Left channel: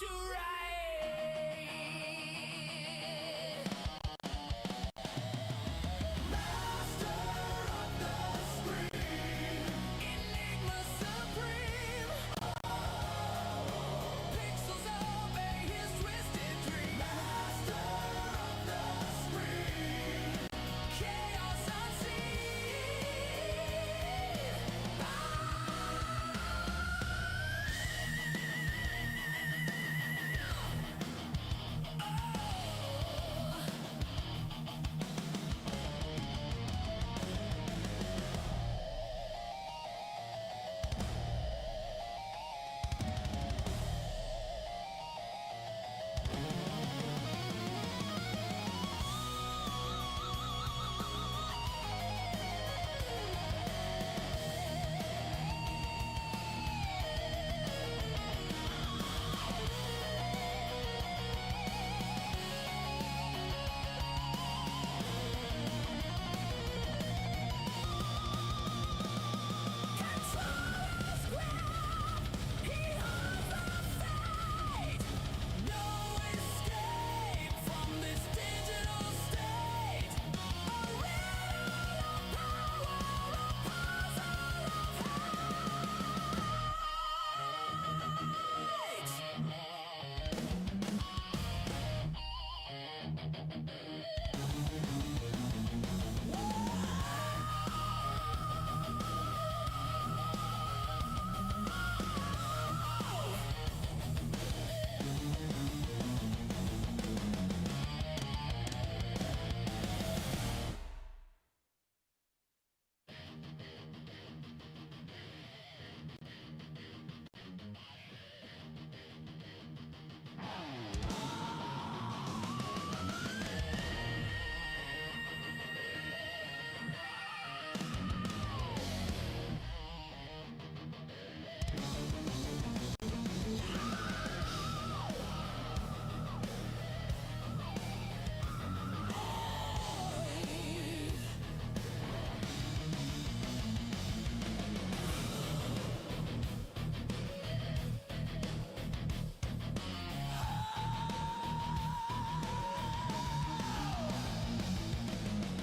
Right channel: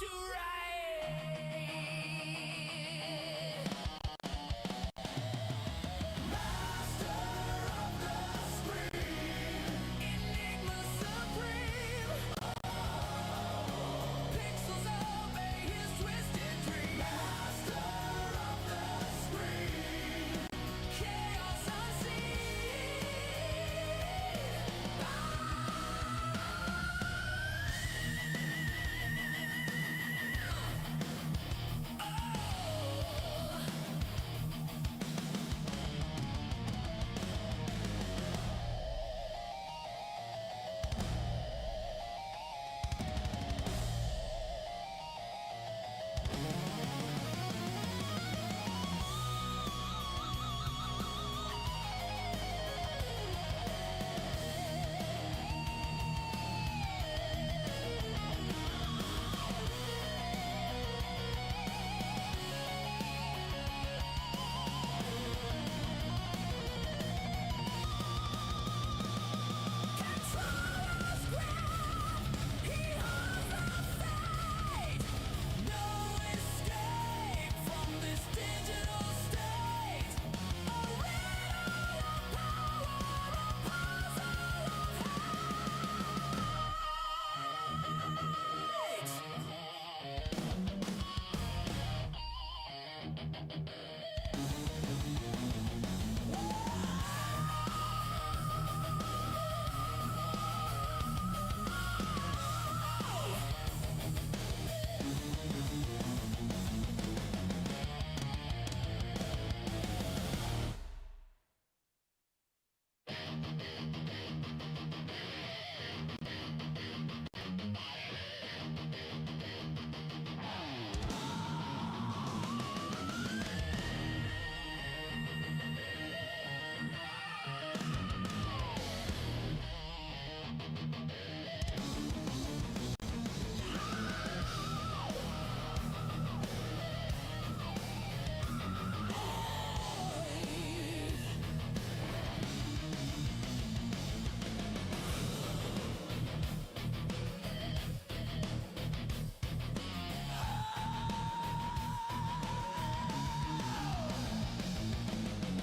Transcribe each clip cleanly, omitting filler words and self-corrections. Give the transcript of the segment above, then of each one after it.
to ride. Master of the screen, Enigma supreme. Pixels obey his twisted dream. Master of the screen, chaos unseen.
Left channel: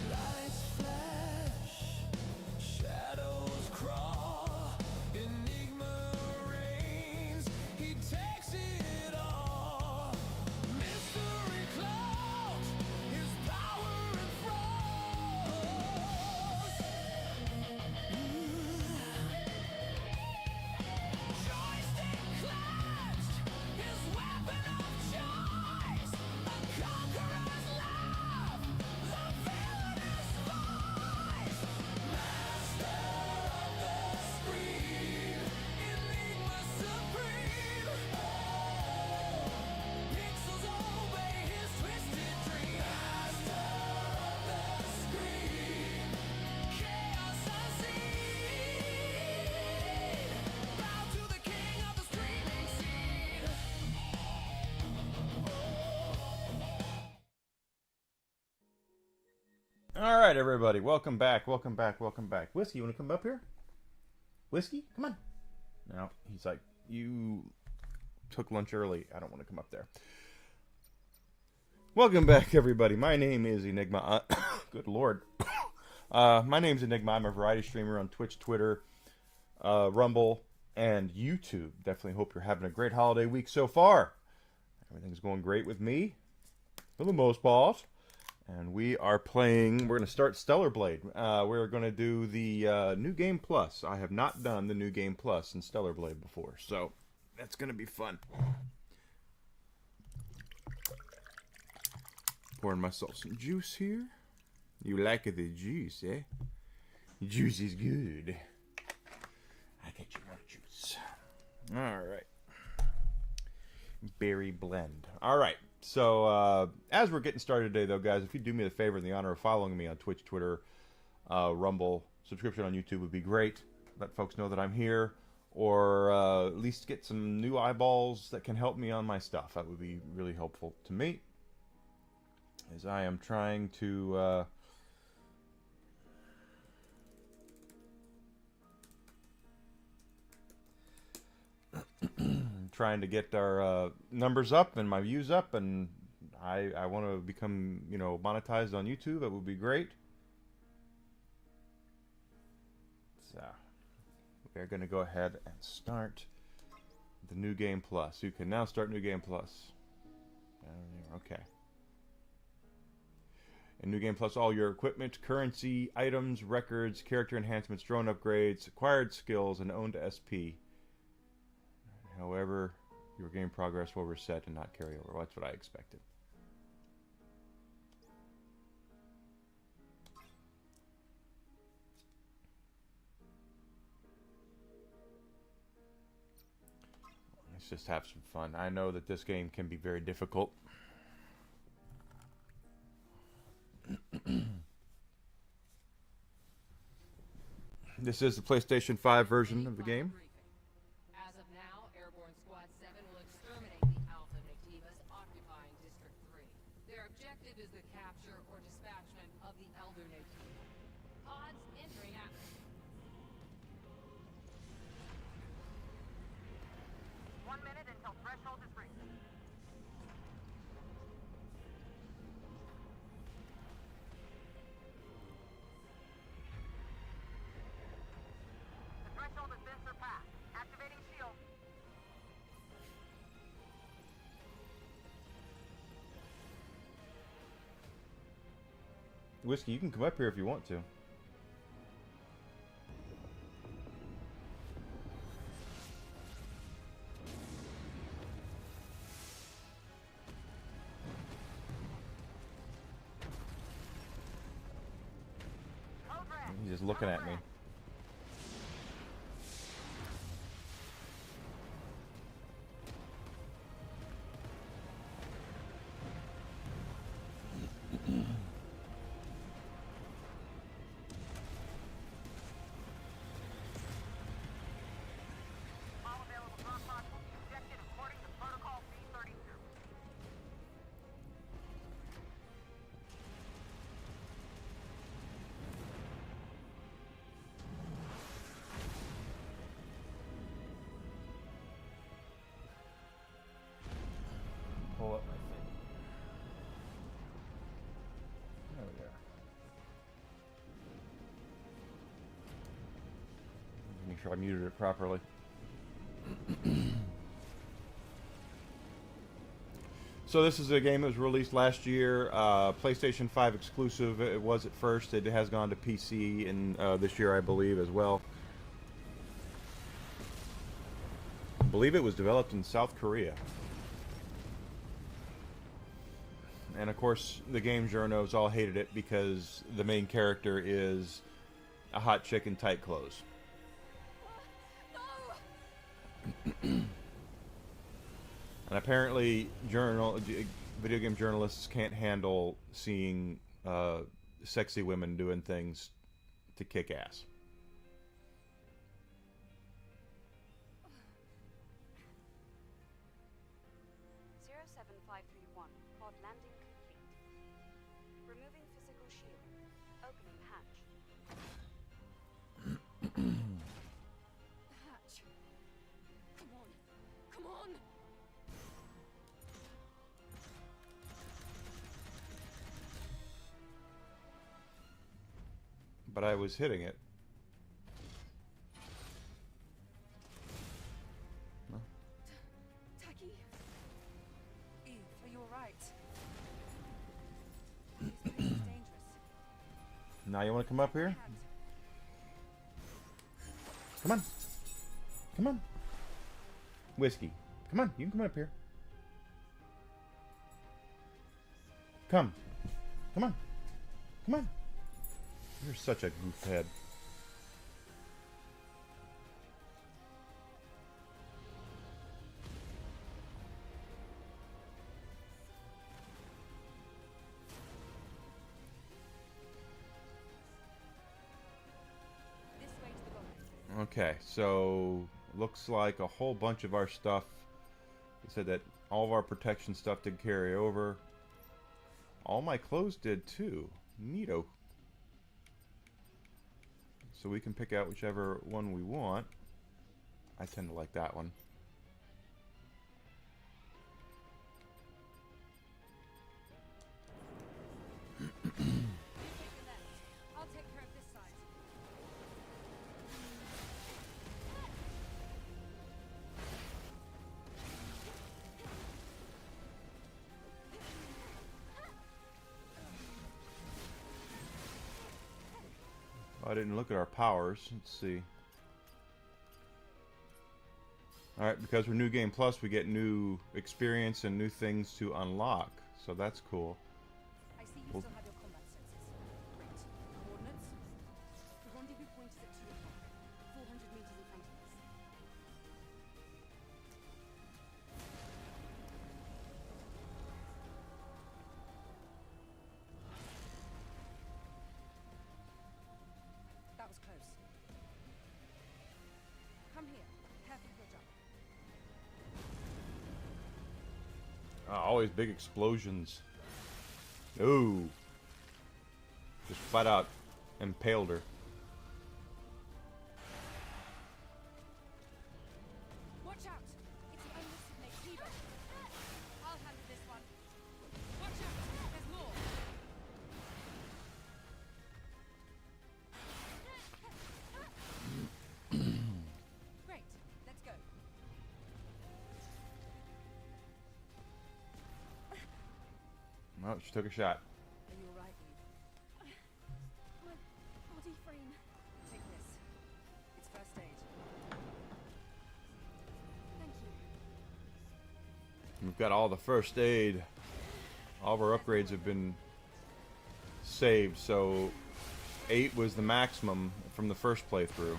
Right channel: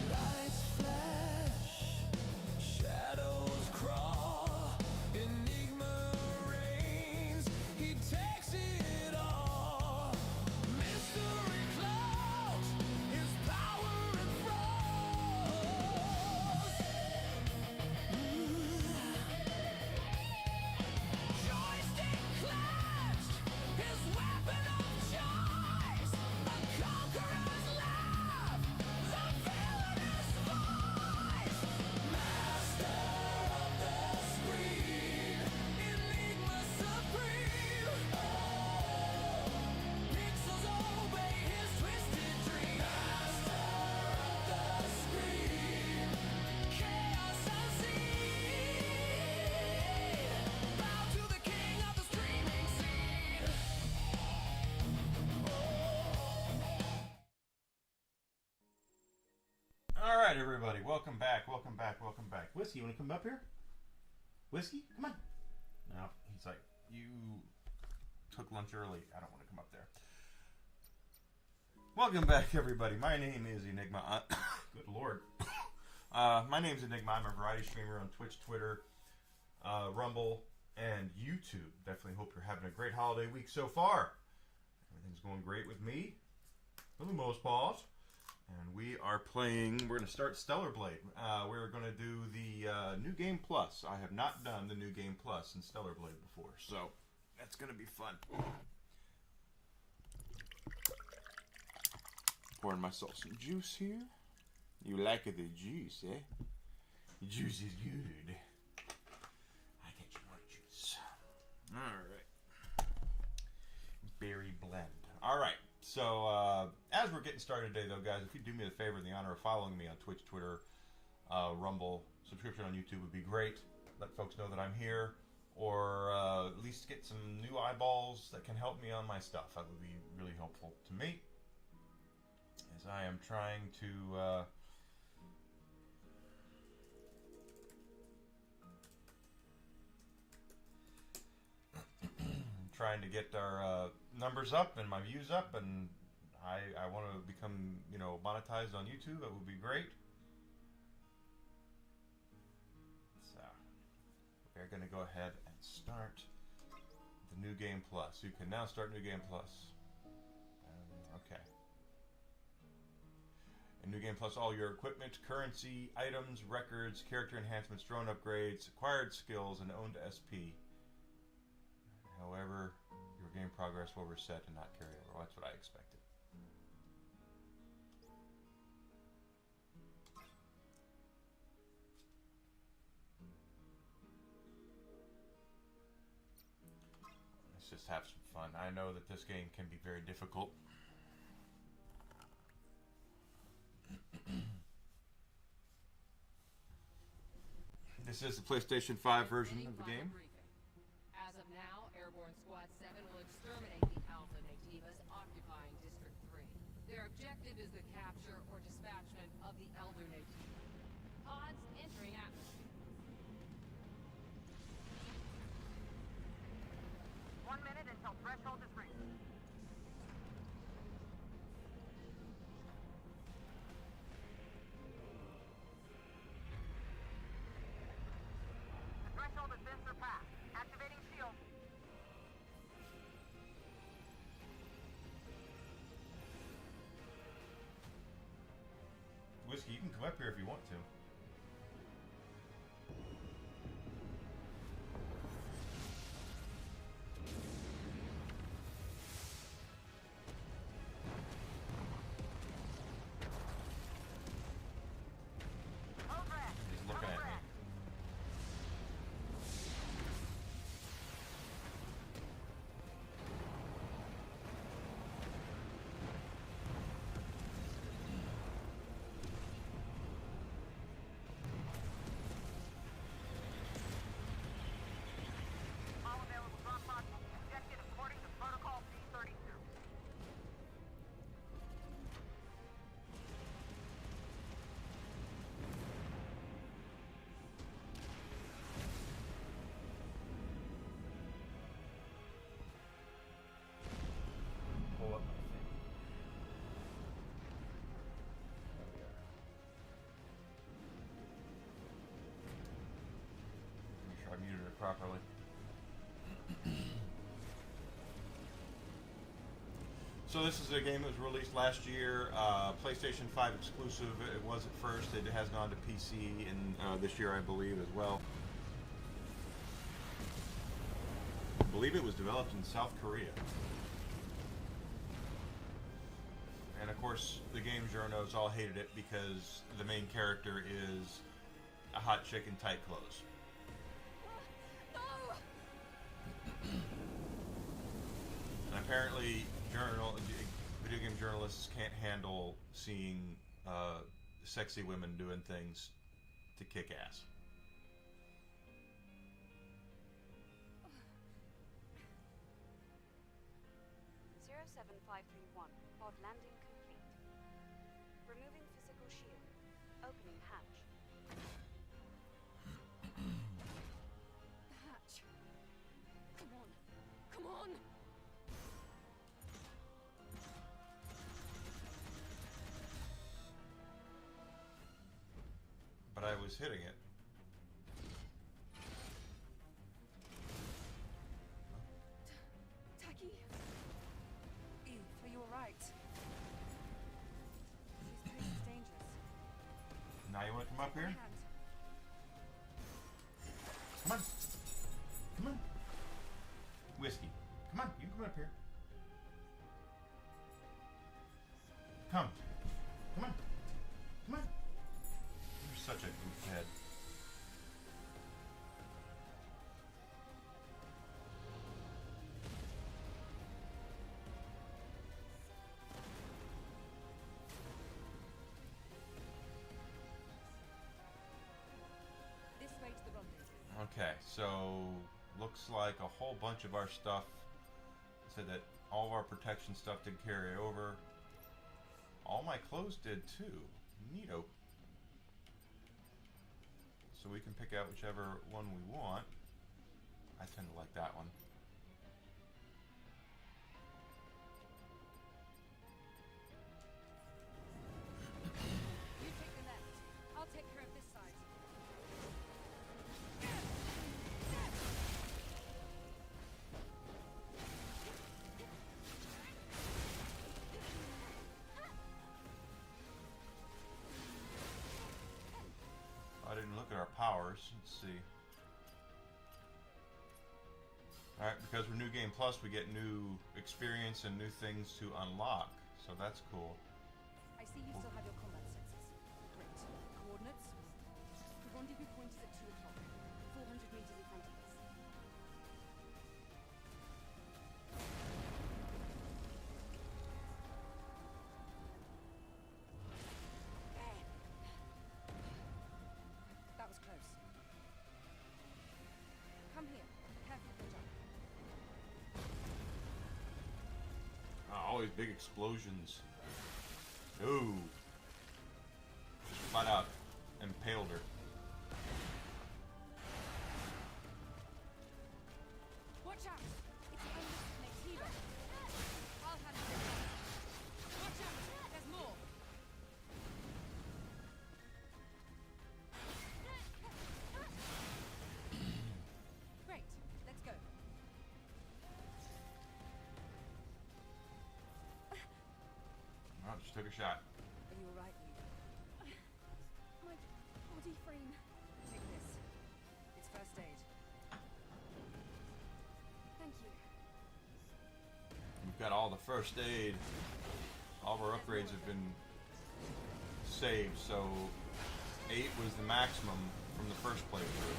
Lights flash, shadows crawl, Enigma reigns, he takes it all. Mystery cloaks his power enthralls. Joystick clenched, his weapon of choice, a conqueror's laugh, the villainous voice. Master of the screen, Enigma supreme. Pixels obey his twisted dream. Master of the screen, chaos unseen. Bow to the king of the streaming scene. All right, everybody, welcome back, welcome back, welcome back. Whiskey, you want to come up here? Whiskey, come on. No, he's like, you took lunch early. I don't want to come up there. Welcome back, everybody. My name is Enigma. Good Lord. My name's Enigma. I'm a variety streamer on Twitch, Twitter, Rumble, and YouTube. Definitely hope you're having a great holiday week so far. Everything's going great with me, for the most part. And we are playing, we're going to start Stellar Blade. We're going to do the New Game Plus. I have not done the New Game Plus in Stellar Blade before, so that's going to be fun. Pouring myself some juice here. You like the juice, eh? Juice is good. I get you more juice. Alright. Berry blend. Alright. So, as we're getting started today, though, guys, if you do me the favor and the honor of following me on Twitch, Twitter, Rumble, subscription on YouTube would be great. Let folks know that I'm here, or at least get some new eyeballs that can help me on my stuff. That would be really helpful to me, as I am trying to trying to get our numbers up and my views up, and I want to become, you know, monetized on YouTube. It would be great. So we're going to go ahead and start the New Game Plus. You can now start New Game Plus. Okay. In New Game Plus, all your equipment, currency, items, records, character enhancements, drone upgrades, acquired skills, and owned SP. However, your game progress will reset and not carry over. Well, that's what I expected. Let's just have some fun. I know that this game can be very difficult. This is the PlayStation 5 version of the game. As of now, Airborne Squad 7 will exterminate the Alpha Nativas occupying District 3. Their objective is the capture or dispatchment of the Elder Nativa. Pods entering atmosphere. 1 minute until threshold is reached. The threshold has been surpassed. Activating shield. Whiskey, you can come up here if you want to. Code red. He's just looking at me. All available drop pods will be ejected according to Protocol B32. Pull up my thing. Make sure I muted it properly. So this is a game that was released last year, PlayStation 5 exclusive. It was at first. It has gone to PC in this year, I believe, as well. I believe it was developed in South Korea. And of course, the game journos all hated it because the main character is a hot chick in tight clothes. No! And apparently, video game journalists can't handle seeing sexy women doing things to kick ass. 07531. Pod landing complete. Removing physical shield. Opening hatch. The hatch. Come on. Come on! But I was hitting it. Taki? Eve, are you alright? This place is dangerous. Now you want to come up here? Hand. Come on. Come on. Whiskey. Come on, you can come up here. Come. Come on. Come on. You're such a goofhead. This way to the rendezvous. Okay, so looks like a whole bunch of our stuff. It said that all of our protection stuff did carry over. All my clothes did too. Neato. So we can pick out whichever one we want. I tend to like that one. didn't look at our powers. Let's see. Alright, because we're New Game Plus, we get new experience and new things to unlock. So that's cool. I see you Well- still have your combat sensors. Great. Coordinates? The rendezvous point is at 2 o'clock. 400 meters in front of us. That was close. Come here. Careful with your jump. Always big explosions. Ooh. Just flat out impaled her. Watch out! It's the unlisted Nativo. I'll handle this one. Watch out! There's more. Great. Let's go. Well, she took a shot. Are you alright, Eve? My body frame. Take this. It's first aid. Thank you. We've got all the first aid. All of our upgrades have been saved, so 8 was the maximum from the first playthrough.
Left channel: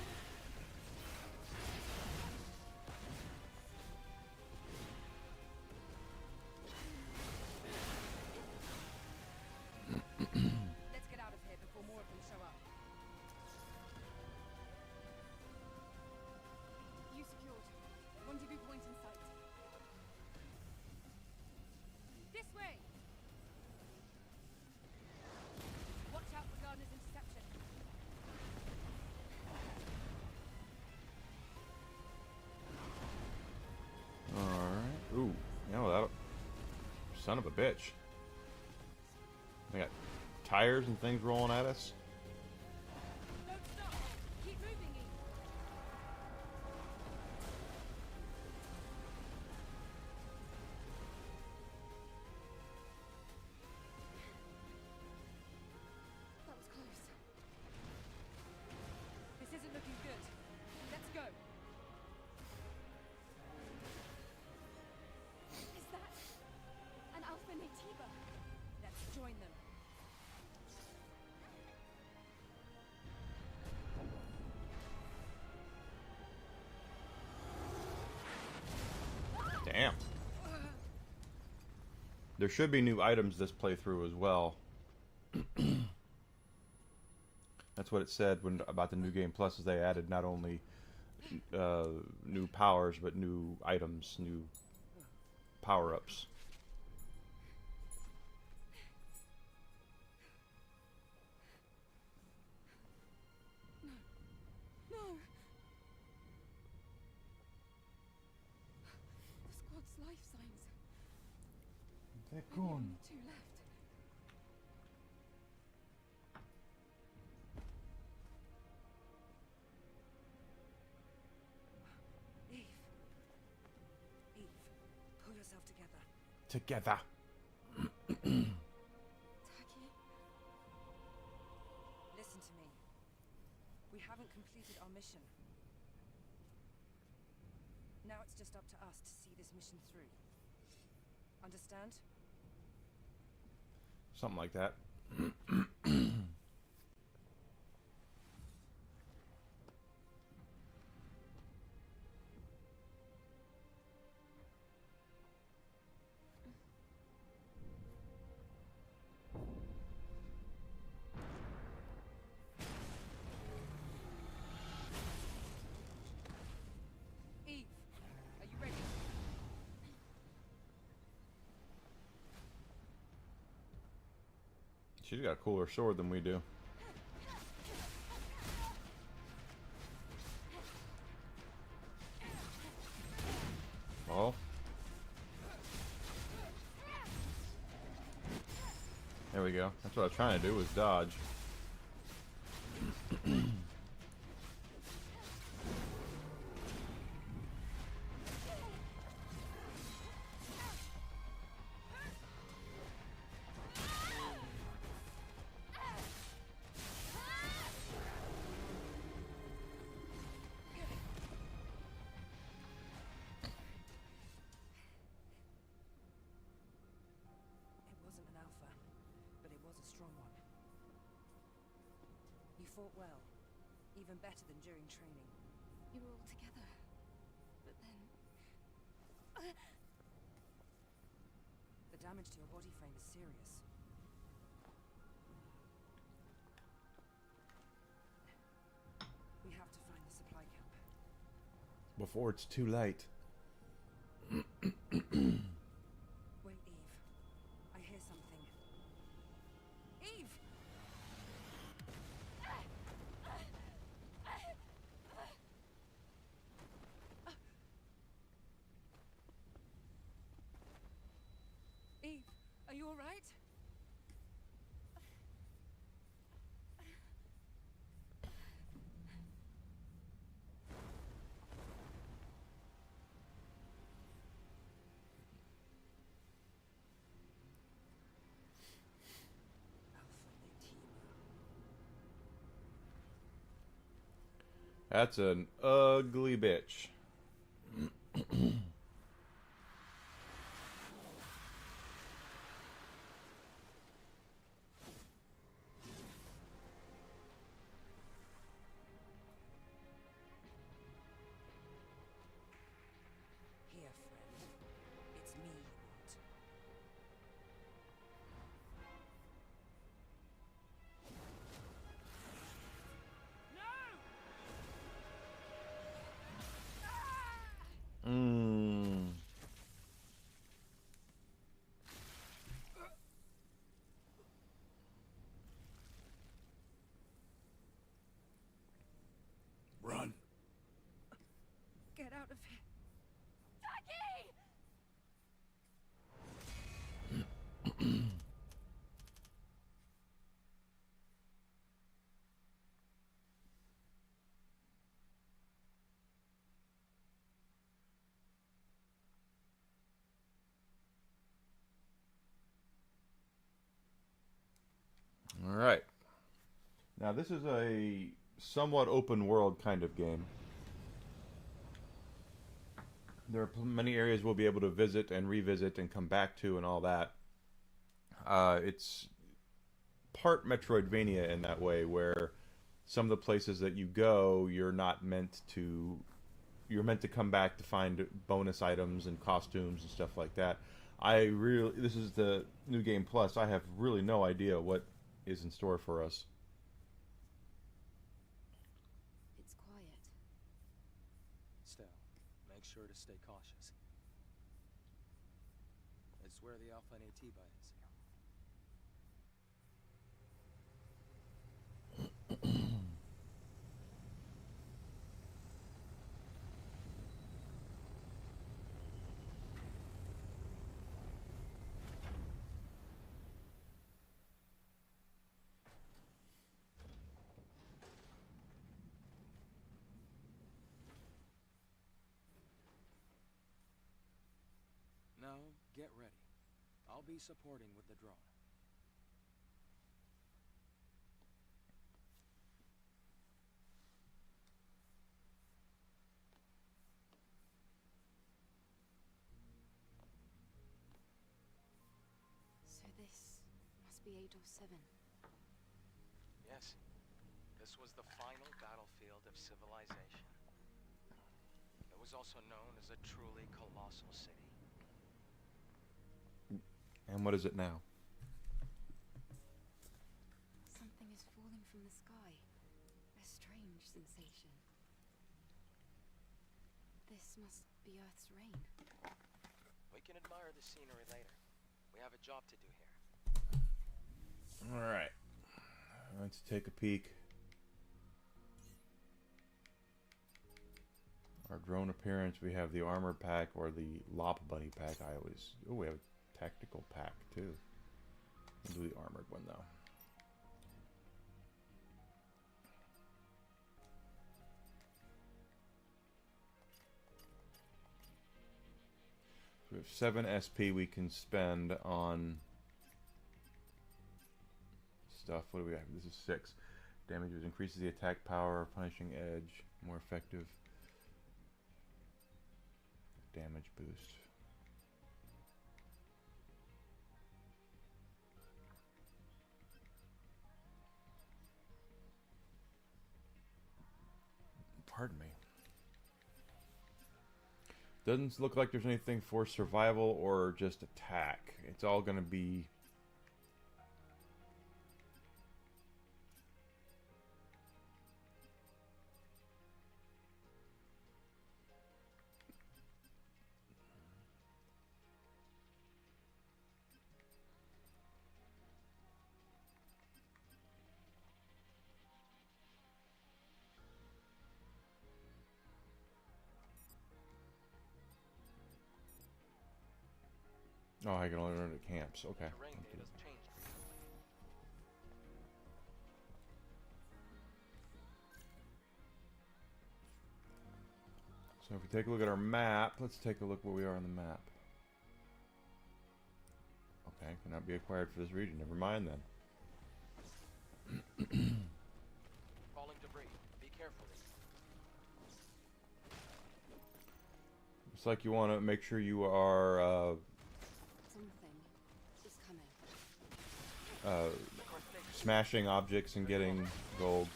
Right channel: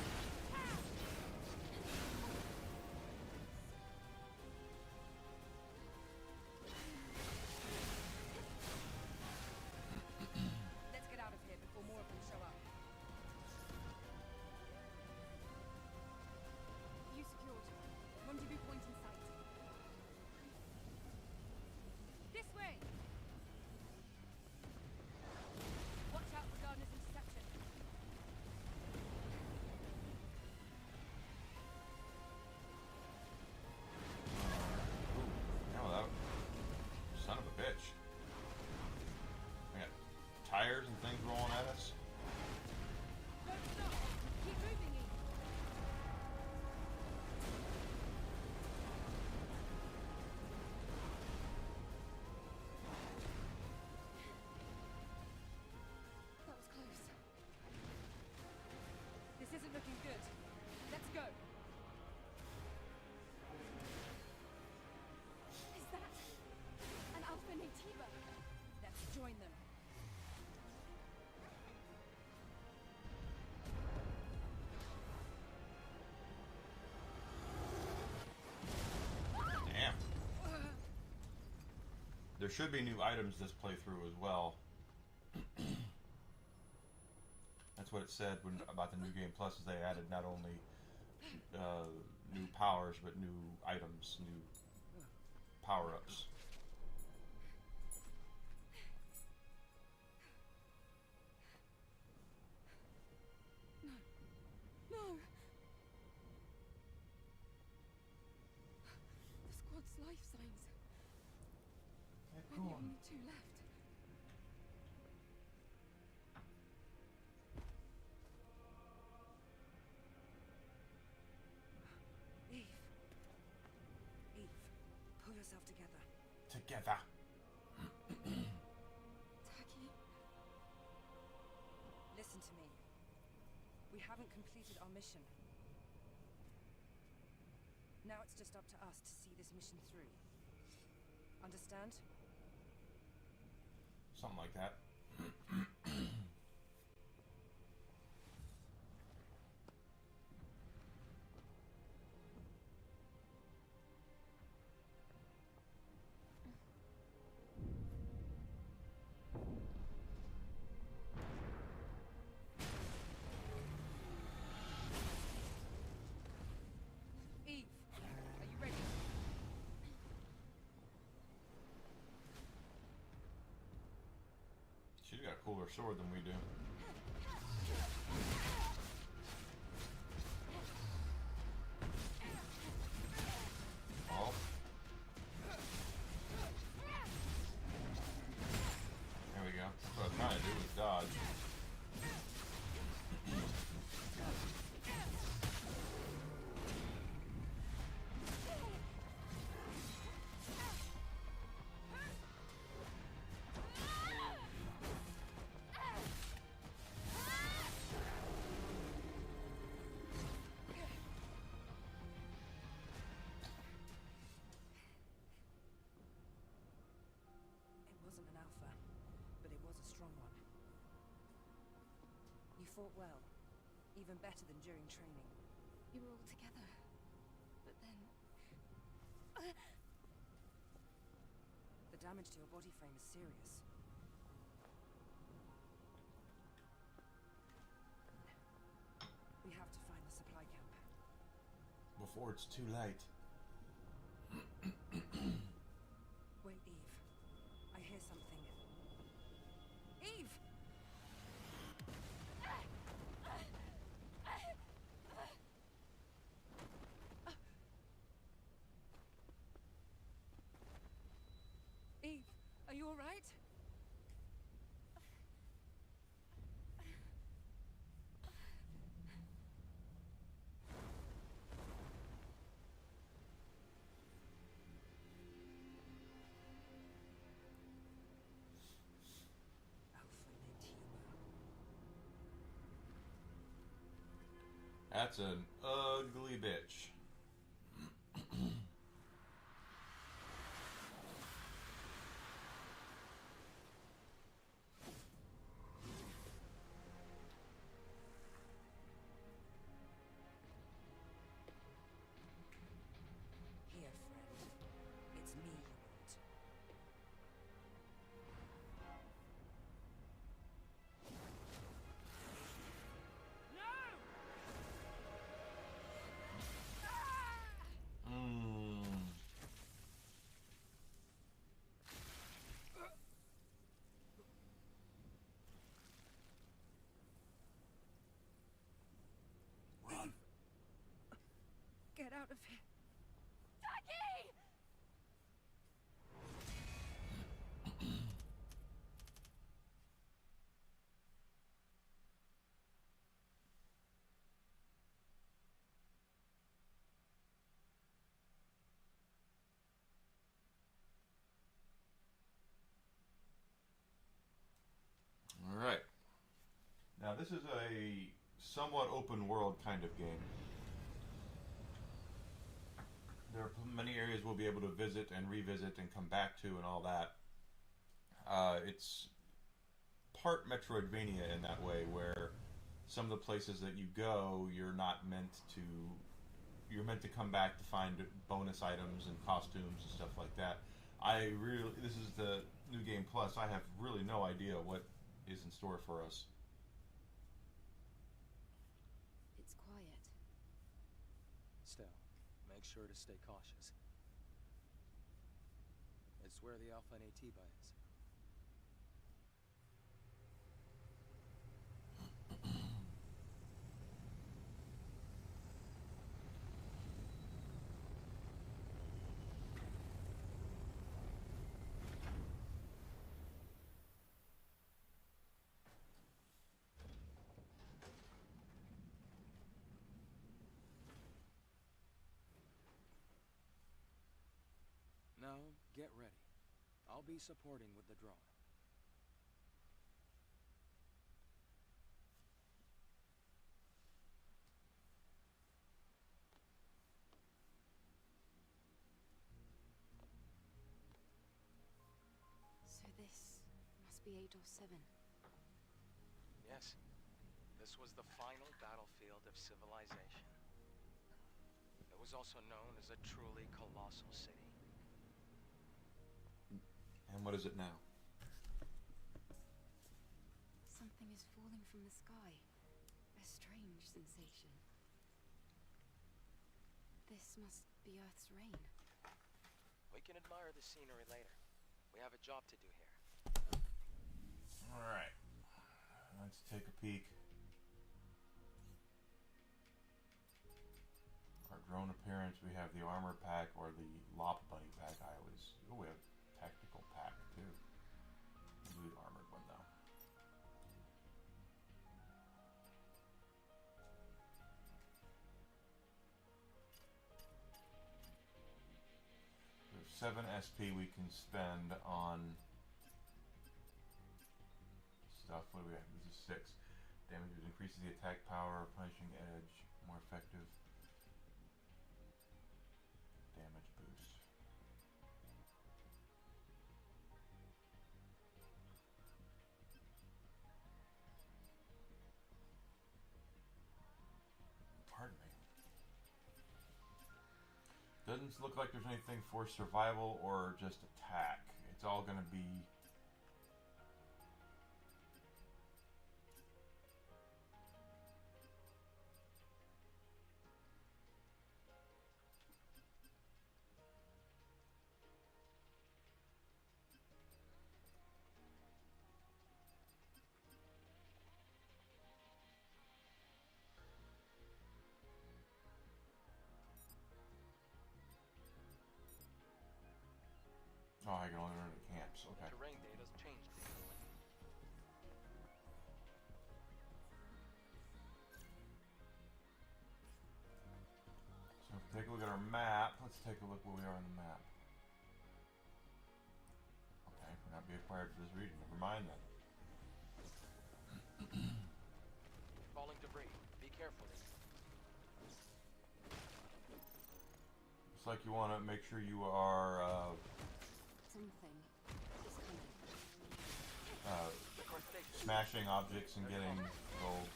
Let's get out of here before more of them show up. You secured. Rendezvous point in sight. This way! Watch out for Gardner's interception. Alright. Ooh. You know that. Son of a bitch. We got tires and things rolling at us. Don't stop! Keep moving, Eve! That was close. This isn't looking good. Let's go! Is that an Alpha Nativa? Let's join them. Damn. There should be new items this playthrough as well. That's what it said when about the new game plus is they added not only new powers but new items, new power-ups. No. The squad's life signs. Okay, We're the only 2 left. Eve. Eve, pull yourself together. Together. Tacky. Listen to me. We haven't completed our mission. Now it's just up to us to see this mission through. Understand? Something like that. Eve, are you ready? She's got a cooler sword than we do. Oh. There we go. That's what I was trying to do, was dodge. wasn't an alpha, but it was a strong one. You fought well, even better than during training. You were all together. But then... The damage to your body frame is serious. We have to find the supply camp. Before it's too late. Wait, Eve. I hear something. Eve! Eve, are you alright? Alpha Natima. That's an ugly bitch. Here, friend. It's me you want. Mmm. Run. Get out of here. All right. Now this is a somewhat open world kind of game. There are many areas we'll be able to visit and revisit and come back to and all that. It's part Metroidvania in that way, where some of the places that you go, you're meant to come back to find bonus items and costumes and stuff like that. This is the New Game Plus. I have really no idea what is in store for us. It's quiet. Still, make sure to stay cautious. It's where the Alpha Natiba is. Now, get ready. I'll be supporting with the drone. So this must be Adol 7. Yes, this was the final battlefield of civilization. It was also known as a truly colossal city. And what is it now? Something is falling from the sky. A strange sensation. This must be Earth's rain. We can admire the scenery later. We have a job to do here. Alright. Let's take a peek. Our drone appearance, we have the armor pack or the Lop Buddy pack. Oh, we have a tactical pack too. We'll do the armored one though. We have 7 SP we can spend on stuff. What do we have? This is 6. Damage increases the attack power, punishing edge, more effective damage boost. Doesn't look like there's anything for survival or just attack. It's all gonna be... Oh, I can only run to camps. Okay. Terrain data's changed recently. So if we take a look at our map, let's take a look where we are on the map. Okay, cannot be acquired for this region. Never mind then. Falling debris. Be careful. Looks like you want to make sure you are Something is coming. smashing objects and getting gold.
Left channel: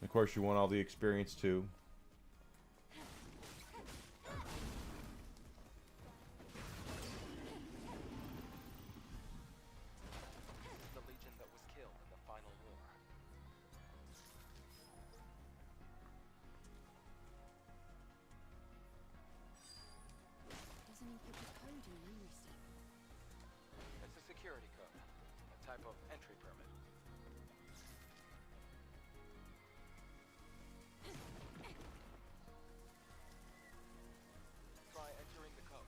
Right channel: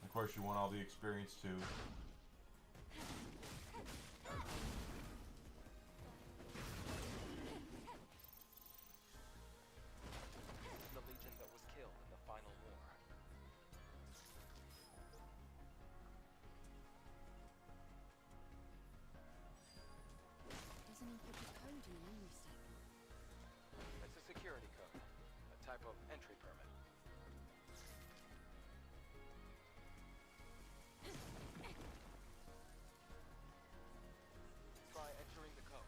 And of course, you want all the experience too. The legion that was killed in the final war. Doesn't encrypt the code in the memory stick. It's a security code. A type of entry permit. Try entering the code.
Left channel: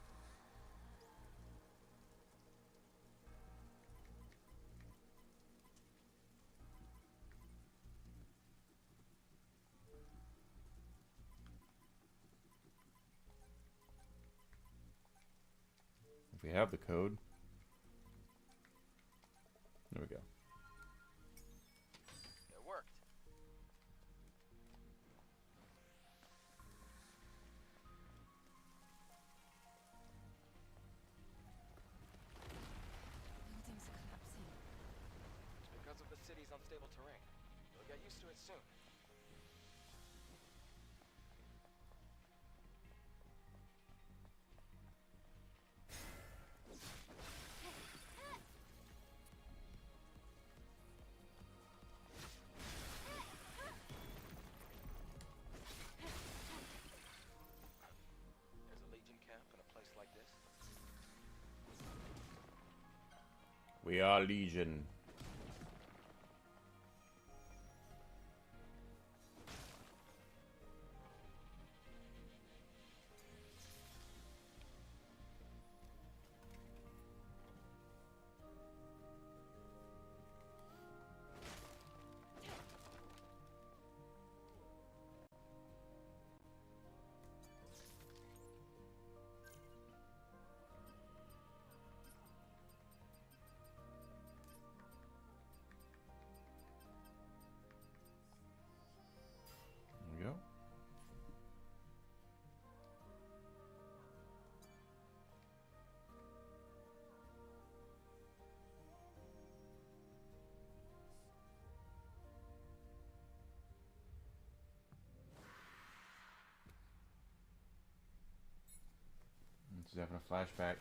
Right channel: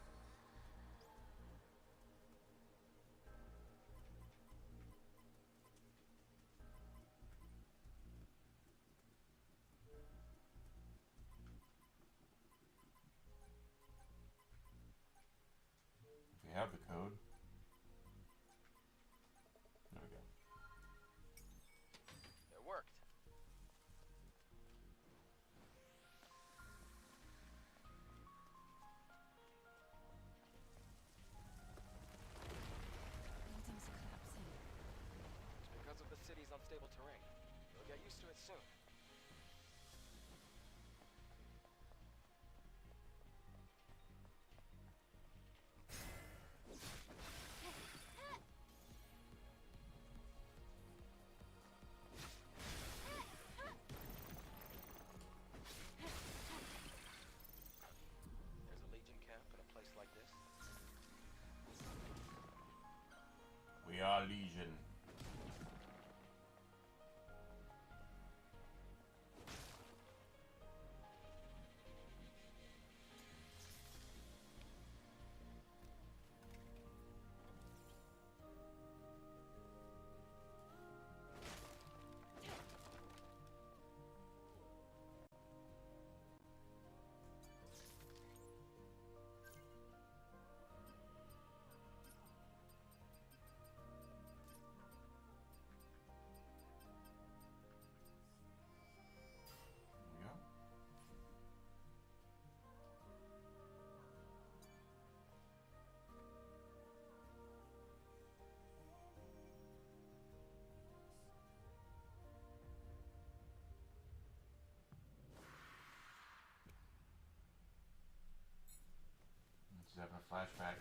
If we have the code. There we go. It worked. Buildings are collapsing. It's because of the city's unstable terrain. You'll get used to it soon. There's a Legion camp in a place like this. We are Legion. There we go. She's having a flashback.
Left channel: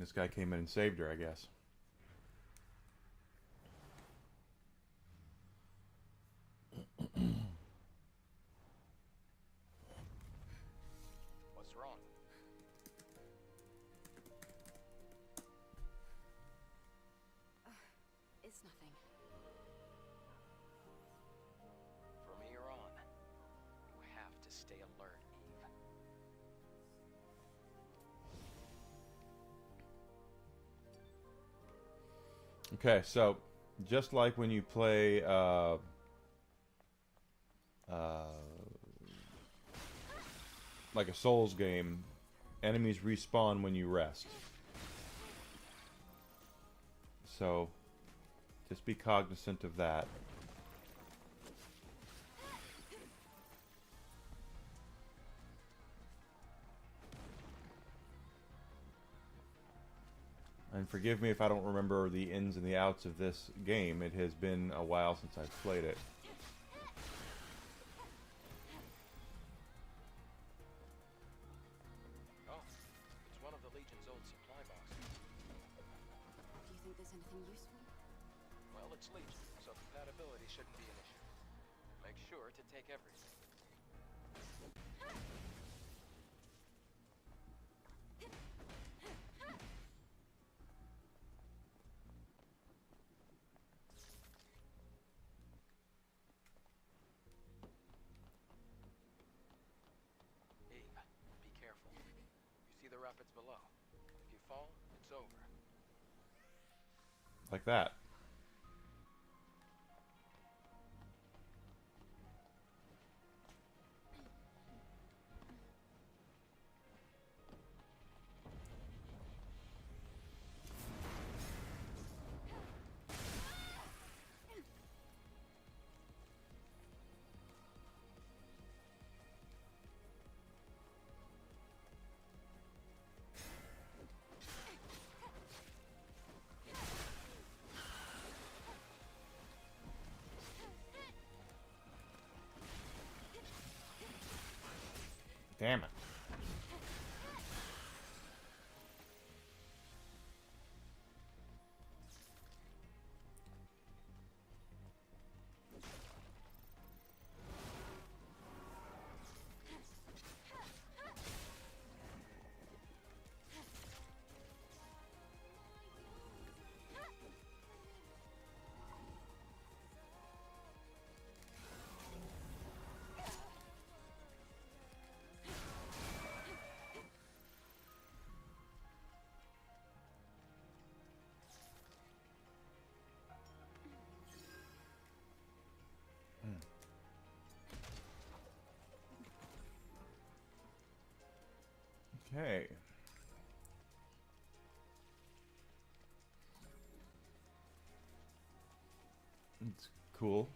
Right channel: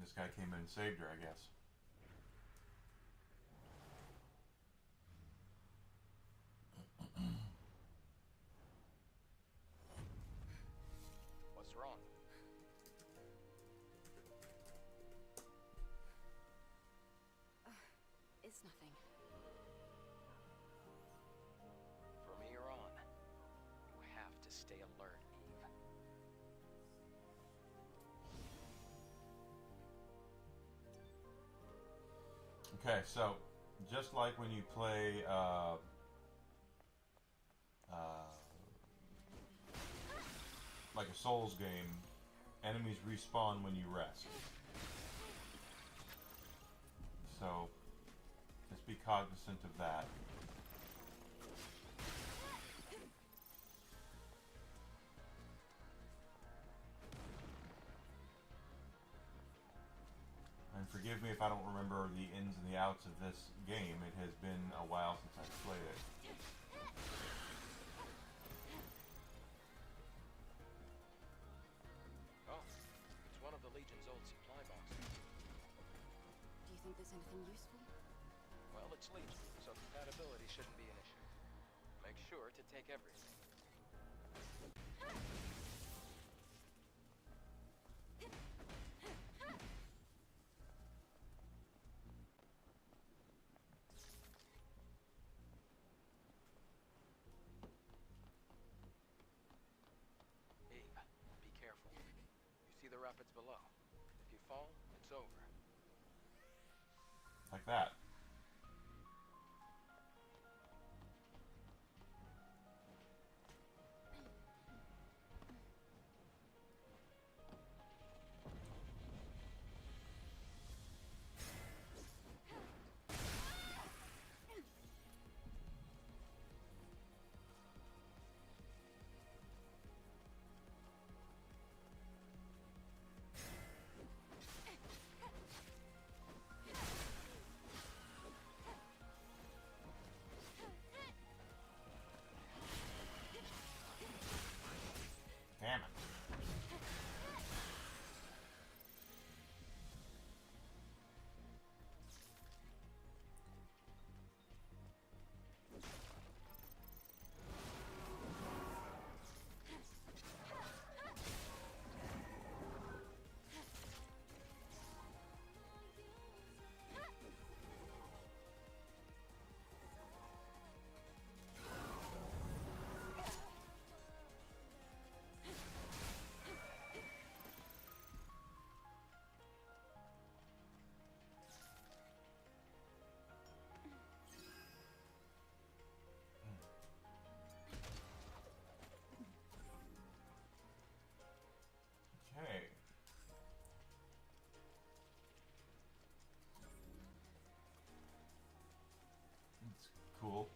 This guy came in and saved her, I guess. What's wrong? It's nothing. From here on, you have to stay alert, Eve. Okay, so just like when you play like a Souls game, enemies respawn when you rest. So just be cognizant of that. And forgive me if I don't remember the ins and the outs of this game. It has been a while since I've played it. Legion's old supply boxes. Do you think there's anything useful? Well, it's Legion, so compatibility shouldn't be an issue. Make sure to take everything. Eve, be careful. You see the rapids below. If you fall, it's over. Like that. Damn it. Okay. It's cool.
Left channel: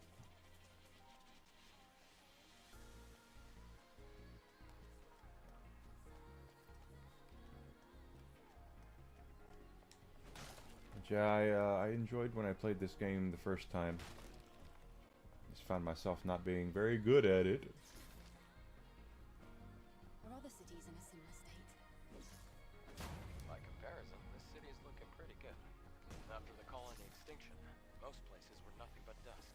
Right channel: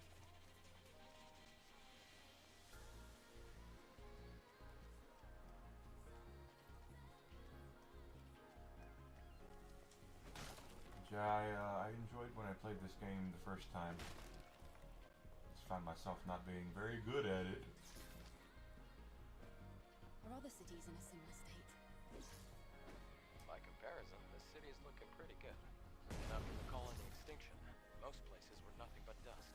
Yeah, I enjoyed when I played this game the first time. Just found myself not being very good at it. Are other cities in a similar state? By comparison, this city is looking pretty good. After the colony extinction, most places were nothing but dust.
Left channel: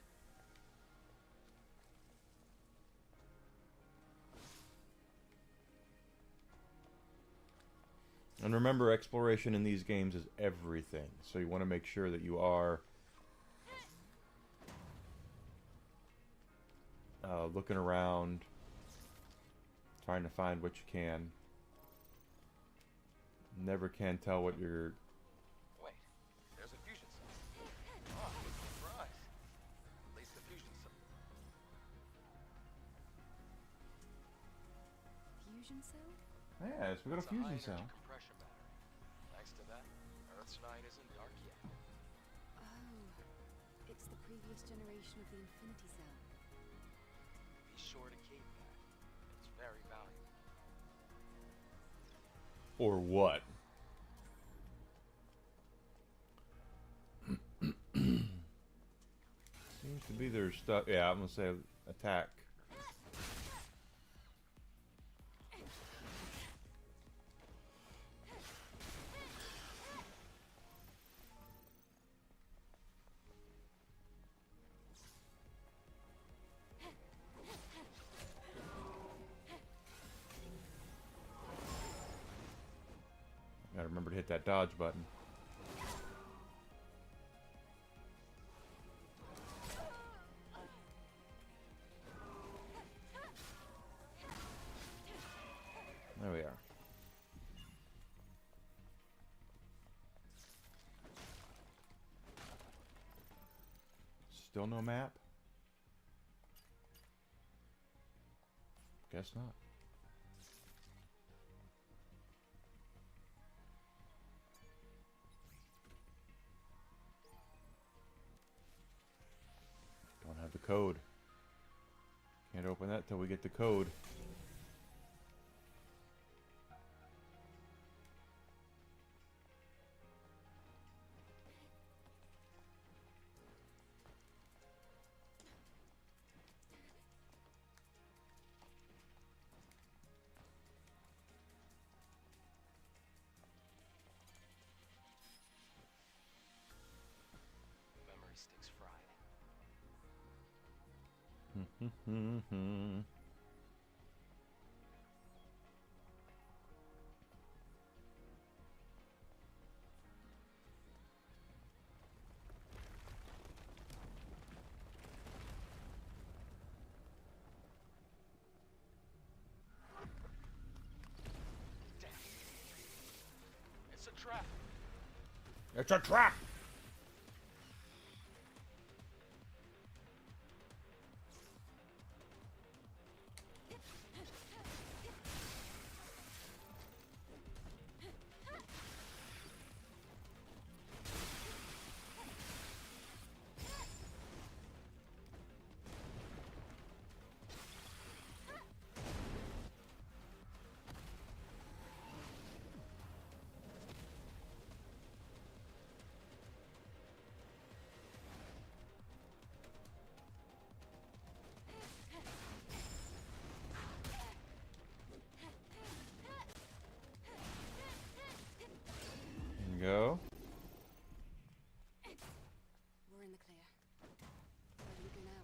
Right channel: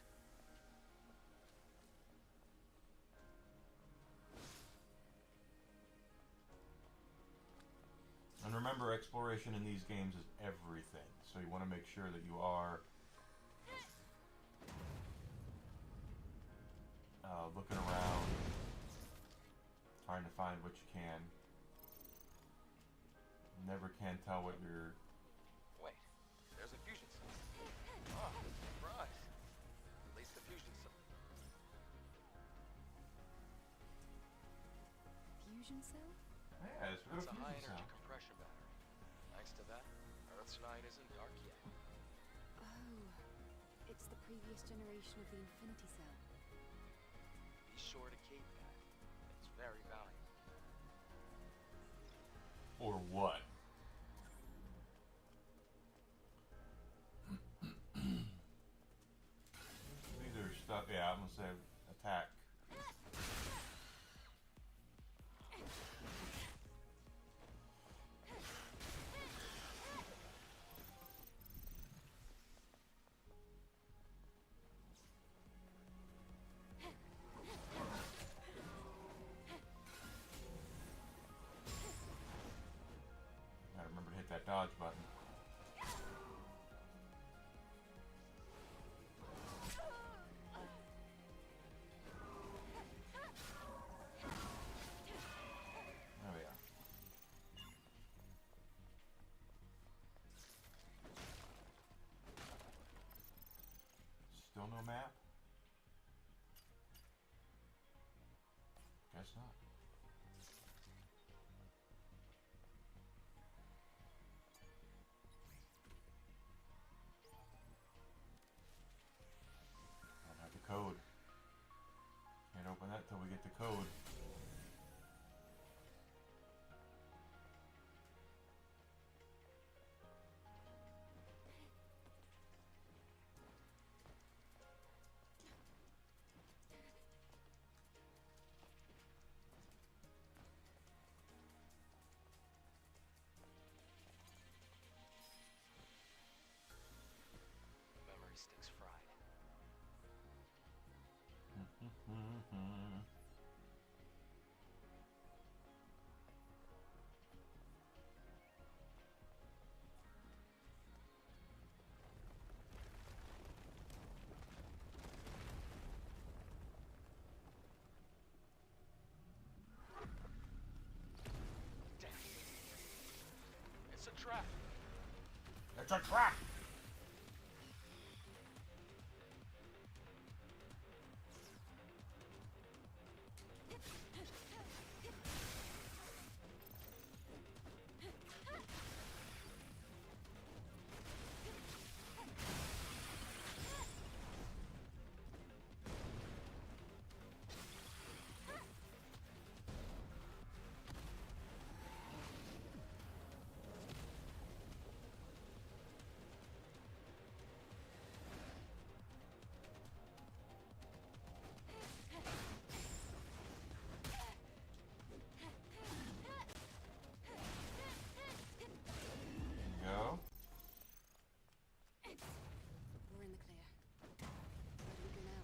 And remember, exploration in these games is everything. So you want to make sure that you are looking around, trying to find what you can. Never can tell what you're... Wait, there's a fusion cell. Ah, surprise. At least the fusion cell. Fusion cell? Yes, we got It's a a high fusion energy cell. compression battery. Thanks to that, Earth's night isn't dark yet. Oh, it's the previous generation of the Infinity Cell. Be sure to keep that. It's very valuable. Or what? Seems to be their stuff. Yeah, I'm gonna say attack. Gotta remember to hit that dodge button. There we are. Still no map? Guess not. Don't have the code. Can't open that till we get the code. Damn. It's a trap. It's a trap! Go. We're in the clear. Where do we go now?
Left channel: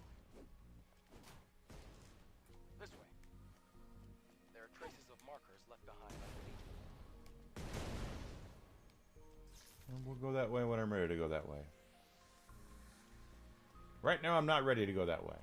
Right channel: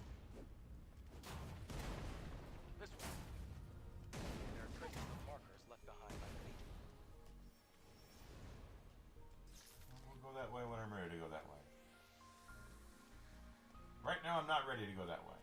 This way. There are traces of markers left behind by the Legion. We'll go that way when I'm ready to go that way. Right now, I'm not ready to go that way.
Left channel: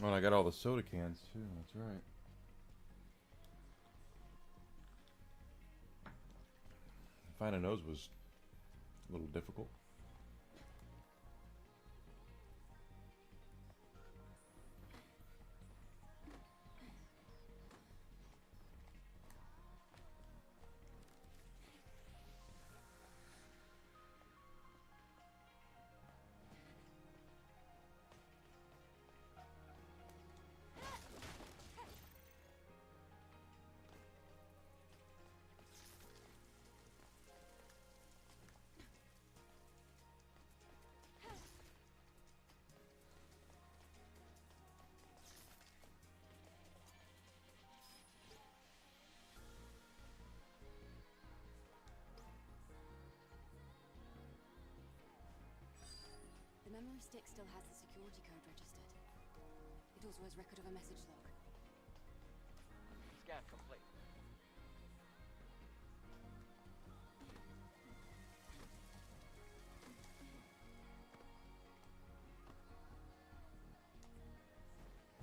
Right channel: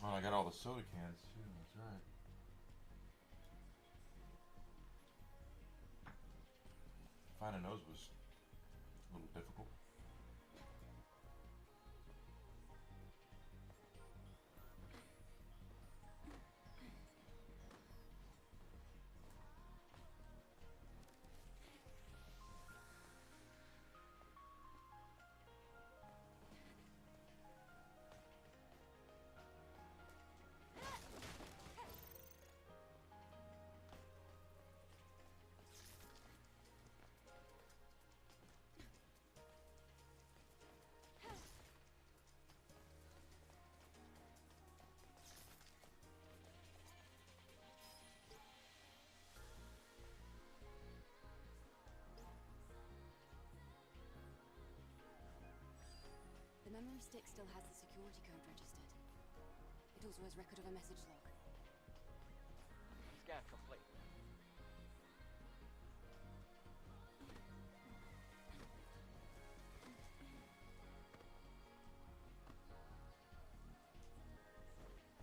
Well, I got all the soda cans too. That's right. Finding those was a little difficult. The memory stick still has the security code registered. It also has record of a message log. Scan complete.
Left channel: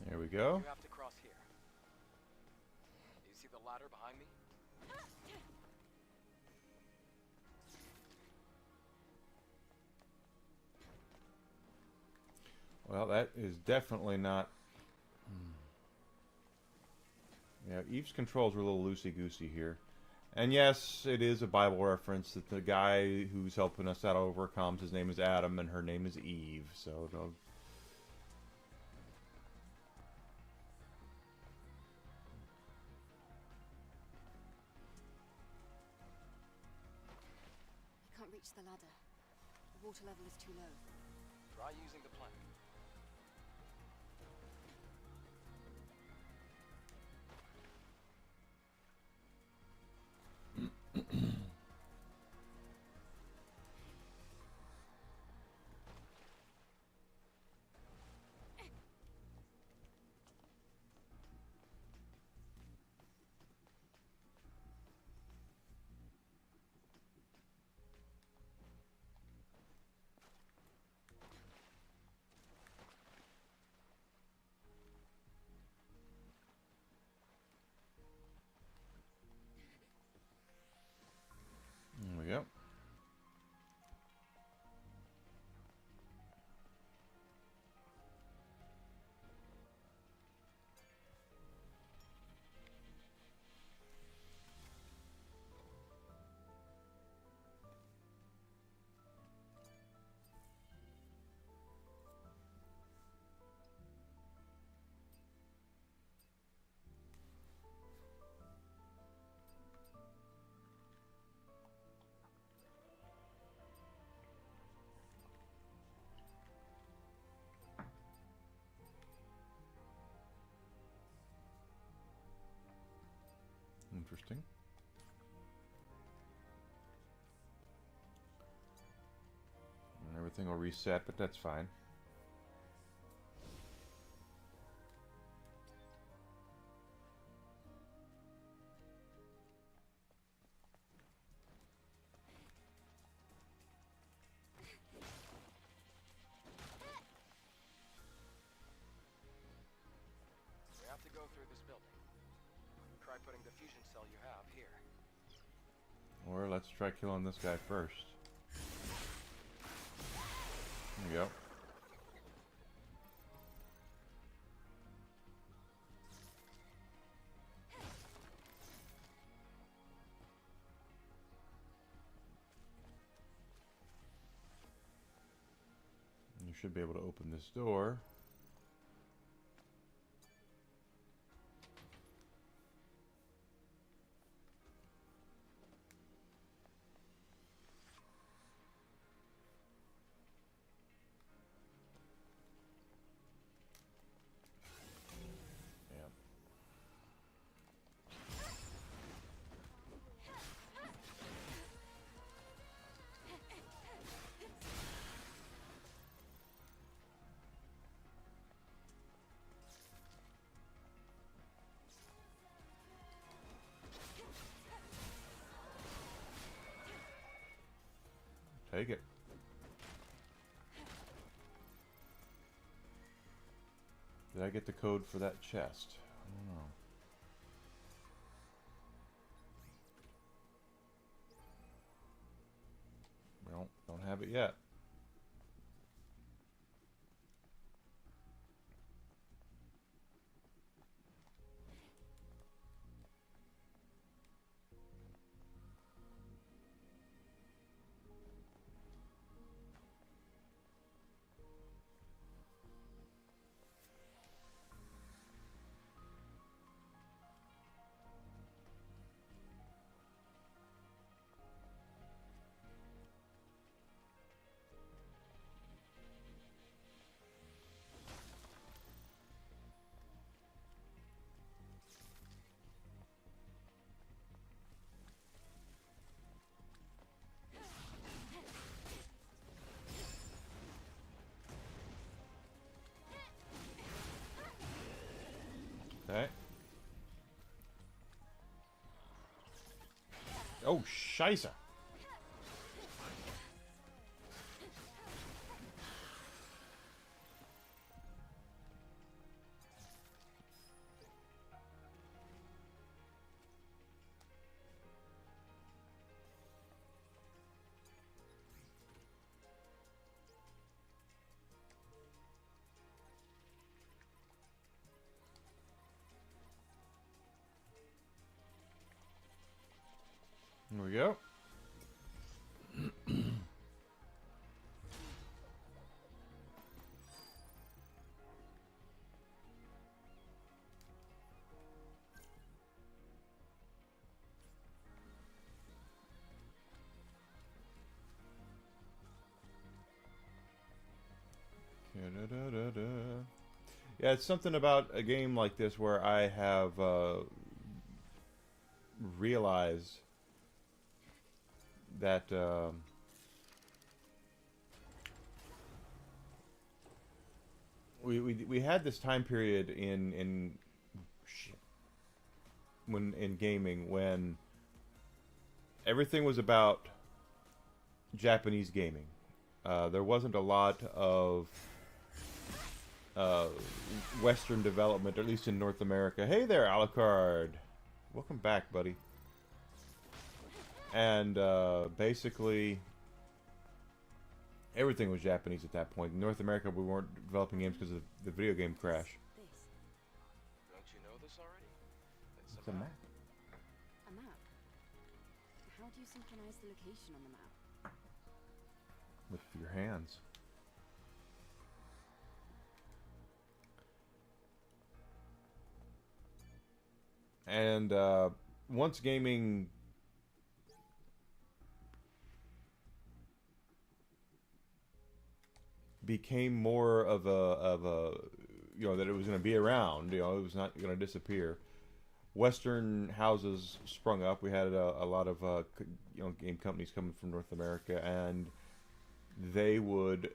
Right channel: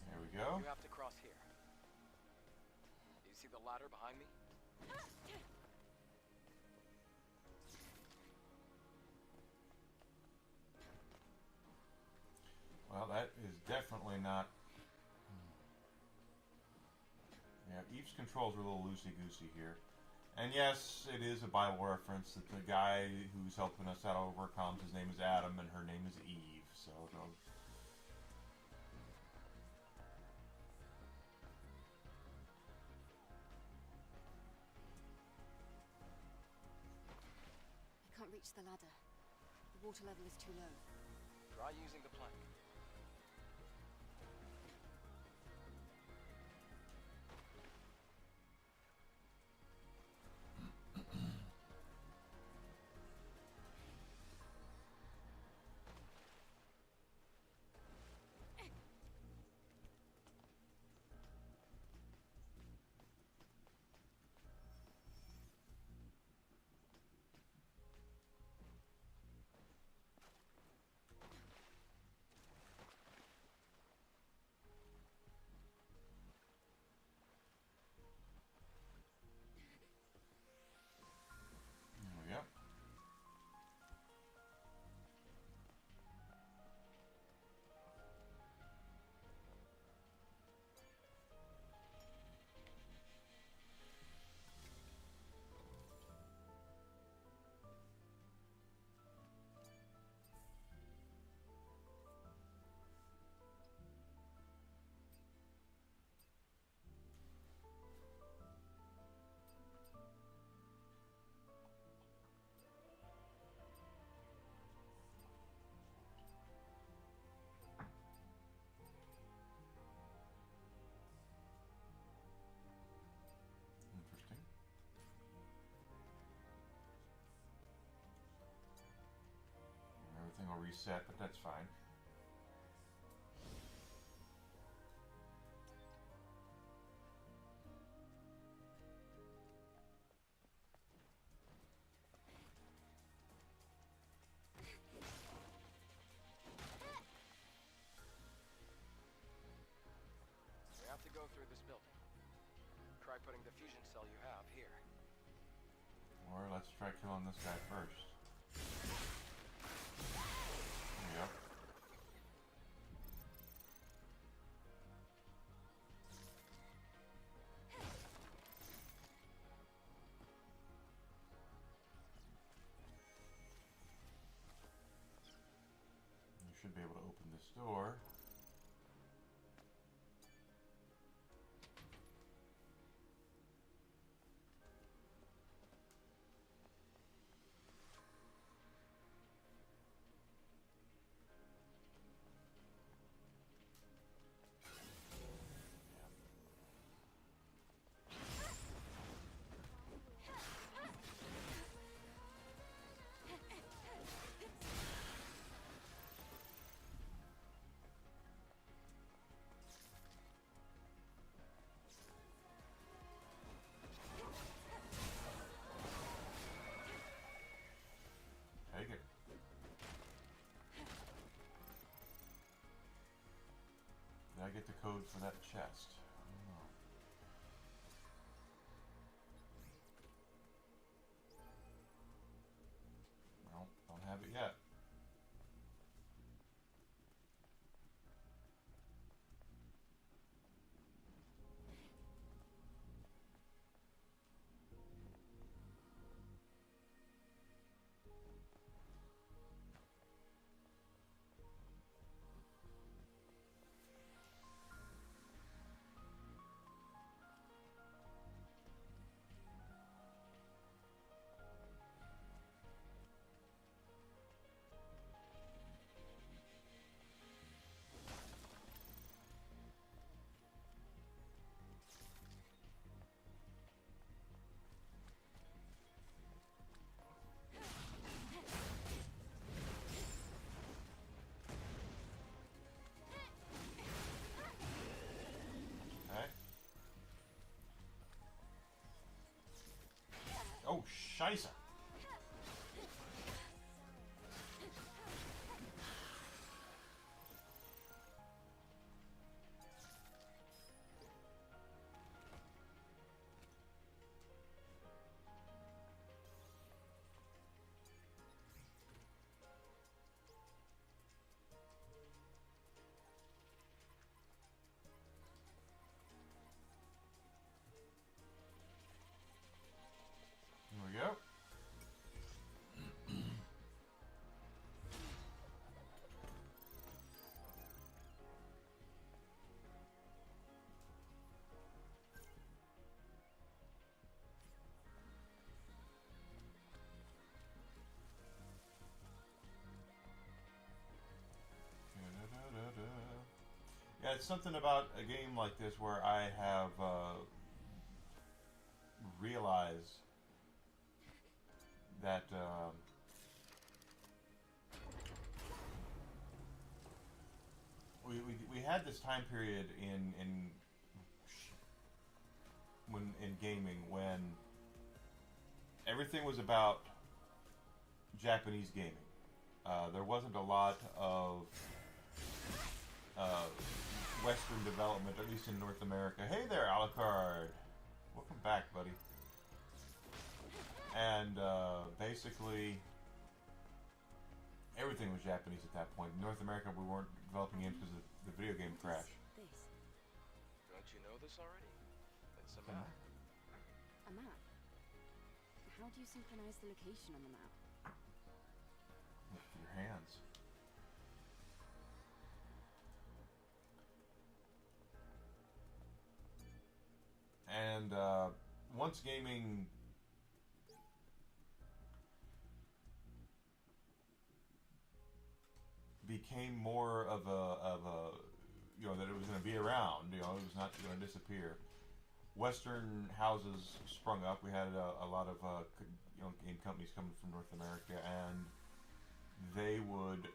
There we go. You have to cross here. Do you see the ladder behind me? Well, that is definitely not. Yeah, Eve's controls were a little loosey-goosey here. And yes, it is a Bible reference that the guy who's helping us out overcomes, his name is Adam, and her name is Eve. So, I can't reach the ladder. The water level is too low. Try using the plank. everything will reset, but that's fine. We have to go through this building. Try putting the fusion cell you have here. Or let's try killing this guy first. There we go. You should be able to open this door. Take it. Did I get the code for that chest? I don't know. Well, don't have it yet. Okay. Oh, scheisse. There we go. Yeah, it's something about a game like this where I have realized that we had this time period in gaming when everything was about Japanese gaming. There wasn't a lot of Western development, at least in North America. Hey there, Alucard. Welcome back, buddy. And basically, everything was Japanese at that point. In North America, we weren't developing games because of the video game crash. This. Don't you know this already? It's It's a a map. map. A map. How do you synchronize the location on the map? With your hands. And once gaming became more of a you know, that it was going to be around, you know, it was not going to disappear. Western houses sprung up. We had a lot of you know, game companies coming from North America, and they would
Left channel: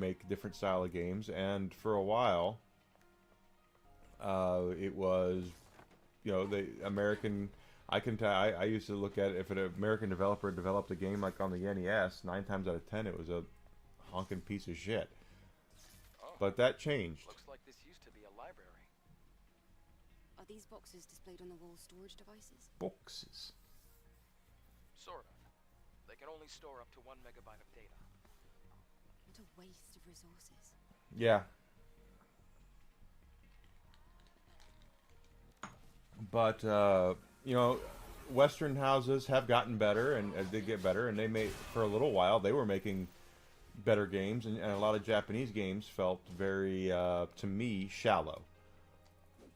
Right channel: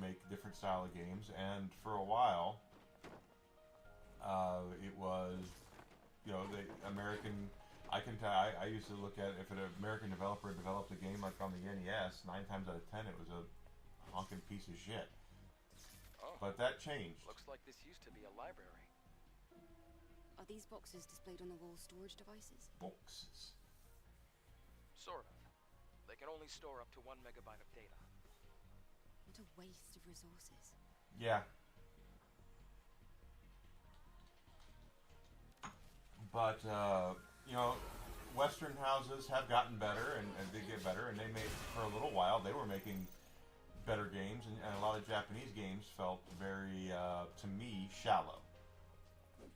make different style of games, and for a while, it was, you know, the American. I can tell. I used to look at it, if an American developer developed a game like on the NES, 9 times out of 10 it was a honking piece of shit. Oh, But that changed. looks like this used to be a library. Are these boxes displayed on the wall storage devices? Boxes. Sort of. They can only store up to 1 megabyte of data. What a waste of resources. Yeah. But you know, Western houses have gotten better, and they get better, and they made, for a little while they were making better games, and a lot of Japanese games felt very, to me, shallow.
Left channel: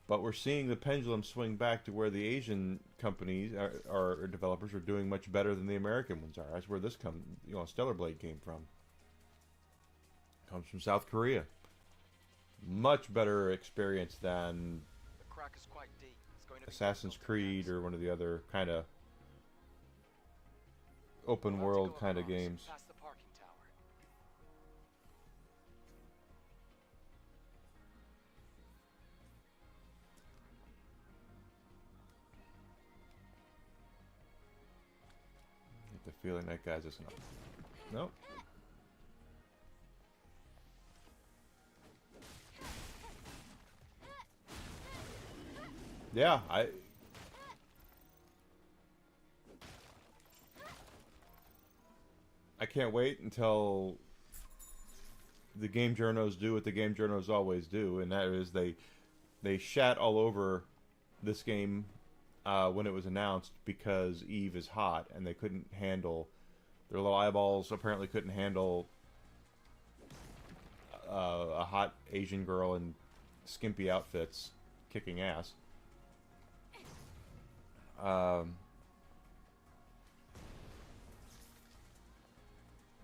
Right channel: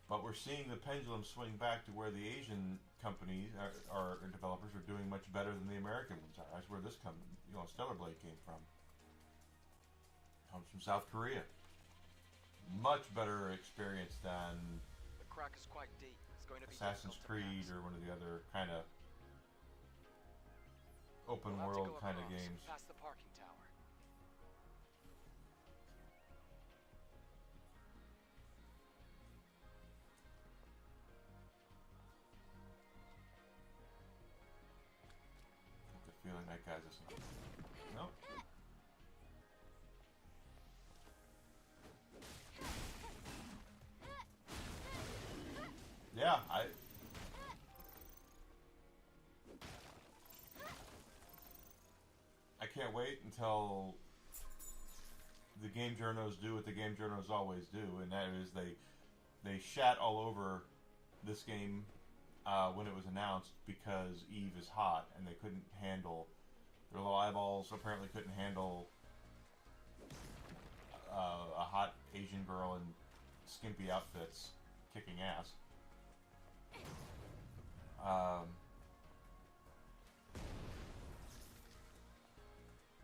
But we're seeing the pendulum swing back to where the Asian companies or developers are doing much better than the American ones are. That's where this Stellar Blade came from. Comes from South Korea. Much better experience than The crack is quite deep. It's going to be Assassin's difficult to Creed pass. or one of the other kind of open We'll have to world go kind of across, games. Past the parking tower. Get the feeling that guy's just nope. Yeah, I can't wait until the game journos do what the game journos always do, and that is they shat all over this game when it was announced because Eve is hot, and they couldn't handle, their little eyeballs apparently couldn't handle a hot Asian girl in skimpy outfits kicking ass.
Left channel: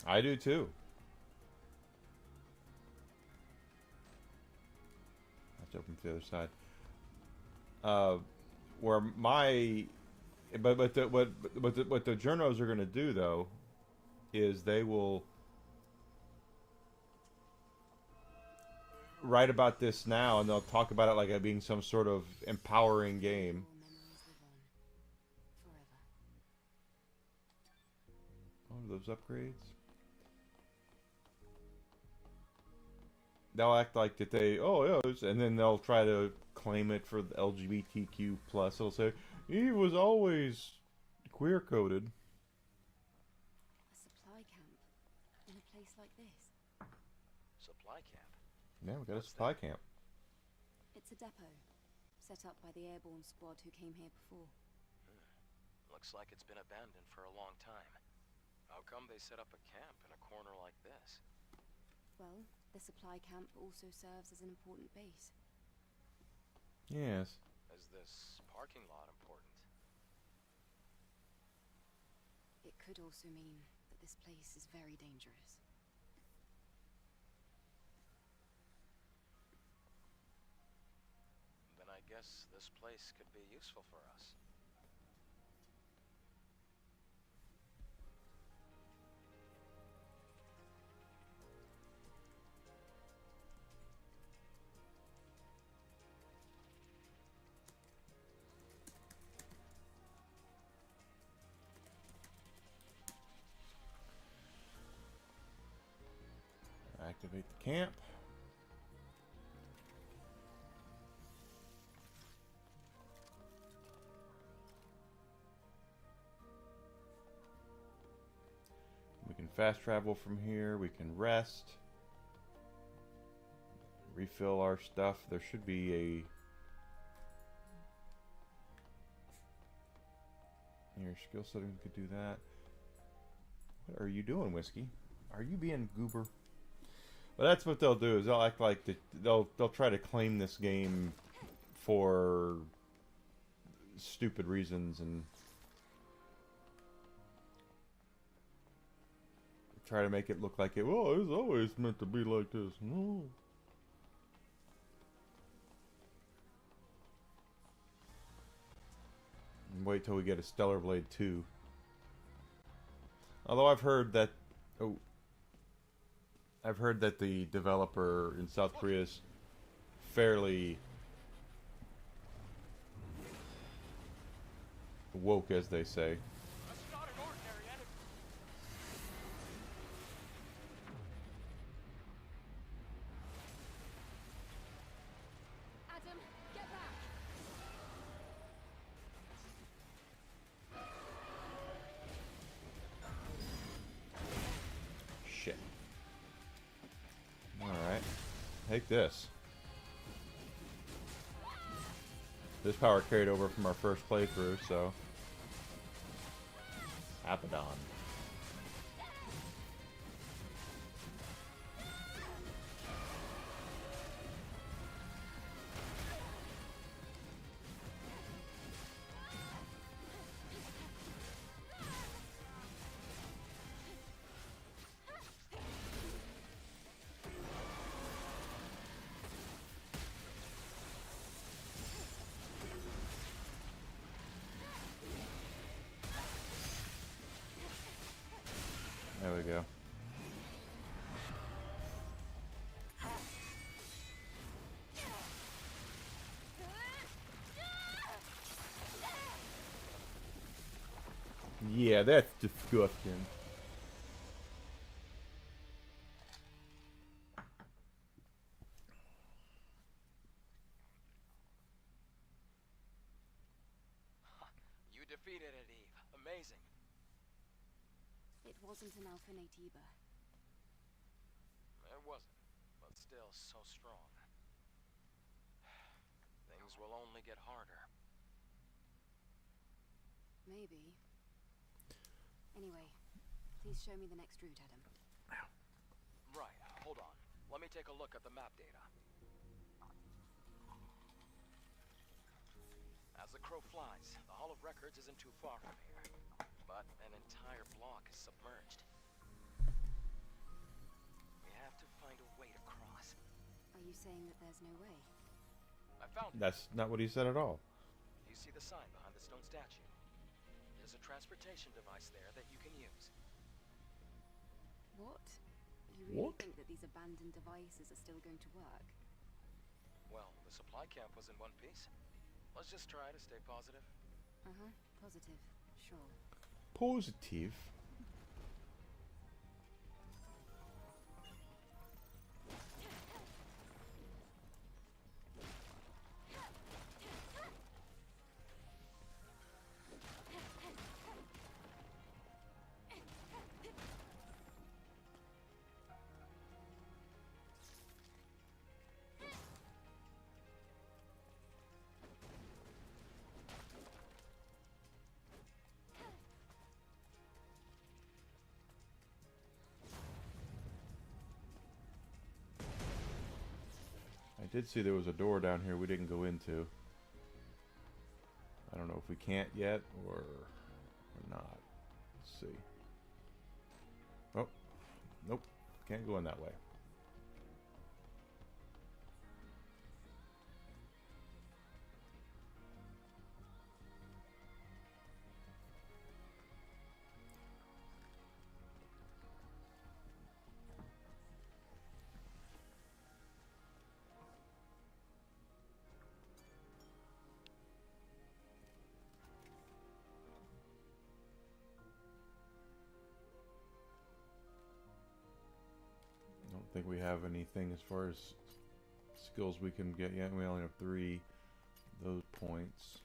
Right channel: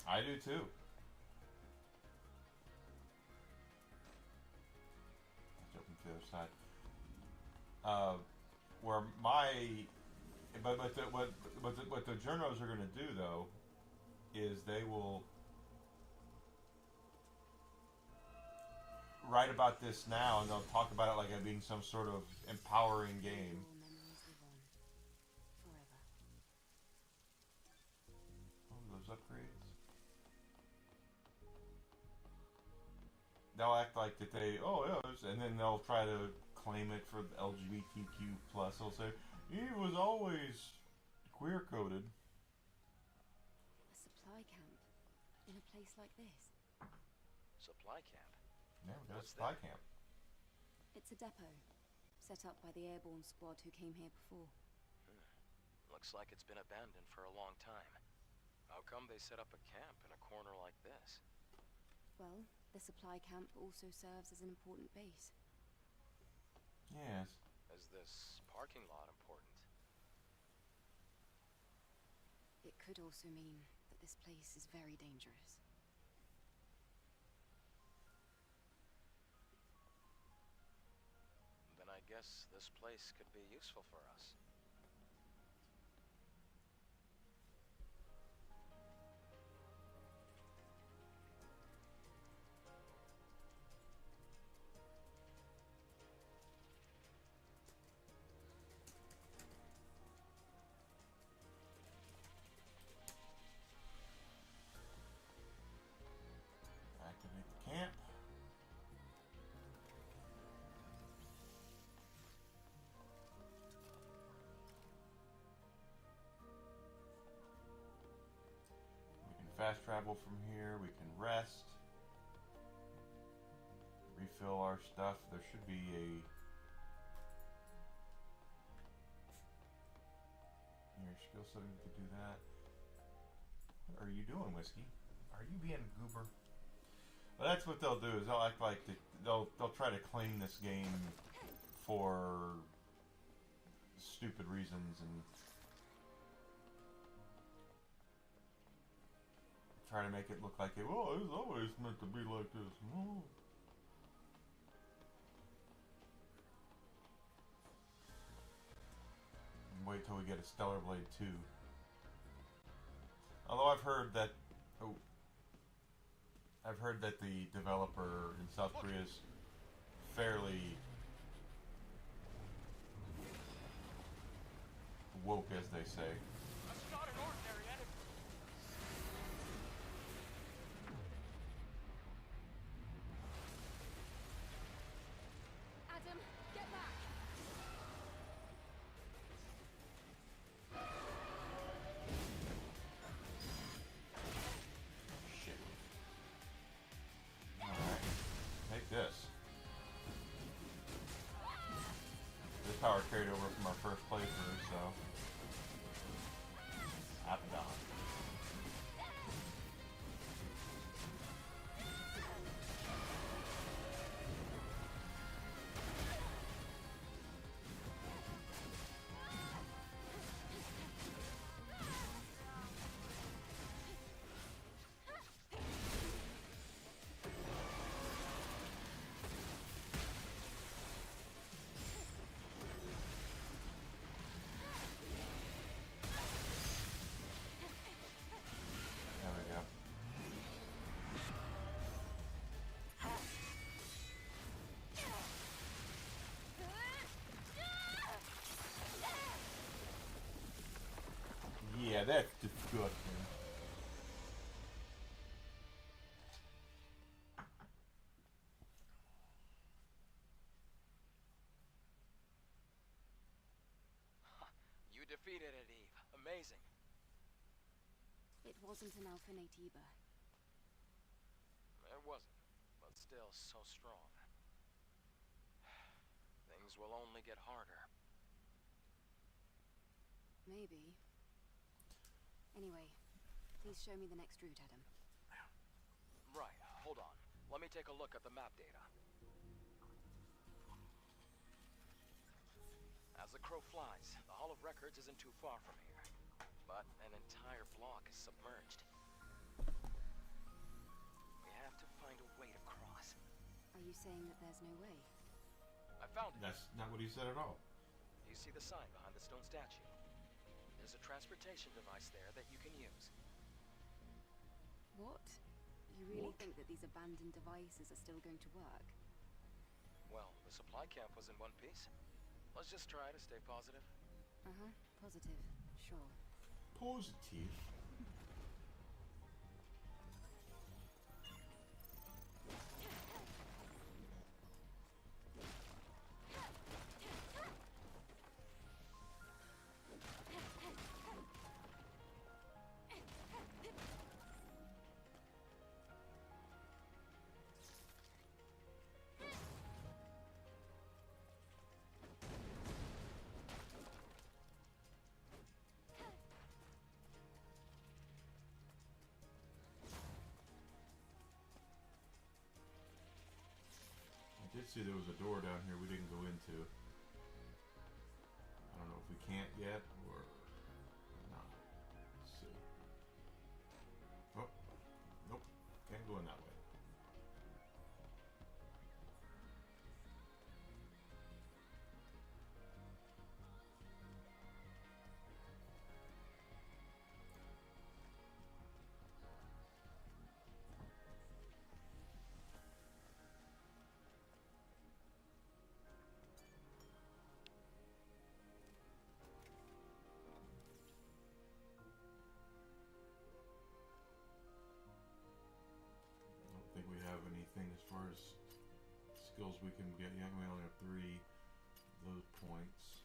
I do too. Let's open to the other side. Where my, what the journos are going to do though, is they will write about this now, and they'll talk about it like it being some sort of empowering game. All memories live on. Forever. Oh, those upgrades. They'll act like that they, oh yeah, and then they'll try to claim it for the LGBTQ plus. They'll say Eve was always queer coded. A supply camp in a place like this. Supply camp. Yeah, we got a What's supply that? camp. It's a depot set up by the airborne squad who came here before. Looks like it's been abandoned for a long time. How come they set up a camp in a corner like this? Well, the supply camp also serves as an important base. Yes. Is this parking lot important? It could also mean that this place is very dangerous. Then I guess this place could be useful for us. Activate the camp. We can fast travel from here. We can rest. Refill our stuff. There should be a... Your skill setting, we could do that. What are you doing, Whiskey? Are you being goober? Well, that's what they'll do. Is they'll act like they'll try to claim this game for stupid reasons and try to make it look like it. Well, it was always meant to be like this. No. And wait till we get a Stellar Blade 2. Although I've heard that. Oh. I've heard that the developer in South Korea is fairly woke, as they say. That's not an ordinary enemy. Adam, get back! Shit. Alright. Take this. This power carried over from our first playthrough, so... Apadon. There we go. Yeah, that's disgusting. You defeated it, Eve. Amazing. It wasn't an Alpha Natiba. It wasn't, but still so strong. Things will only get harder. Maybe. Anyway, please show me the next route, Adam. Right, hold on. Let me take a look at the map data. As the crow flies, the Hall of Records isn't too far from here. But an entire block is submerged. We have to find a way to cross. Are you saying that there's no way? I found it. That's not what he said at all. You see the sign behind the stone statue? There's a transportation device there that you can use. What? You really What? think that these abandoned devices are still going to work? Well, the supply camp was in one piece. Let's just try to stay positive. Uh-huh. Positive. Sure. Positive. I did see there was a door down here we didn't go into. I don't know if we can't yet or not. Let's see. Oh, nope. Can't go in that way. I don't think we have anything as far as skills we can get yet. We only have 3 those points.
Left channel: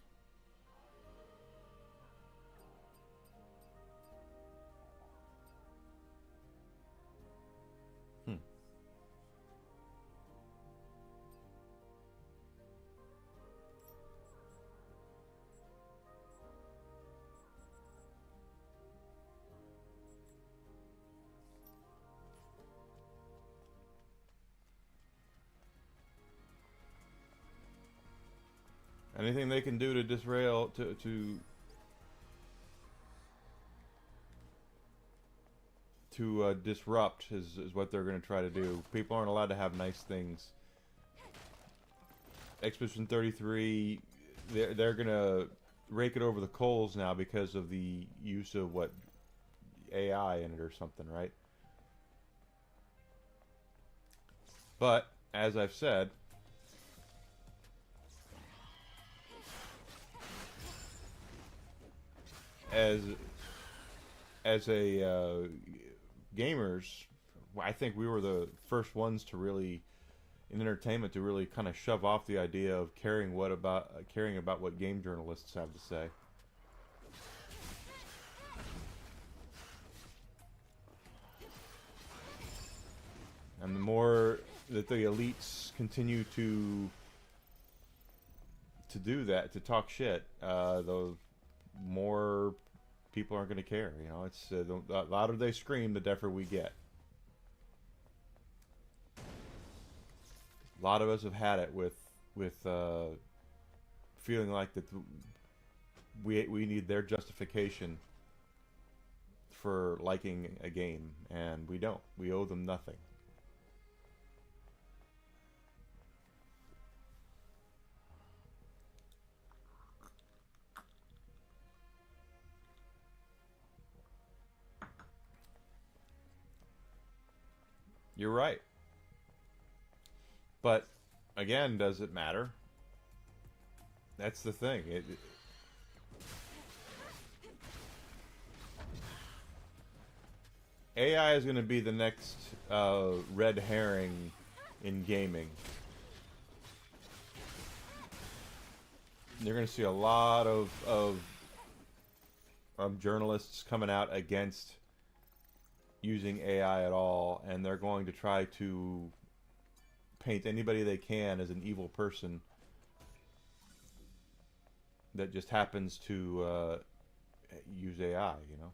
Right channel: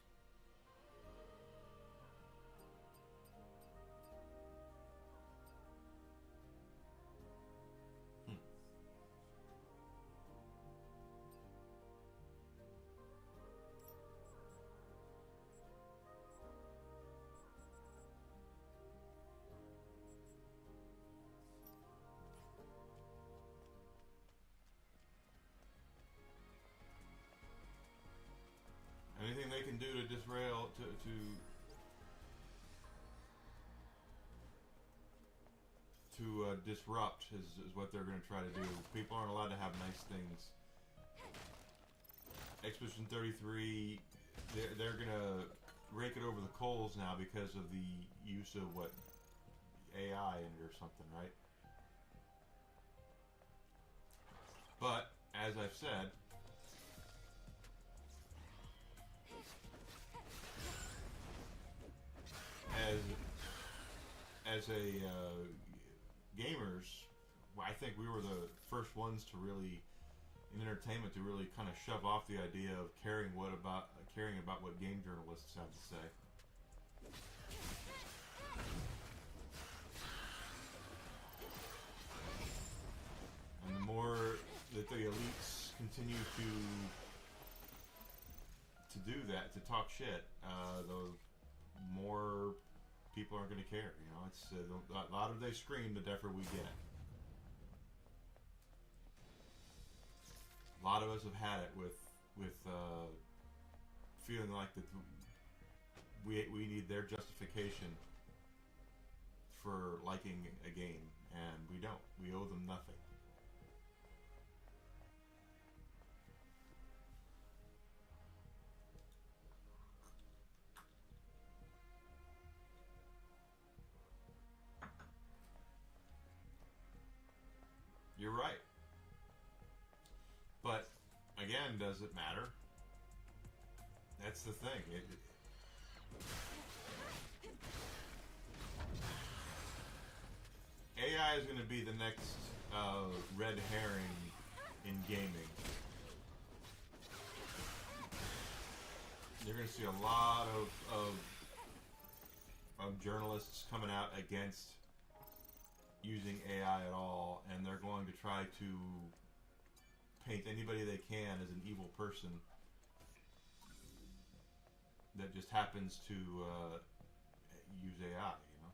Anything they can do to disrail to disrupt is what they're going to try to do. People aren't allowed to have nice things. Expedition 33, they're going to rake it over the coals now because of the use of what AI in it or something, right? But as I've said, as a gamers, I think we were the first ones to really, in entertainment, to really kind of shove off the idea of caring about what game journalists have to say. And the more that the elites continue to do that, to talk shit, the more people aren't going to care. You know, it's the louder they scream, the deafer we get. A lot of us have had it with feeling like that we need their justification for liking a game, and we don't. We owe them nothing. You're right. But, again, does it matter? That's the thing. AI is going to be the next red herring in gaming. You're going to see a lot of journalists coming out against using AI at all, and they're going to try to paint anybody they can as an evil person that just happens to use AI, you know.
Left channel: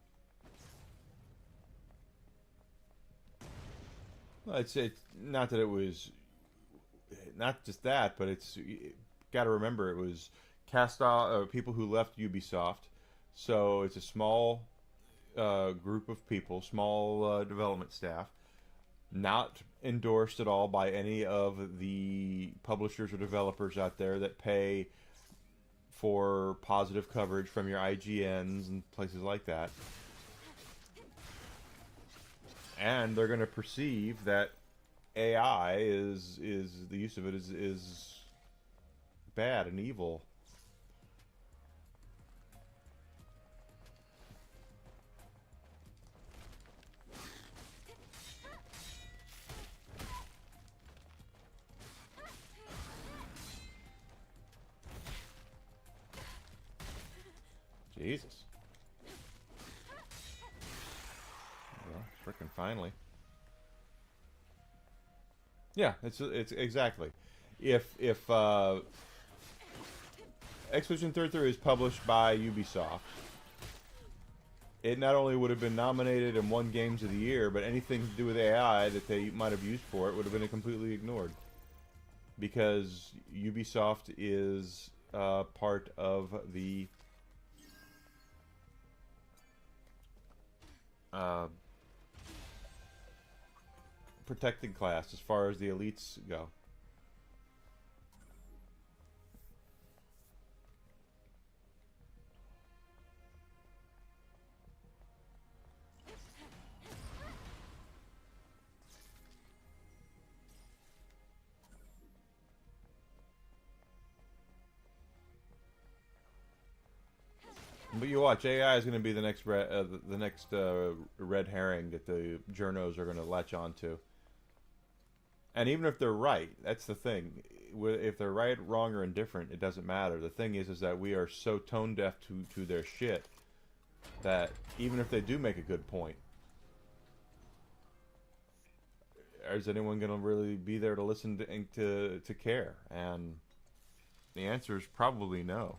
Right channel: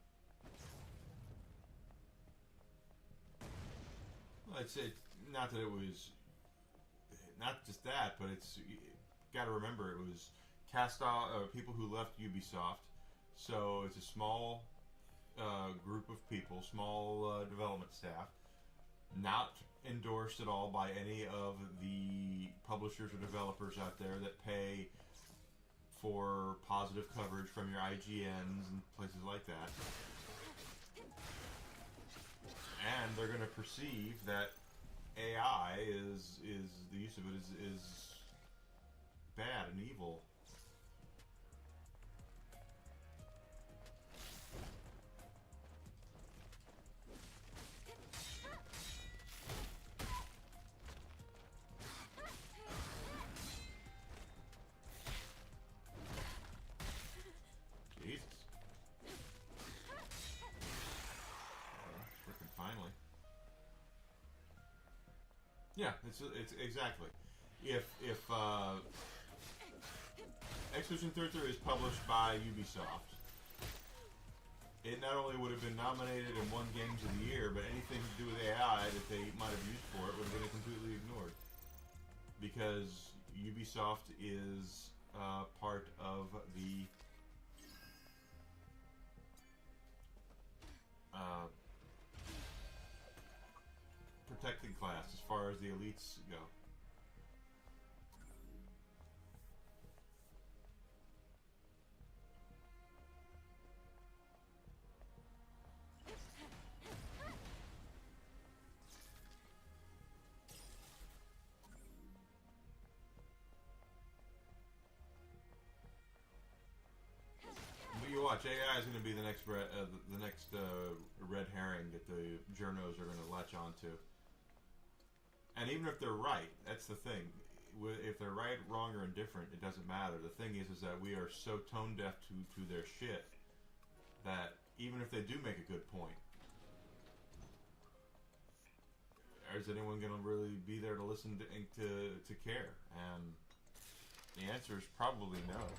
Well, it's not that it was not just that, but it's got to remember it was cast off people who left Ubisoft, so it's a small group of people, small development staff, not endorsed at all by any of the publishers or developers out there that pay for positive coverage from your IGNs and places like that. And they're going to perceive that AI is the use of it is bad and evil. Jesus. Well, frickin' finally. Yeah, it's exactly. If Expedition 33 is published by Ubisoft, it not only would have been nominated and won Games of the Year, but anything to do with AI that they might have used for it would have been completely ignored. Because Ubisoft is part of the protected class as far as the elites go. But you watch, AI is going to be the next red herring that the journos are going to latch onto. And even if they're right, that's the thing. If they're right, wrong, or indifferent, it doesn't matter. The thing is that we are so tone deaf to their shit that even if they do make a good point, is anyone going to really be there to listen to care? And the answer is probably no.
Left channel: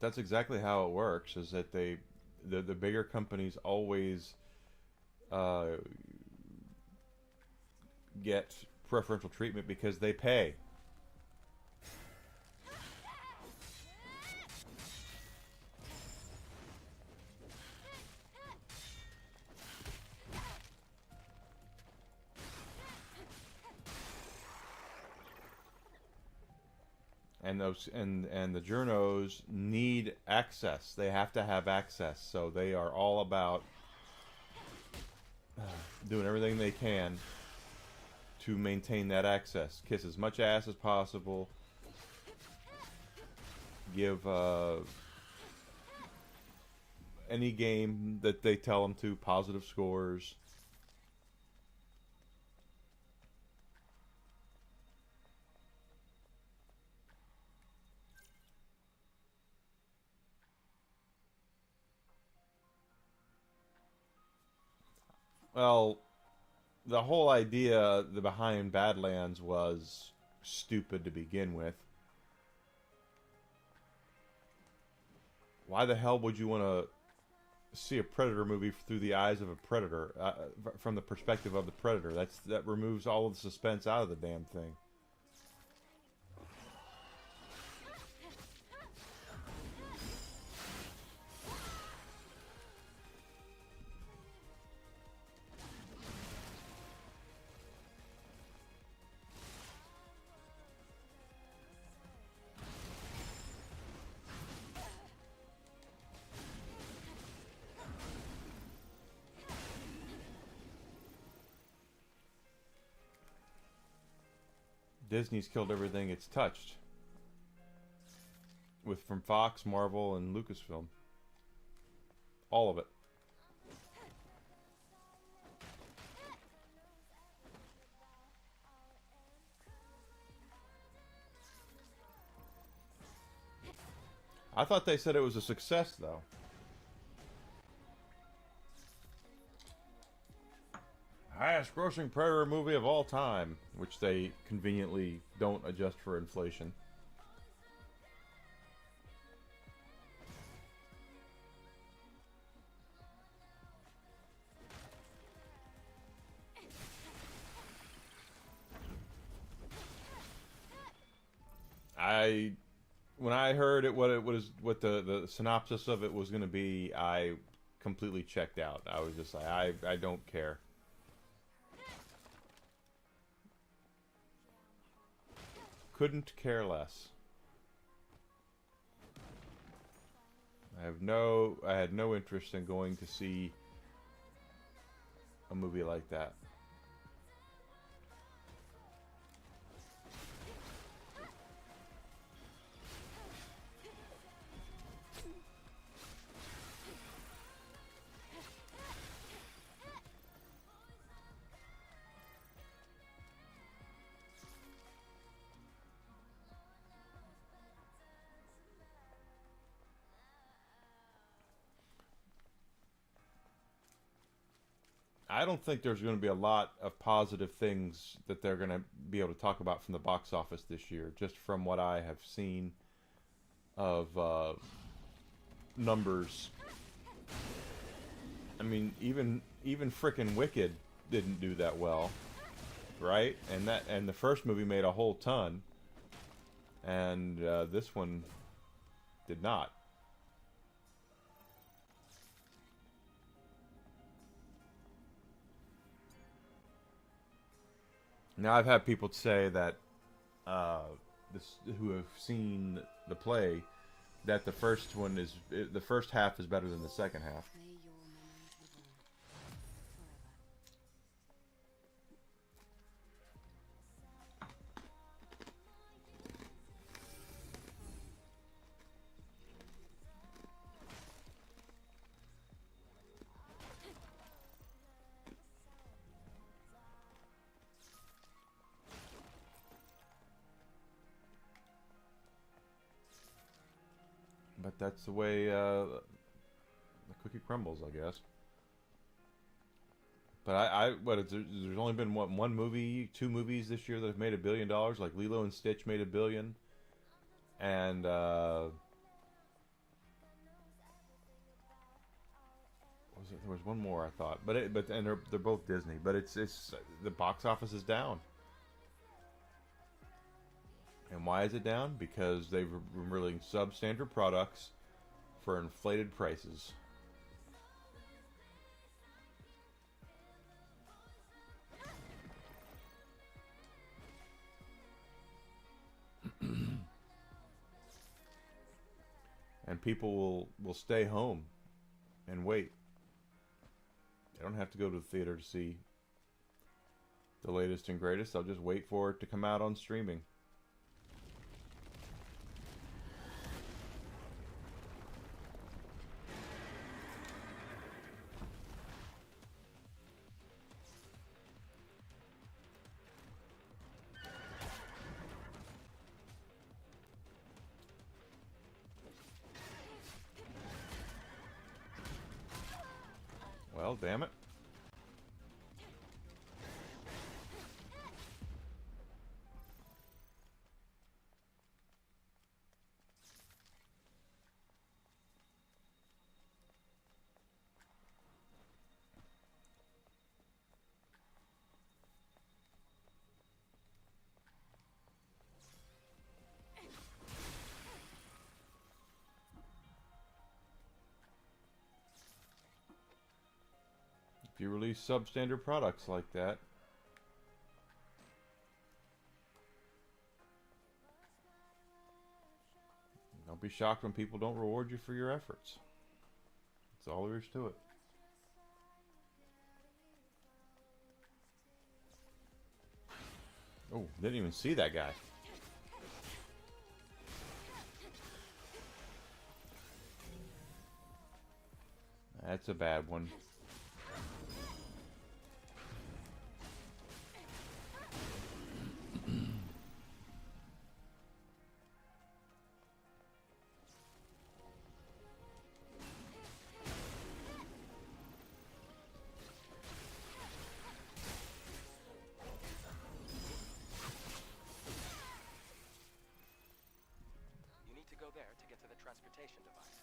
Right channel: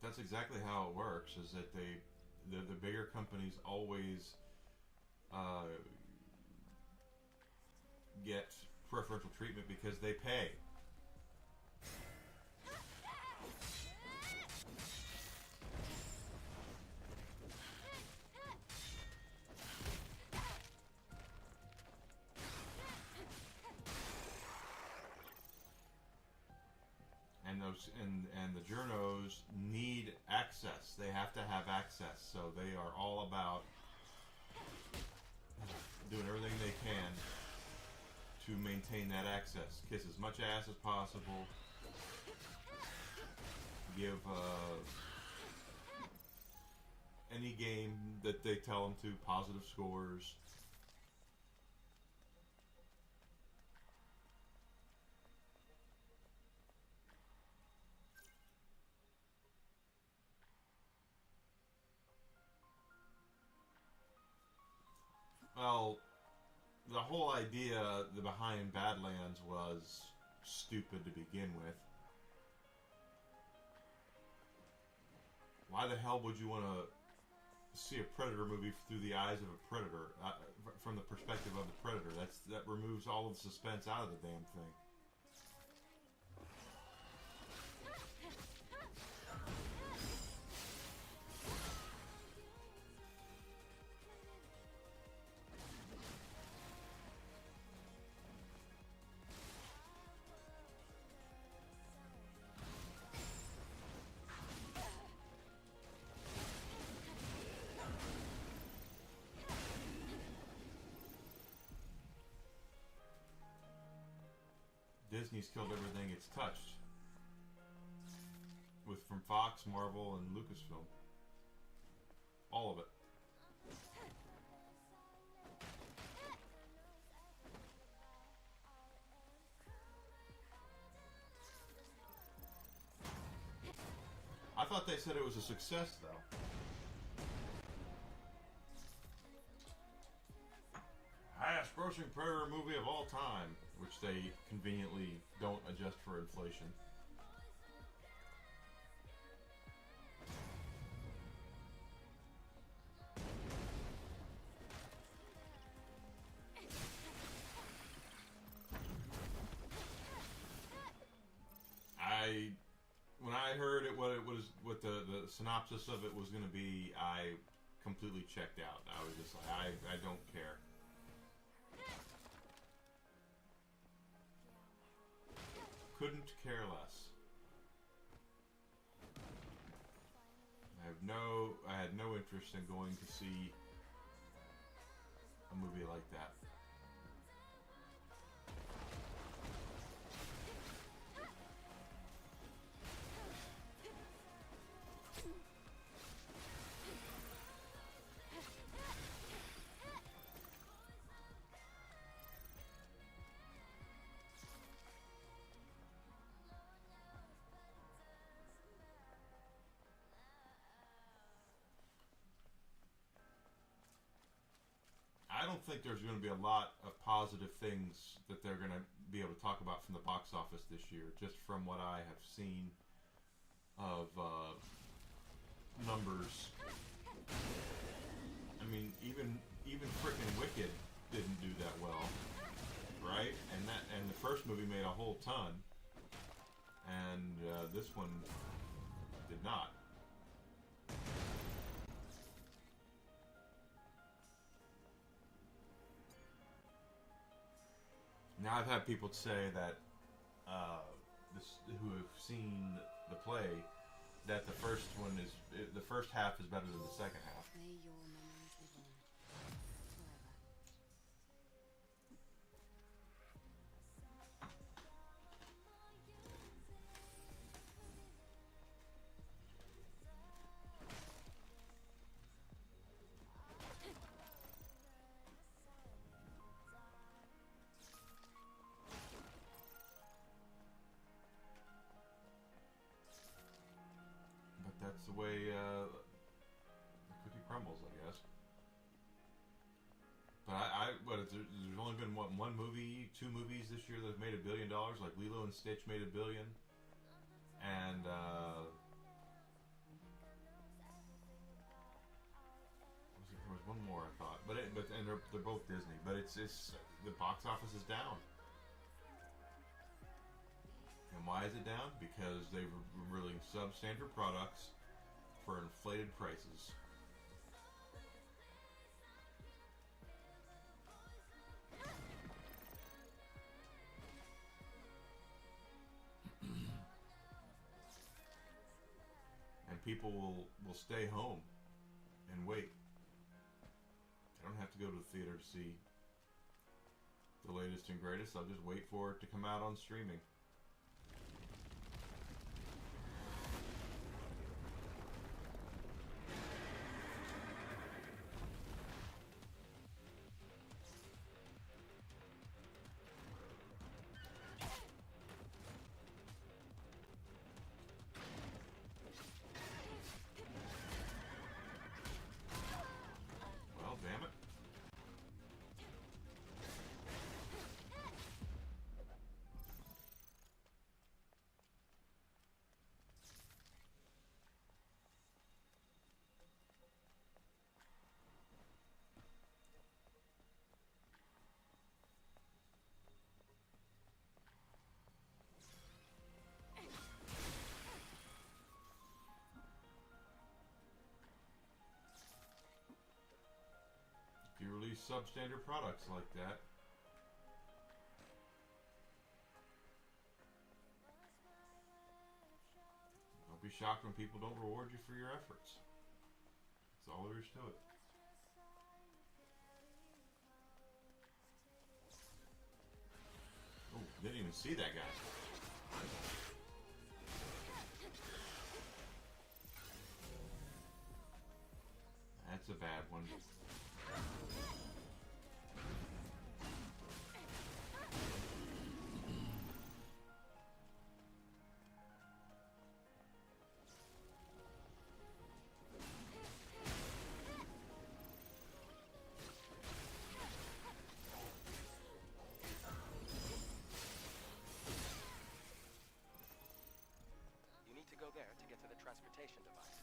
That's exactly how it works, is that the bigger companies always get preferential treatment because they pay. And those and the journos need access. They have to have access, so they are all about doing everything they can to maintain that access. Kiss as much ass as possible. Give any game that they tell them to positive scores. Well, the whole idea behind Badlands was stupid to begin with. Why the hell would you want to see a Predator movie through the eyes of a Predator, from the perspective of the Predator? That removes all of the suspense out of the damn thing. Disney's killed everything it's touched. From Fox, Marvel, and Lucasfilm. All of it. I thought they said it was a success, though. Highest grossing Predator movie of all time, which they conveniently don't adjust for inflation. When I heard what the synopsis of it was going to be, I completely checked out. I was just like, I don't care. Couldn't care less. I had no interest in going to see a movie like that. I don't think there's going to be a lot of positive things that they're going to be able to talk about from the box office this year, just from what I have seen of numbers. I mean, even frickin' Wicked didn't do that well, right? And the first movie made a whole ton, and this one did not. Now, I've had people say that who have seen the play, that the first half is better than the second half. May your memories live on forever. But that's the way the cookie crumbles, I guess. But there's only been one movie, 2 movies this year that have made $1 billion. Like Lilo and Stitch made $1 billion, and what was There was one more I thought, and they're both Disney, but it's the box office is down. And why is it down? Because they've been releasing substandard products for inflated prices. And people will stay home and wait. They don't have to go to the theater to see the latest and greatest. They'll just wait for it to come out on streaming. Well, damn it. If you release substandard products like that, don't be shocked when people don't reward you for your efforts. That's all there is to it. Oh, didn't even see that guy. That's a bad one. You need to go there to get to the transportation device.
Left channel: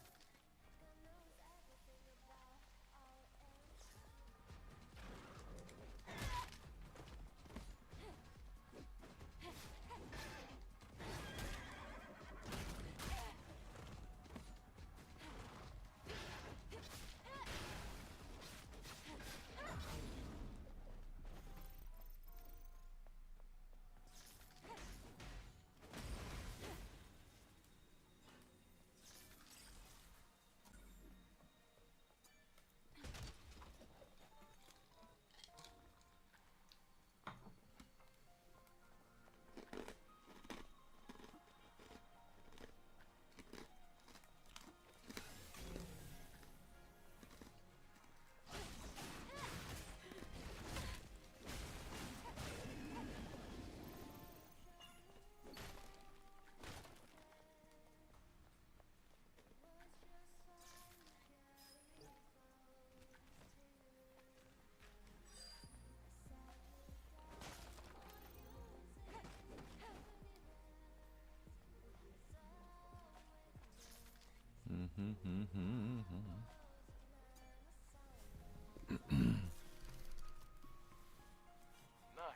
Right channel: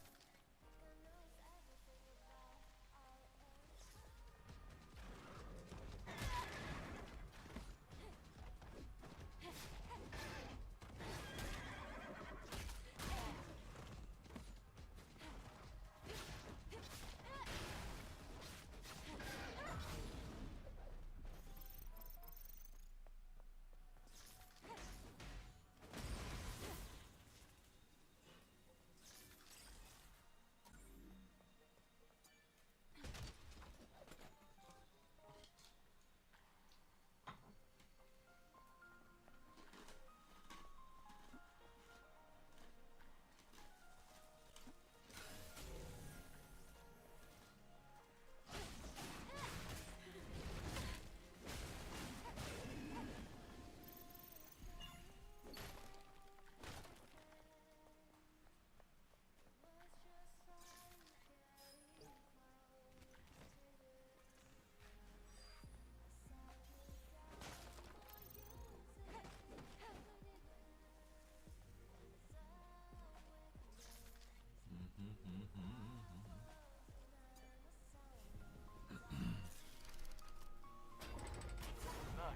Nice.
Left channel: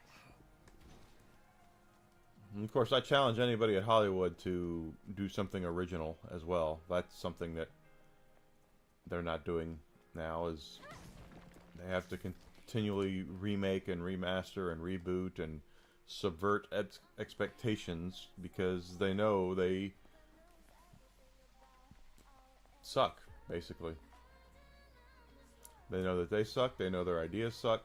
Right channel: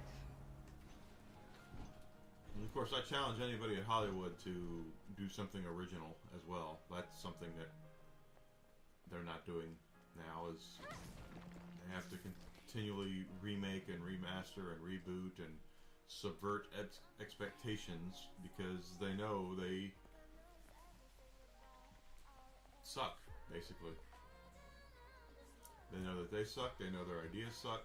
And of course, I challenge anybody at Hollywood to do something original as well. That's something that they're not doing now. Is they have to continually remake and remaster and reboot and subvert expectations because they know they suck, basically. They know that they suck. They know their ideas suck.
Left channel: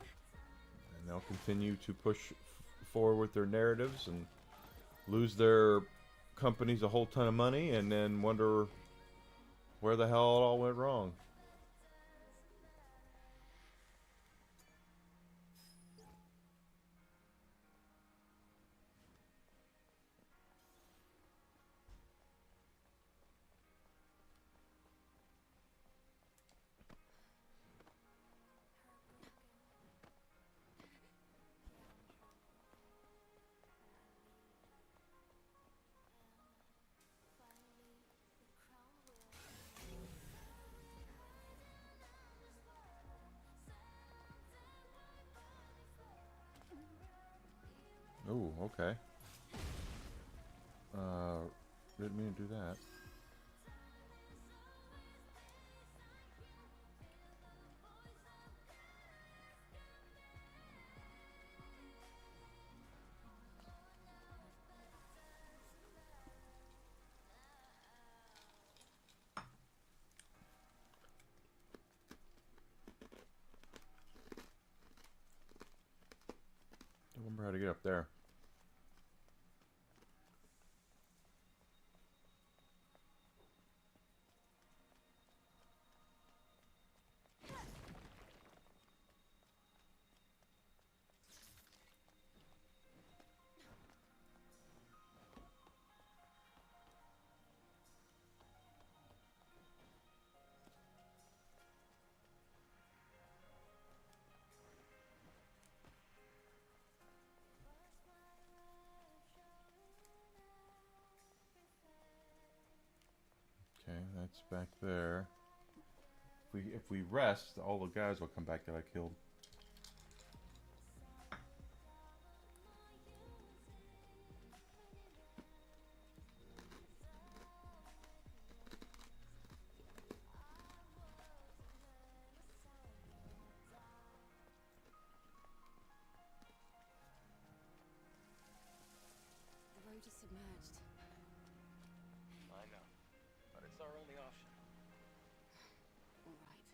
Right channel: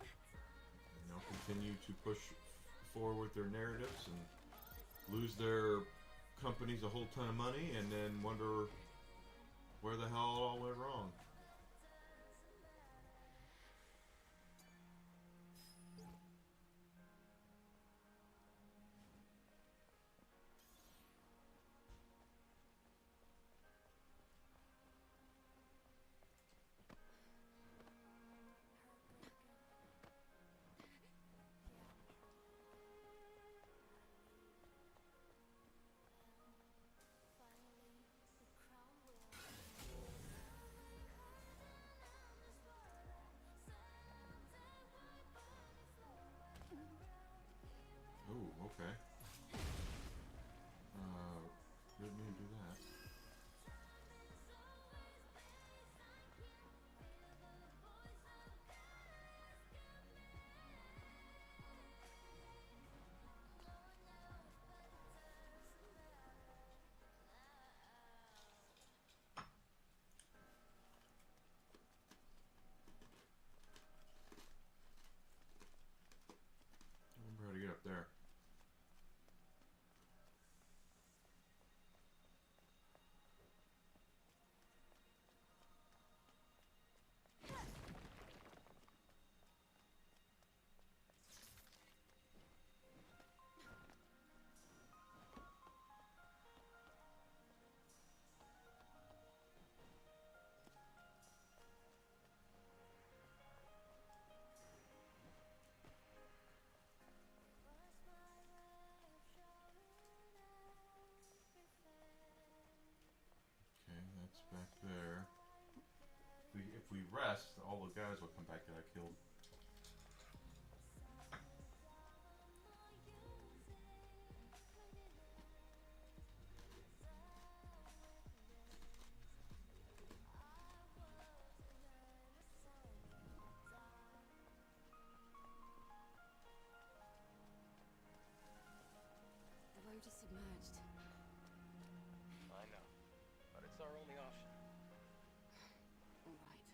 And they'll continue to push forward with their narratives and lose their companies a whole ton of money and then wonder where the hell it all went wrong. Oh, okay. Didn't mean to do that. I remember how to get up there. Okay, that's back there. If we rest, all the guys will come back that I killed. The road is submerged. I know, but it's our only option. All right.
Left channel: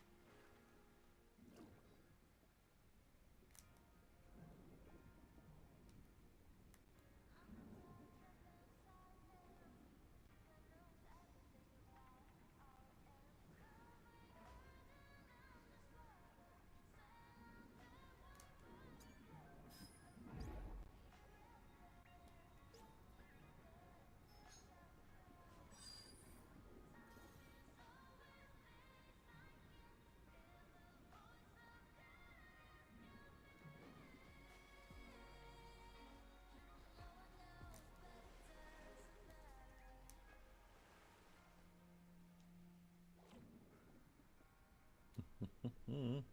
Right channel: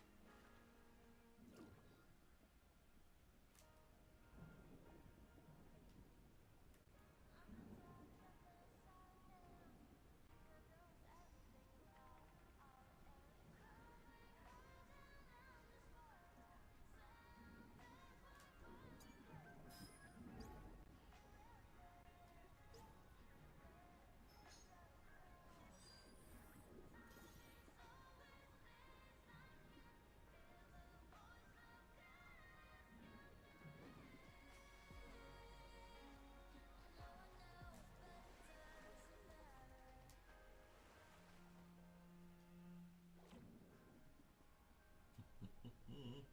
Mm.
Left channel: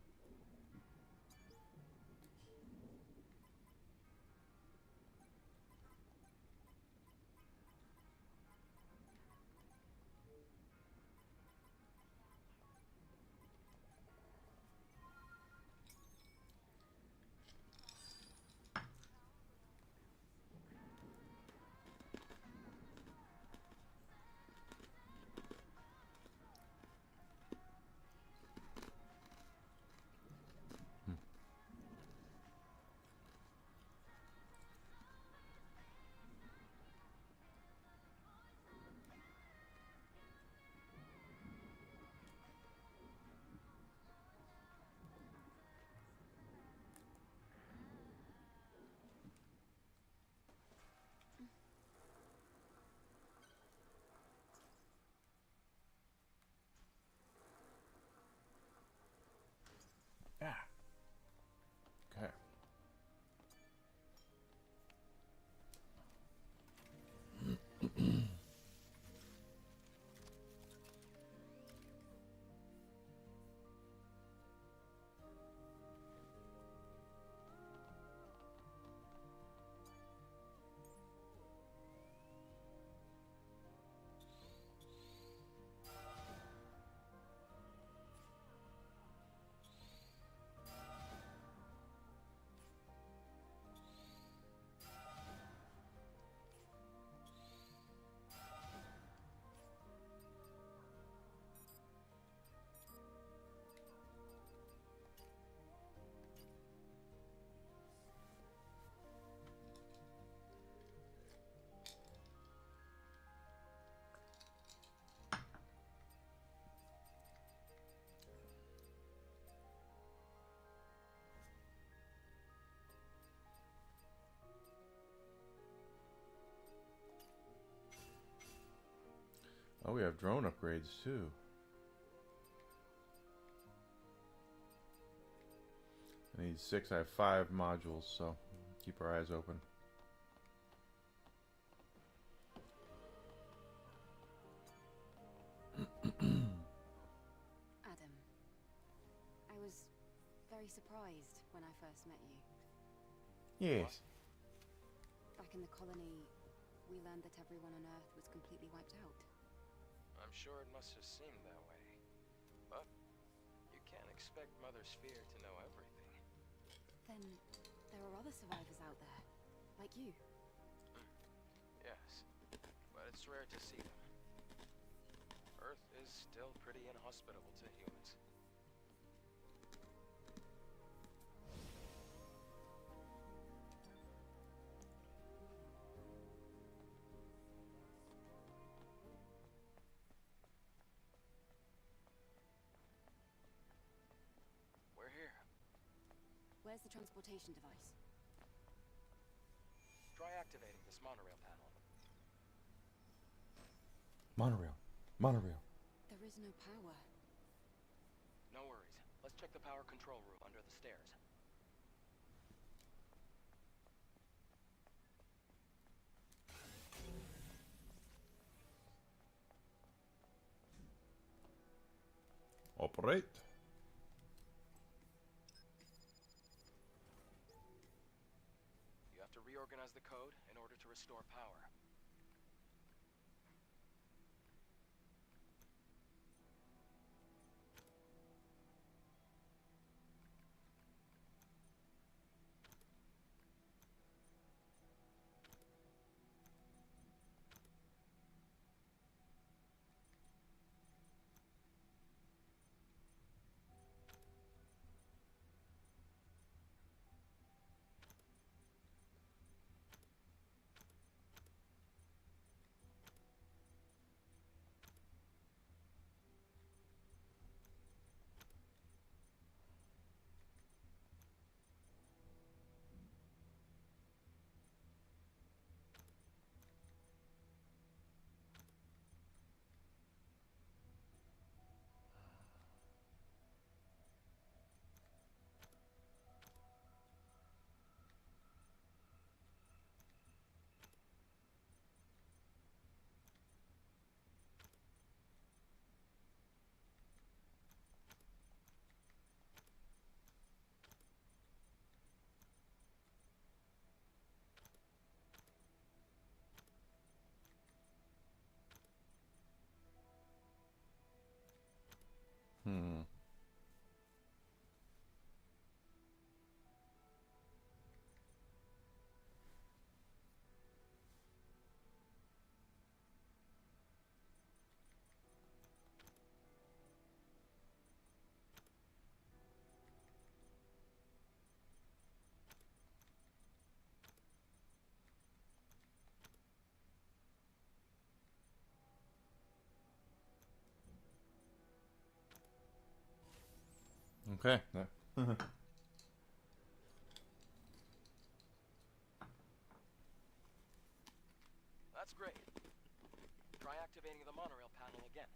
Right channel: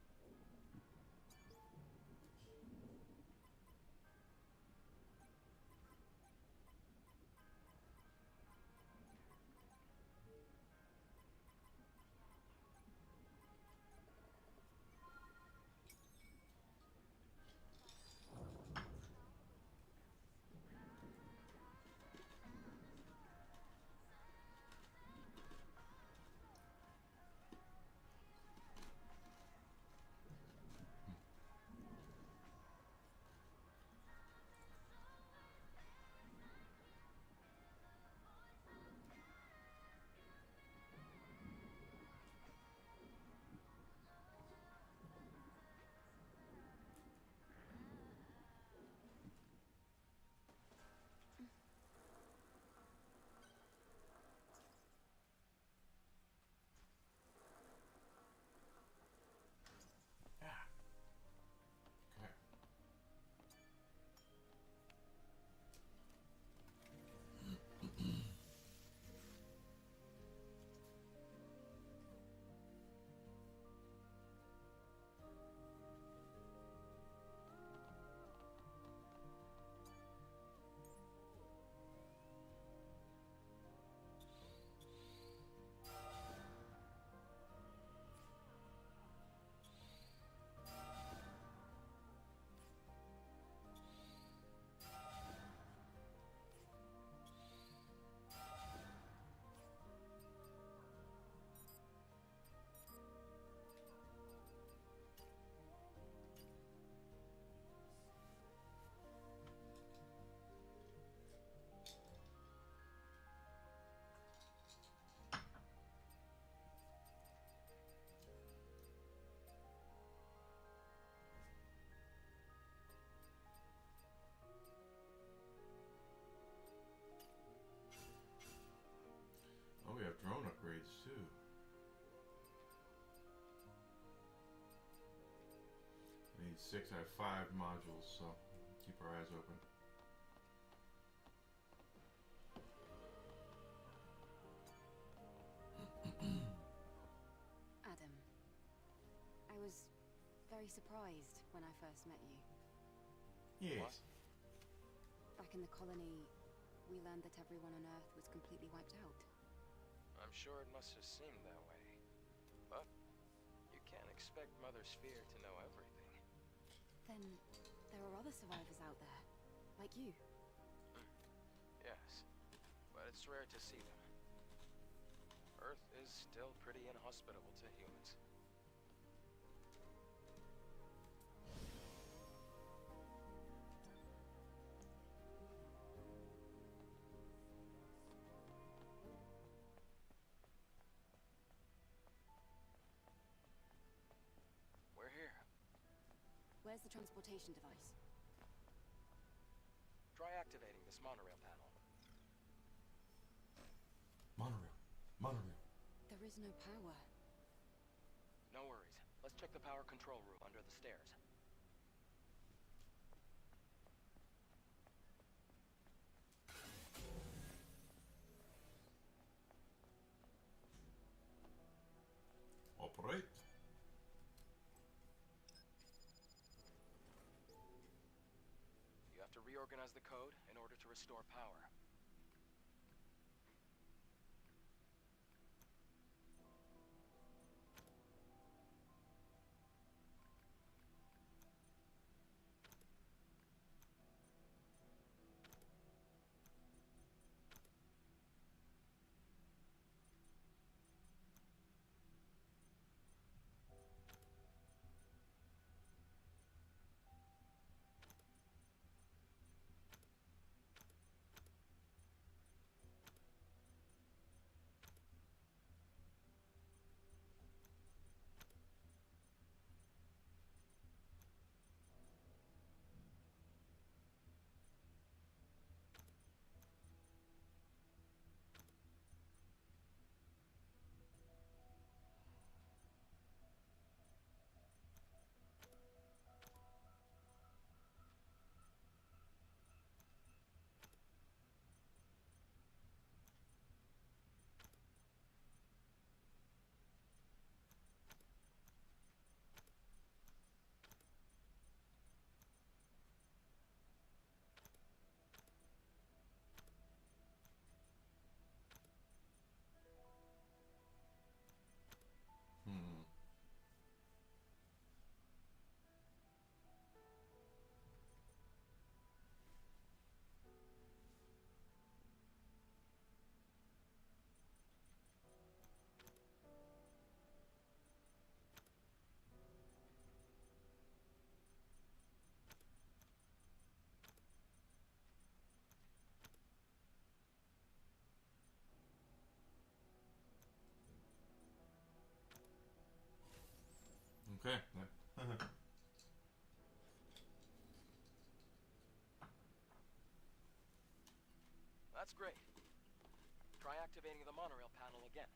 Yeah. Okay. Oh, we have drone upgrades too. I need 6. I have 5 modules, so keep our eyes open. Adam, I was very surprised when I first met you. Yes. Back in the colony, we learned that everyone on Earth was completely wiped out. I'm sure it must have seemed that way. But you can't expect Mother Sphere to know everything. Then there are other survivors out there, like you. Yes, but it's rare to see them. Earth is still pretty inhospitable to humans. We're here. Where's the transportation device? Try activating this monorail panel. Monorail. Monorail. There is no power. No worries. Let's check the power control room under the stairs. Operate. You have to reorganize the code in order to restore power. Hmm. Okay. That's great. Try activating the monorail panel again.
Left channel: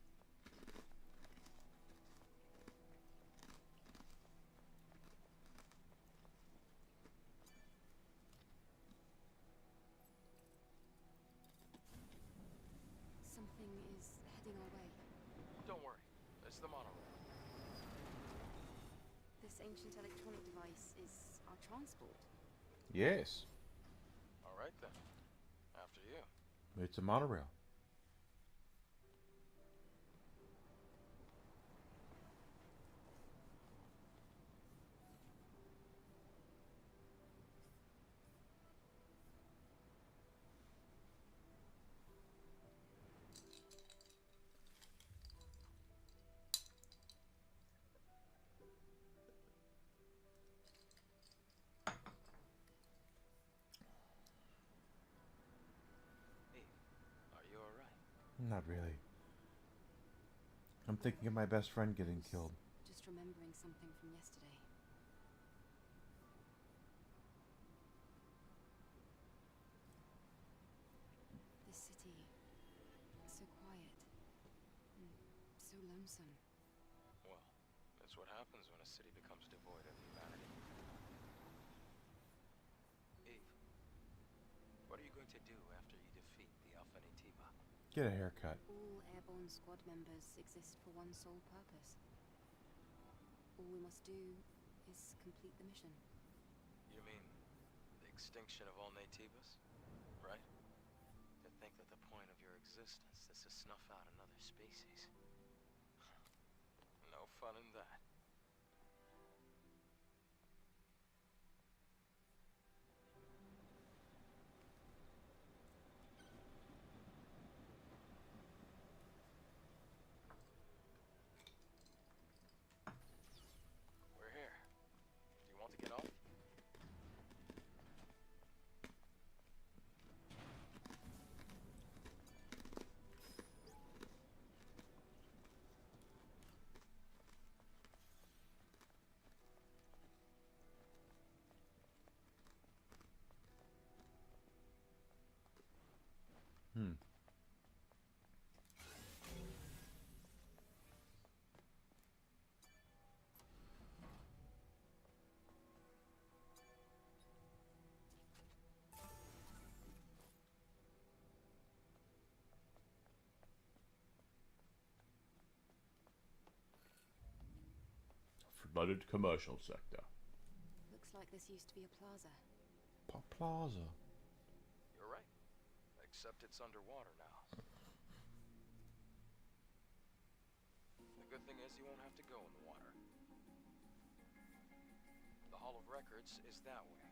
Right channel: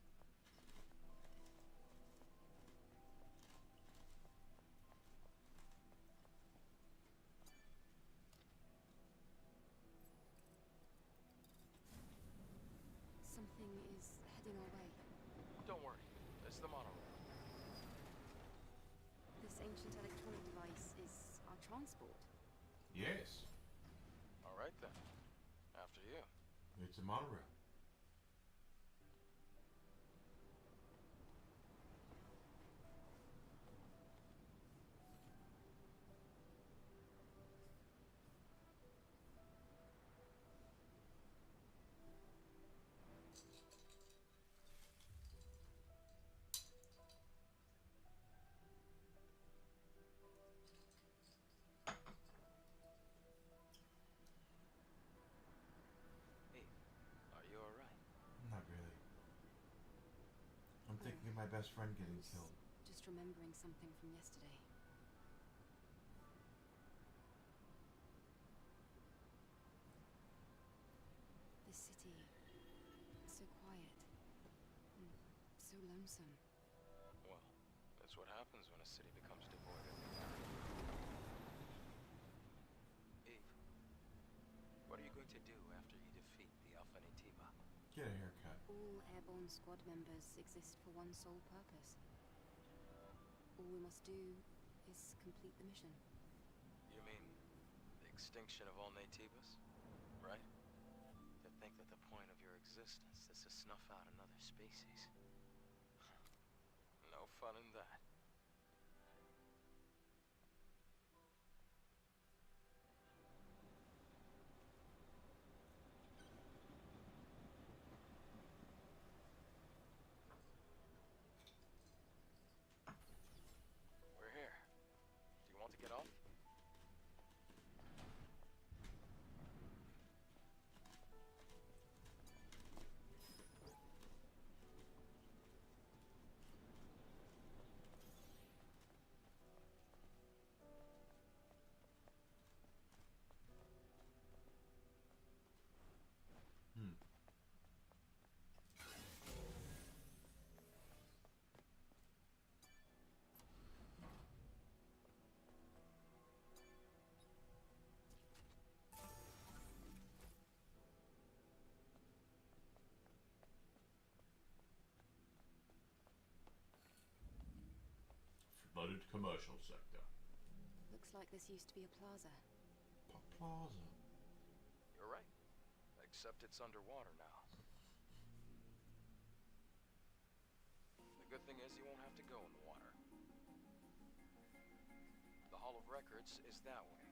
Something is heading our way. Don't worry. It's the monorail. This ancient electronic device is our transport. Yes. All right then. After you. It's a monorail. Eve, are you alright? Not really. I'm thinking of my best friend getting killed. Just remembering something from yesterday. This city, so quiet and so lonesome. Well, that's what happens when a city becomes devoid of humanity. Eve, what are you going to do after you defeat the Alpha Nativa? Get a haircut. All airborne squad members exist for one sole purpose. All we must do is complete the mission. You mean the extinction of all Nativas? right? To think that the point of your existence is to snuff out another species. No fun in that. We're here. Do you want to get off? Hmm. Flooded commercial sector. Looks like this used to be a plaza. Plaza. You're right. Except it's underwater now. The good thing is you won't have to go in the water. The Hall of Records is that way.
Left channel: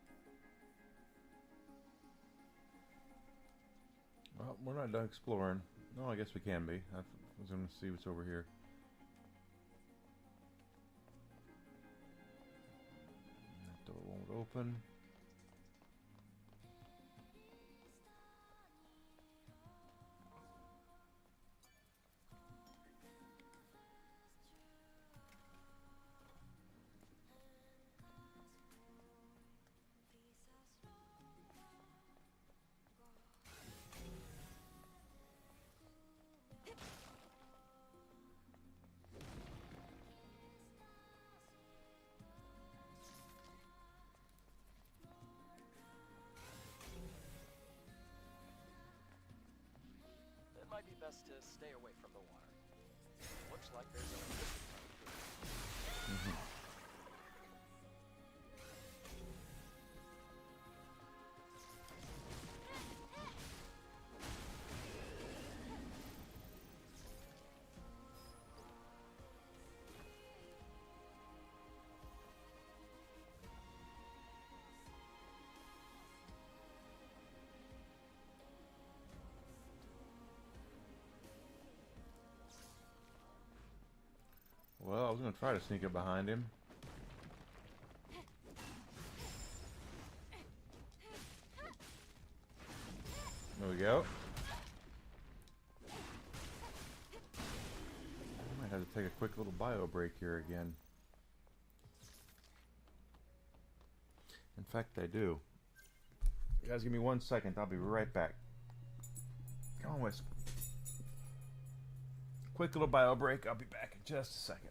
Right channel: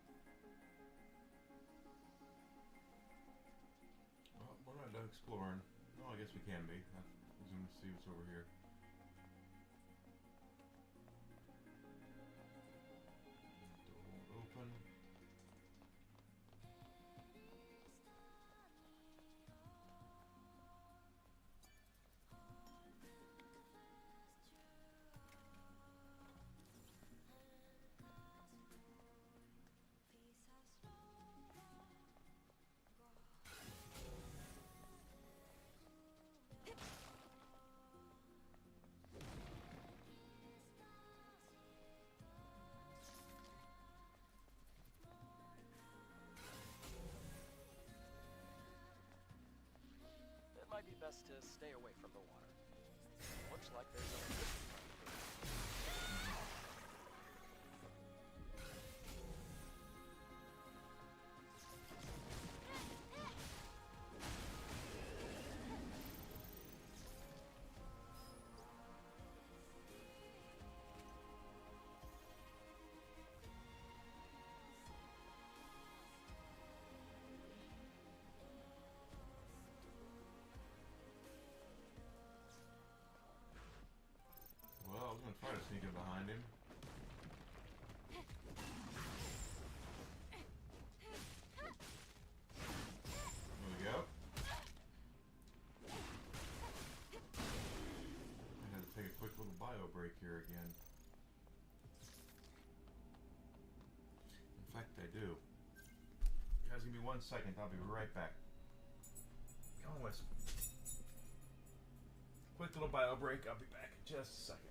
Well, we're not done exploring. No, I guess we can be. I was going to see what's over here. That door won't open. It might be best to stay away from the water. Looks like there's a Well, I was going to try to sneak up behind him. There we go. I might have to take a quick little bio break here again. In fact, I do. You guys give me 1 second. I'll be right back. Come on, Wisp. Quick little bio break. I'll be back in just a second.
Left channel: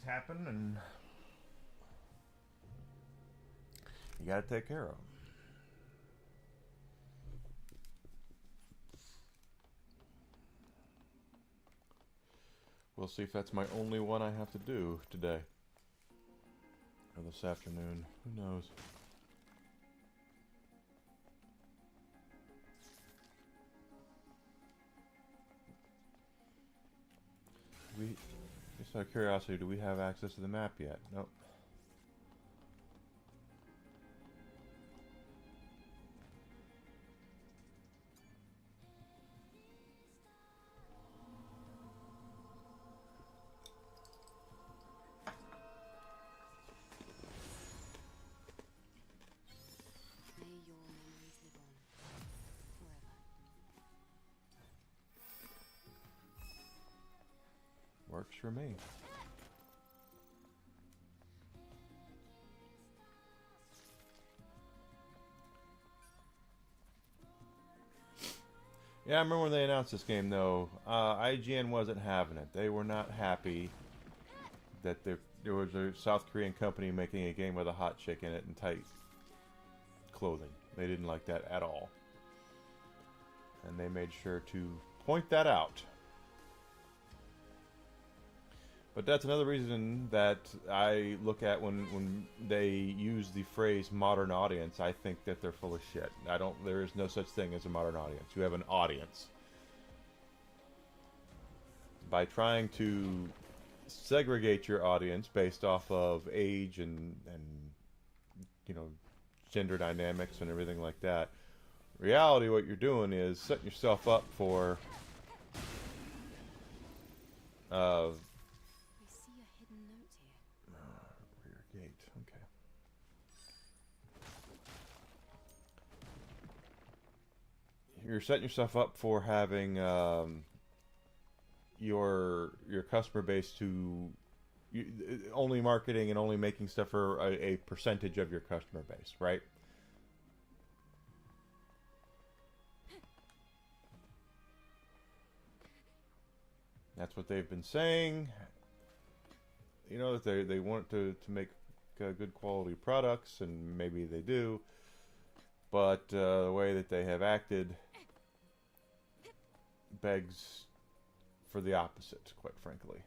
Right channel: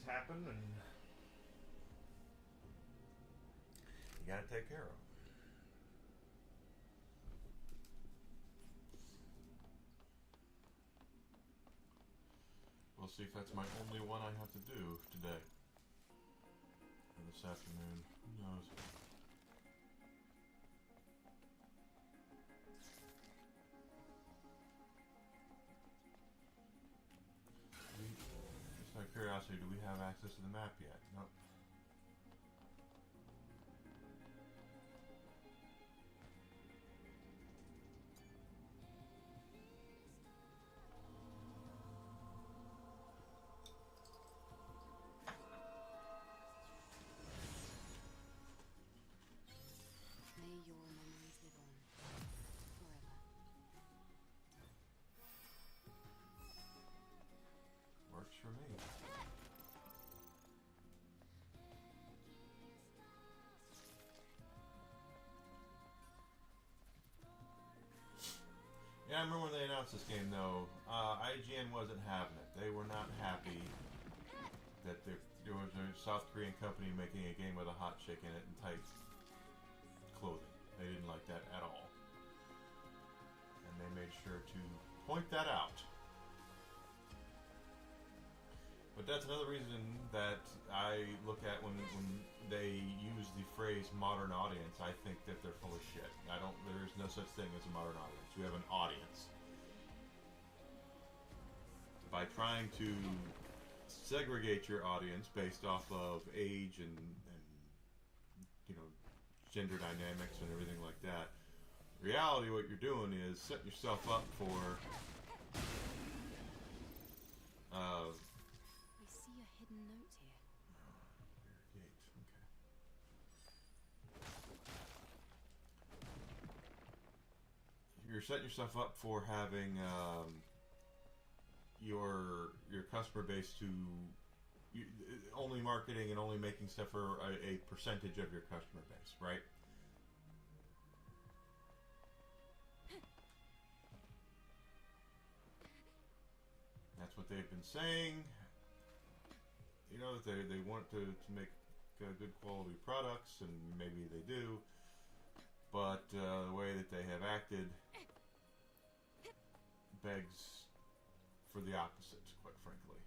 things happen, and you gotta take care of them. We'll see if that's my only one I have to do today. Or this afternoon. Who knows? Just out of curiosity, do we have access to the map yet? Nope. May your memories live on forever. Works for me. Yeah, I remember when they announced this game, though. IGN wasn't having it. They were not happy that there was a South Korean company making a game with a hot chick in it and tight clothing. They didn't like that at all. And they made sure to point that out. But that's another reason that I look at when they use the phrase modern audience, I think that they're full of shit. There is no such thing as a modern audience. You have an audience. By trying to segregate your audience based off of age and you know, gender dynamics and everything like that, reality, what you're doing is setting yourself up for I see a hidden note here. rear gate. Okay. You're setting yourself up for having your customer base to only marketing and only making stuff for a percentage of your customer base, right? That's what they've been saying. You know, that they want to make good quality products, and maybe they do. But the way that they have acted begs for the opposite, quite frankly.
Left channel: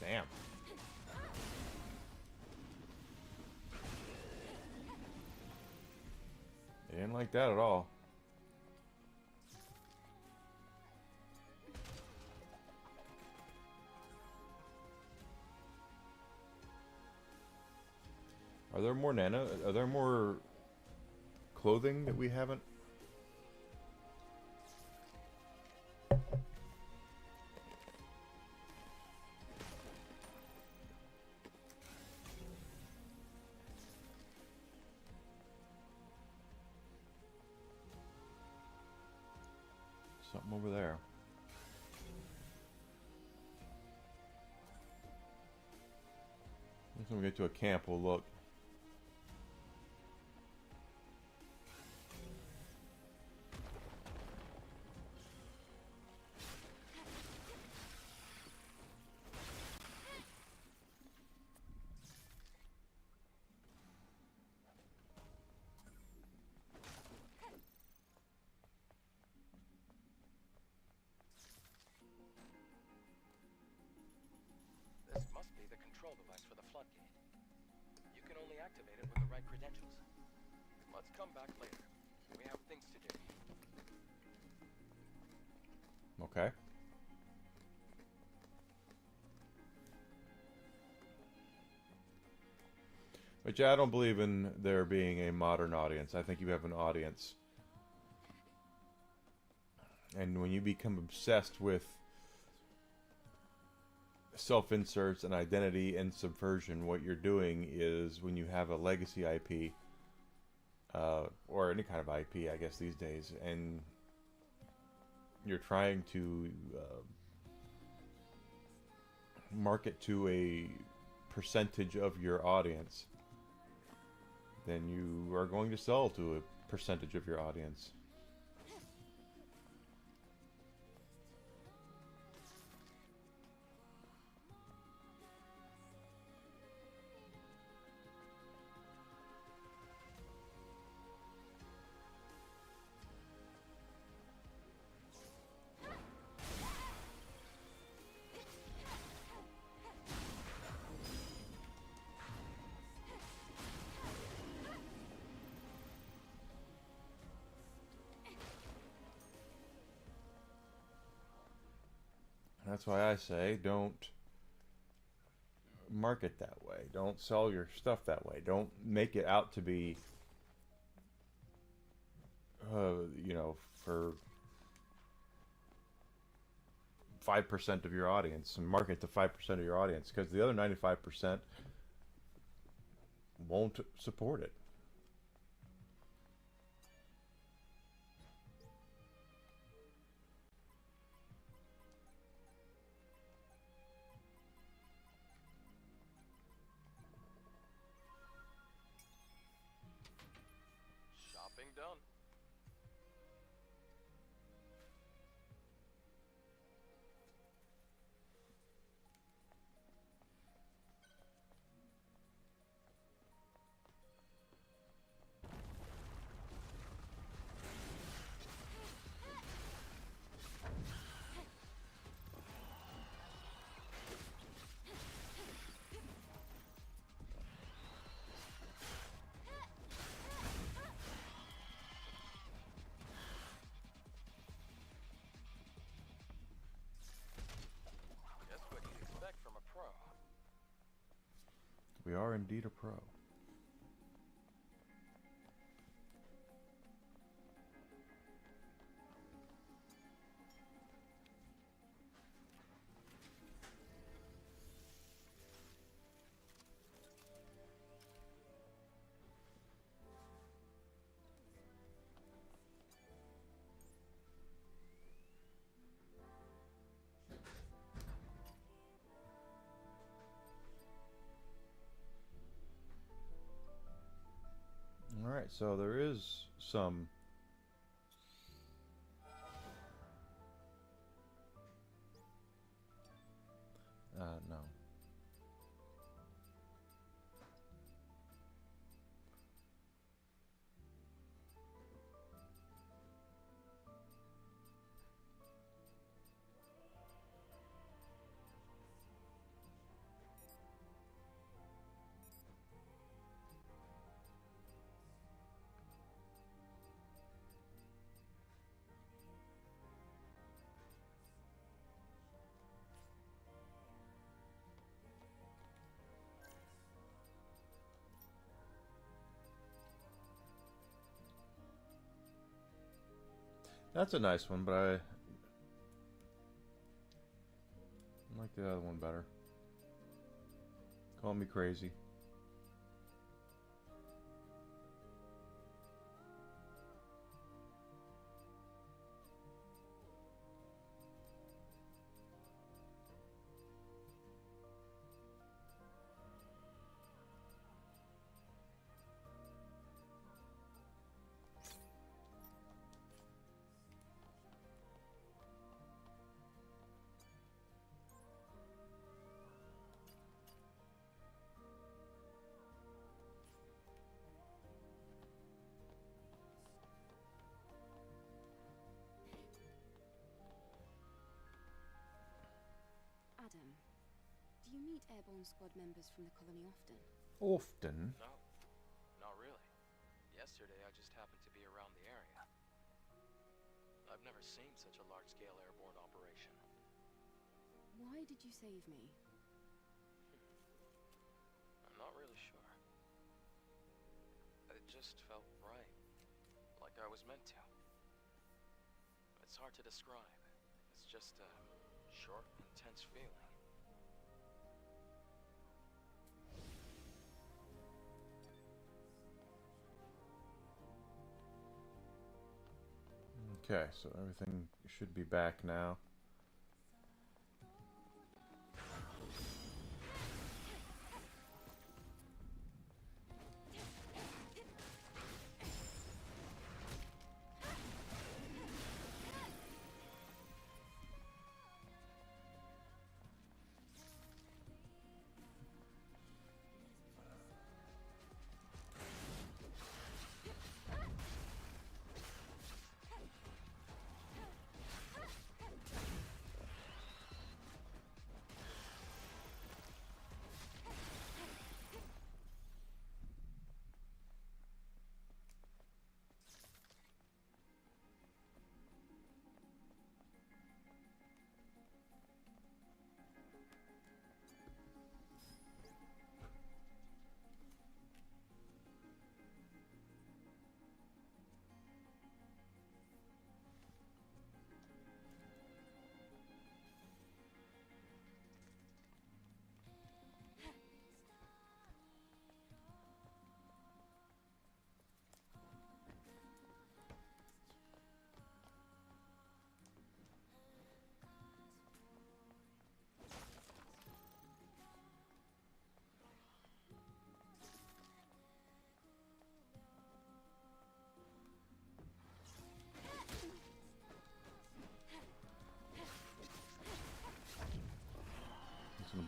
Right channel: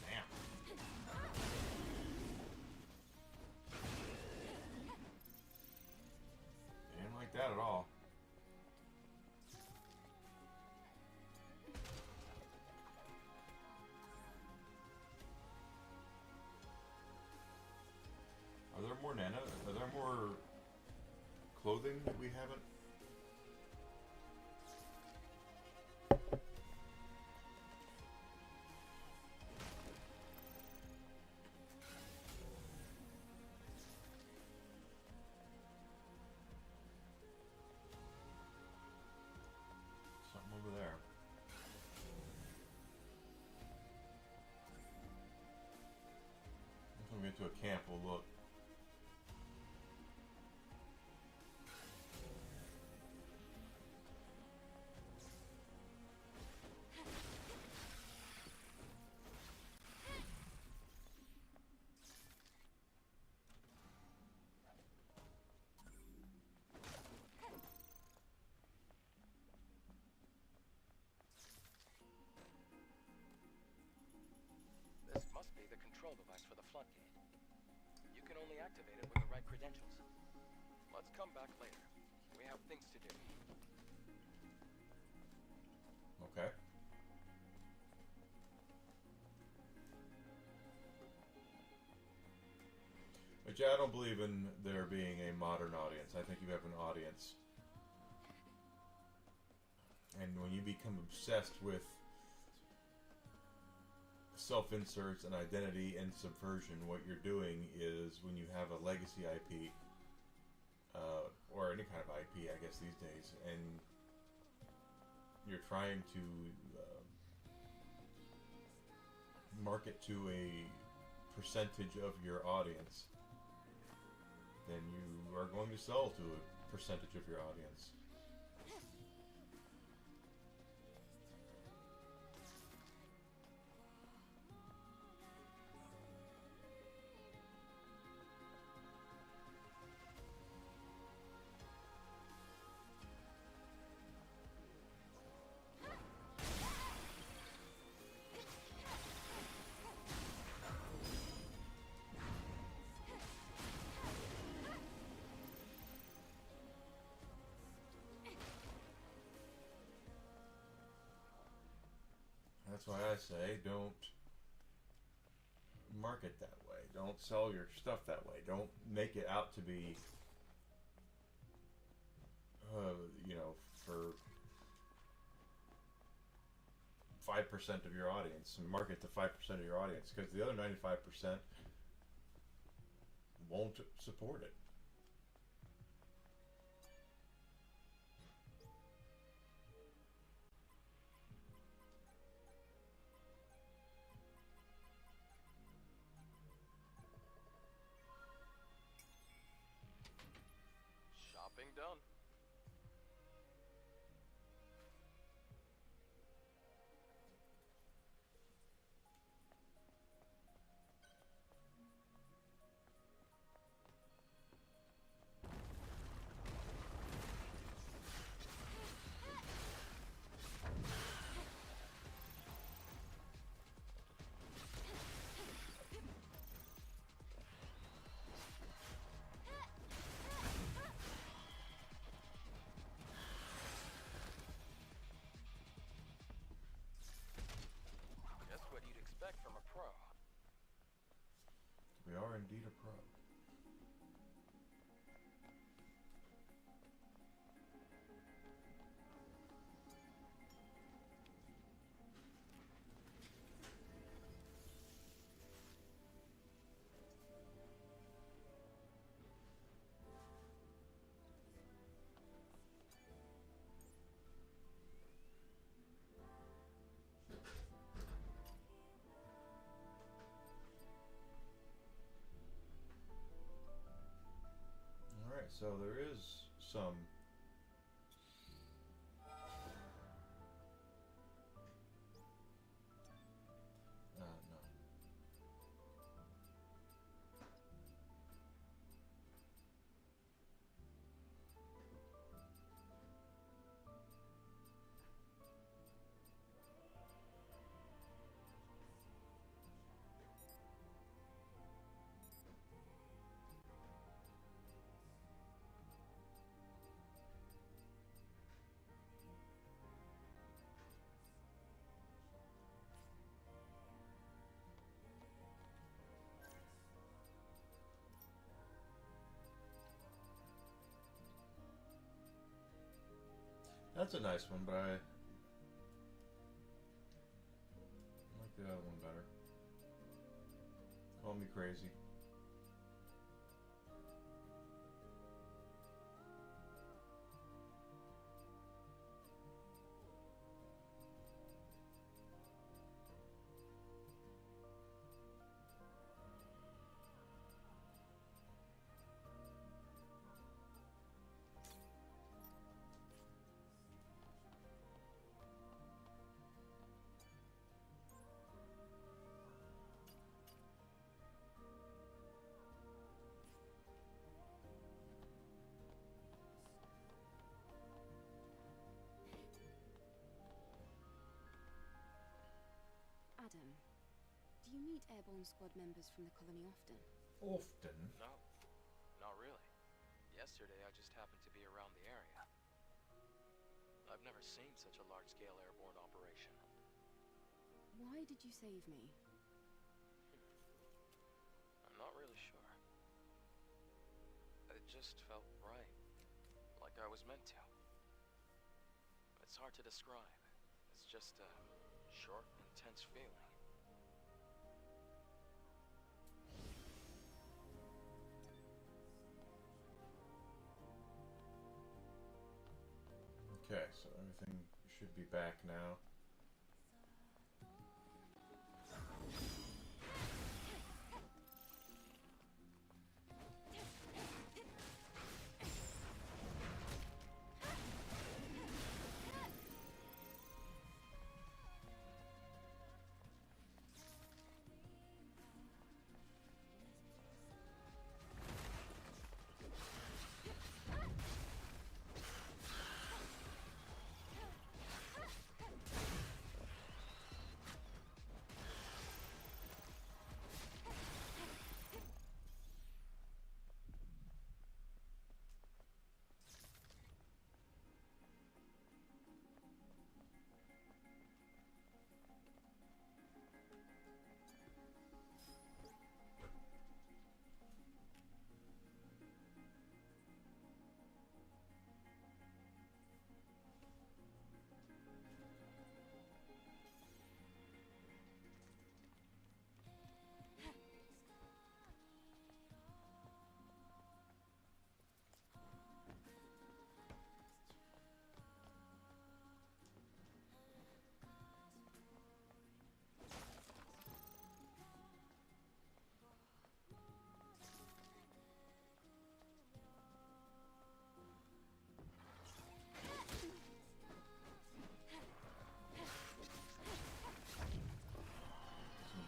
Damn. They didn't like that at all. Are there more Are there more clothing that we haven't? Something over there. When we get to a camp, we'll look. This must be the control device for the floodgate. You can only activate it with the right credentials. Let's come back later. We have things to do. Okay. But But yeah, I don't believe in there being a modern audience. I think you have an audience. And when you become obsessed with self-inserts and identity and subversion, what you're doing is when you have a legacy IP, or any kind of IP, I guess these days, and you're trying to market to a percentage of your audience, then you are going to sell to a percentage of your audience. That's why I say don't market that way. Don't sell your stuff that way. Don't make it out to be, for 5% of your audience, and market to 5% of your audience, because the other 95% won't support it. Shopping done. Just what you'd expect from a pro. We are indeed a pro. Alright, so there is some no. That's a nice one, but I like the other one better. Call me crazy. Adam, do you meet Airborne Squad members from the colony often? Often. No, not really. Yesterday I just happened to be around the area. I've never seen such a large-scale airborne operation. Why did you save me? I'm not really sure. just felt right. Like I was meant to. It's hard to describe. It's just a short, intense feeling. Okay, so everything should be back now.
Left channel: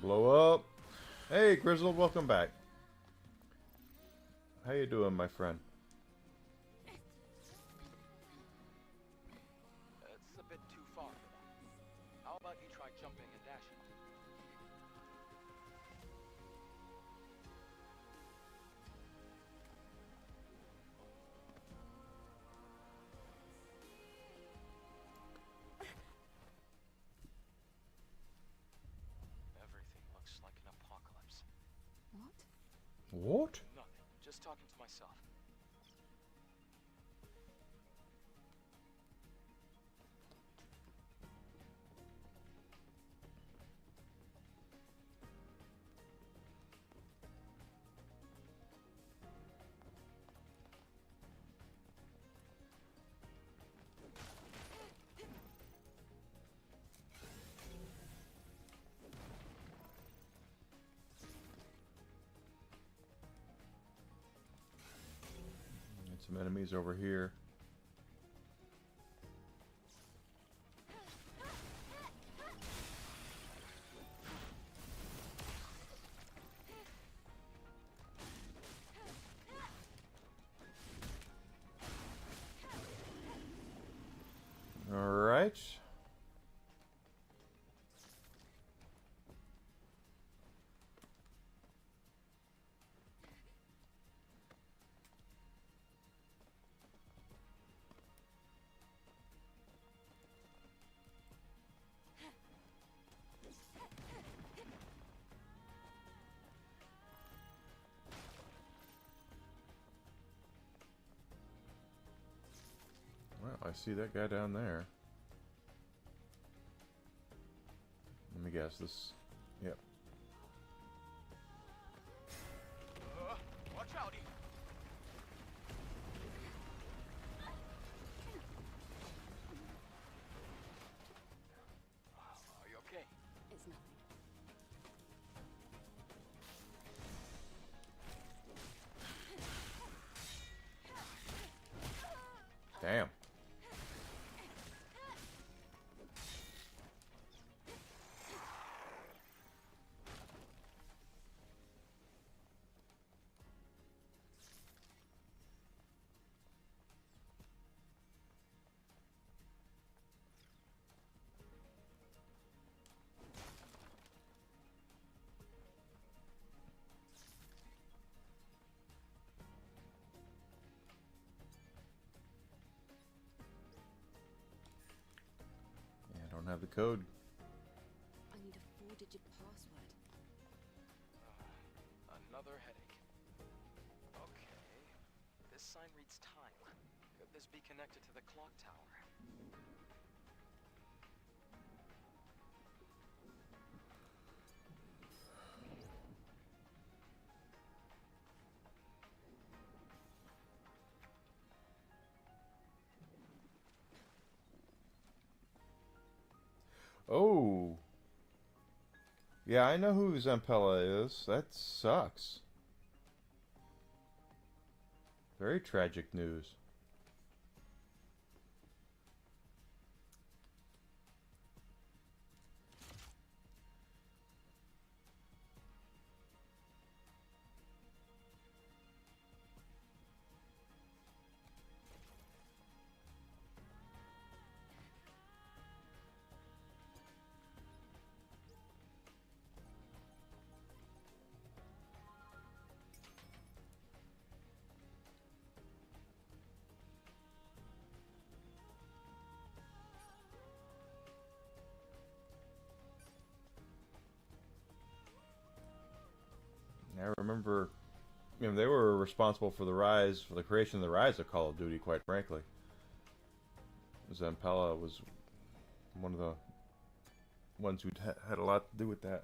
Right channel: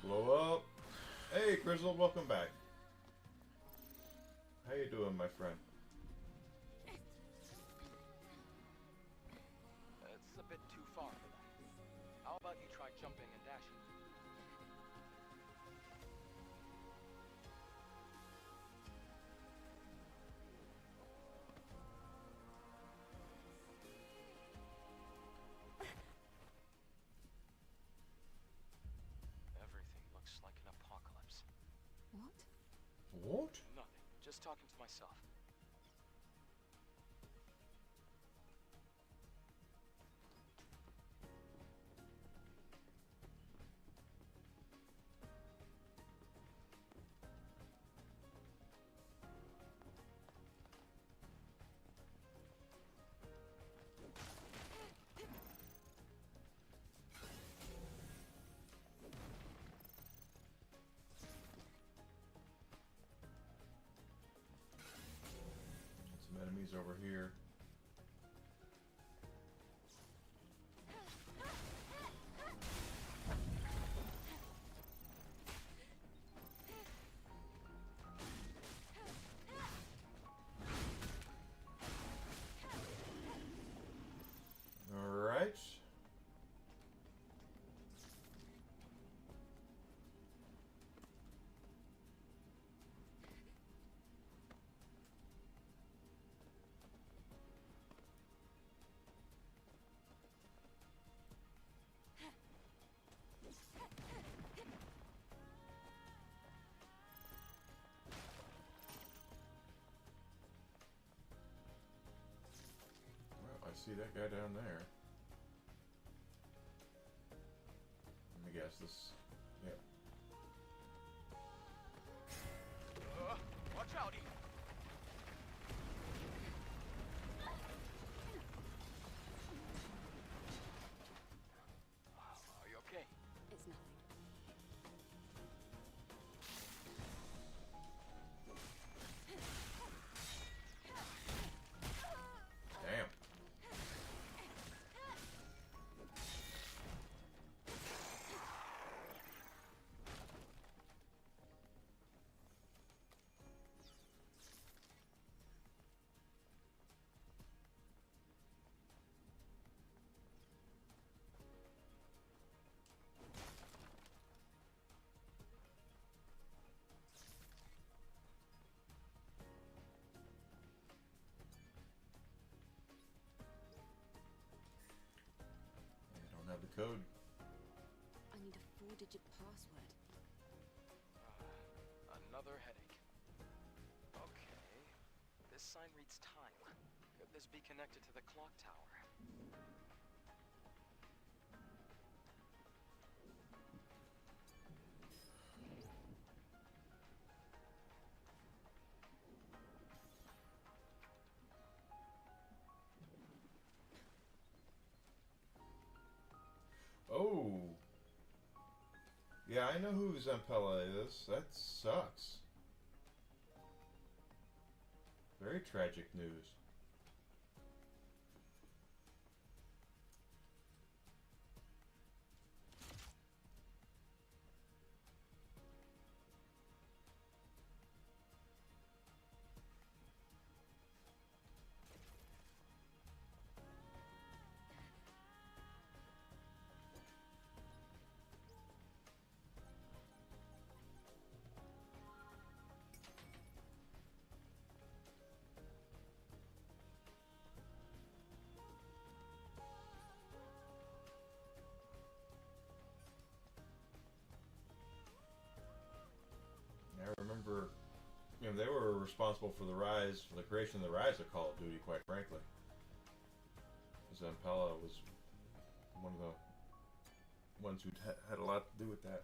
Blow up. Hey, Grizzle, welcome back. How you doing, my friend? It's a bit too far for that. How about you try jumping and dashing? Everything looks like an apocalypse. What? What? Nothing. Just talking to myself. Some enemies over here. All right. Well, I see that guy down there. Let me guess this. Yep. Watch out, Ethan. Are you okay? It's nothing. Damn. Yeah, I don't have the code. I need a 4-digit password. Another headache. Okay. This sign reads time. Could this be connected to the clock tower? Oh. Yeah, I know who Zampella is. That sucks. Very tragic news. I remember, they were responsible for the creation of the rise of Call of Duty, quite frankly. Zampella was one of the ones who had a lot to do with that.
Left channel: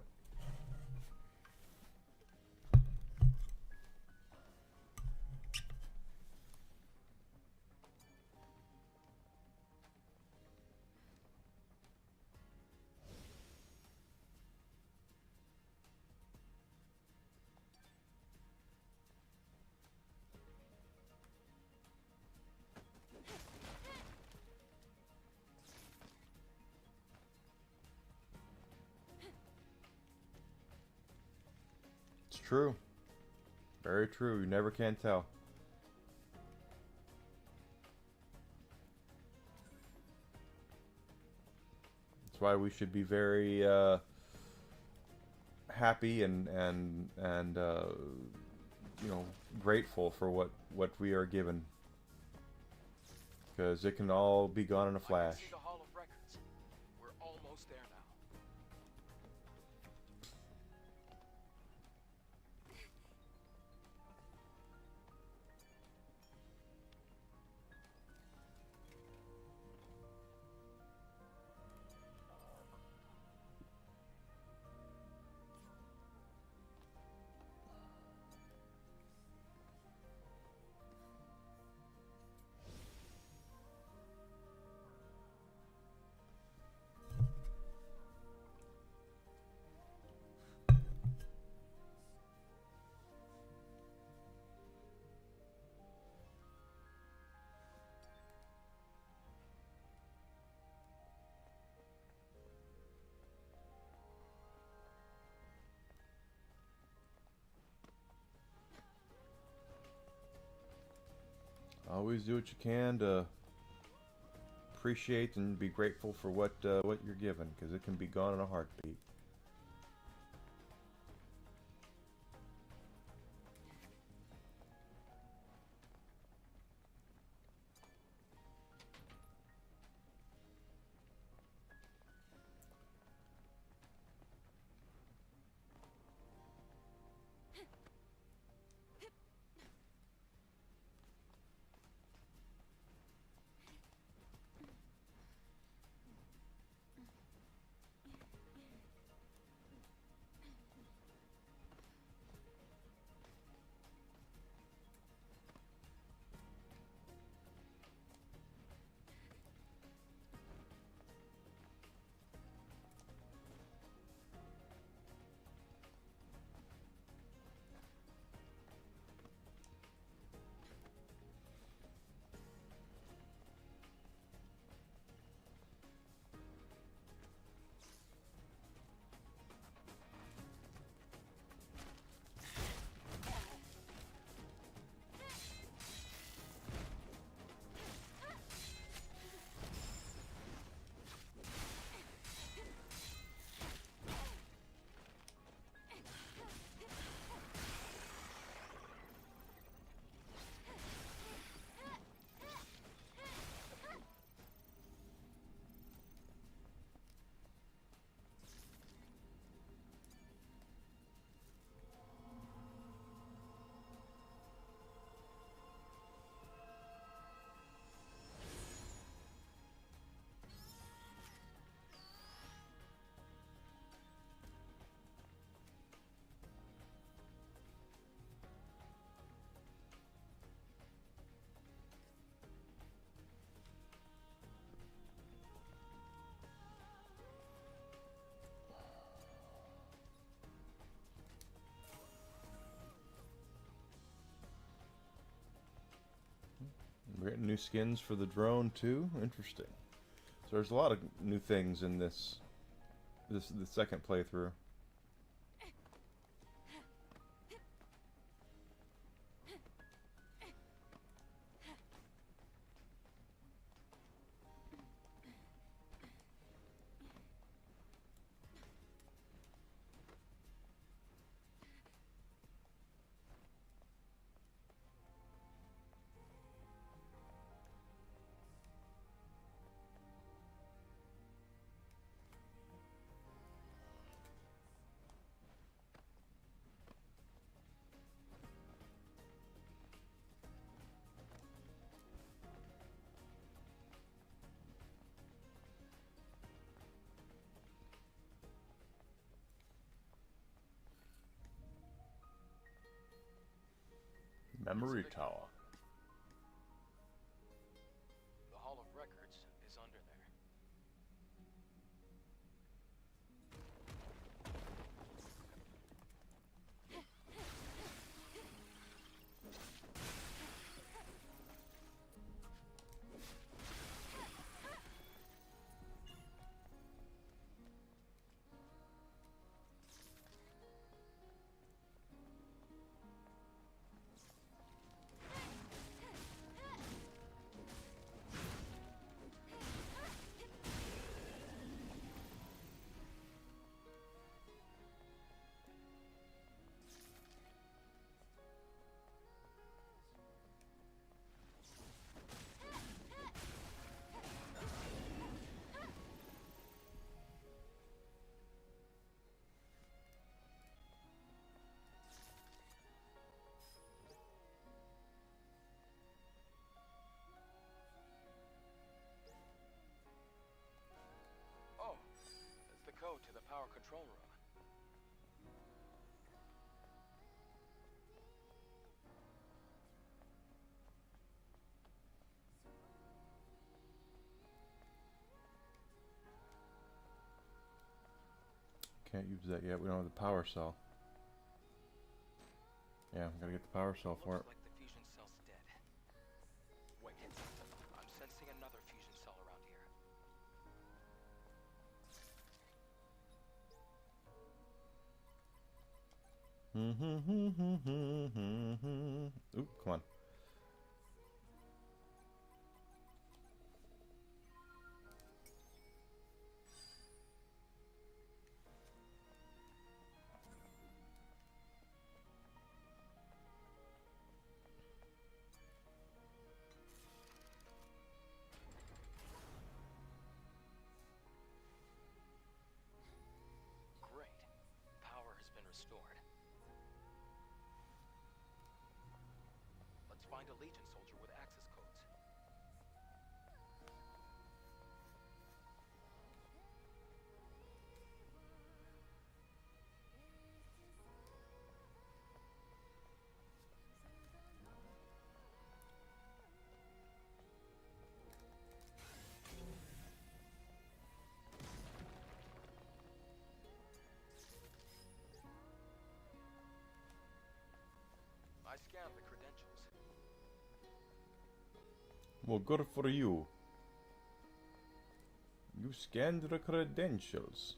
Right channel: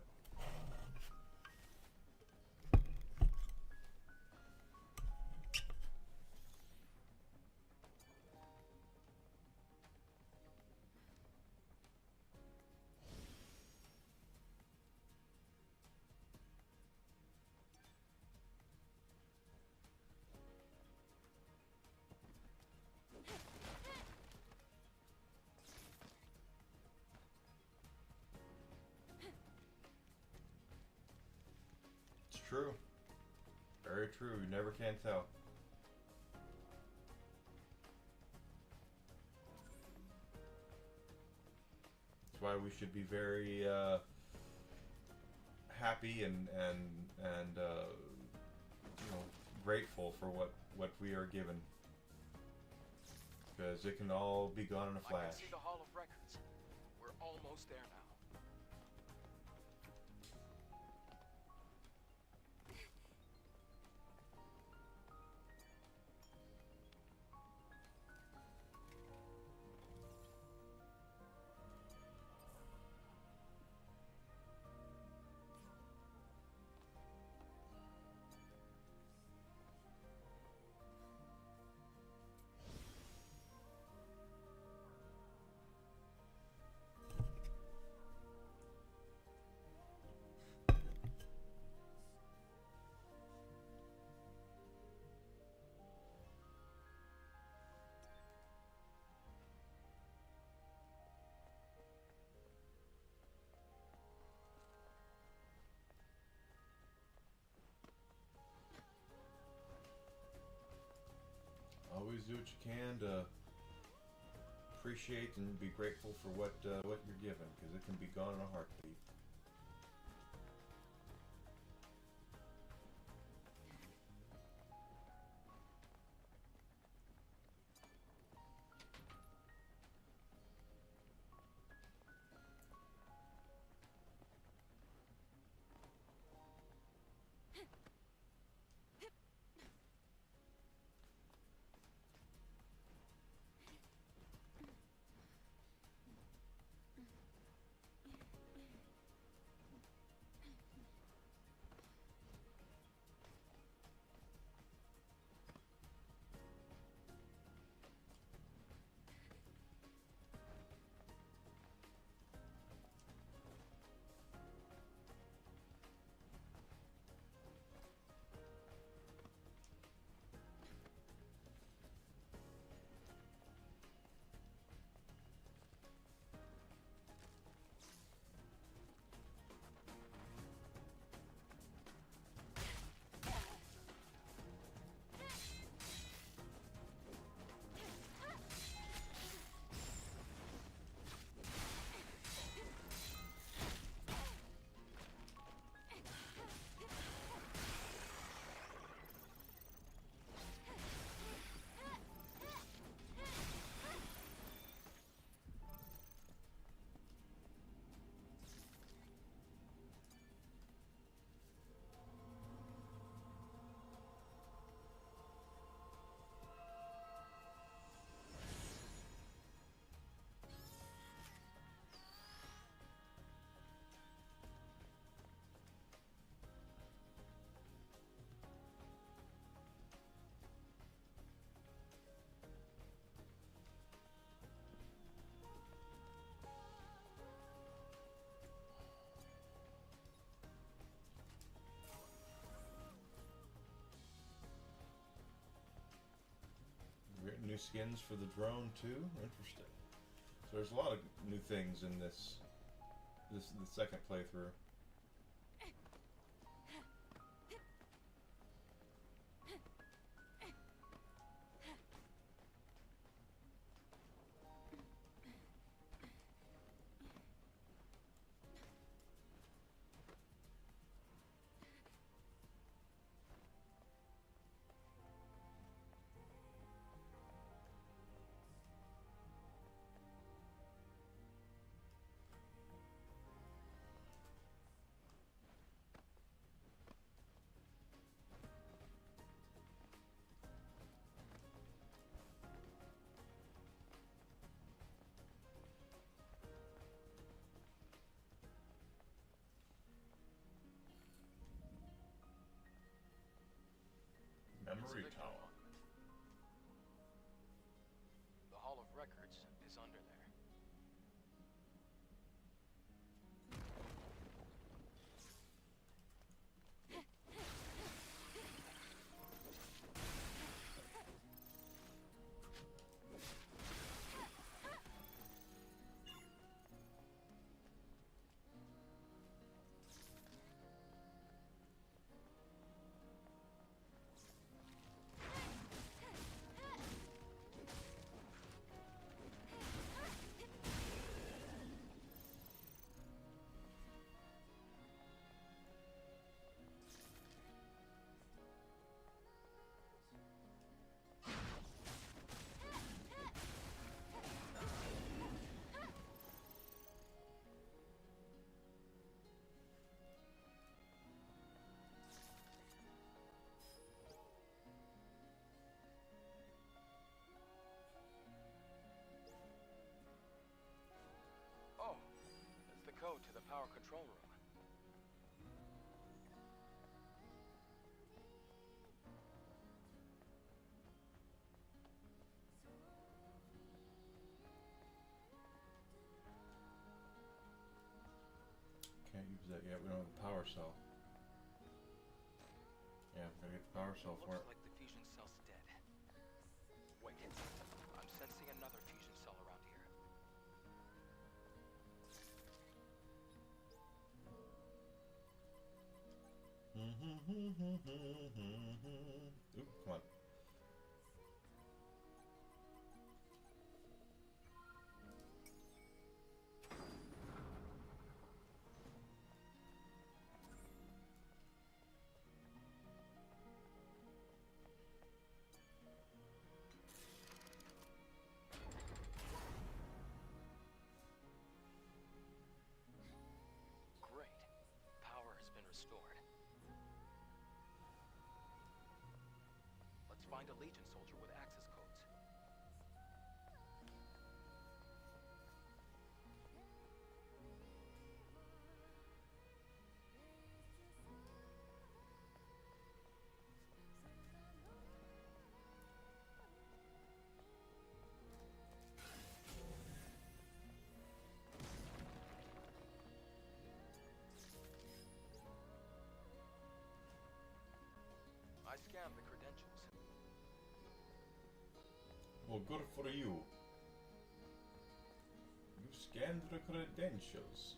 It's true. Very true. You never can tell. That's why we should be very happy and grateful for what we are given, because it can all be gone in a I flash. can see the Hall of Records. We're almost there now. Always do what you can to appreciate and be grateful for what you're given, because it can be gone in a heartbeat. We're getting new skins for the drone too. Interesting. So there's a lot of new things in the second playthrough. Memory It's a Tower. monument. The Hall of Records is under there. Oh, that's the code to the power control room. Can't use that yet. We don't have the power cell. Yeah, we gotta get the power cell for it. Looks like the fusion cell's dead. Wait, I'm sensing another fusion cell around here. Oop, come on. Great. Power has been restored. Let's find a Legion soldier with access codes. I scanned the credentials. Well, good for you. You scanned the credentials.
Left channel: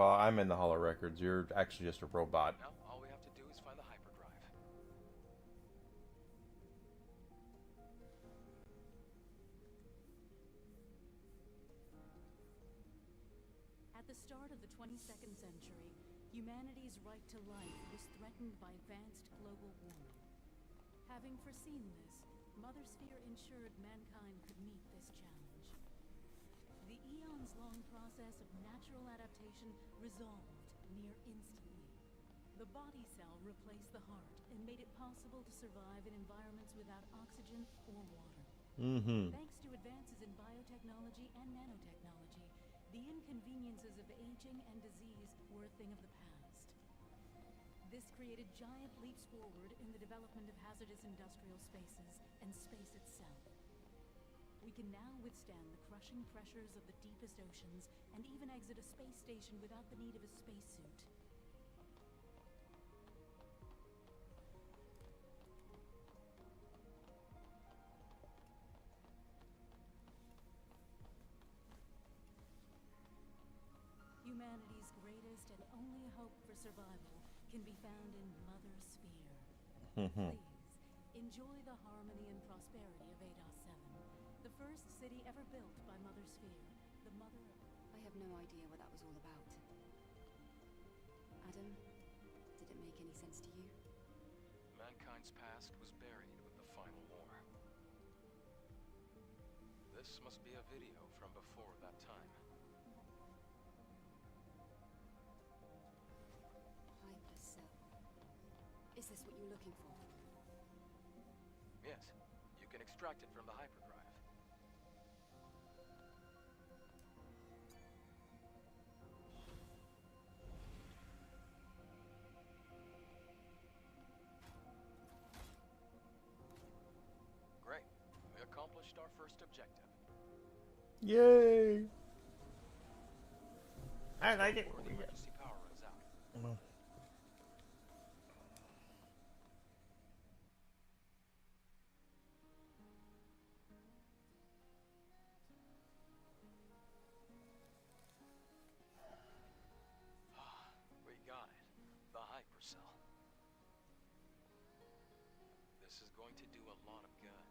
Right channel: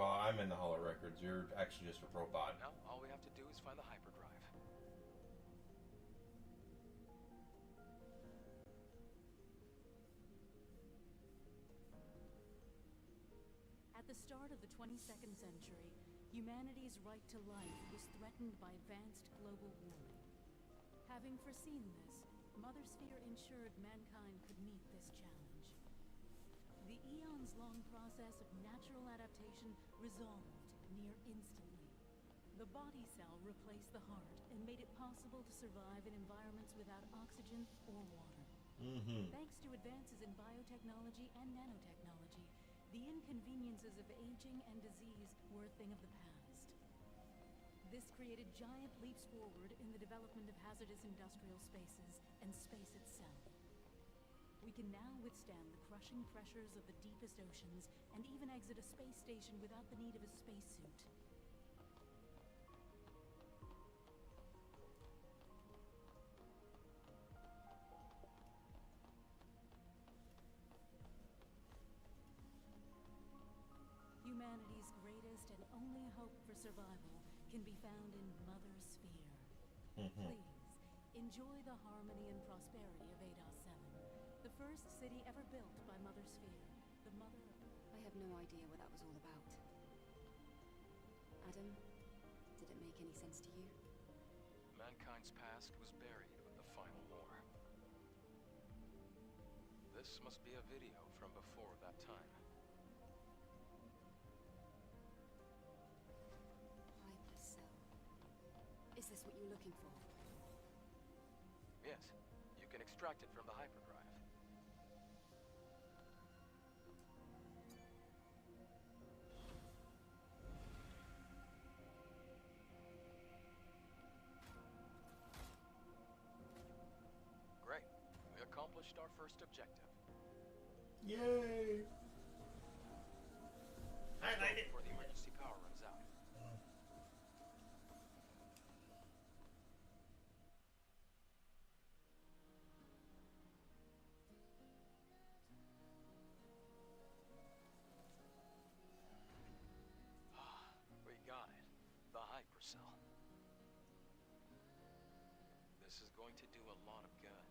Well, I'm in the Hollow Records. You're actually just a robot. Now, all we have to do is find the hyperdrive. At the start of the 22nd century, humanity's right to life was threatened by advanced global warming. Having foreseen this, Mother Sphere ensured mankind could meet this challenge. The eons-long process of natural adaptation resolved near instantly. The body cell replaced the heart and made it possible to survive in environments without oxygen or water. Thanks to advances in biotechnology and nanotechnology, the inconveniences of aging and disease were a thing of the past. This created giant leaps forward in the development of hazardous industrial spaces and space itself. We can now withstand the crushing pressures of the deepest oceans and even exit a space station without the need of a spacesuit. Humanity's greatest and only hope for survival can be found in Mother Sphere. Please, enjoy the harmony and prosperity of Ados 7, the first city ever built by Mother Sphere, the mother of... I have no idea what that was all about. Adam, did it make any sense to you? Mankind's past was buried with the final war. This must be a video from before that time. Hypercell. Is this what you're looking for? Yes, you can extract it from the hyperdrive. Great. We accomplished our first objective. Yay! I like it. Before the emergency power runs out. We got it. The hypercell. This is going to do a lot of good.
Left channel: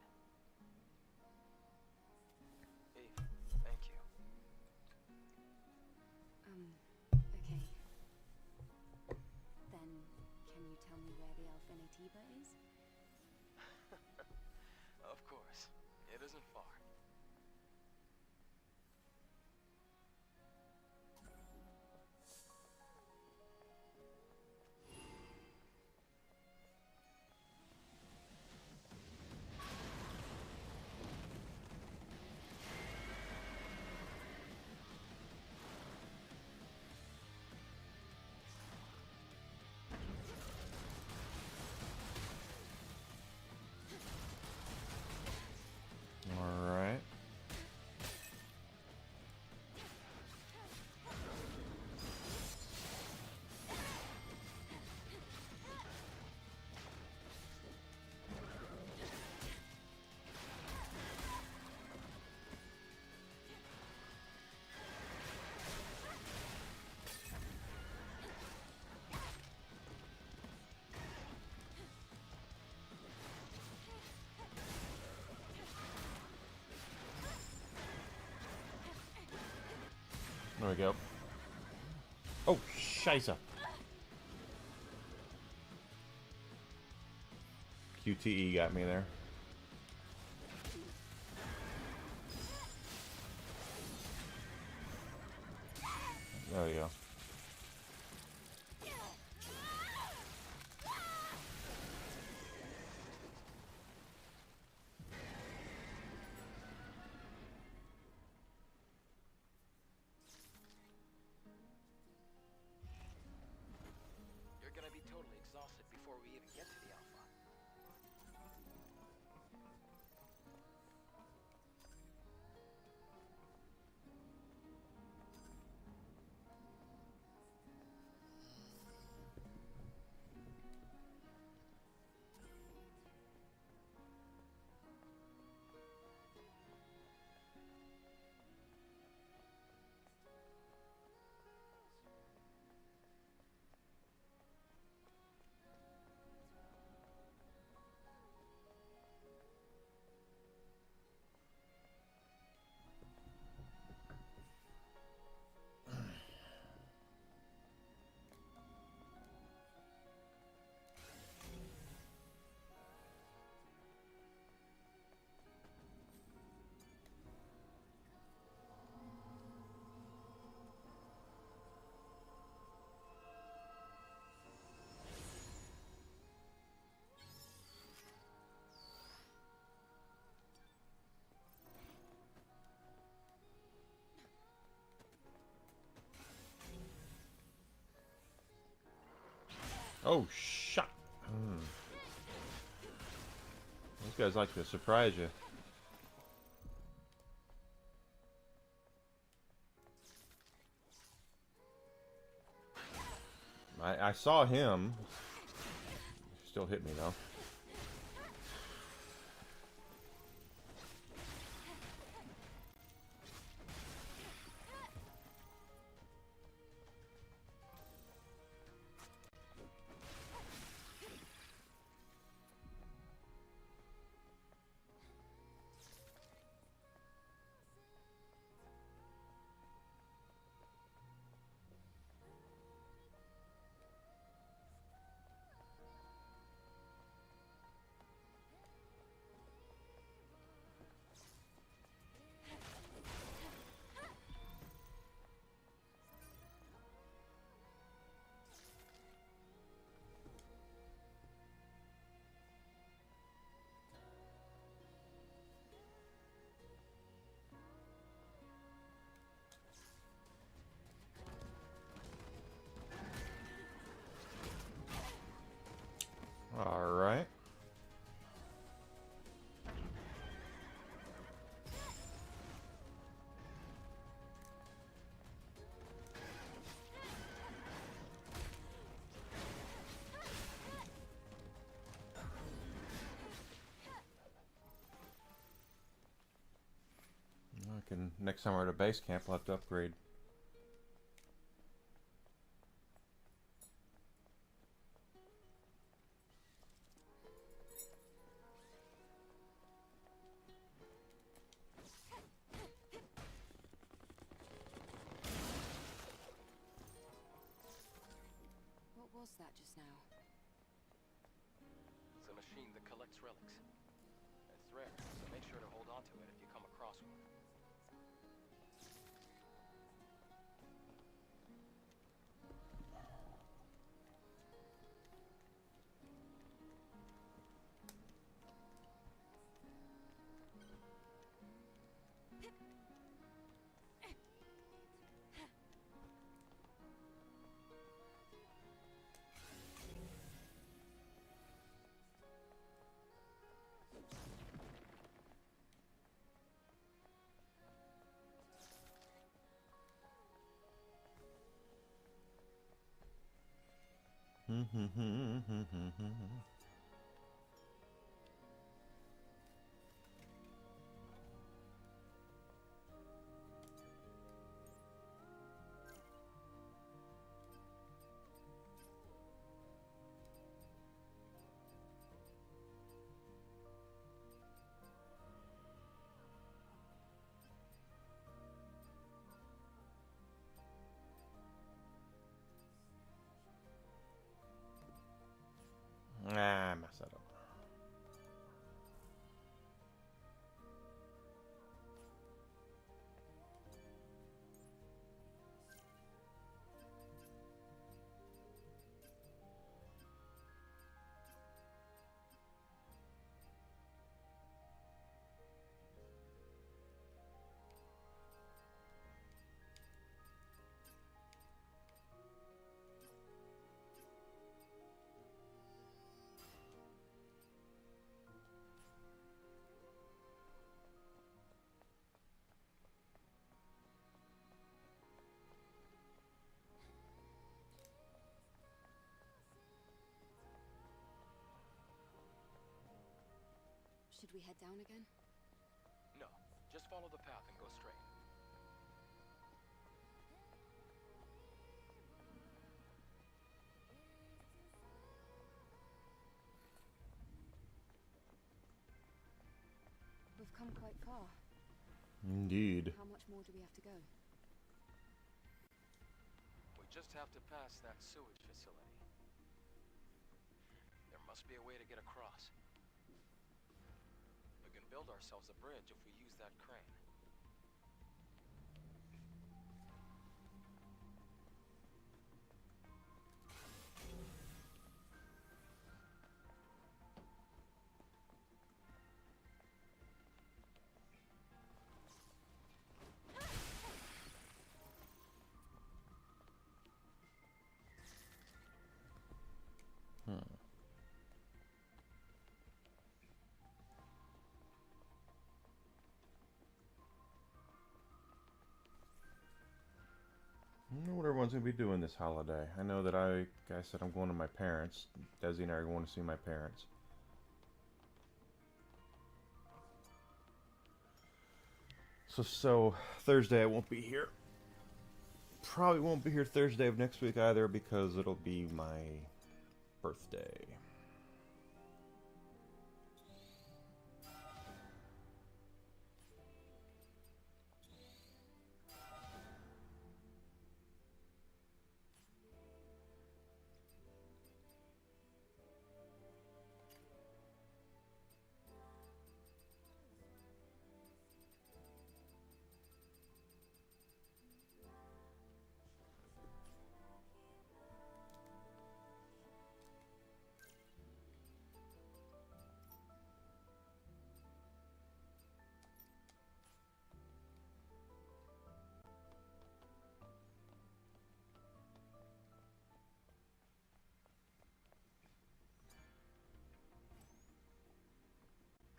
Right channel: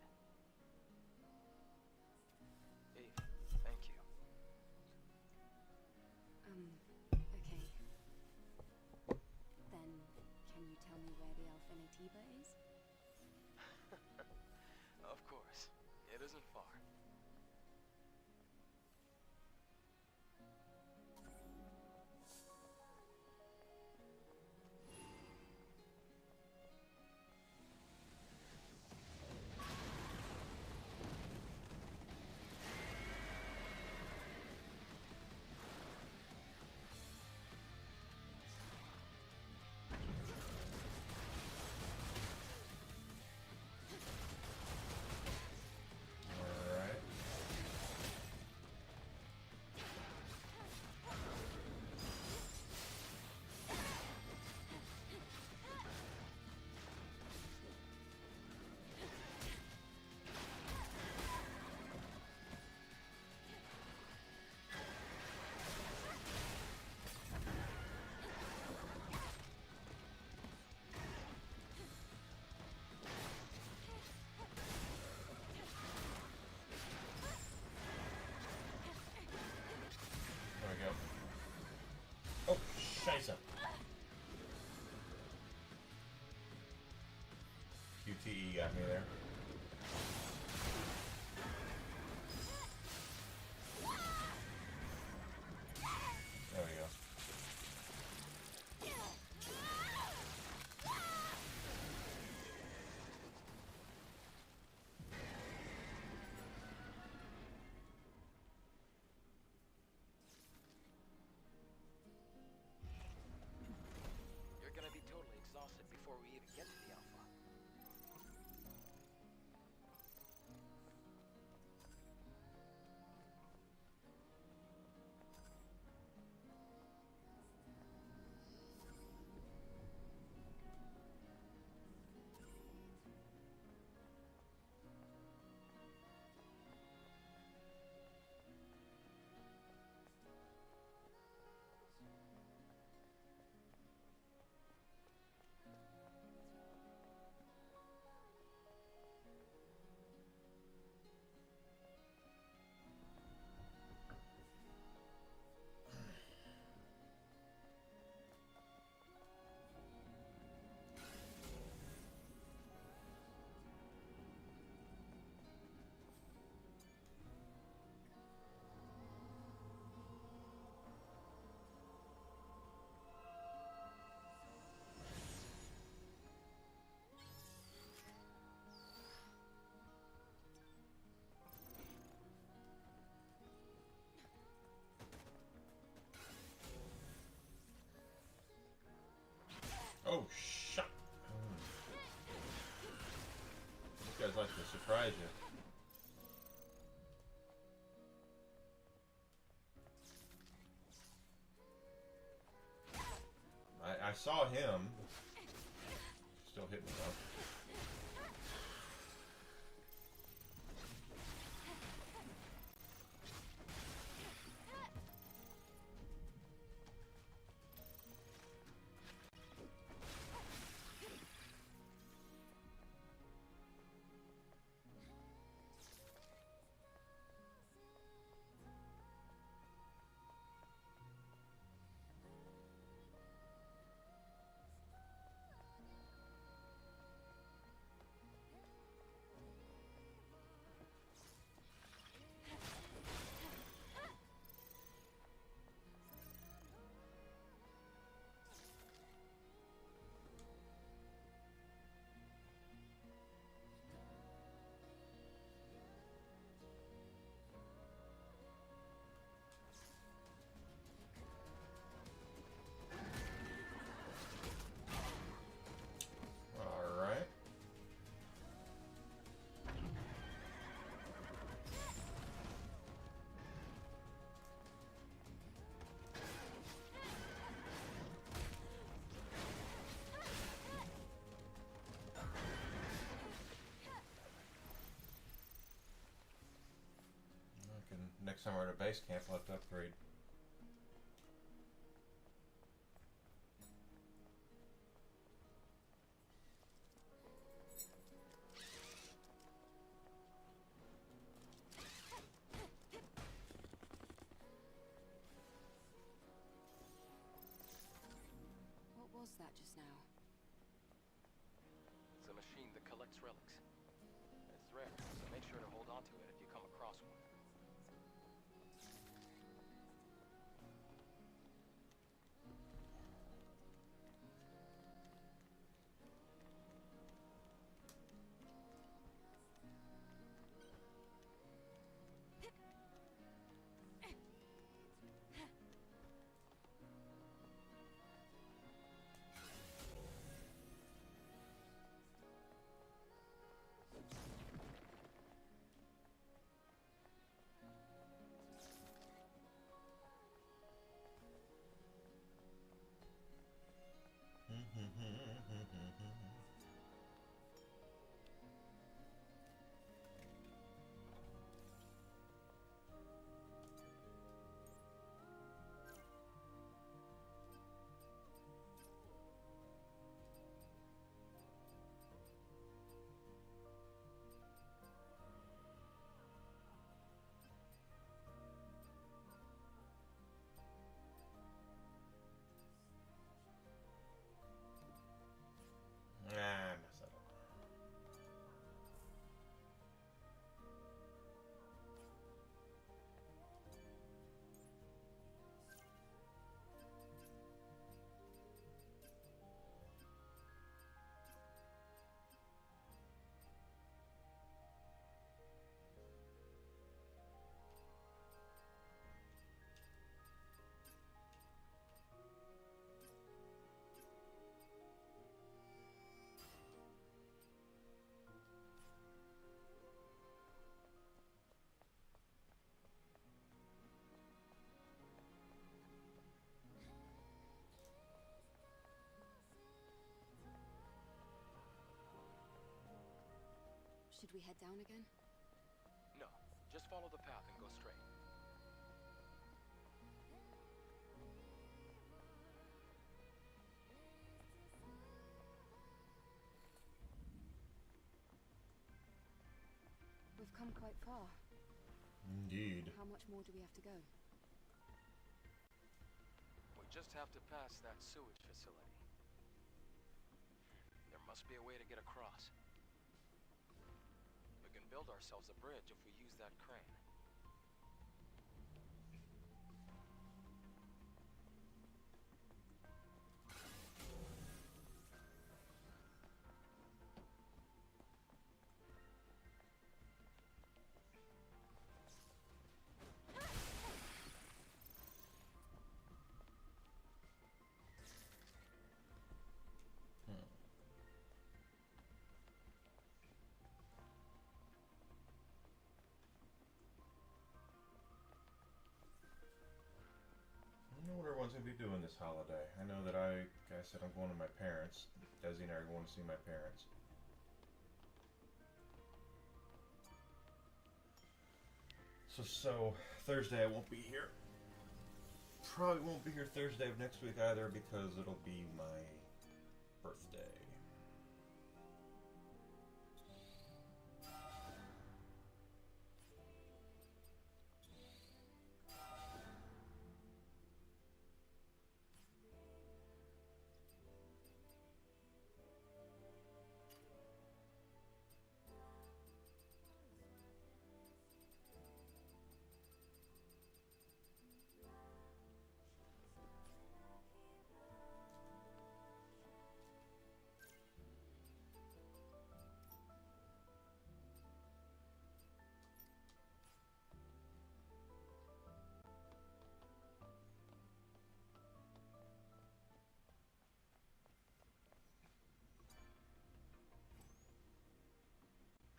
Eve, thank you. Okay. Then, can you tell me where the Alpha Nativa is? Of course. It isn't far. Alright. There we go. Oh, scheisse. QTE got me there. There we go. You're gonna be totally exhausted before we even get to the Alpha. Oh, shot. These guys like to surprise you. I saw him. Still hit me though. All right. I can, next time we're at a base camp, we'll have to upgrade. What was that just now? It's a machine that collects relics. It's rare, so make sure to hold on to it if you come across one. Ah, I messed that up. Should we head down again? No, just follow the path and go straight. We've come quite far. Indeed. How much more do we have to go? We just have to pass that sewage facility. There must be a way to get across. We can build ourselves a bridge if we use that crane. everyone's gonna be doing this holiday. I know that I said I'm going to my parents. Desi and I are going to see my parents. So Thursday I won't be here. Probably won't be here Thursday of next week either because it'll be my birthday.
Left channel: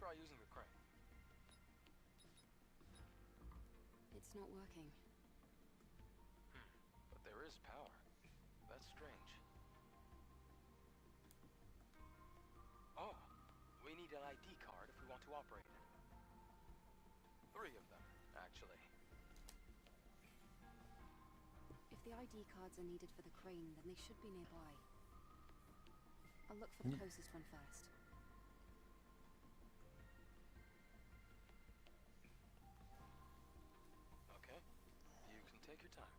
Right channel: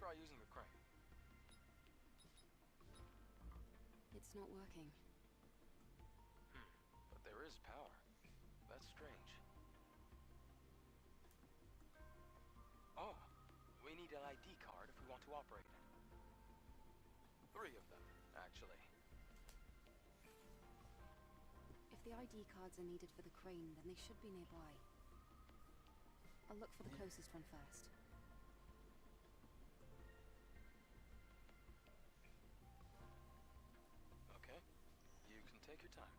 Try using the crane. It's not working. But there is power. That's strange. Oh, we need an ID card if we want to operate it. 3 of them, actually. If the ID cards are needed for the crane, then they should be nearby. I'll look for the closest one first. Okay, you can take your time.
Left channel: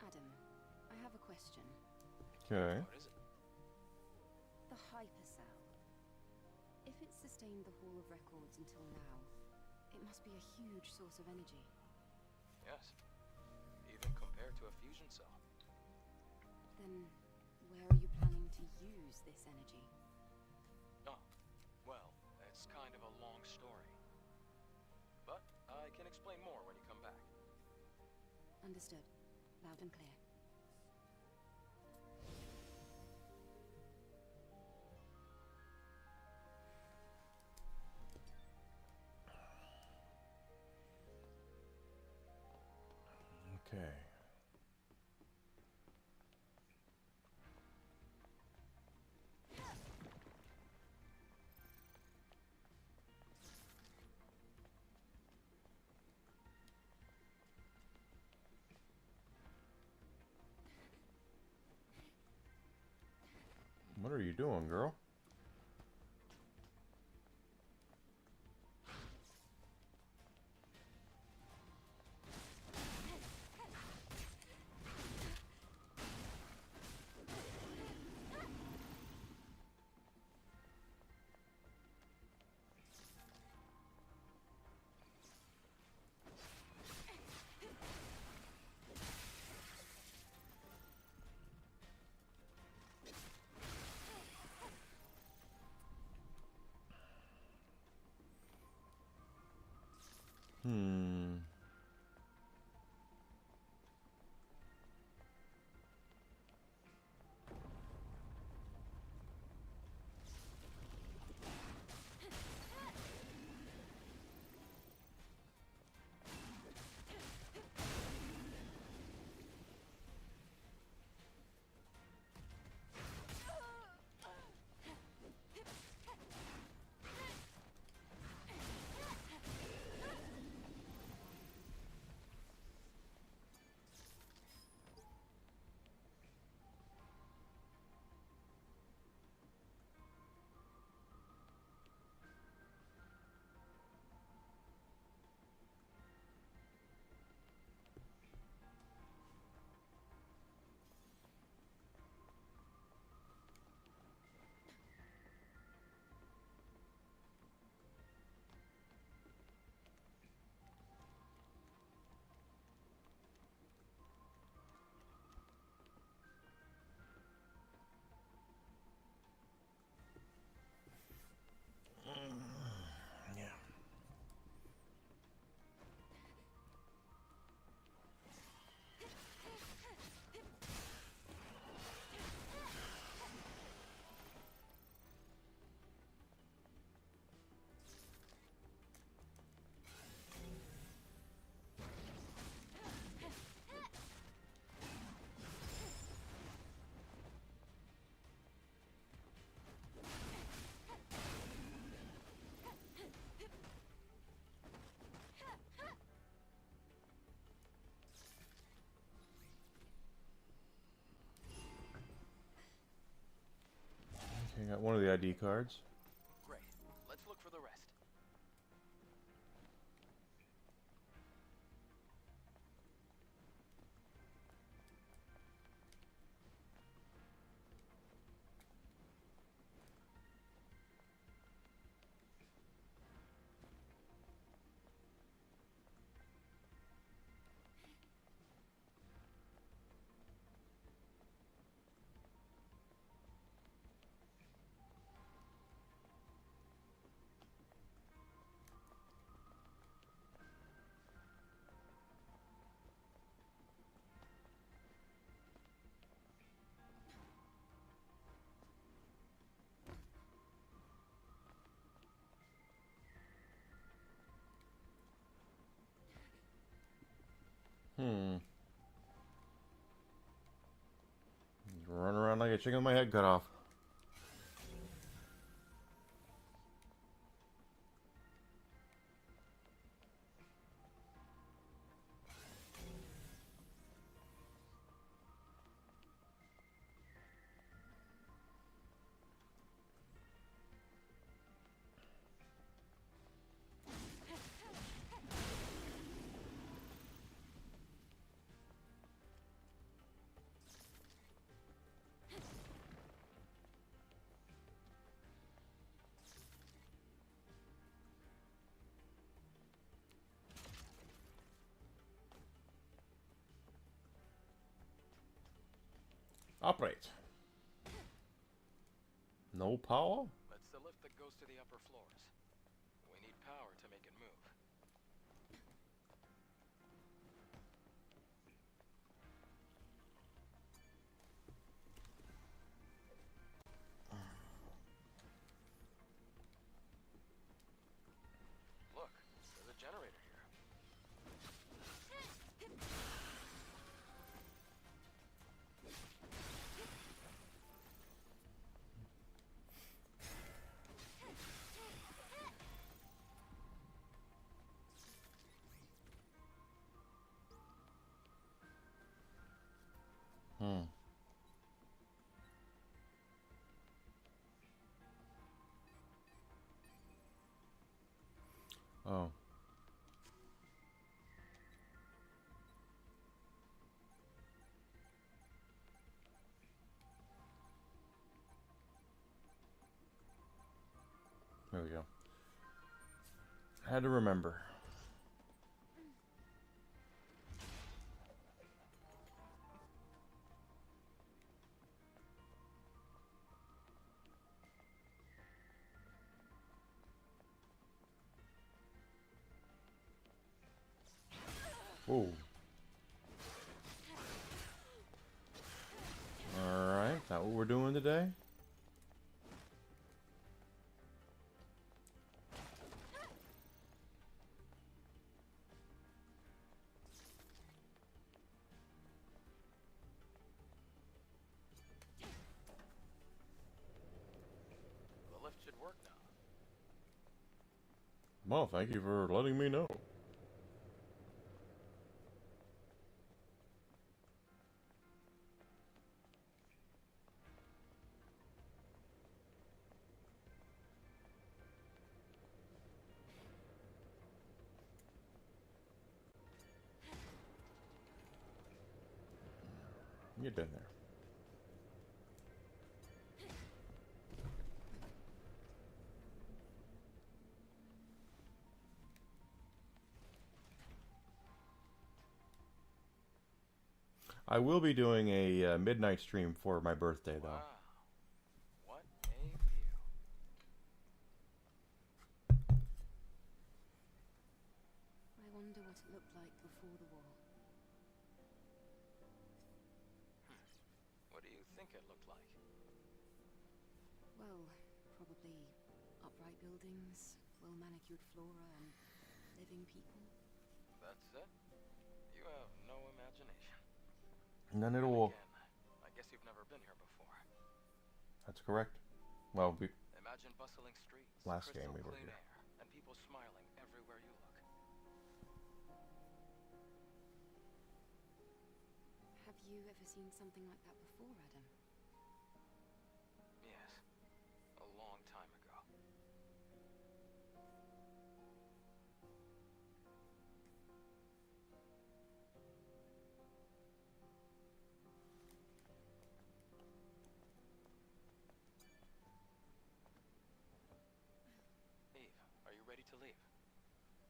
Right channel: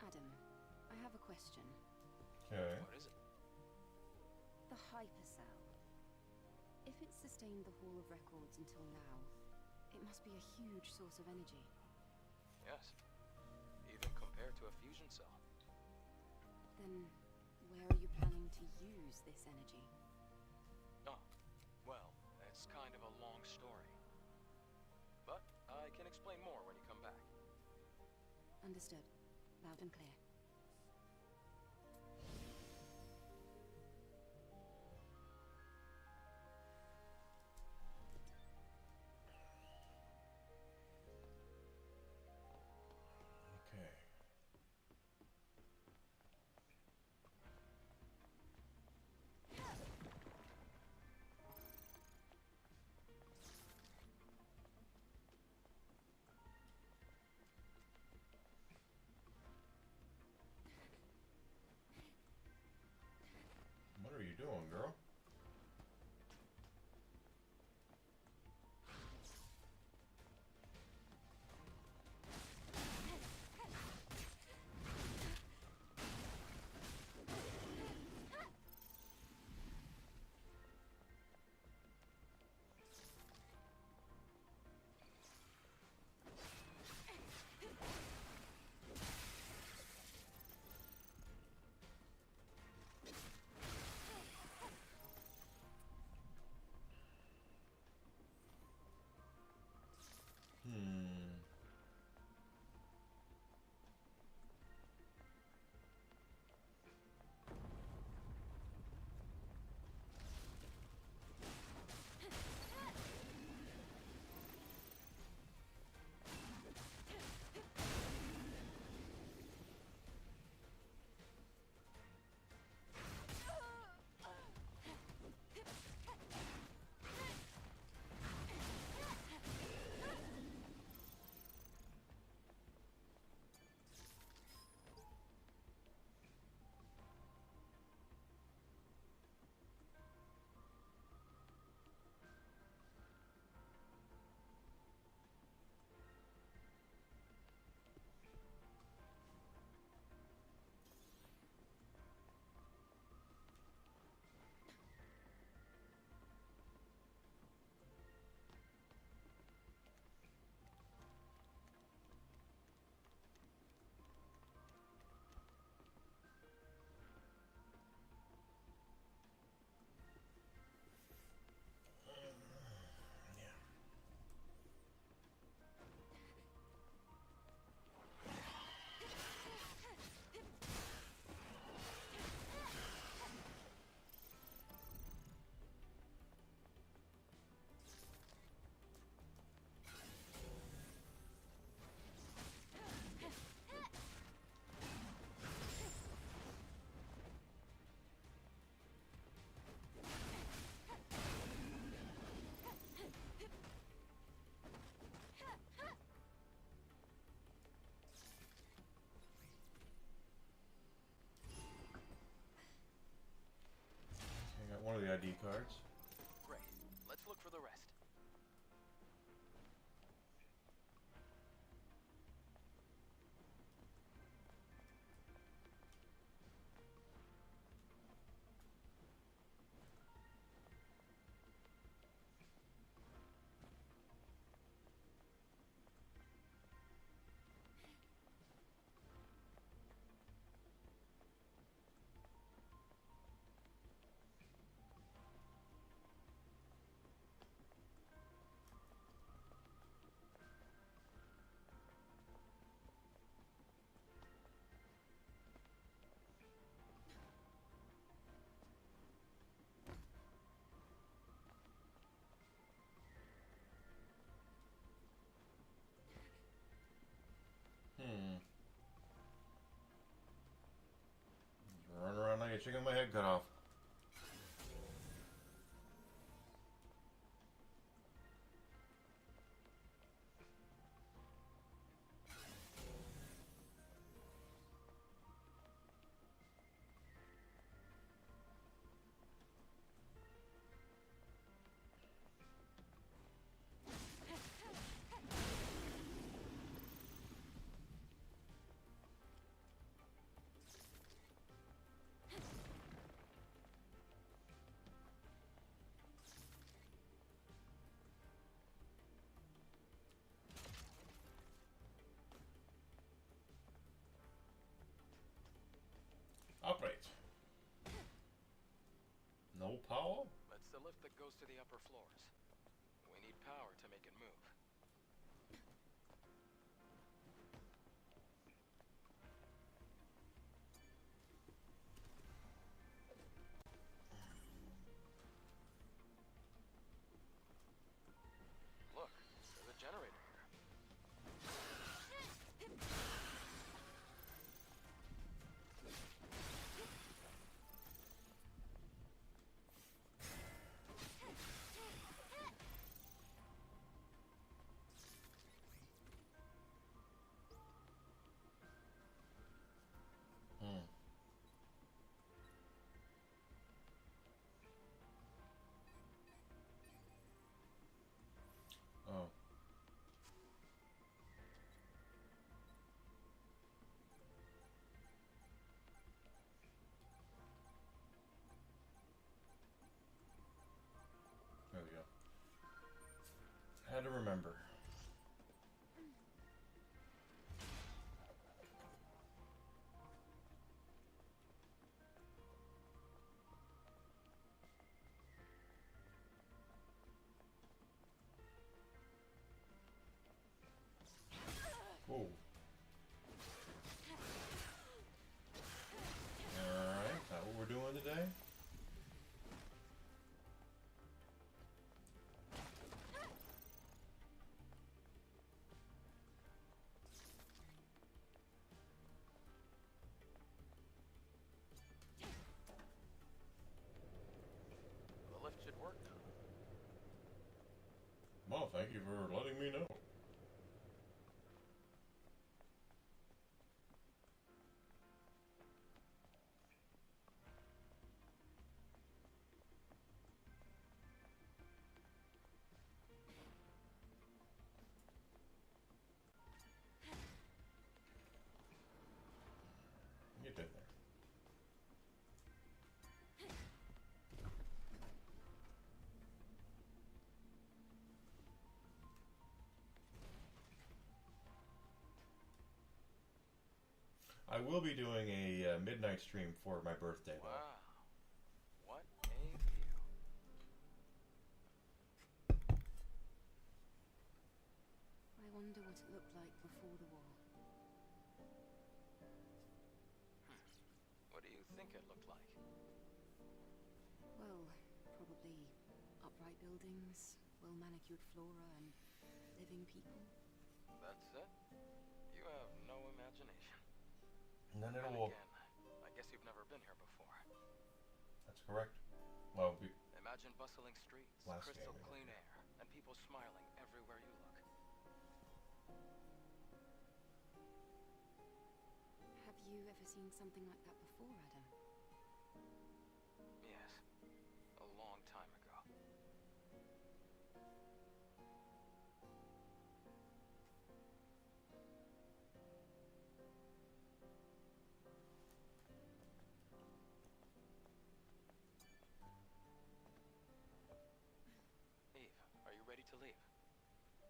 Adam, I have a question. Okay. What is it? The hypercell. If it's sustained the Hall of Records until now, it must be a huge source of energy. Yes. Even compared to a fusion cell. Then, where are you planning to use this energy? Oh, well, it's kind of a long story. But I can explain more when you come back. Understood. Loud and clear. Okay. What are you doing, girl? ID cards. Great. Let's look for the rest. Just run around like a chicken with my head cut off. Operate. No power? That's the lift that goes to the upper floors. We need power to make it move. Look, there's a generator here. Oh. There we go. Had to remember. Whoa. Alright, that what we're doing today? The lift should work now. Well, thank you for letting me know. Get in there. I will be doing a midnight stream for my birthday, though. Wow. What a view. I wonder what it looked like before the war. What do you think it looked like? Well, probably upright buildings, well-manicured flora, and living people. That's it? You have no imagination. None at And all. again, I guess you've never been here before. That's correct. Well, we Imagine bustling streets, Last game crystal we were clean here. air, and people smiling everywhere you look. Have you ever seen something like that before, Adam? Yes, a long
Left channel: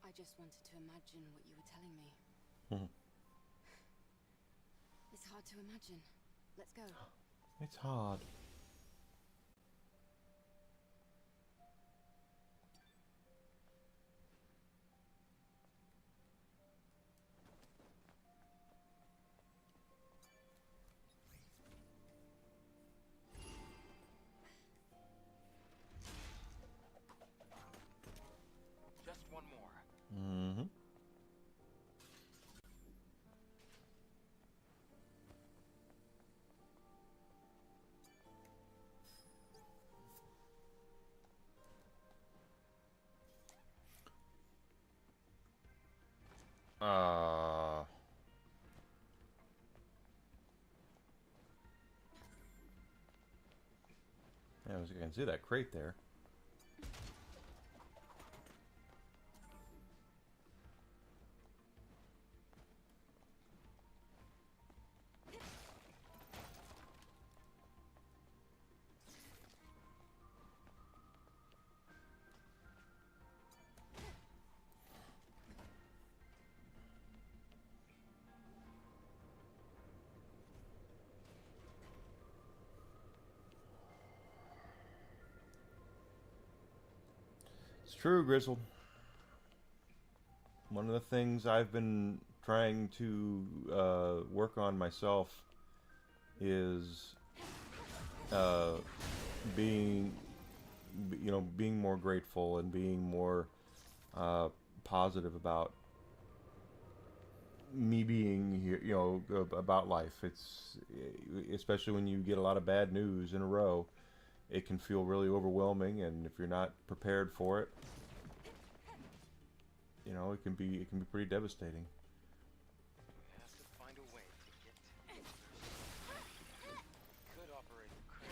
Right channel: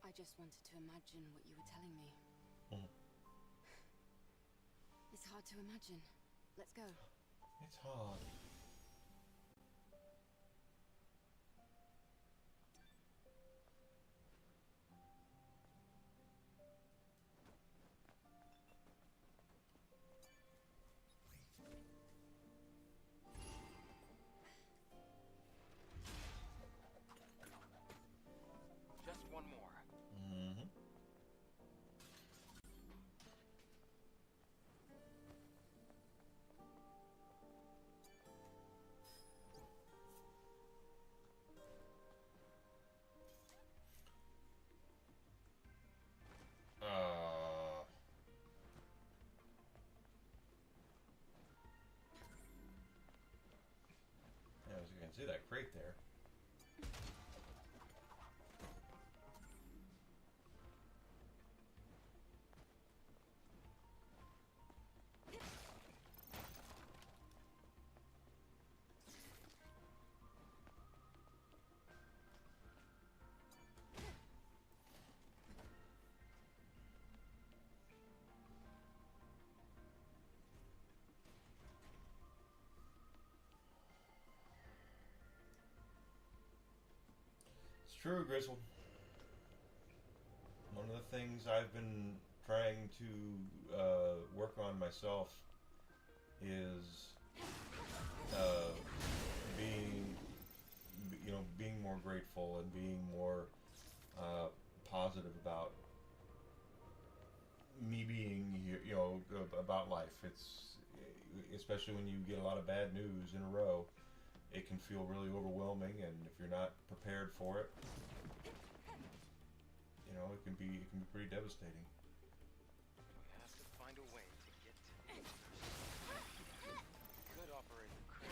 I just wanted to imagine what you were telling me. Mhm. It's hard to imagine. Let's go. It's hard. Just one more. Mm-hmm. Yeah, as you can see that crate there. It's true, Grizzle. One of the things I've been trying to work on myself is being, being more grateful and being more positive about me being here, about life. It's especially when you get a lot of bad news in a row, it can feel really overwhelming, and if you're not prepared for it, it can be pretty devastating. We have to find a way to get to the others. Could operate the crate.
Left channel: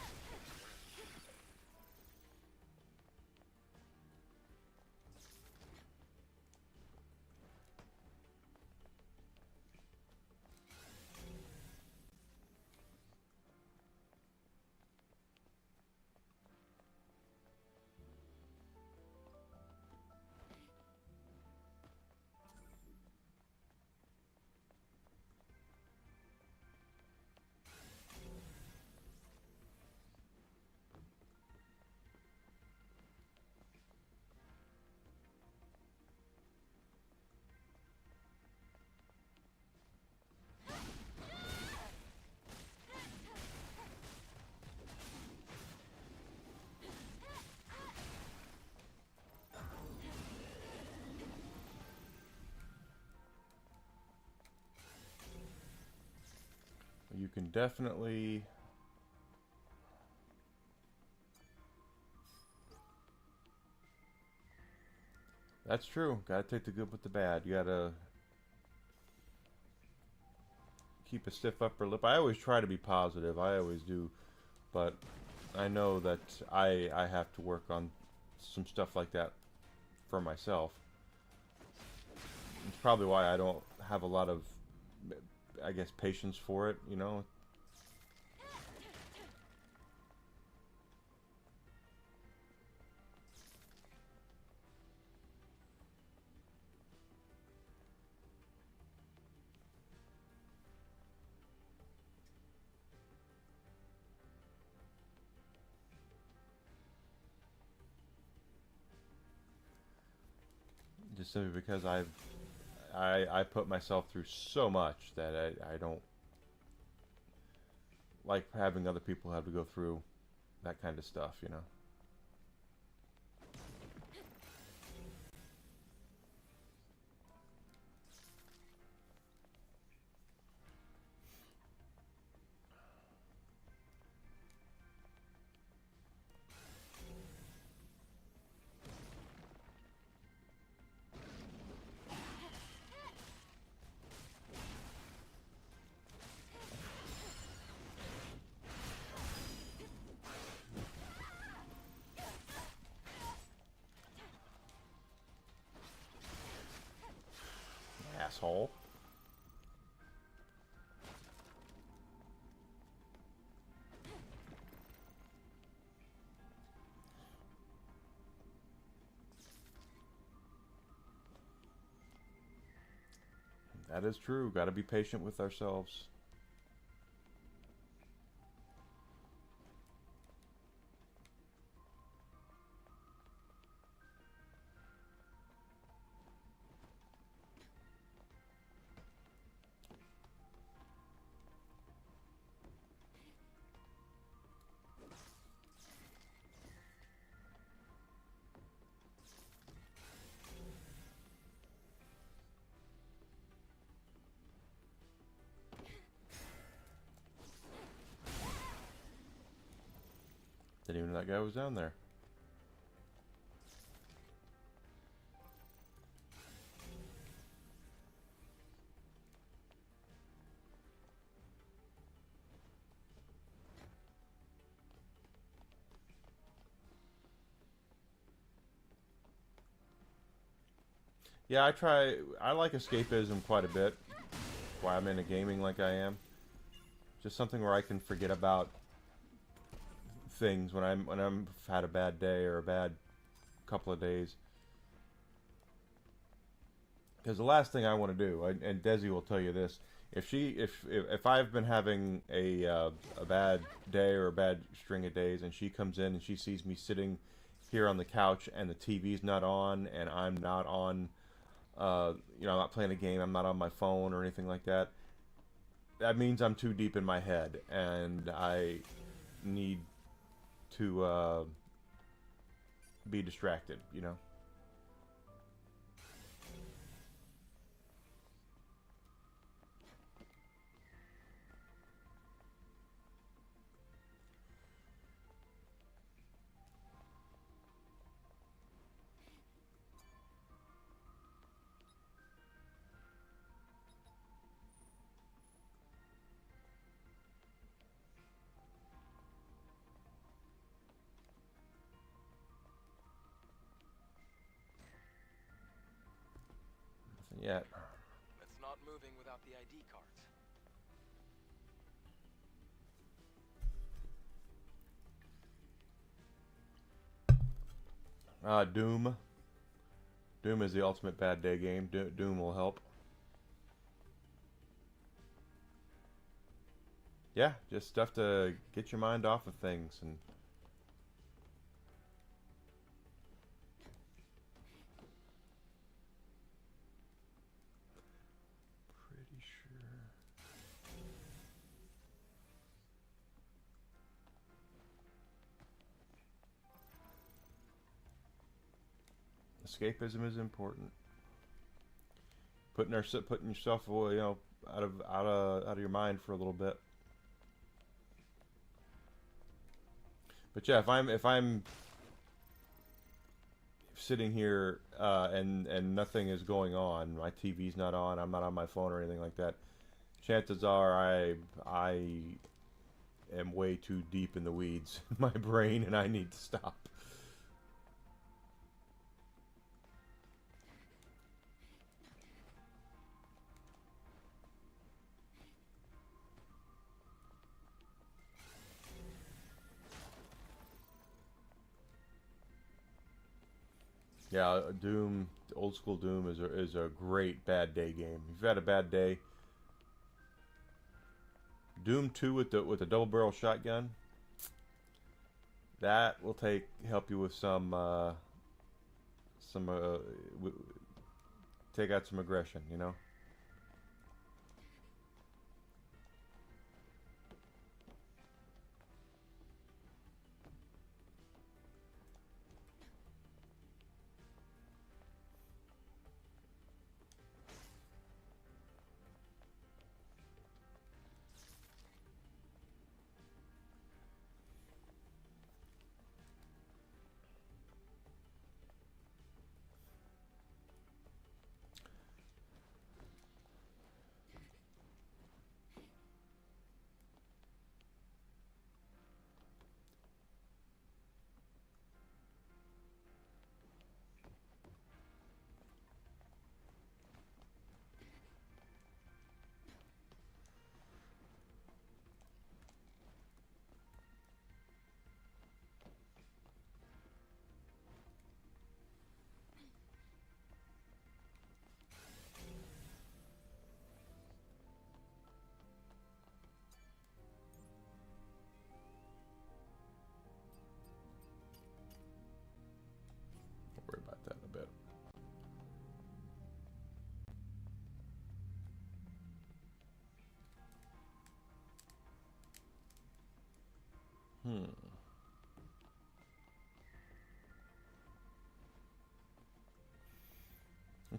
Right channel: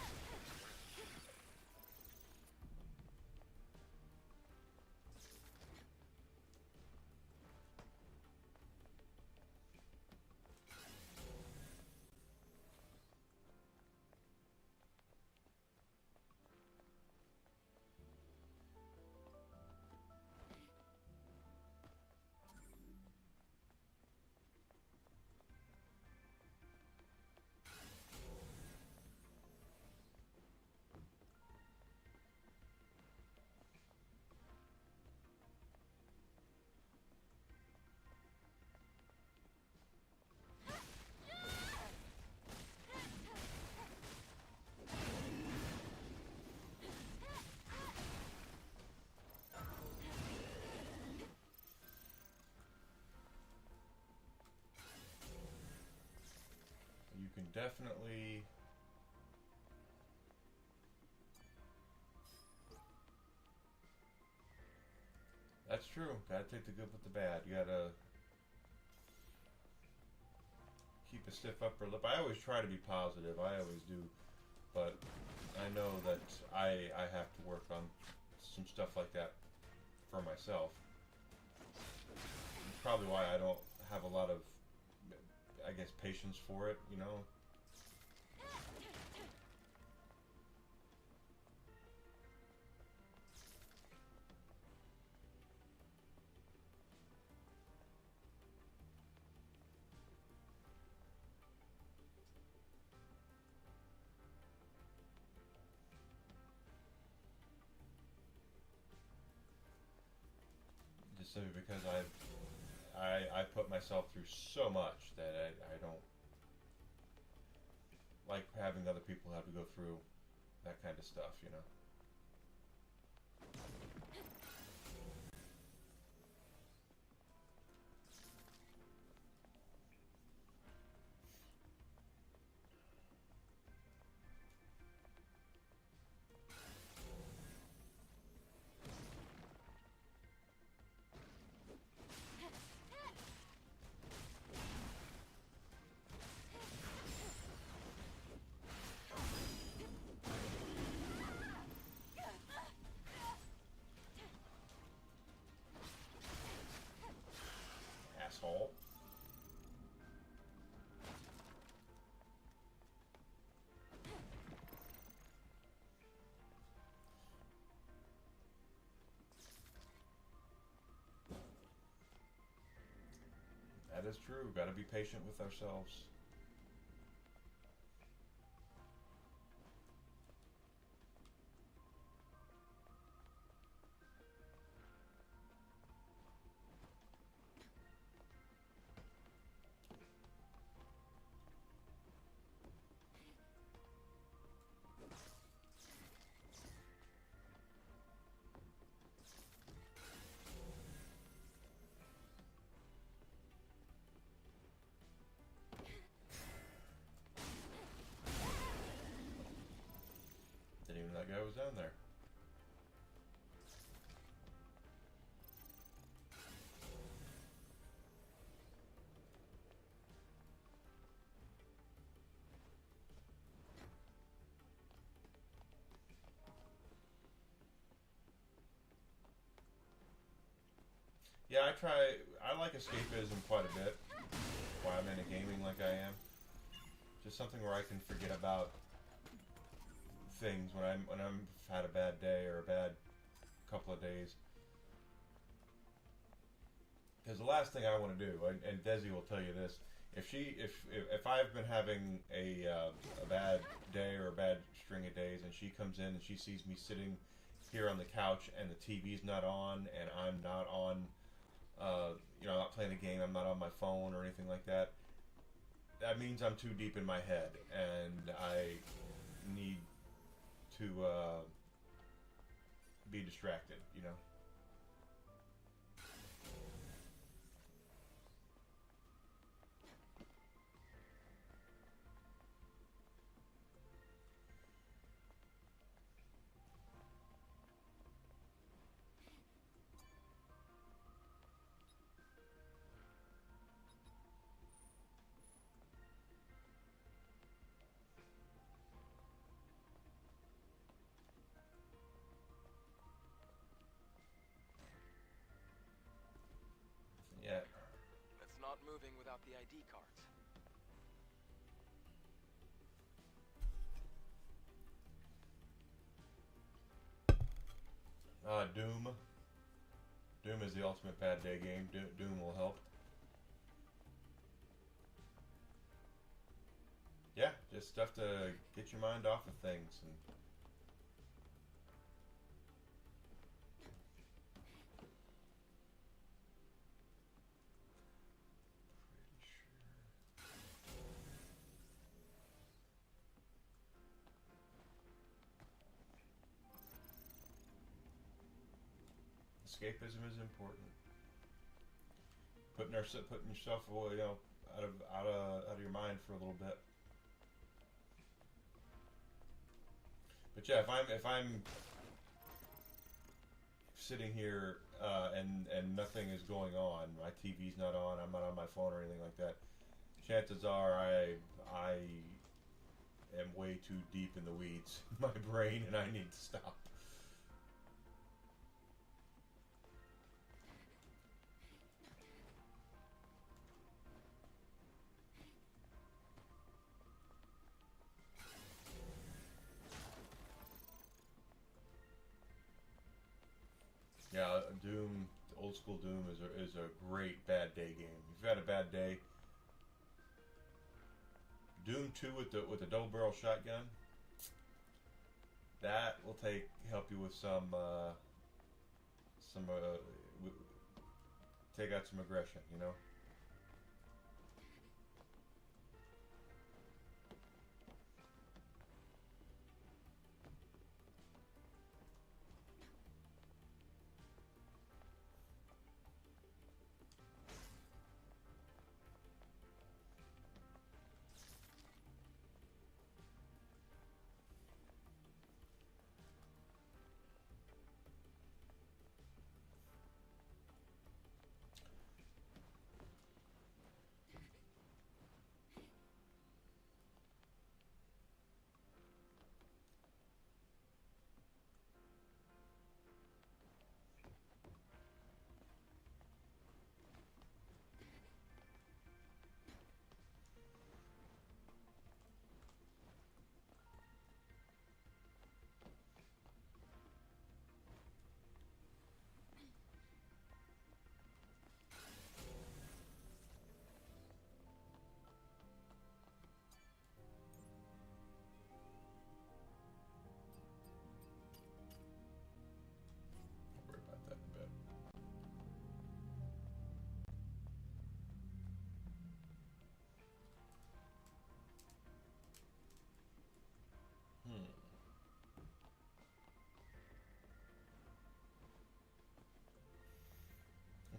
You can definitely That's true. Gotta take the good with the bad. You gotta keep a stiff upper lip. I always try to be positive. I always do. But I know that I have to work on some stuff like that for myself. It's probably why I don't have a lot of, I guess, patience for it, Just simply because I put myself through so much that I don't like having other people have to go through that kind of stuff. That is true. Got to be patient with ourselves. Didn't even know that guy was down there. Yeah, I like escapism quite a bit. Why I'm into gaming like I am. Just something where I can forget about things when I'm had a bad day or a bad couple of days. Because the last thing I want to do, and Desi will tell you this, if I've been having a bad day or a bad string of days, and she comes in and she sees me sitting here on the couch and the TV's not on and I'm not on, you know, I'm not playing a game, I'm not on my phone or anything like that, that means I'm too deep in my head and I need to be distracted, you know. Yet. It's not moving without the ID cards. Doom. Doom is the ultimate bad day game. Doom will help. Yeah, just stuff to get your mind off of things and pretty sure. Escapism is important. Putting yourself away, you know, out of your mind for a little bit. But yeah, if I'm sitting here and nothing is going on, my TV's not on, I'm not on my phone or anything like that, chances are I am way too deep in the weeds in my brain and I need to stop. Yeah, Doom, old school Doom is a great bad day game. If you've had a bad day, Doom 2 with the double barrel shotgun, that will help you with take out some aggression, you know.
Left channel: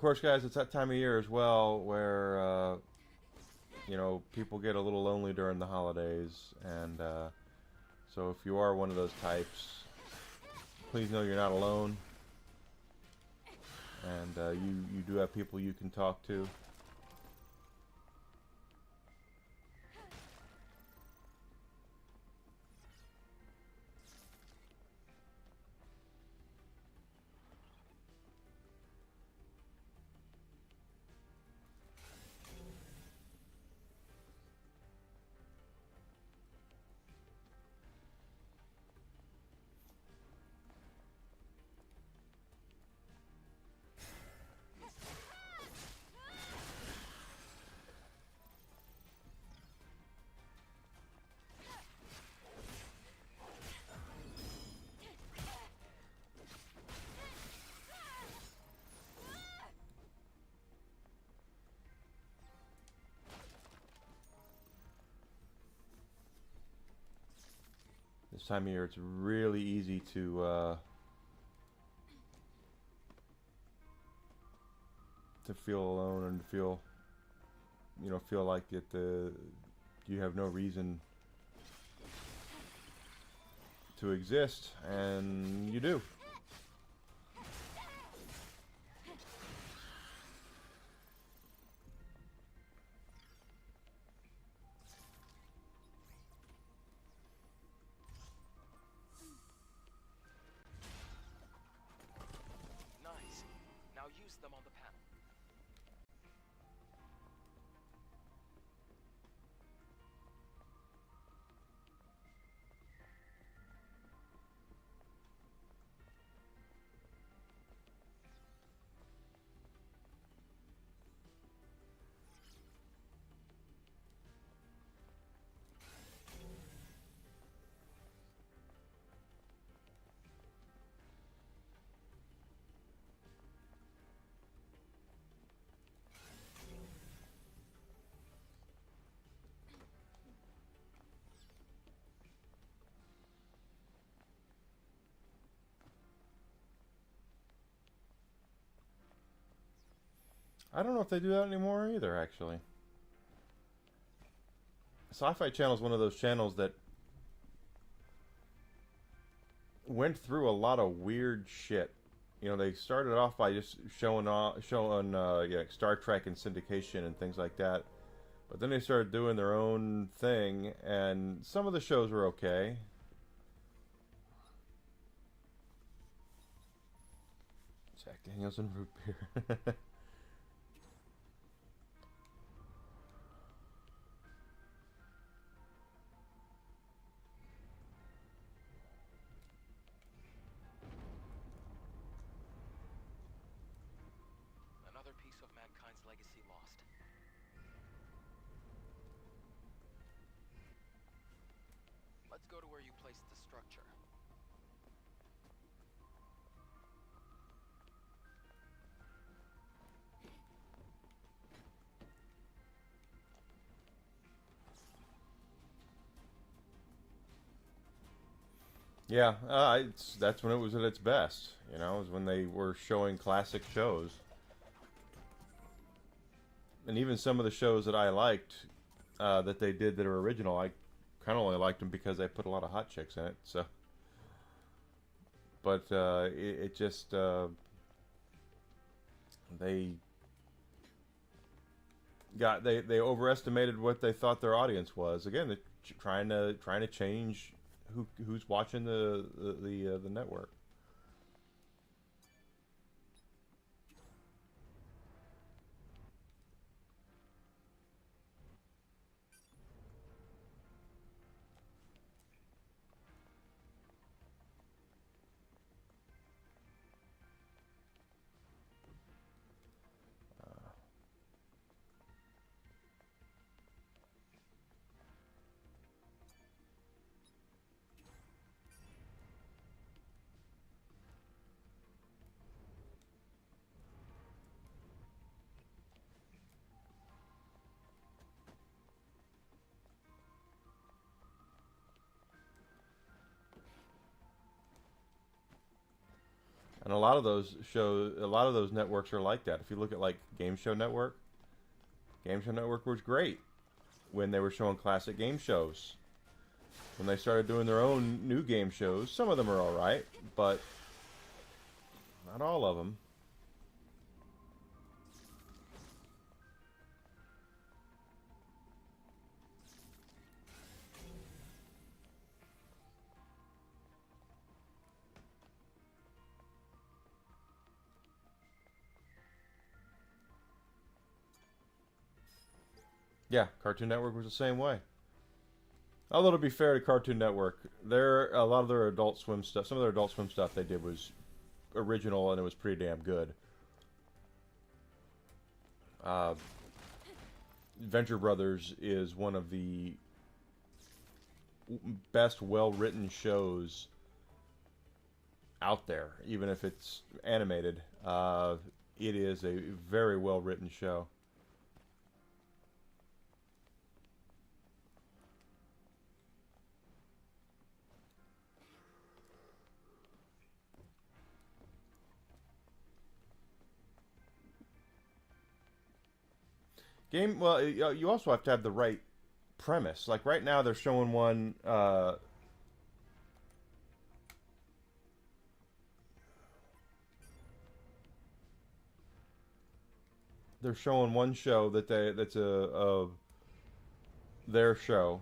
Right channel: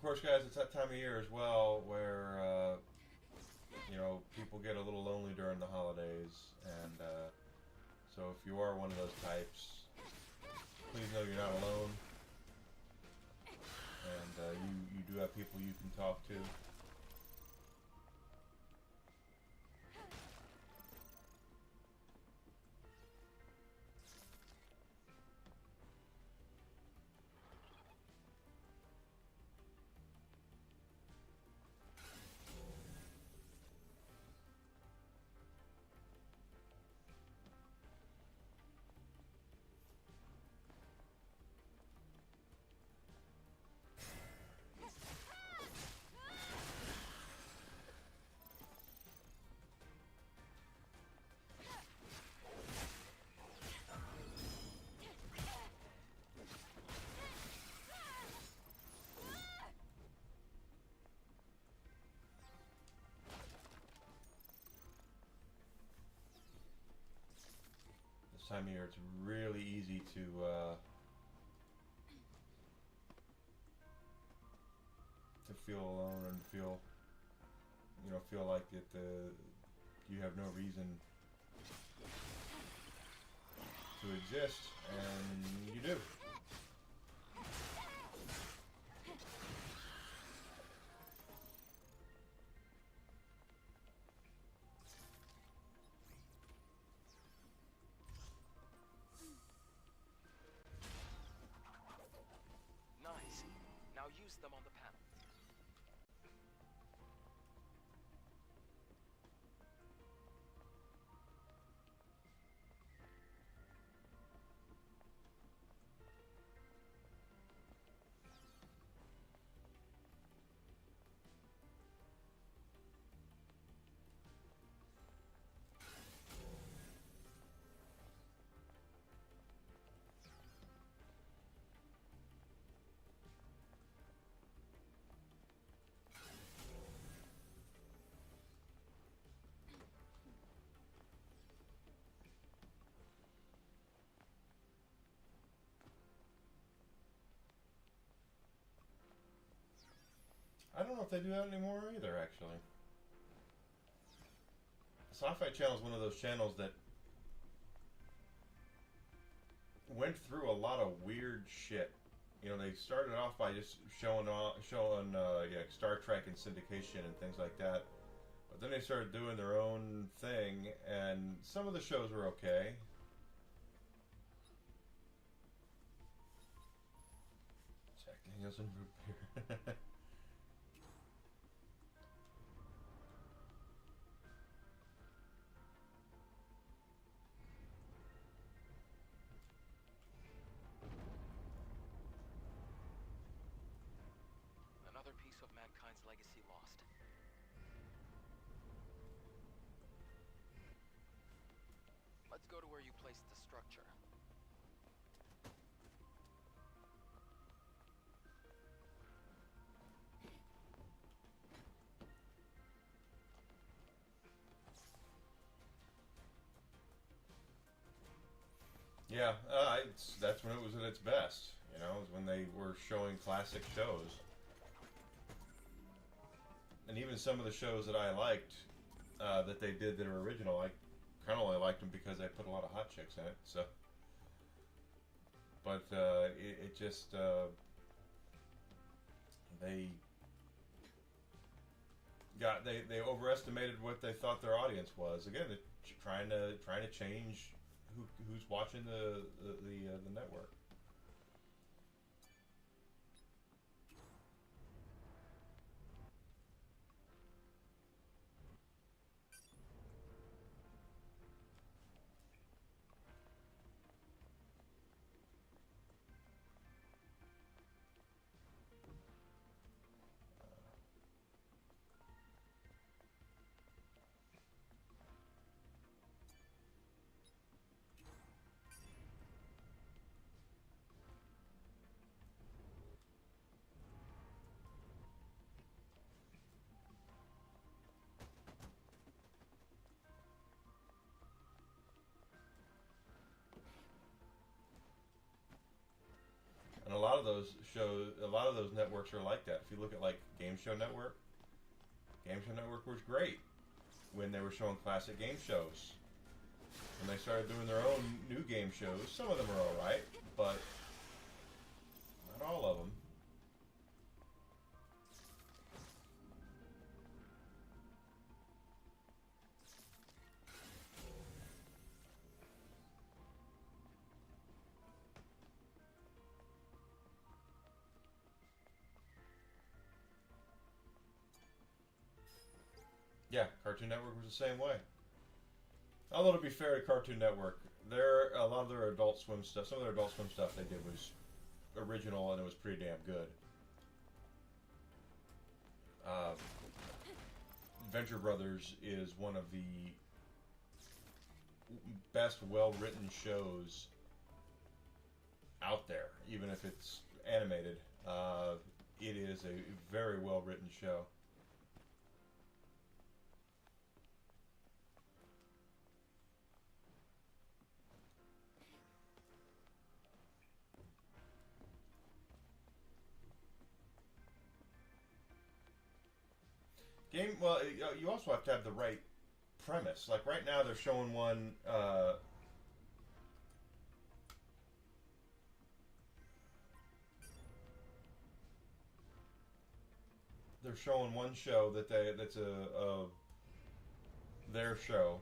course, guys, it's that time of year as well where, you know, people get a little lonely during the holidays. And so if you are one of those types, please know you're not alone. And you do have people you can talk to. This time of year, it's really easy to feel alone and feel, you know, feel like that you have no reason to exist, and you do. Nice. Now use them on the panel. I don't know if they do that anymore either, actually. Sci-Fi Channel is one of those channels that went through a lot of weird shit. You know, they started off by just showing yeah, Star Trek and syndication and things like that. But then they started doing their own thing, and some of the shows were okay. Jack Daniels and root beer. Another piece of mankind's legacy lost. Let's go to where you placed the structure. Yeah, that's when it was at its best. You know, is when they were showing classic shows. And even some of the shows that I liked, that they did that are original, I kind of only liked them because they put a lot of hot chicks in it. So, but it just they overestimated what they thought their audience was. Again, they're trying to change who's watching the network. And a lot of those networks are like that. If you look at like Game Show Network was great when they were showing classic game shows. When they started doing their own new game shows, some of them are all right, but not all of them. Yeah, Cartoon Network was the same way. Although to be fair to Cartoon Network, a lot of their Adult Swim stuff, some of their Adult Swim stuff they did was original and it was pretty damn good. Venture Brothers is one of the best well-written shows out there, even if it's animated. It is a very well-written show. Well, you also have to have the right premise. Like right now, they're showing one. They're showing one show that's their show.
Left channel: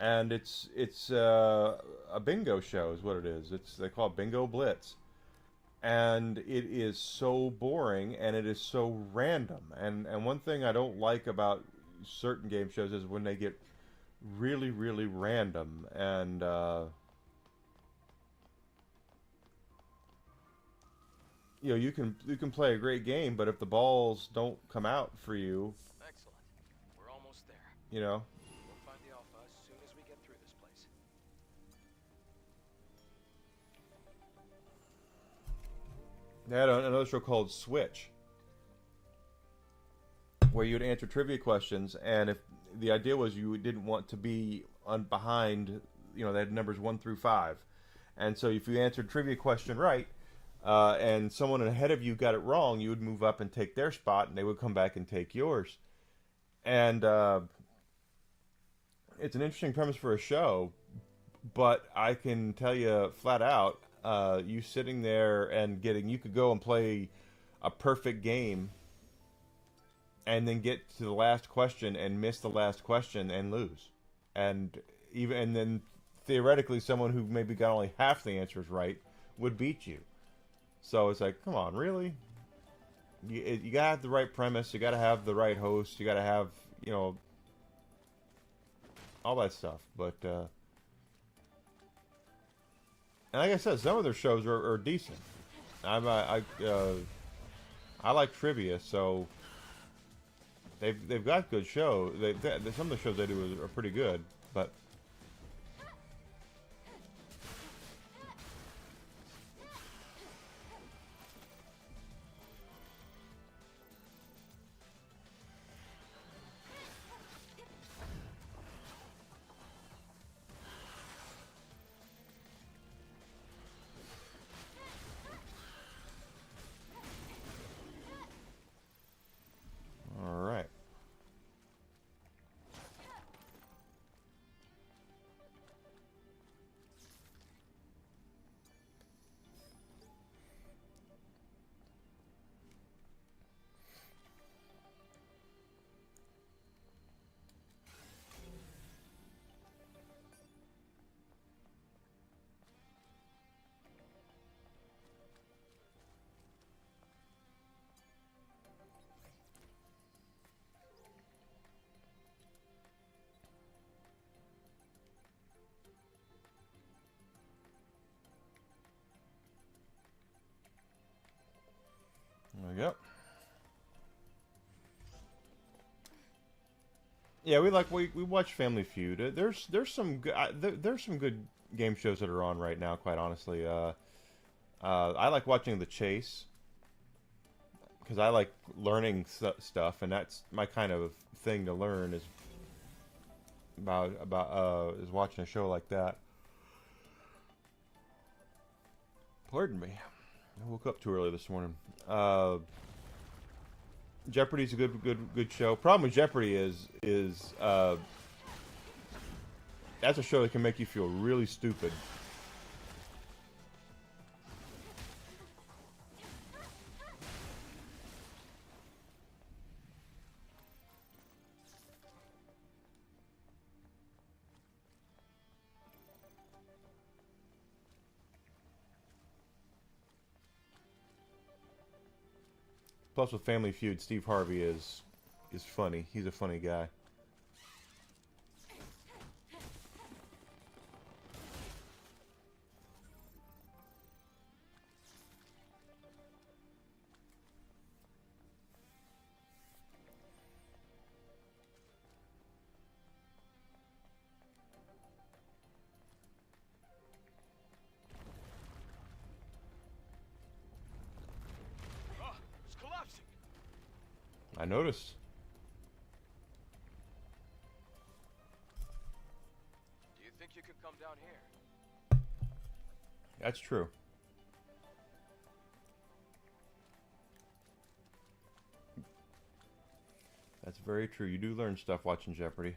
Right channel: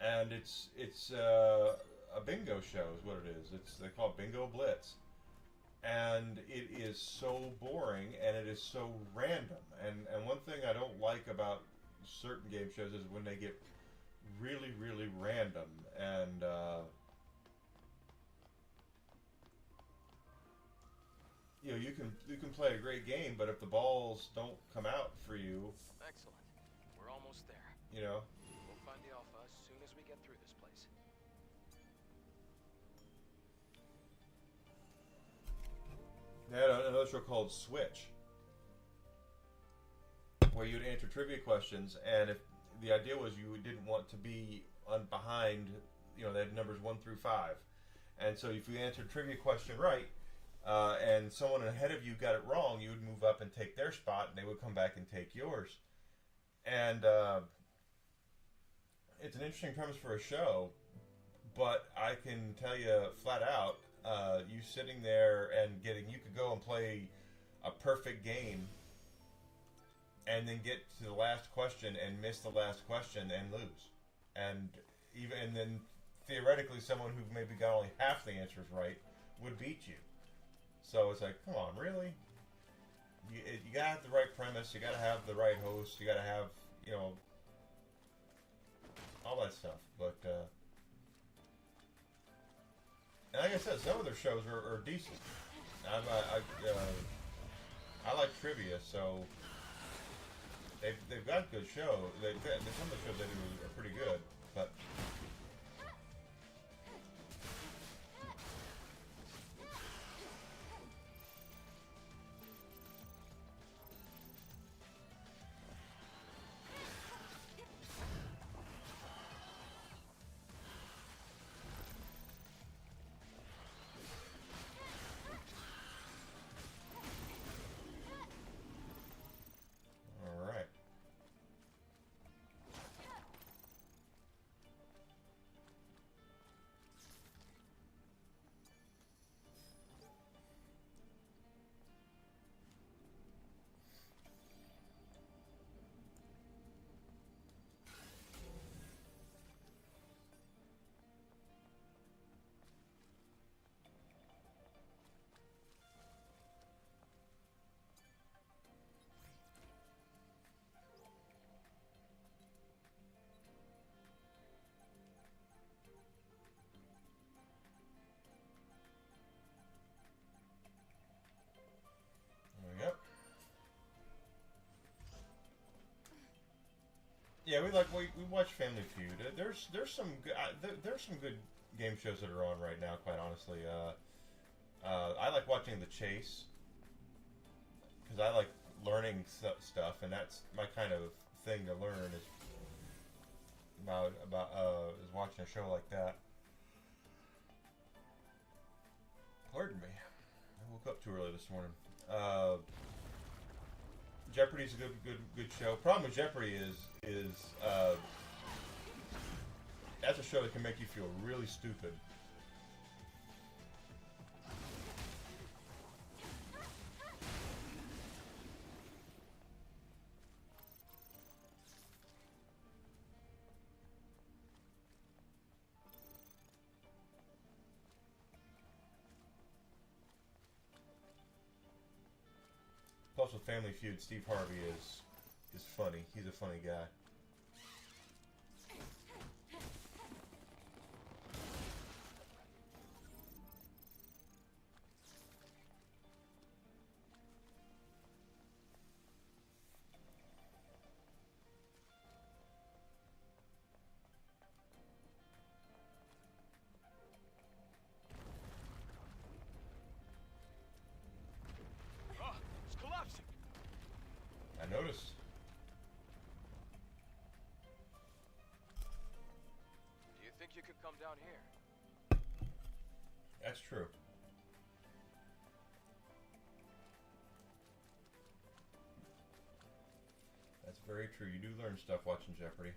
And it's a bingo show is what it is. They call it Bingo Blitz, and it is so boring and it is so random. And one thing I don't like about certain game shows is when they get really random and you can play a great game, but if the balls don't come out for you, Excellent. We're almost there. you know. We'll find the Alpha as soon as we get through this place. They had another show called Switch, where you'd answer trivia questions, and if the idea was you didn't want to be behind, they had numbers 1 through 5, and so if you answered trivia question right, and someone ahead of you got it wrong, you would move up and take their spot, and they would come back and take yours. And it's an interesting premise for a show, but I can tell you flat out, you sitting there and you could go and play a perfect game and then get to the last question and miss the last question and lose. And then theoretically someone who maybe got only half the answers right would beat you. So it's like, come on, really? You gotta have the right premise, you gotta have the right host, you gotta have, all that stuff. But and like I said, some of their shows are decent. I like trivia, so they've got good shows. Some of the shows they do are pretty good, but. Yep. Yeah, we watch Family Feud. There's some good there's some good game shows that are on right now. Quite honestly, I like watching The Chase because I like learning stuff, and that's my kind of thing to learn. Is is watching a show like that. Pardon me. I woke up too early this morning. Jeopardy's a good show. Problem with Jeopardy is that's a show that can make you feel really stupid. Plus, with Family Feud, Steve Harvey is funny. He's a funny guy. Oh, it's collapsing. I noticed. Do you think you could come down here? That's true. That's very true. You do learn stuff watching Jeopardy.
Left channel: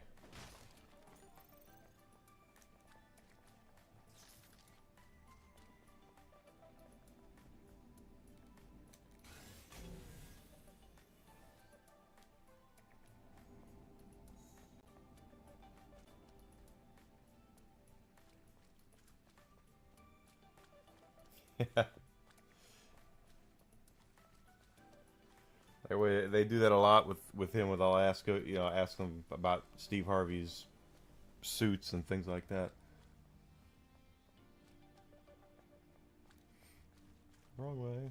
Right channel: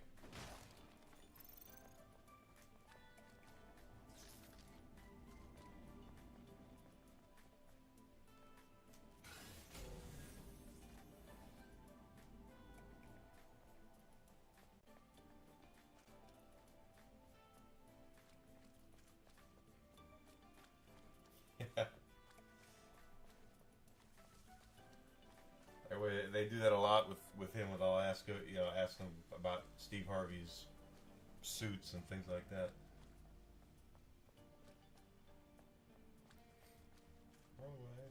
They do that a lot with him. I'll ask ask him about Steve Harvey's suits and things like that. Wrong way.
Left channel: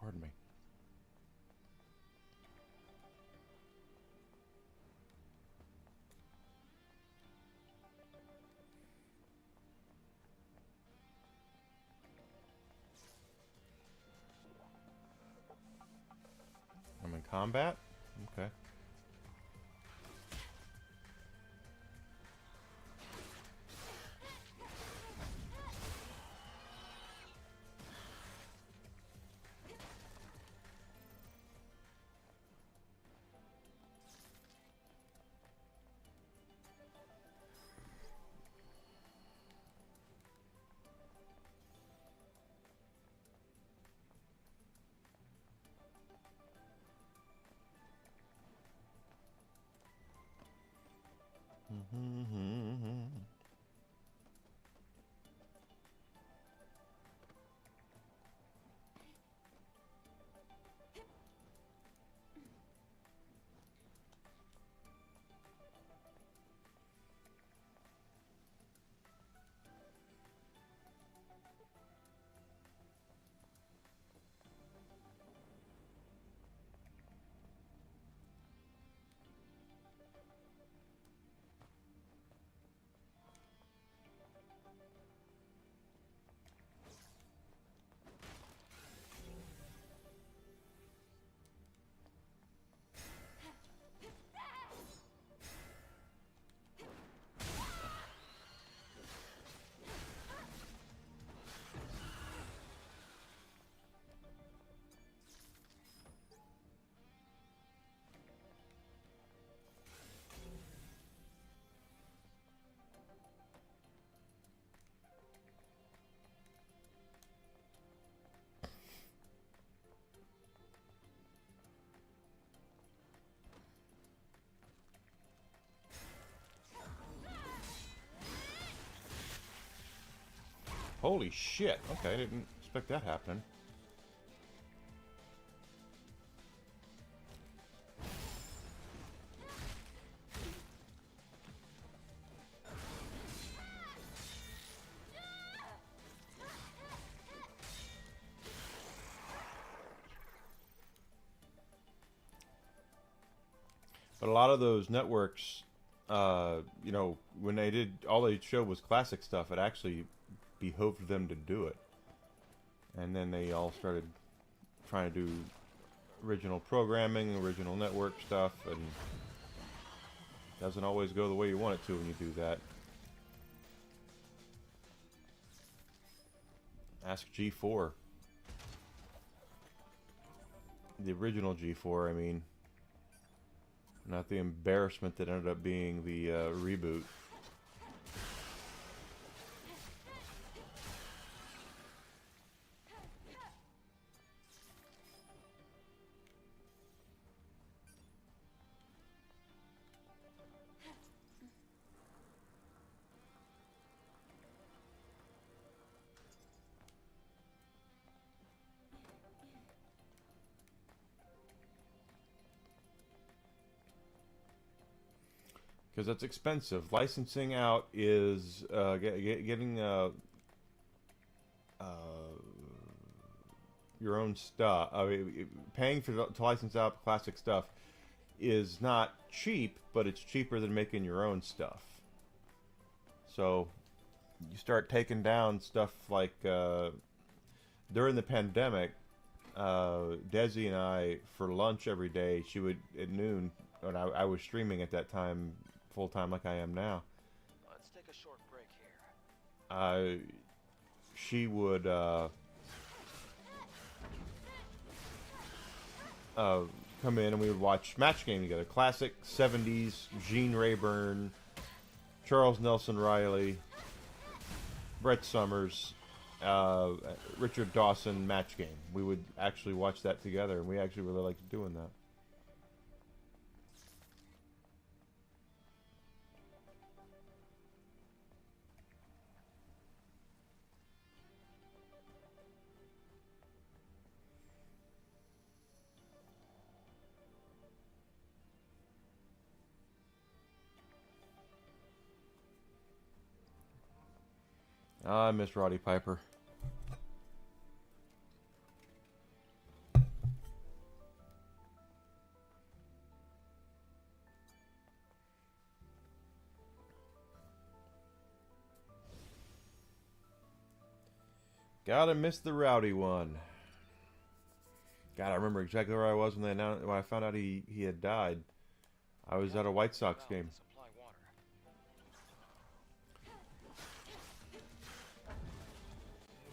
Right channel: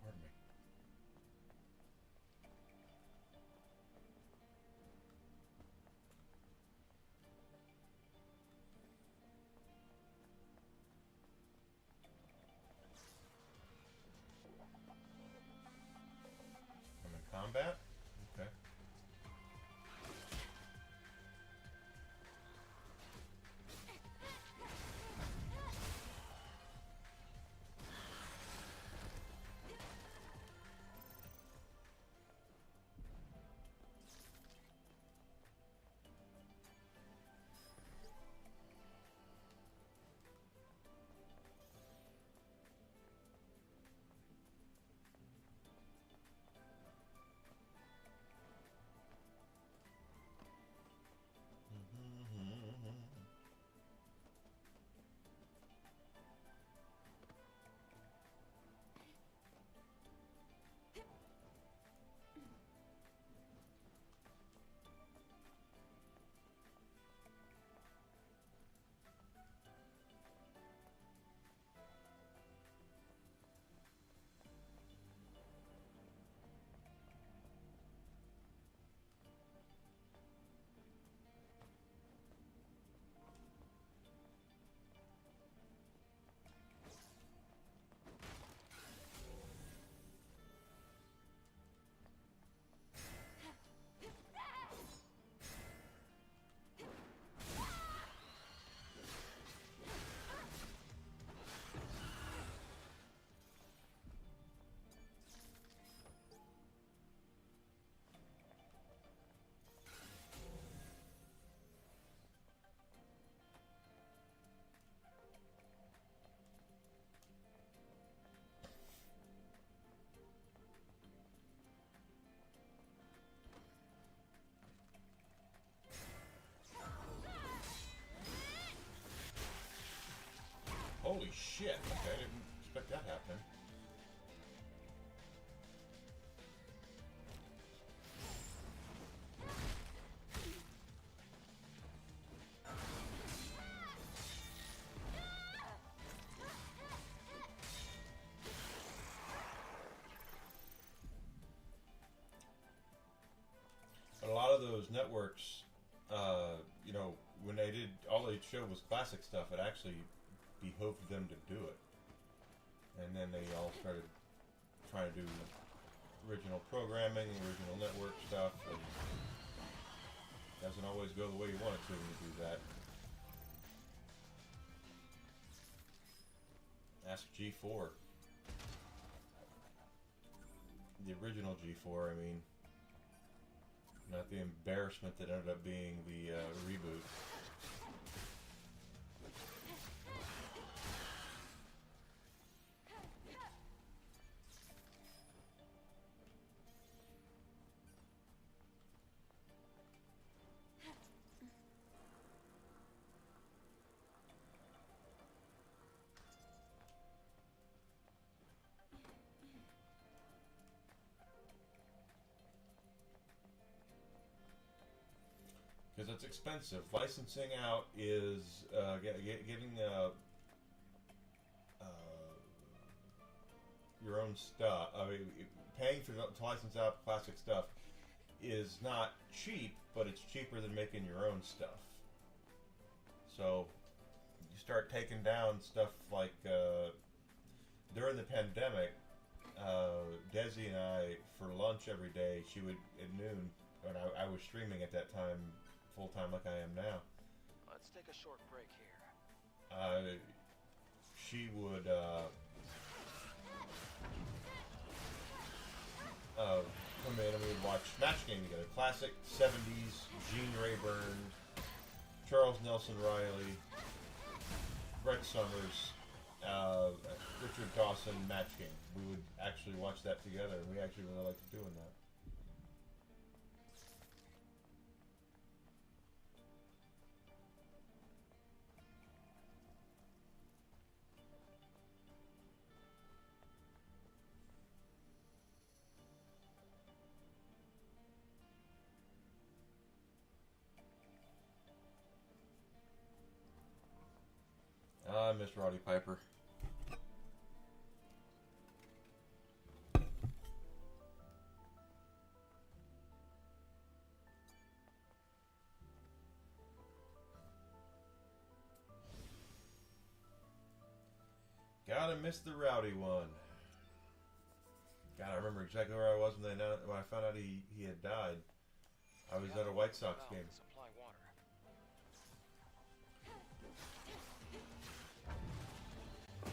Pardon me. I'm in combat? Okay. Holy shit. Okay, I didn't expect that happening. But a lot of those networks you know, when they did, all they showed was classic stuff. It actually behooved them to do it. And then they all started trying to do original programming, original network stuff, and it doesn't always go the way you want it to when you do that. Ask G4. The original G4, I mean. Not the embarrassment that ended up being the reboot. Because that's expensive. Licensing out is getting your own stuff. I mean, paying to license out classic stuff is not cheap, but it's cheaper than making your own stuff. So you start taking down stuff like during the pandemic, Desi and I, for lunch every day, she would at noon, and I was streaming at that time full time like I am now. Let's take a short break here. She would come in and we would watch Match Game together. Classic 70s, Gene Rayburn, Charles Nelson Riley, Brett Summers, Richard Dawson Match Game. We would actually watch that together, and we actually really liked doing that. I miss Roddy Piper. Gotta miss the Rowdy one. God, I remember exactly where I was when I found out he had died. I was at a White Sox game. Supply water.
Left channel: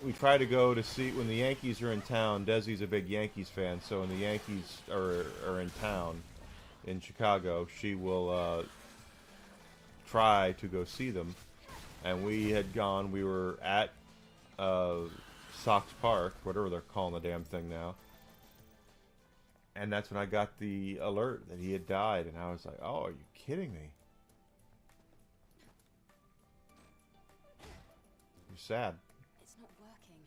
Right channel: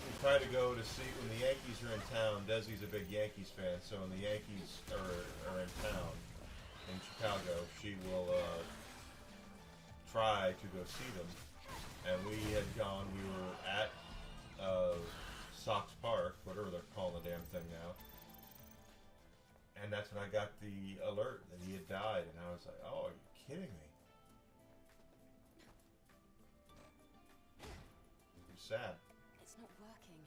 We try to go to see when the Yankees are in town. Desi's a big Yankees fan, so when the Yankees are in town in Chicago, she will try to go see them. And we had gone. We were at Sox Park, whatever they're calling the damn thing now. And that's when I got the alert that he had died, and I was like, "Oh, are you kidding me?" It was sad. It's not working.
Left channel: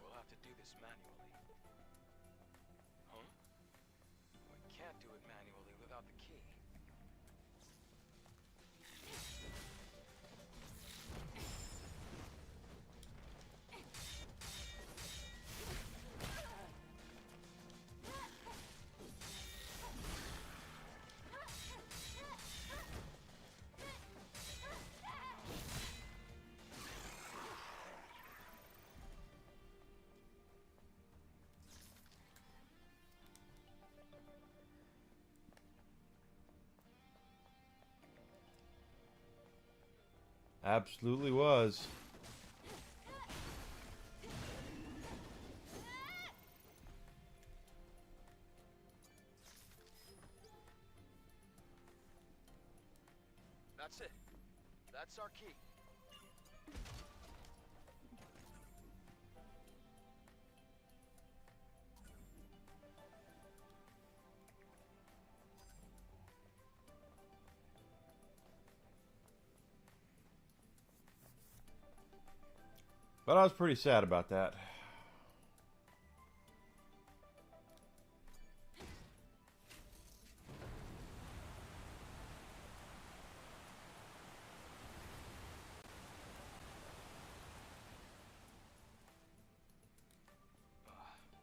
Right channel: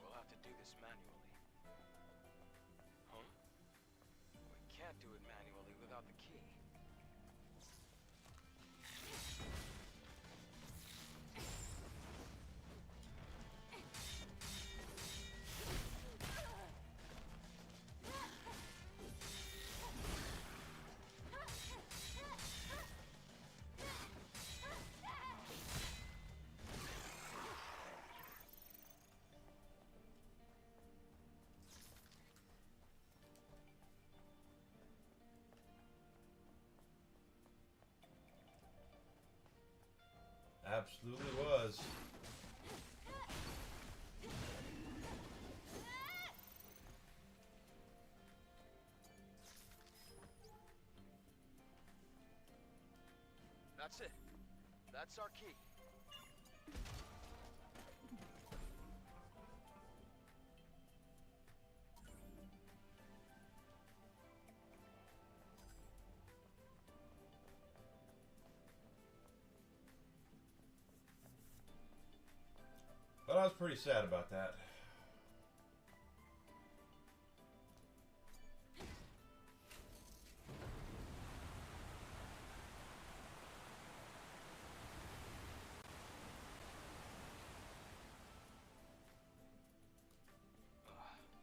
We'll have to do this manually. Huh? We can't do it manually without the key. Absolutely was. That's it. That's our key. But I was pretty sad about that.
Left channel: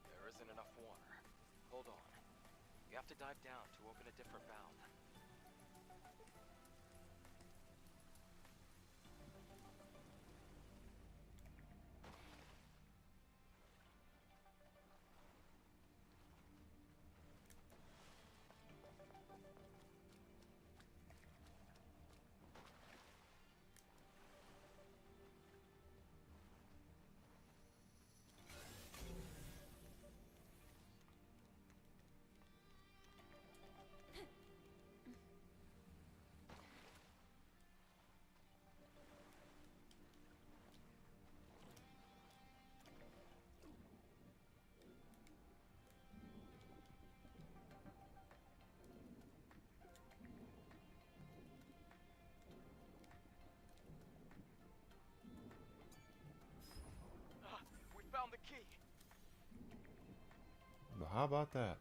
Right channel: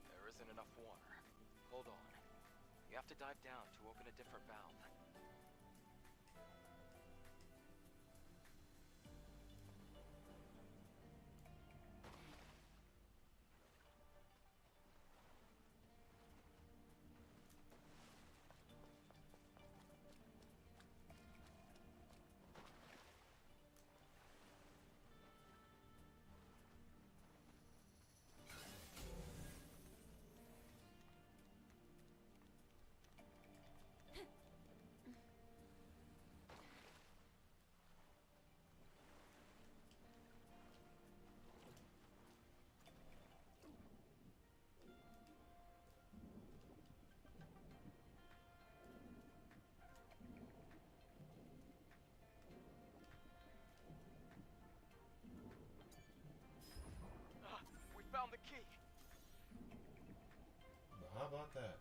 There isn't enough water. Hold on. You have to dive down to open a different valve. How about that?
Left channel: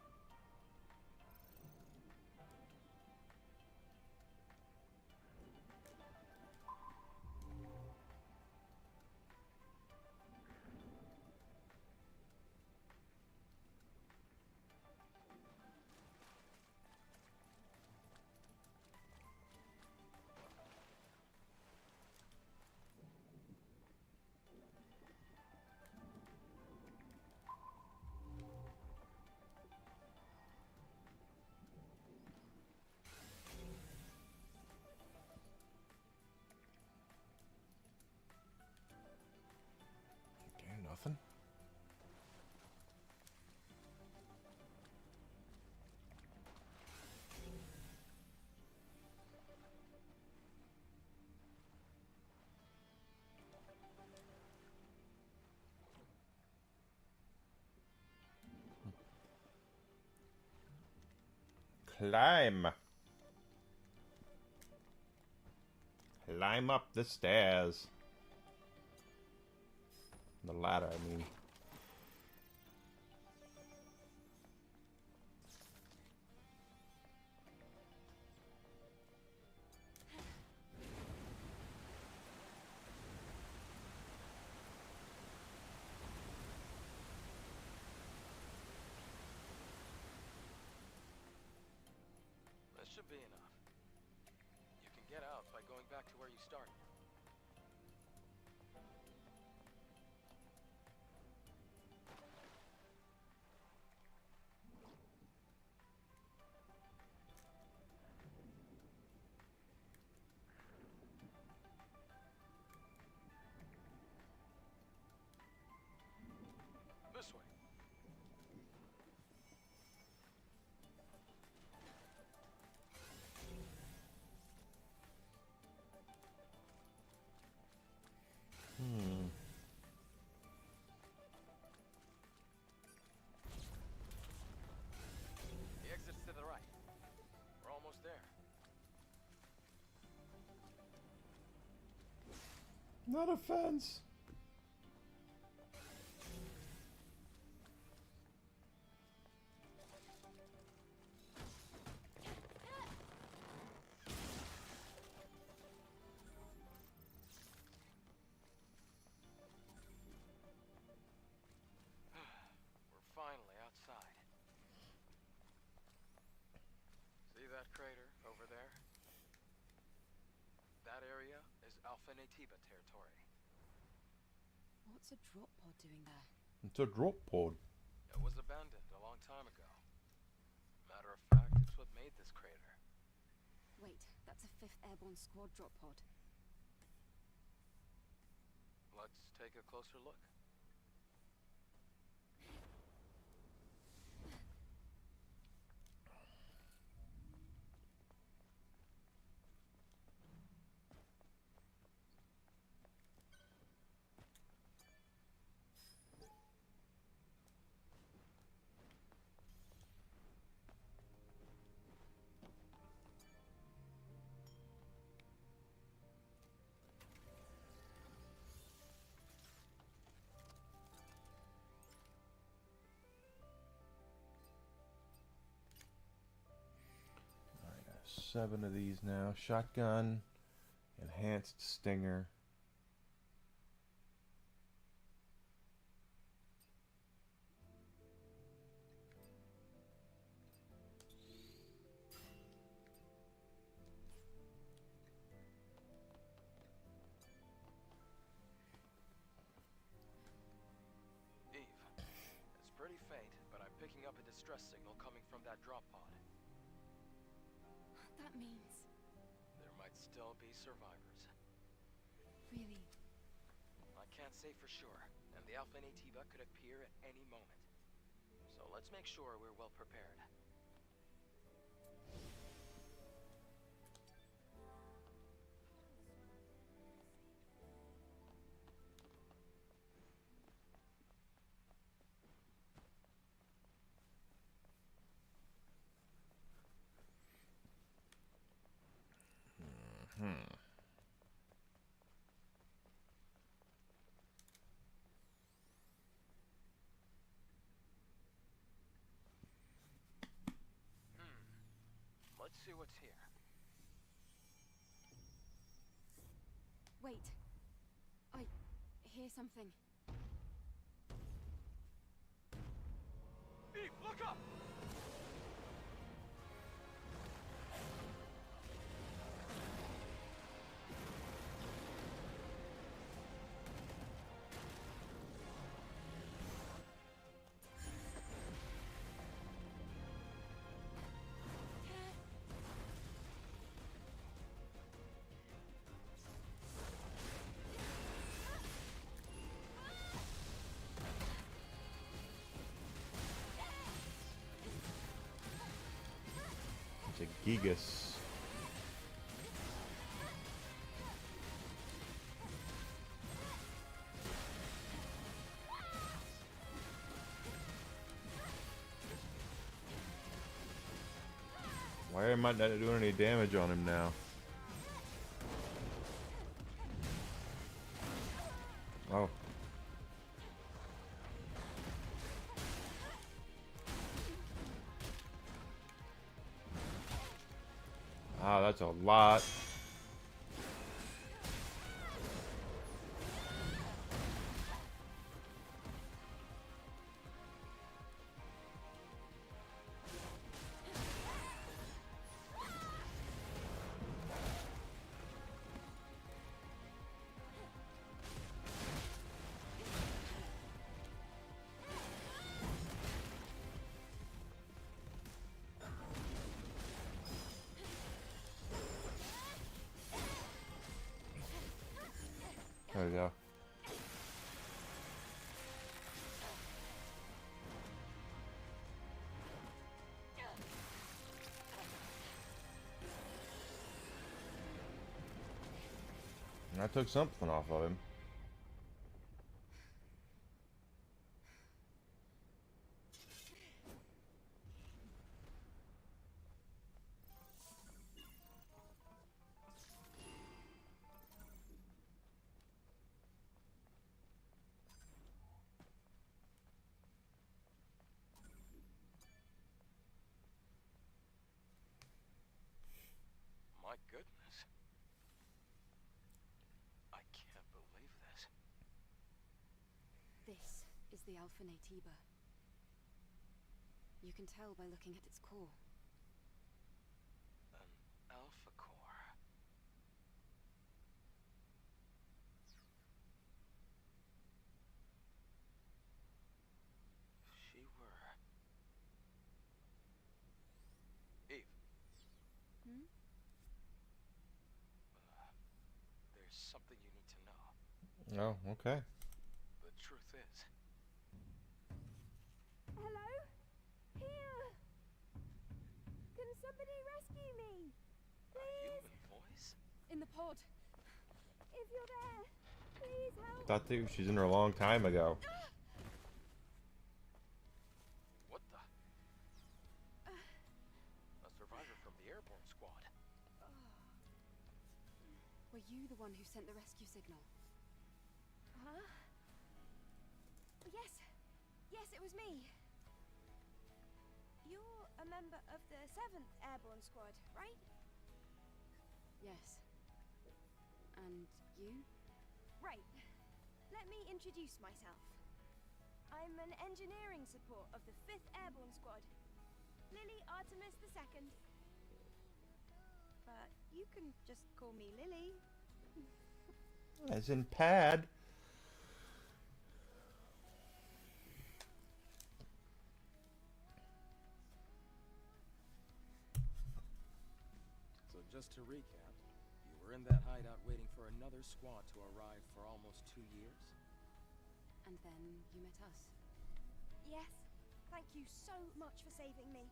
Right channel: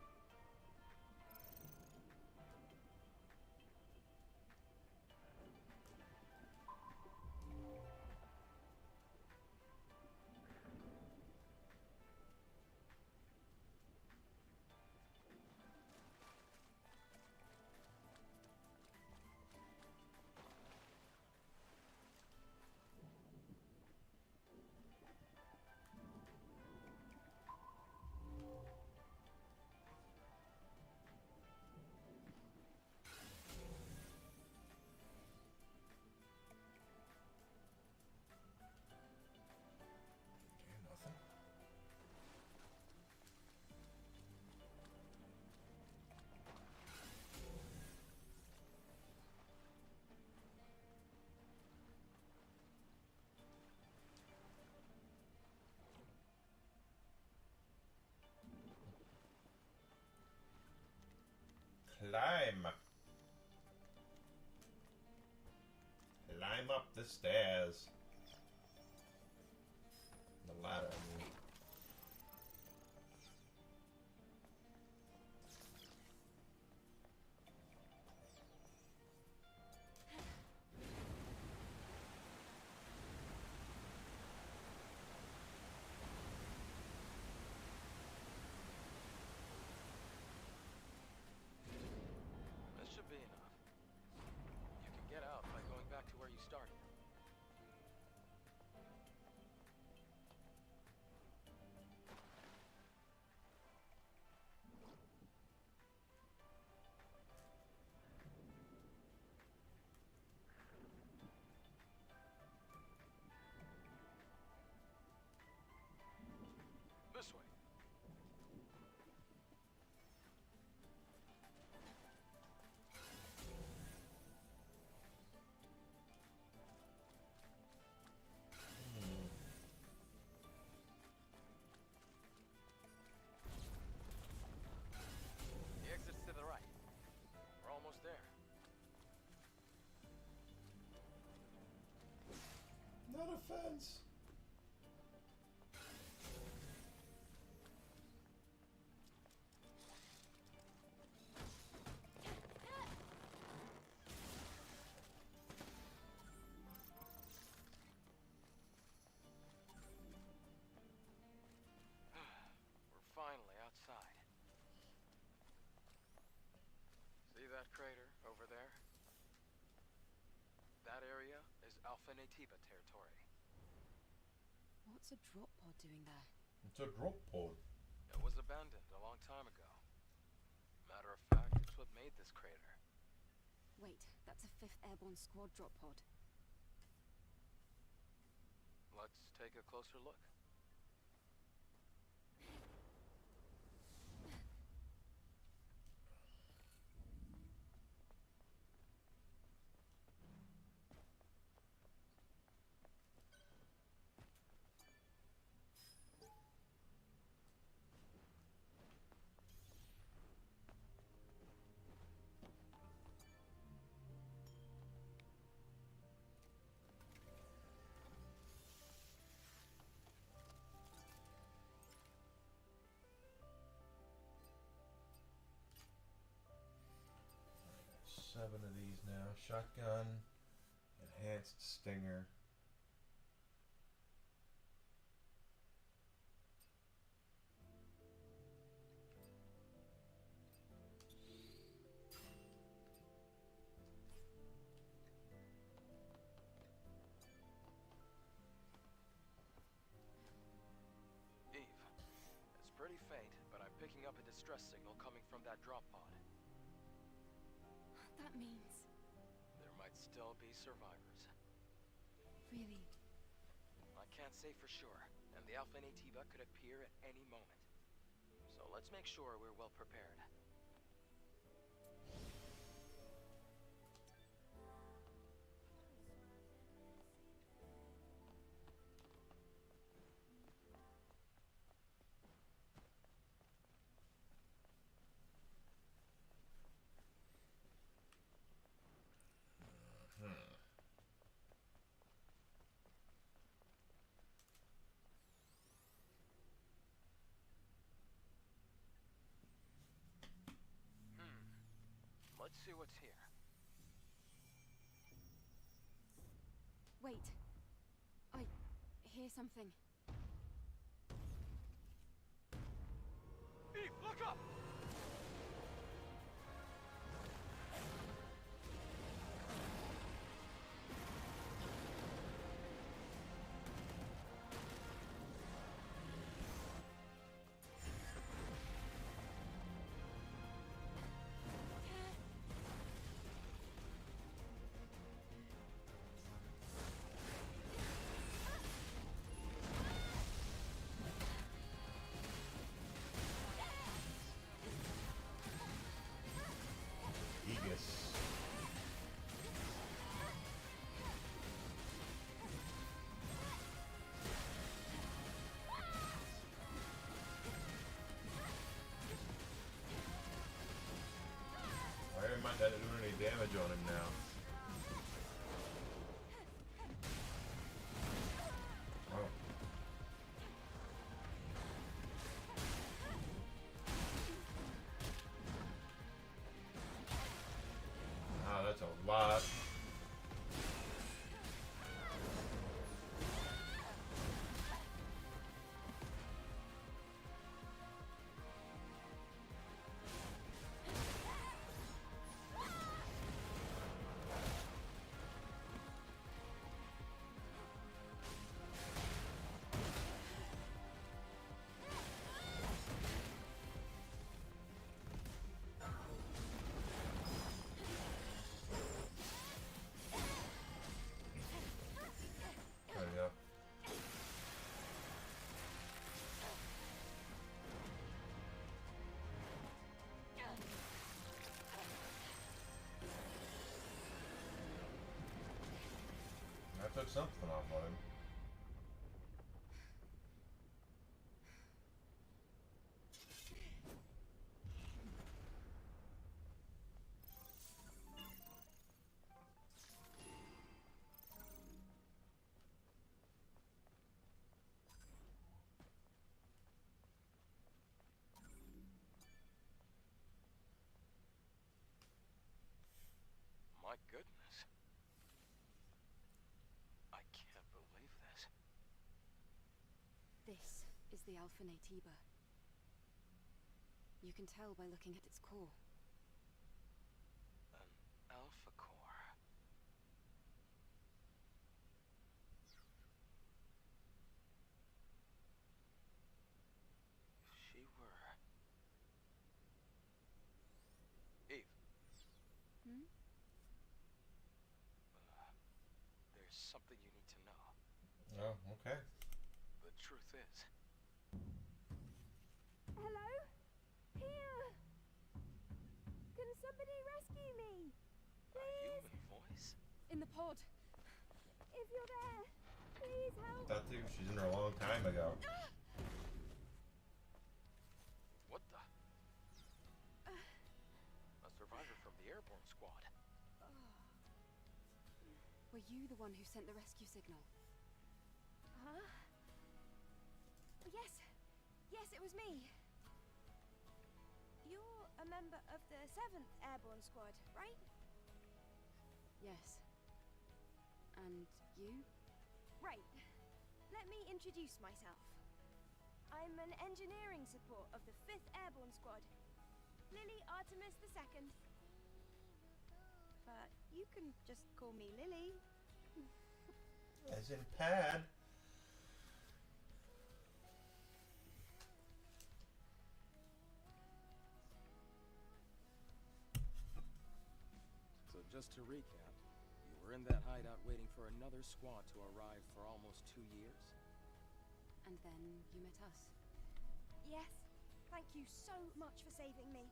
Okay, nothing. Climb. Climb up the stairs. The ladder, I mean. This should be enough. You can get out by going back to where you started. This way. The exit's to the right. We're almost there. Not a fence. We're finally outside. See that crater over there? That area is Alpha Natiba territory. What's a drop pod doing there? It's a drop pod. It was abandoned a long time ago. Matter of fact, it's what made this crater. Wait, that's a 5th Airborne Squad drop pod. Let's take a closer look. Alright, I have 7 of these now. Shotgun, enhanced stinger. Eve, it's pretty faint, but I'm picking up a distress signal coming from that drop pod. That means... There might still be survivors. Really? I can't say for sure, and the Alpha Natiba could appear at any moment. So let's make sure we're well prepared. Let's see what's here. Wait. I hear something. Eve, look up! Gigas. Why am I not doing any damage on him now? Oh. Wow, that's a lot. There we go. I took something off of him. My goodness. I can't believe this. This is the Alpha Naytiba. You can tell by looking at its core. An Alpha Core. If she were... Eve, Hmm? there's something you need to know. Oh, okay. The truth is, Hello? Here! Can somebody rescue me? a Please? human voice? In the pod. If you're there, please help. Thought that she's in her a long time ago. What the? A survivor from the airborne squad. Were you the one who sent the rescue signal? Huh? Yes. Yes, it was me. You're a member of the 7th Airborne Squad, right? Yes. And you? Right. Let me introduce myself. I'm an engineering support of the 5th Airborne Squad. Lily Artemis II. But you can just call me Lily. As in pad. So just to recap, you were in that hideout waiting for another squad to arrive for almost 2 years? And then you met us. Yes. Thank you so much for saving me.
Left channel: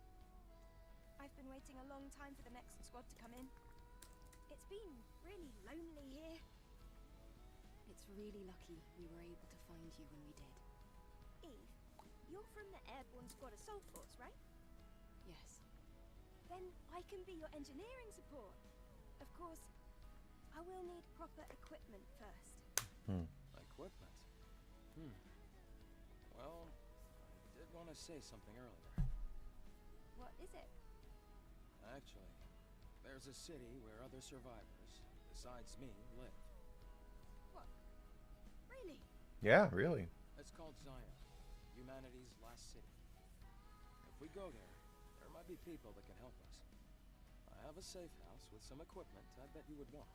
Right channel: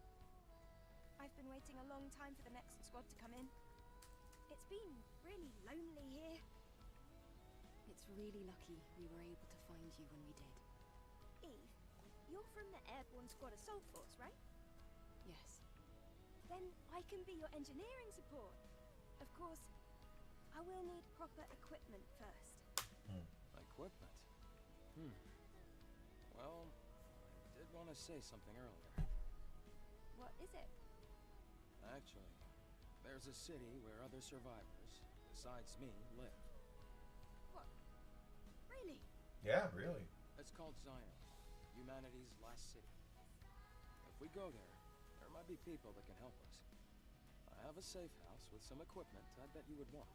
I've been waiting a long time for the next squad to come in. It's been really lonely here. It's really lucky we were able to find you when we did. Eve, you're from the Airborne Squad Assault Force, right? Yes. Then I can be your engineering support. Of course, I will need proper equipment first. Equipment? Well, I did want to say something earlier. What is it? Actually, there's a city where other survivors, besides me, live. What? Really? Yeah, really. It's called Zion, humanity's last city. If we go there, there might be people that can help us. I have a safe house with some equipment I bet you would want.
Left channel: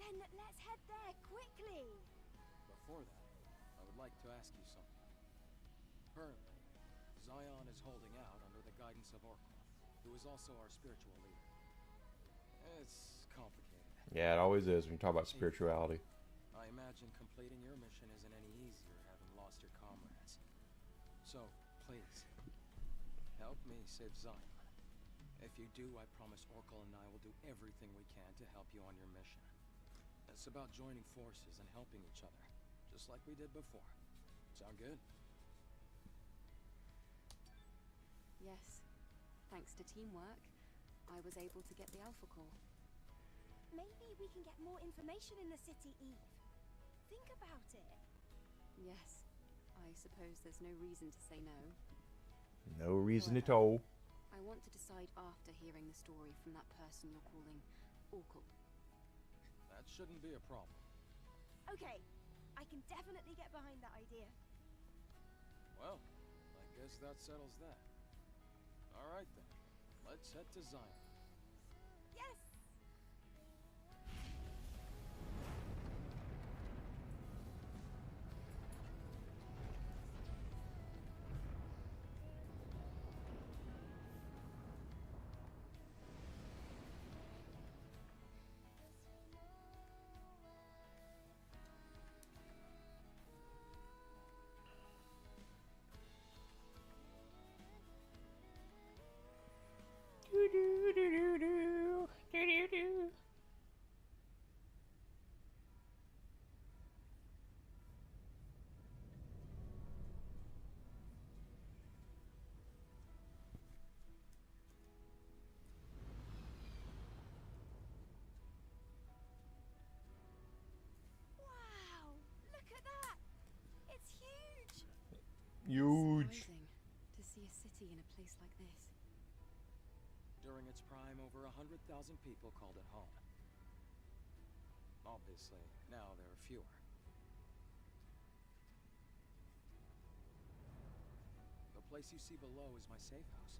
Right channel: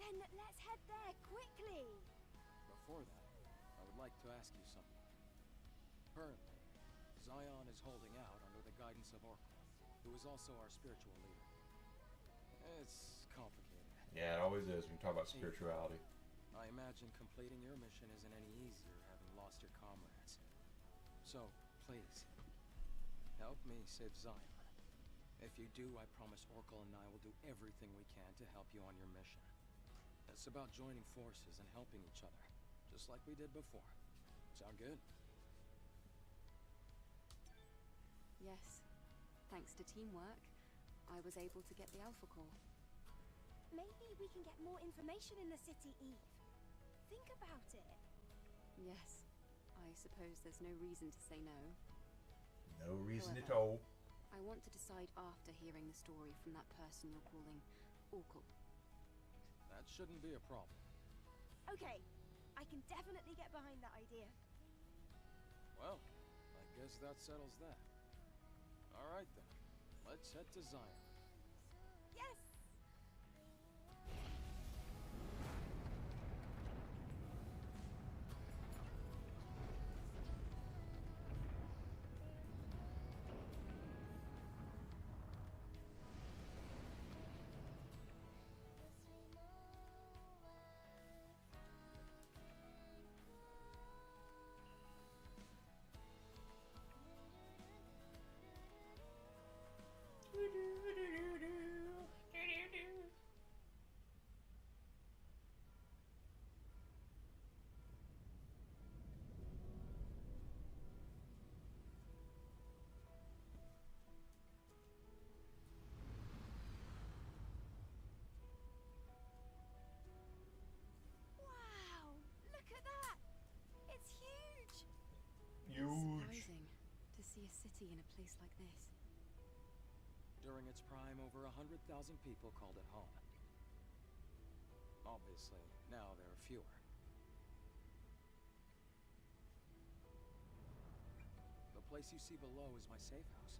Then let's head there quickly. Before that, I would like to ask you something. Currently, Zion is holding out under the guidance of Orkla, who is also our spiritual leader. It's complicated. Yeah, it always is when you talk about spirituality. I imagine completing your mission isn't any easier having lost your comrades. So, please, help me save Zion. If you do, I promise Orkla and I will do everything we can to help you on your mission. It's about joining forces and helping each other, just like we did before. Sound good? Yes. Thanks to teamwork, I was able to get the Alpha Core. Maybe we can get more information in the city, Eve. Think about it. Yes. I suppose there's no reason to say no. No reason at However, all. I want to decide after hearing the story from that person you're calling Orkle. That shouldn't be a problem. Okay, I can definitely get behind that idea. Well, I guess that settles that. All right then, let's head to Zion. Yes! Wow! Look at that! It's huge! Huge. Surprising to see a city in a place like this. During its prime, over 100,000 people called it home. Obviously, now there are fewer. The place you see below is my safe house.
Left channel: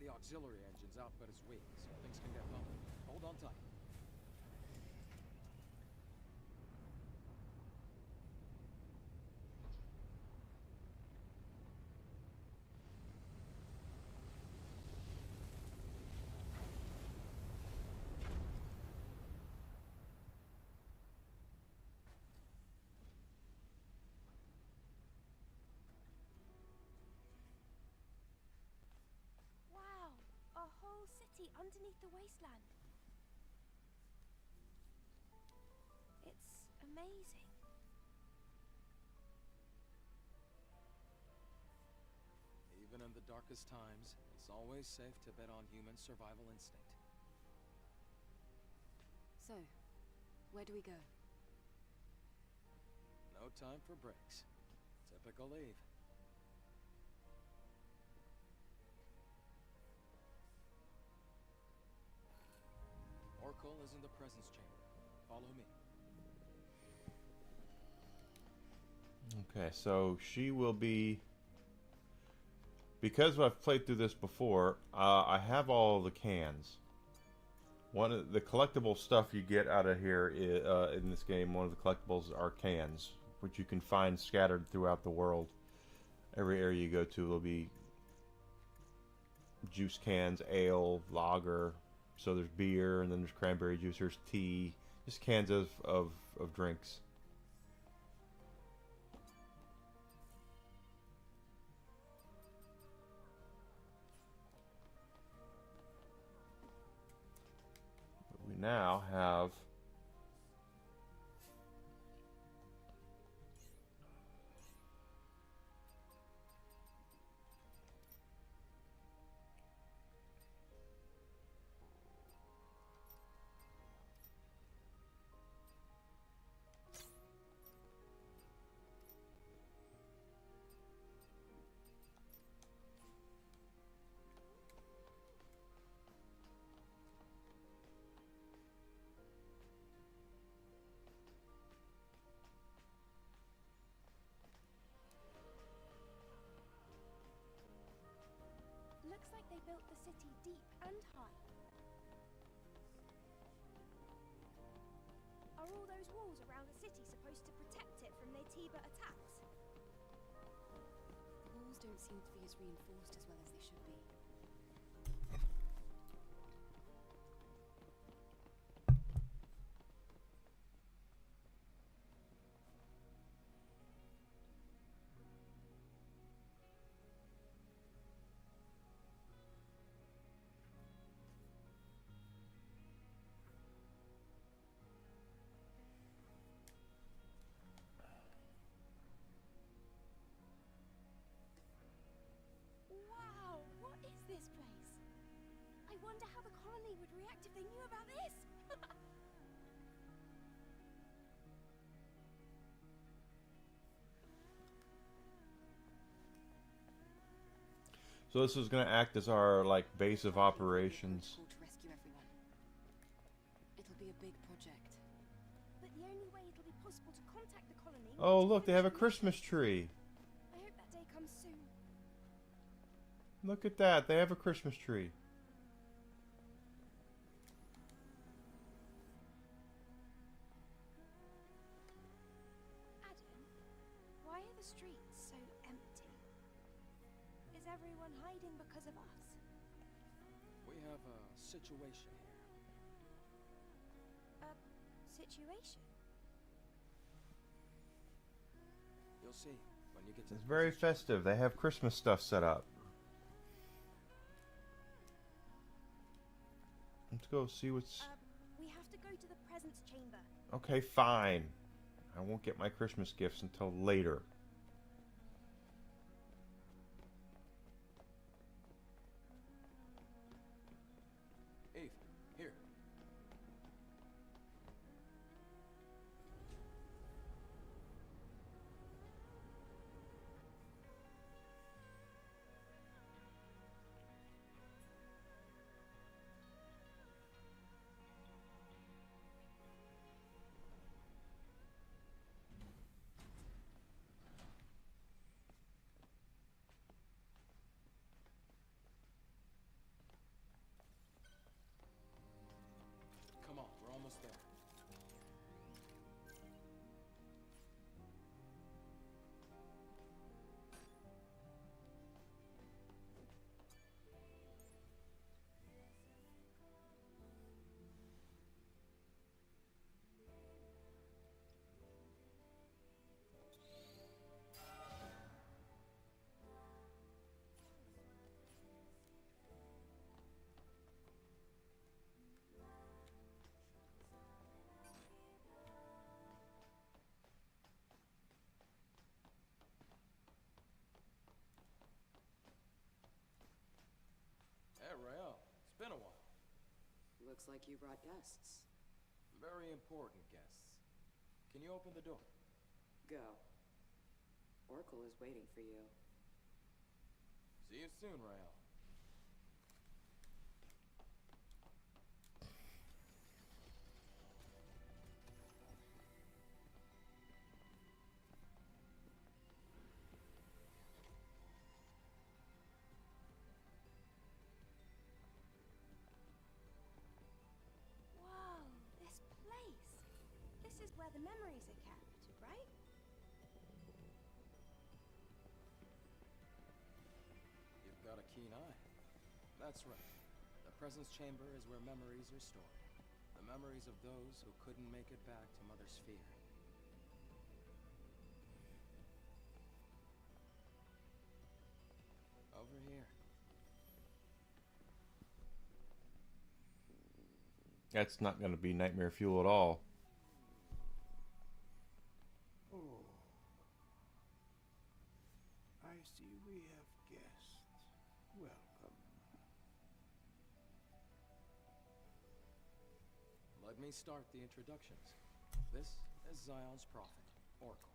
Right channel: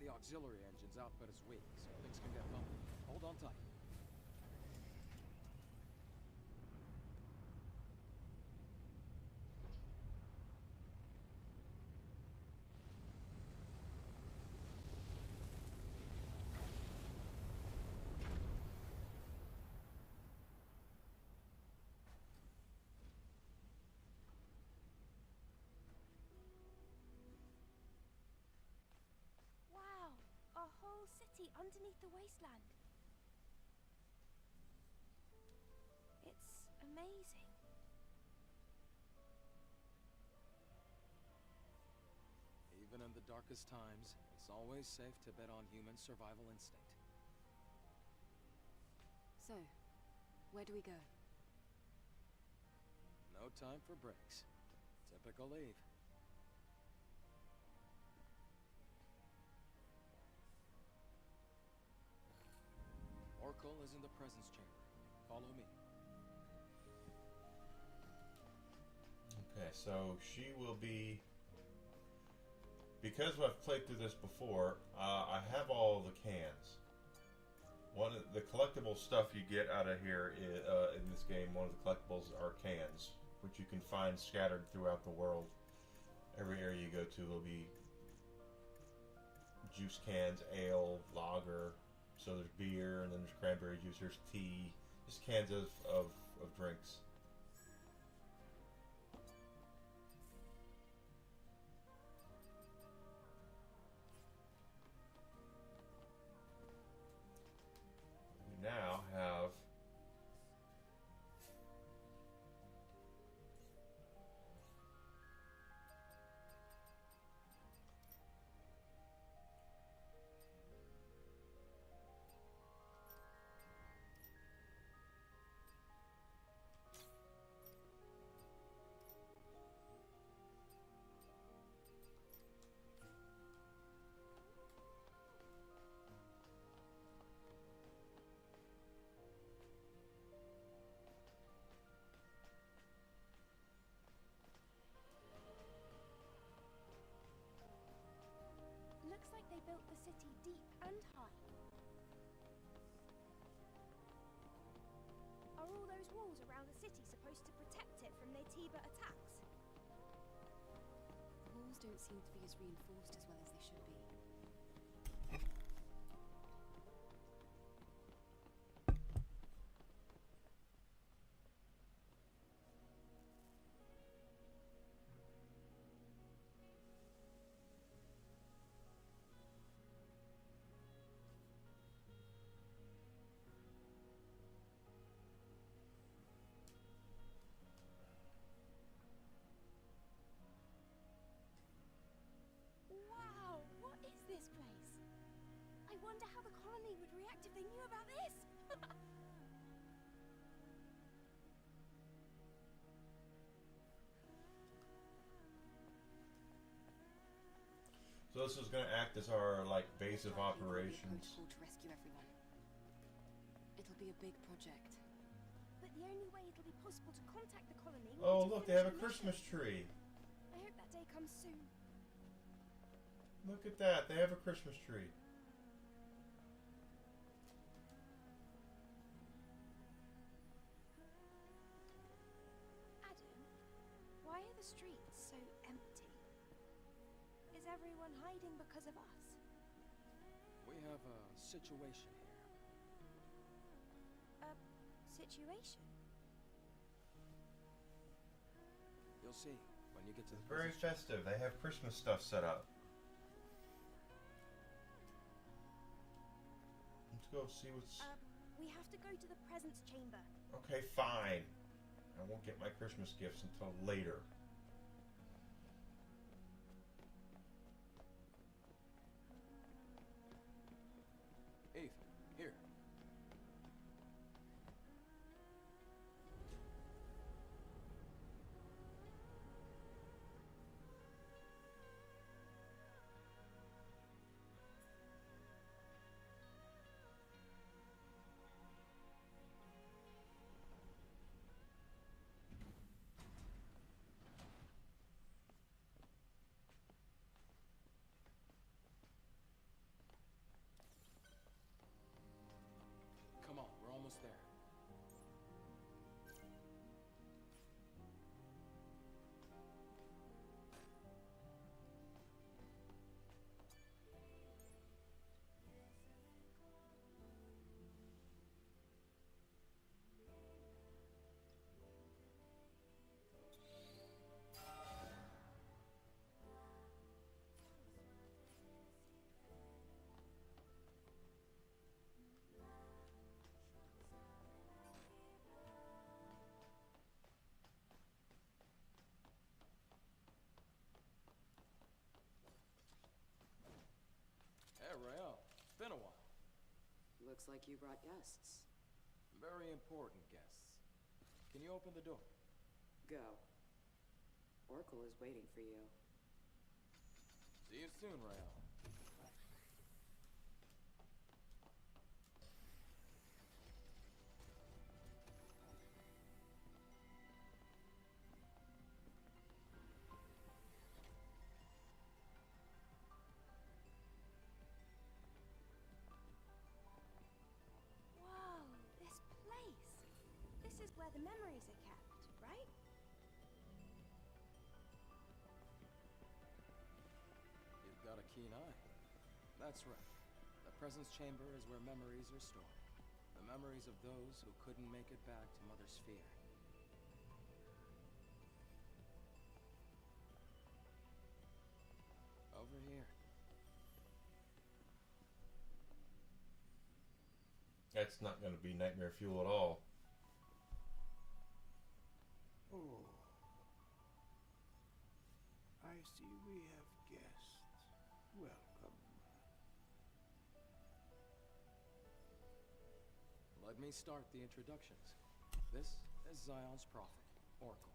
The auxiliary engine's output is weak, so things can get bumpy. Hold on tight. Wow! A whole city underneath the wasteland. It's amazing. Even in the darkest times, it's always safe to bet on human survival instinct. So, where do we go? No time for breaks. Typical Eve. Orkle is in the presence chamber. Follow me. Okay, so she will be... Because I've played through this before, I have all the cans. One of the collectible stuff you get out of here in this game, one of the collectibles are cans, which you can find scattered throughout the world. Every area you go to will be juice cans, ale, lager. So there's beer, and then there's cranberry juice, there's tea, just cans of drinks. We now have they built the city deep and high. Are all those walls around the city supposed to protect it from Naytiba attacks? The walls don't seem to be as reinforced as well as they should be. Wow, what is this place? I wonder how the colony would react if they knew about this. So this is going to act as our like base of Dark Lord will need operations. protocol to rescue everyone. It'll be a big project. But the only way it'll be possible to contact the colony. will Oh be to look, they have a finish the mission. Christmas tree. I hope that day comes soon. Look at that, they have a Christmas tree. Adam, why are the streets so empty? Is everyone hiding because of us? We have a situation here. A situation? You'll see when you get to It's the very business festive. They have Christmas stuff set up. Let's go see what's... We have to go to the presence chamber. Okay, fine. I won't get my Christmas gifts until later. Eve, here. Come on, we're almost there. Hey, Rael. It's been a while. Looks like you brought guests. Very important guests. Can you open the door? Go. Oracle is waiting for you. See you soon, Rael. Whoa, this place. This is where the memories are kept, right? You've got a keen eye. That's right. The presence chamber is where memories are stored. The memories of those who couldn't make it back to Mother Sphere. Over here. That's not going to be nightmare fuel at all. Oh. I see we have guests. Welcome. Let me start the introductions. This is Zion's prophet, Oracle.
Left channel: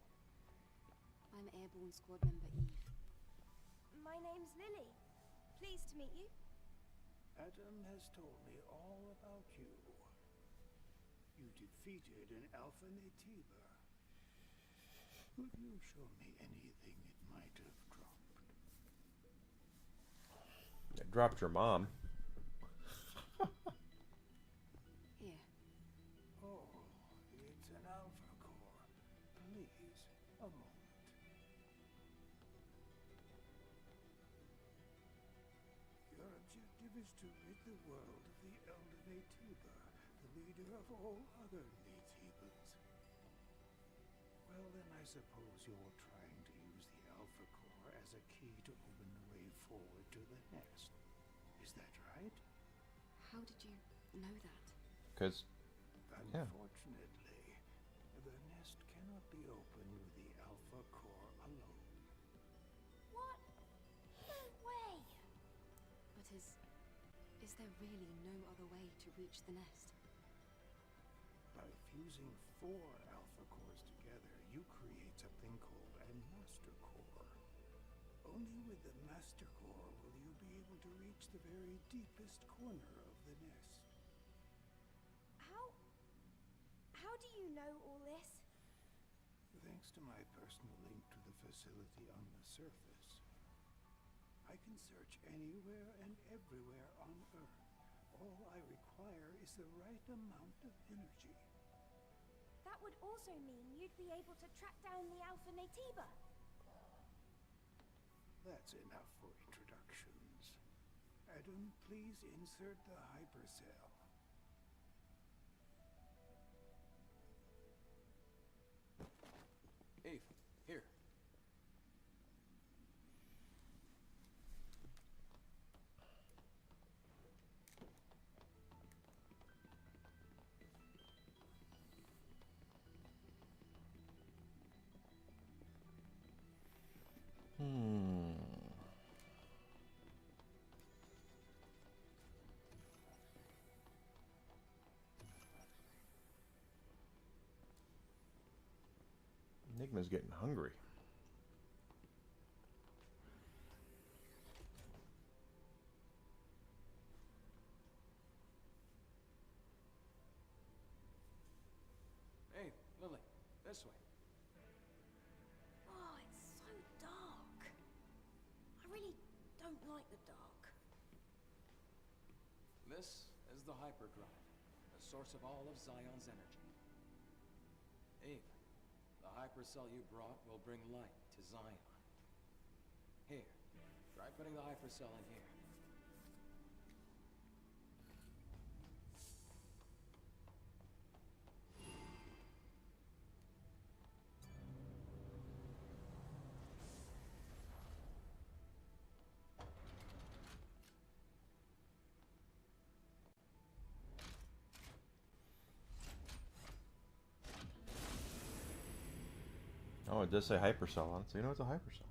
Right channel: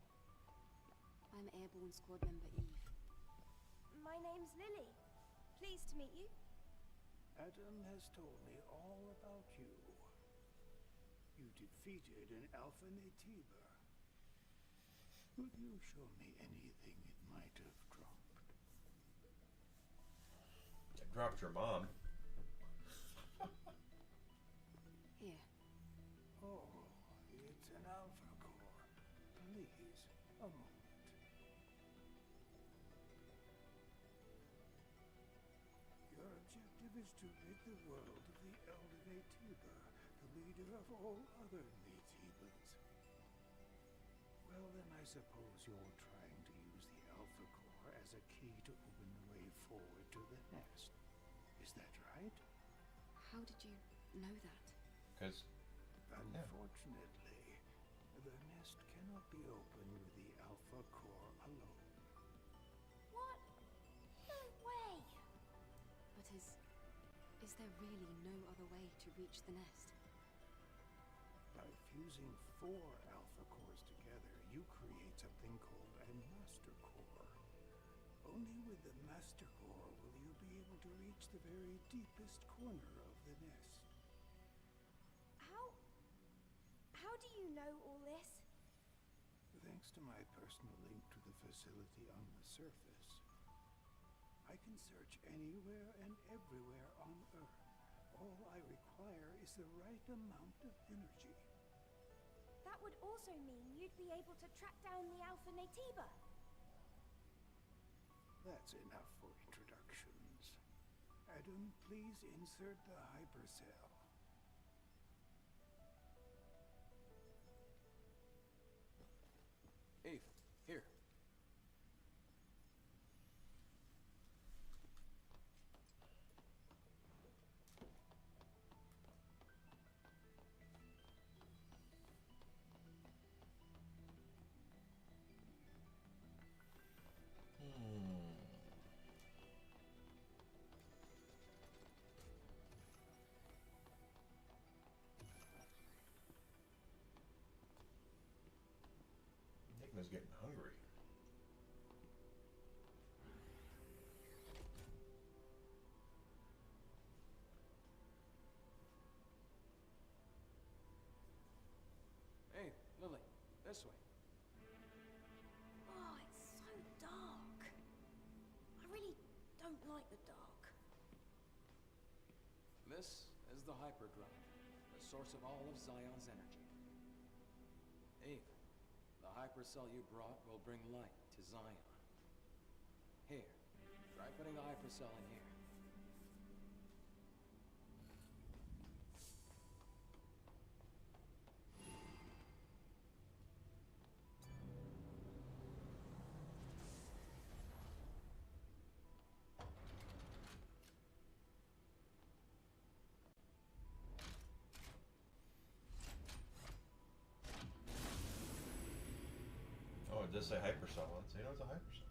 I'm Airborne Squad Member Eve. My name's Lily. Pleased to meet you. Adam has told me all about you. You defeated an Alpha Naytiba. Will you show me anything it might have dropped? dropped your mom. Here. Oh, it's an Alpha Core. Please, a moment. Your objective is to rid the world of the Elder Naytiba, the leader of all other Naytibas. Well, then I suppose you're trying to use the Alpha Core as a key to open the way forward to the nest. Is that right? How did you know that? Because, Unfortunately, the nest cannot be opened with the Alpha Core alone. What? No way! But is there really no other way to reach the nest? By fusing 4 Alpha Cores together, you create something called a Master Core. Only with the Master Core will you be able to reach the very deepest corner of the nest. How do you know all this? Thanks to my personal link to the facility on the surface, I can search anywhere and everywhere on Earth. All I require is the right amount of energy. That would also mean you'd be able to track down the Alpha Naytiba. That's enough for introductions. Adam, please insert the hypercell. Eve, here. Enigma's getting hungry. Hey, Lily, this way. Oh, it's so dark. I really don't like the dark. This is the hyperdrive, the source of all of Zion's energy. Eve, the hypercell you brought will bring light to Zion. Here, try putting the hypercell in here. Oh, it does say hypercell on it, so you know it's a hypercell.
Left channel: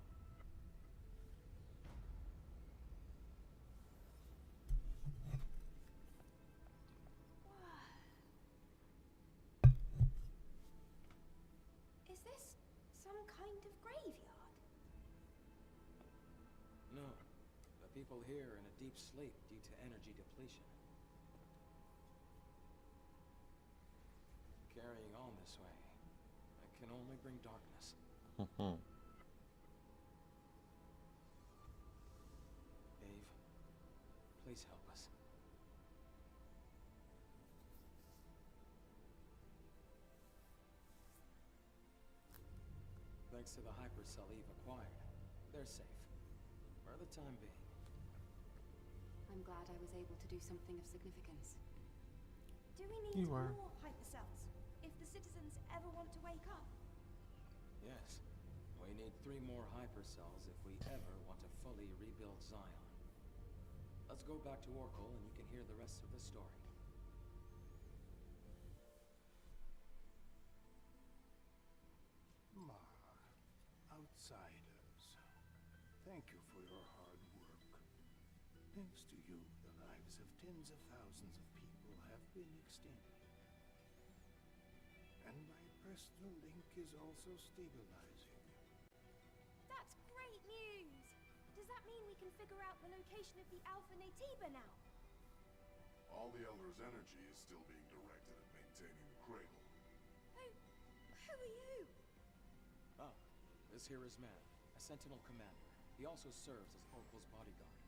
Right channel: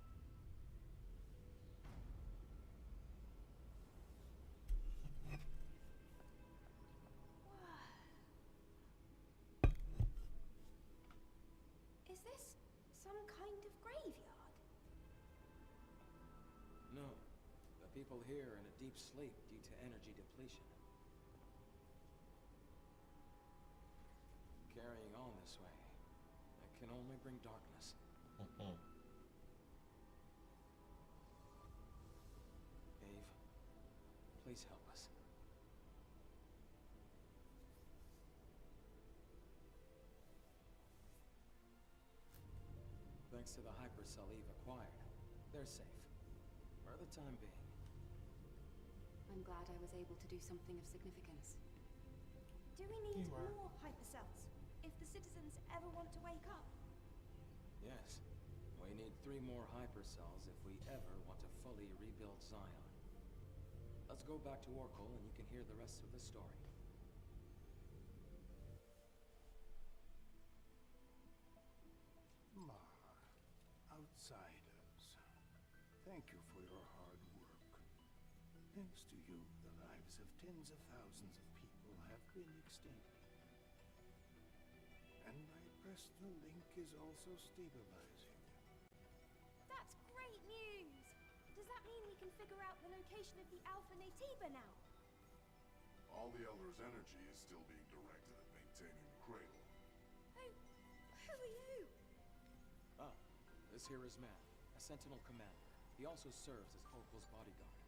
Is this some kind of graveyard? No, the people here are in a deep sleep due to energy depletion. Carrying on this way, it can only bring darkness. Eve, please help us. Thanks to the hypercell Eve acquired, they're safe. For the time being. I'm glad I was able to do something of significance. Do we need more hypercells if the citizens ever want to wake up? Yes. We need 3 more hypercells if we ever want to fully rebuild Zion. Let's go back to Oracle and you can hear the rest of the story. Outsiders, thank you for your hard work. Thanks to you, the lives of tens of thousands of people have been extended. And my personal link is also stabilizing. That's great news! Does that mean we can figure out the location of the Alpha Naytiba now? All the Elder's energy is still being directed at maintaining the cradle. Who are you? Ah, this here is Man, a Sentinel commander. He also serves as Oracle's bodyguard.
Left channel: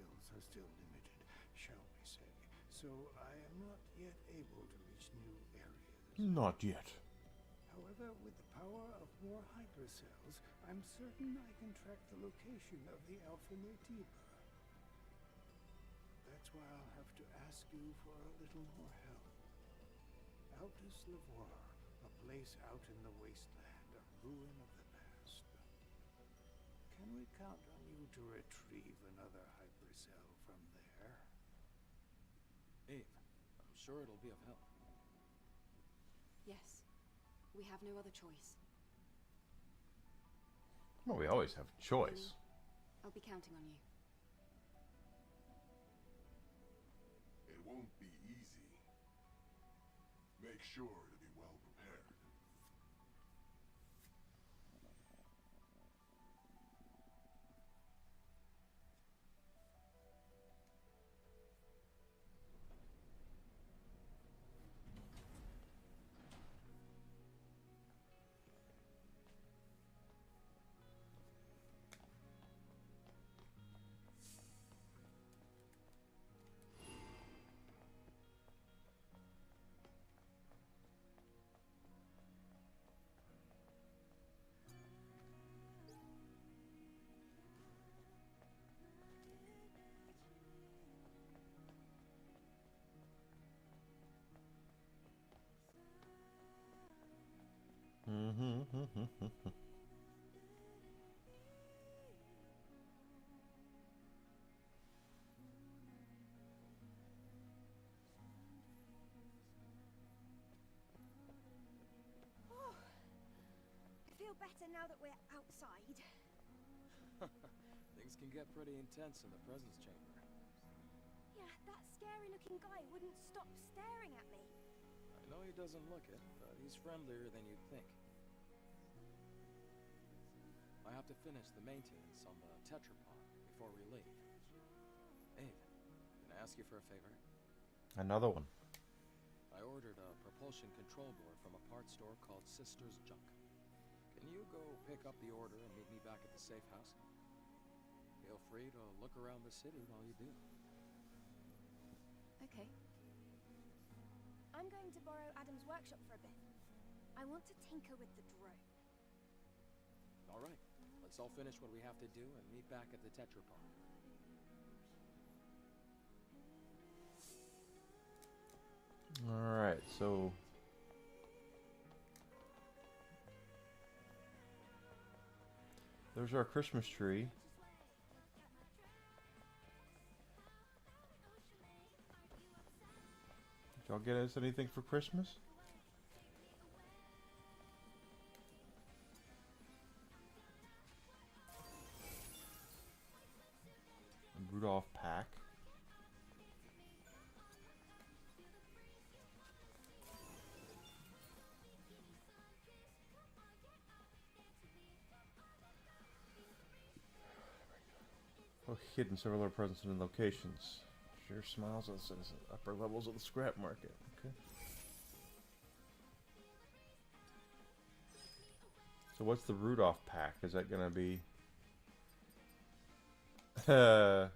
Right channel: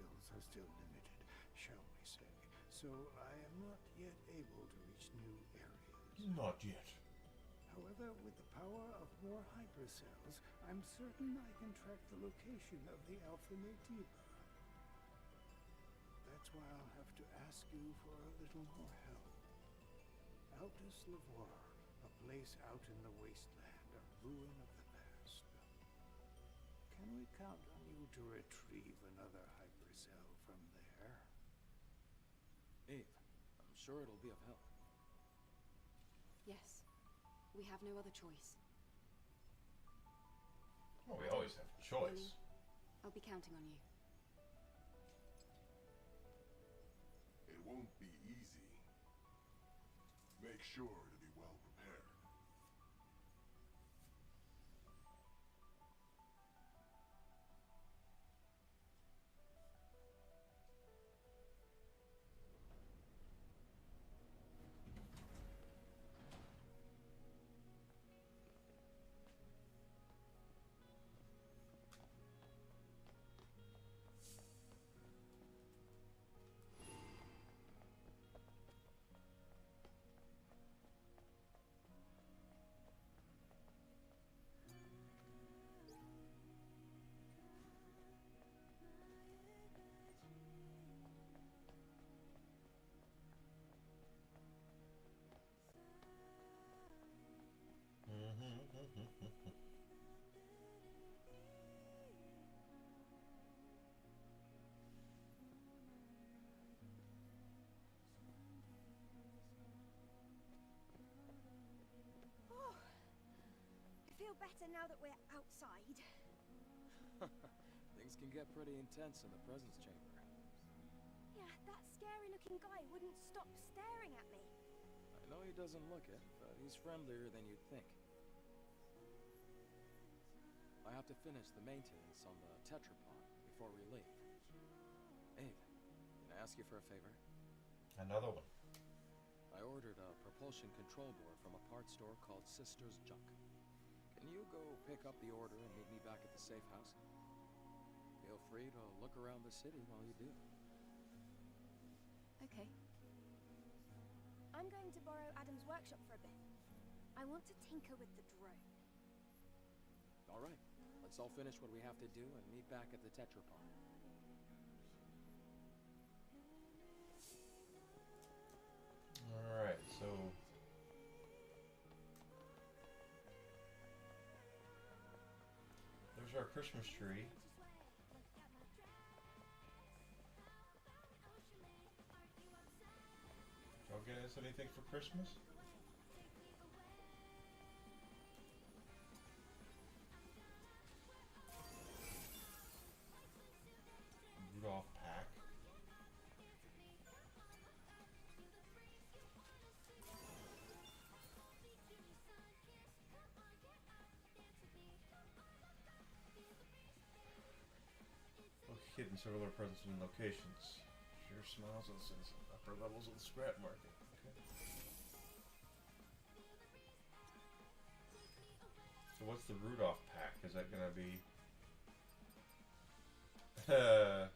skills are still limited, shall we say, so I am not yet able to reach new areas. Not yet. However, with the power of more hypercells, I'm certain I can track the location of the Alpha Naytiba. That's why I'll have to ask you for a little more help. Altus Lavoir, a place out in the wasteland, a ruin of the past. Can we count on you to retrieve another hypercell from there? Eve, I'm sure it'll be of help. Yes. We have no other choice. Well, we always have a choice. I'll be counting on you. It won't be easy. Make sure to be well prepared. Oh, I feel better now that we're outside. Things can get pretty intense in the presence chamber. Yeah, that scary-looking guy wouldn't stop staring at me. I know he doesn't look it, but he's friendlier than you'd think. I have to finish the maintenance on the tetrapod before we leave. Ave, can I ask you for a favor? Another one. I ordered a propulsion control board from a parts store called Sister's Junk. Can you go pick up the order and meet me back at the safe house? Feel free to look around the city while you do. Okay. I'm going to borrow Adam's workshop for a bit. I want to tinker with the drone. All right. Let's all finish what we have to do and meet back at the tetrapod. Alright, so... there's our Christmas tree. Did y'all get us anything for Christmas? A Rudolph pack. Oh, hidden several other presents and locations. Share smiles on the upper levels of the scrap market. Okay. So what's the Rudolph pack? Is that gonna be? Let's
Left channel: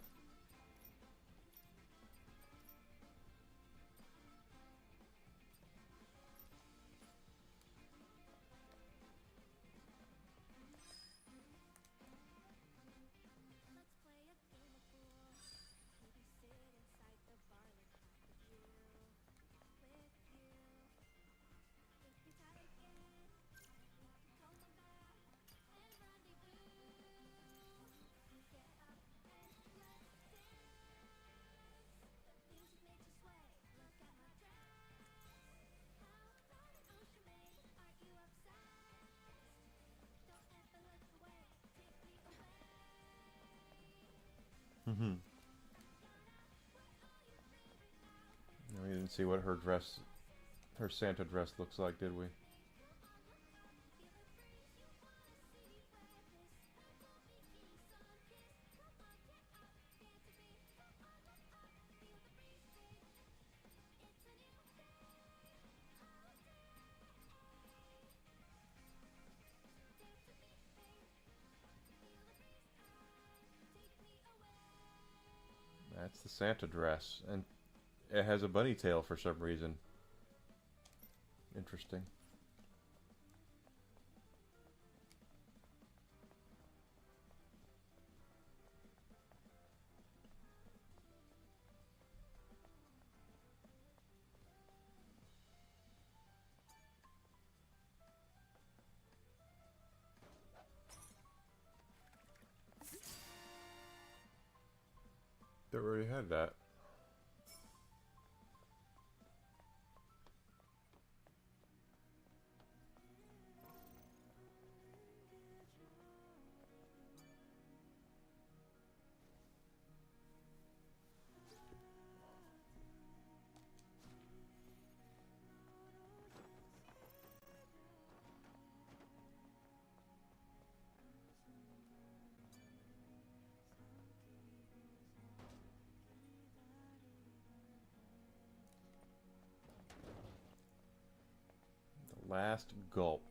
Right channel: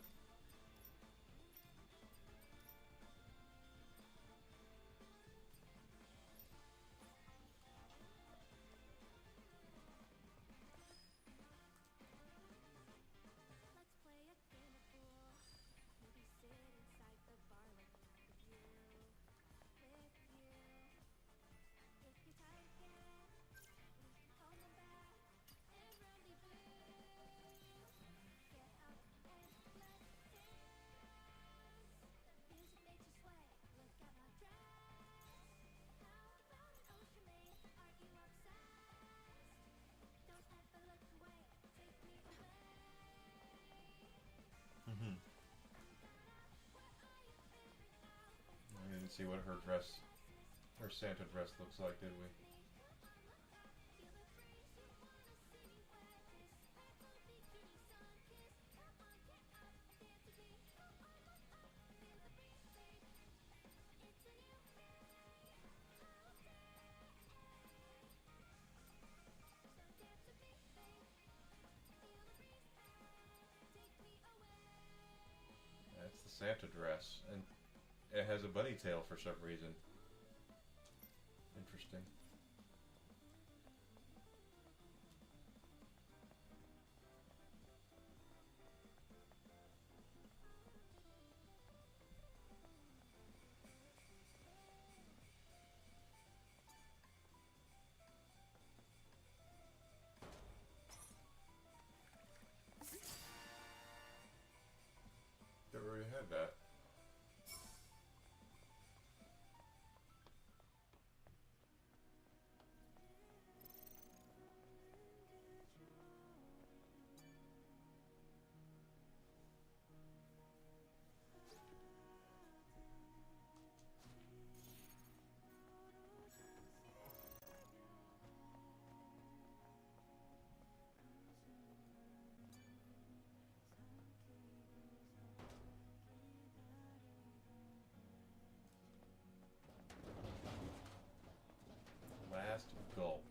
play a game of pool. Maybe sit inside the bar like half of you. With you. If you're tired again, we can call my back and rendezvous. Get up and let's dance. The music makes you sway. Look at my dress. How about an ocean maze? Aren't you obsessed? Don't ever look away. Take me away. Mm-hmm. We didn't see what her dress, her Santa dress looks like, did we? That's the Santa dress, and it has a bunny tail for some reason. Interesting. They already had that. Last gulp.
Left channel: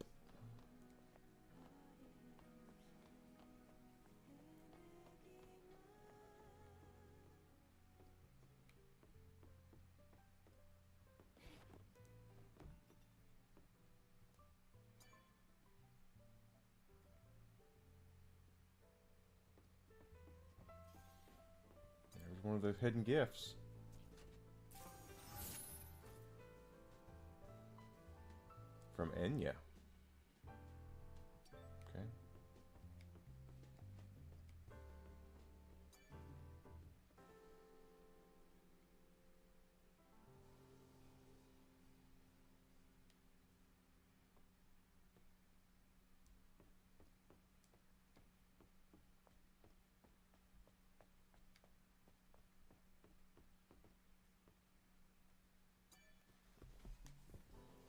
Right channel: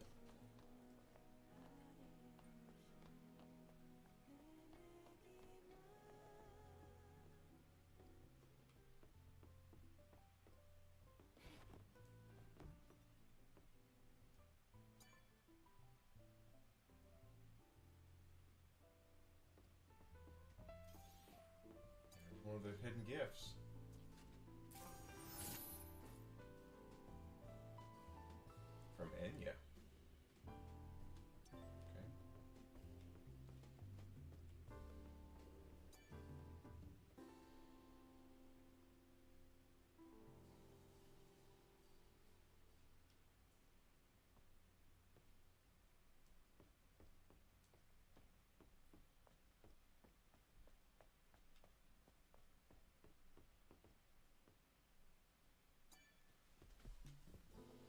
There's one of the hidden gifts. From Enya. Okay.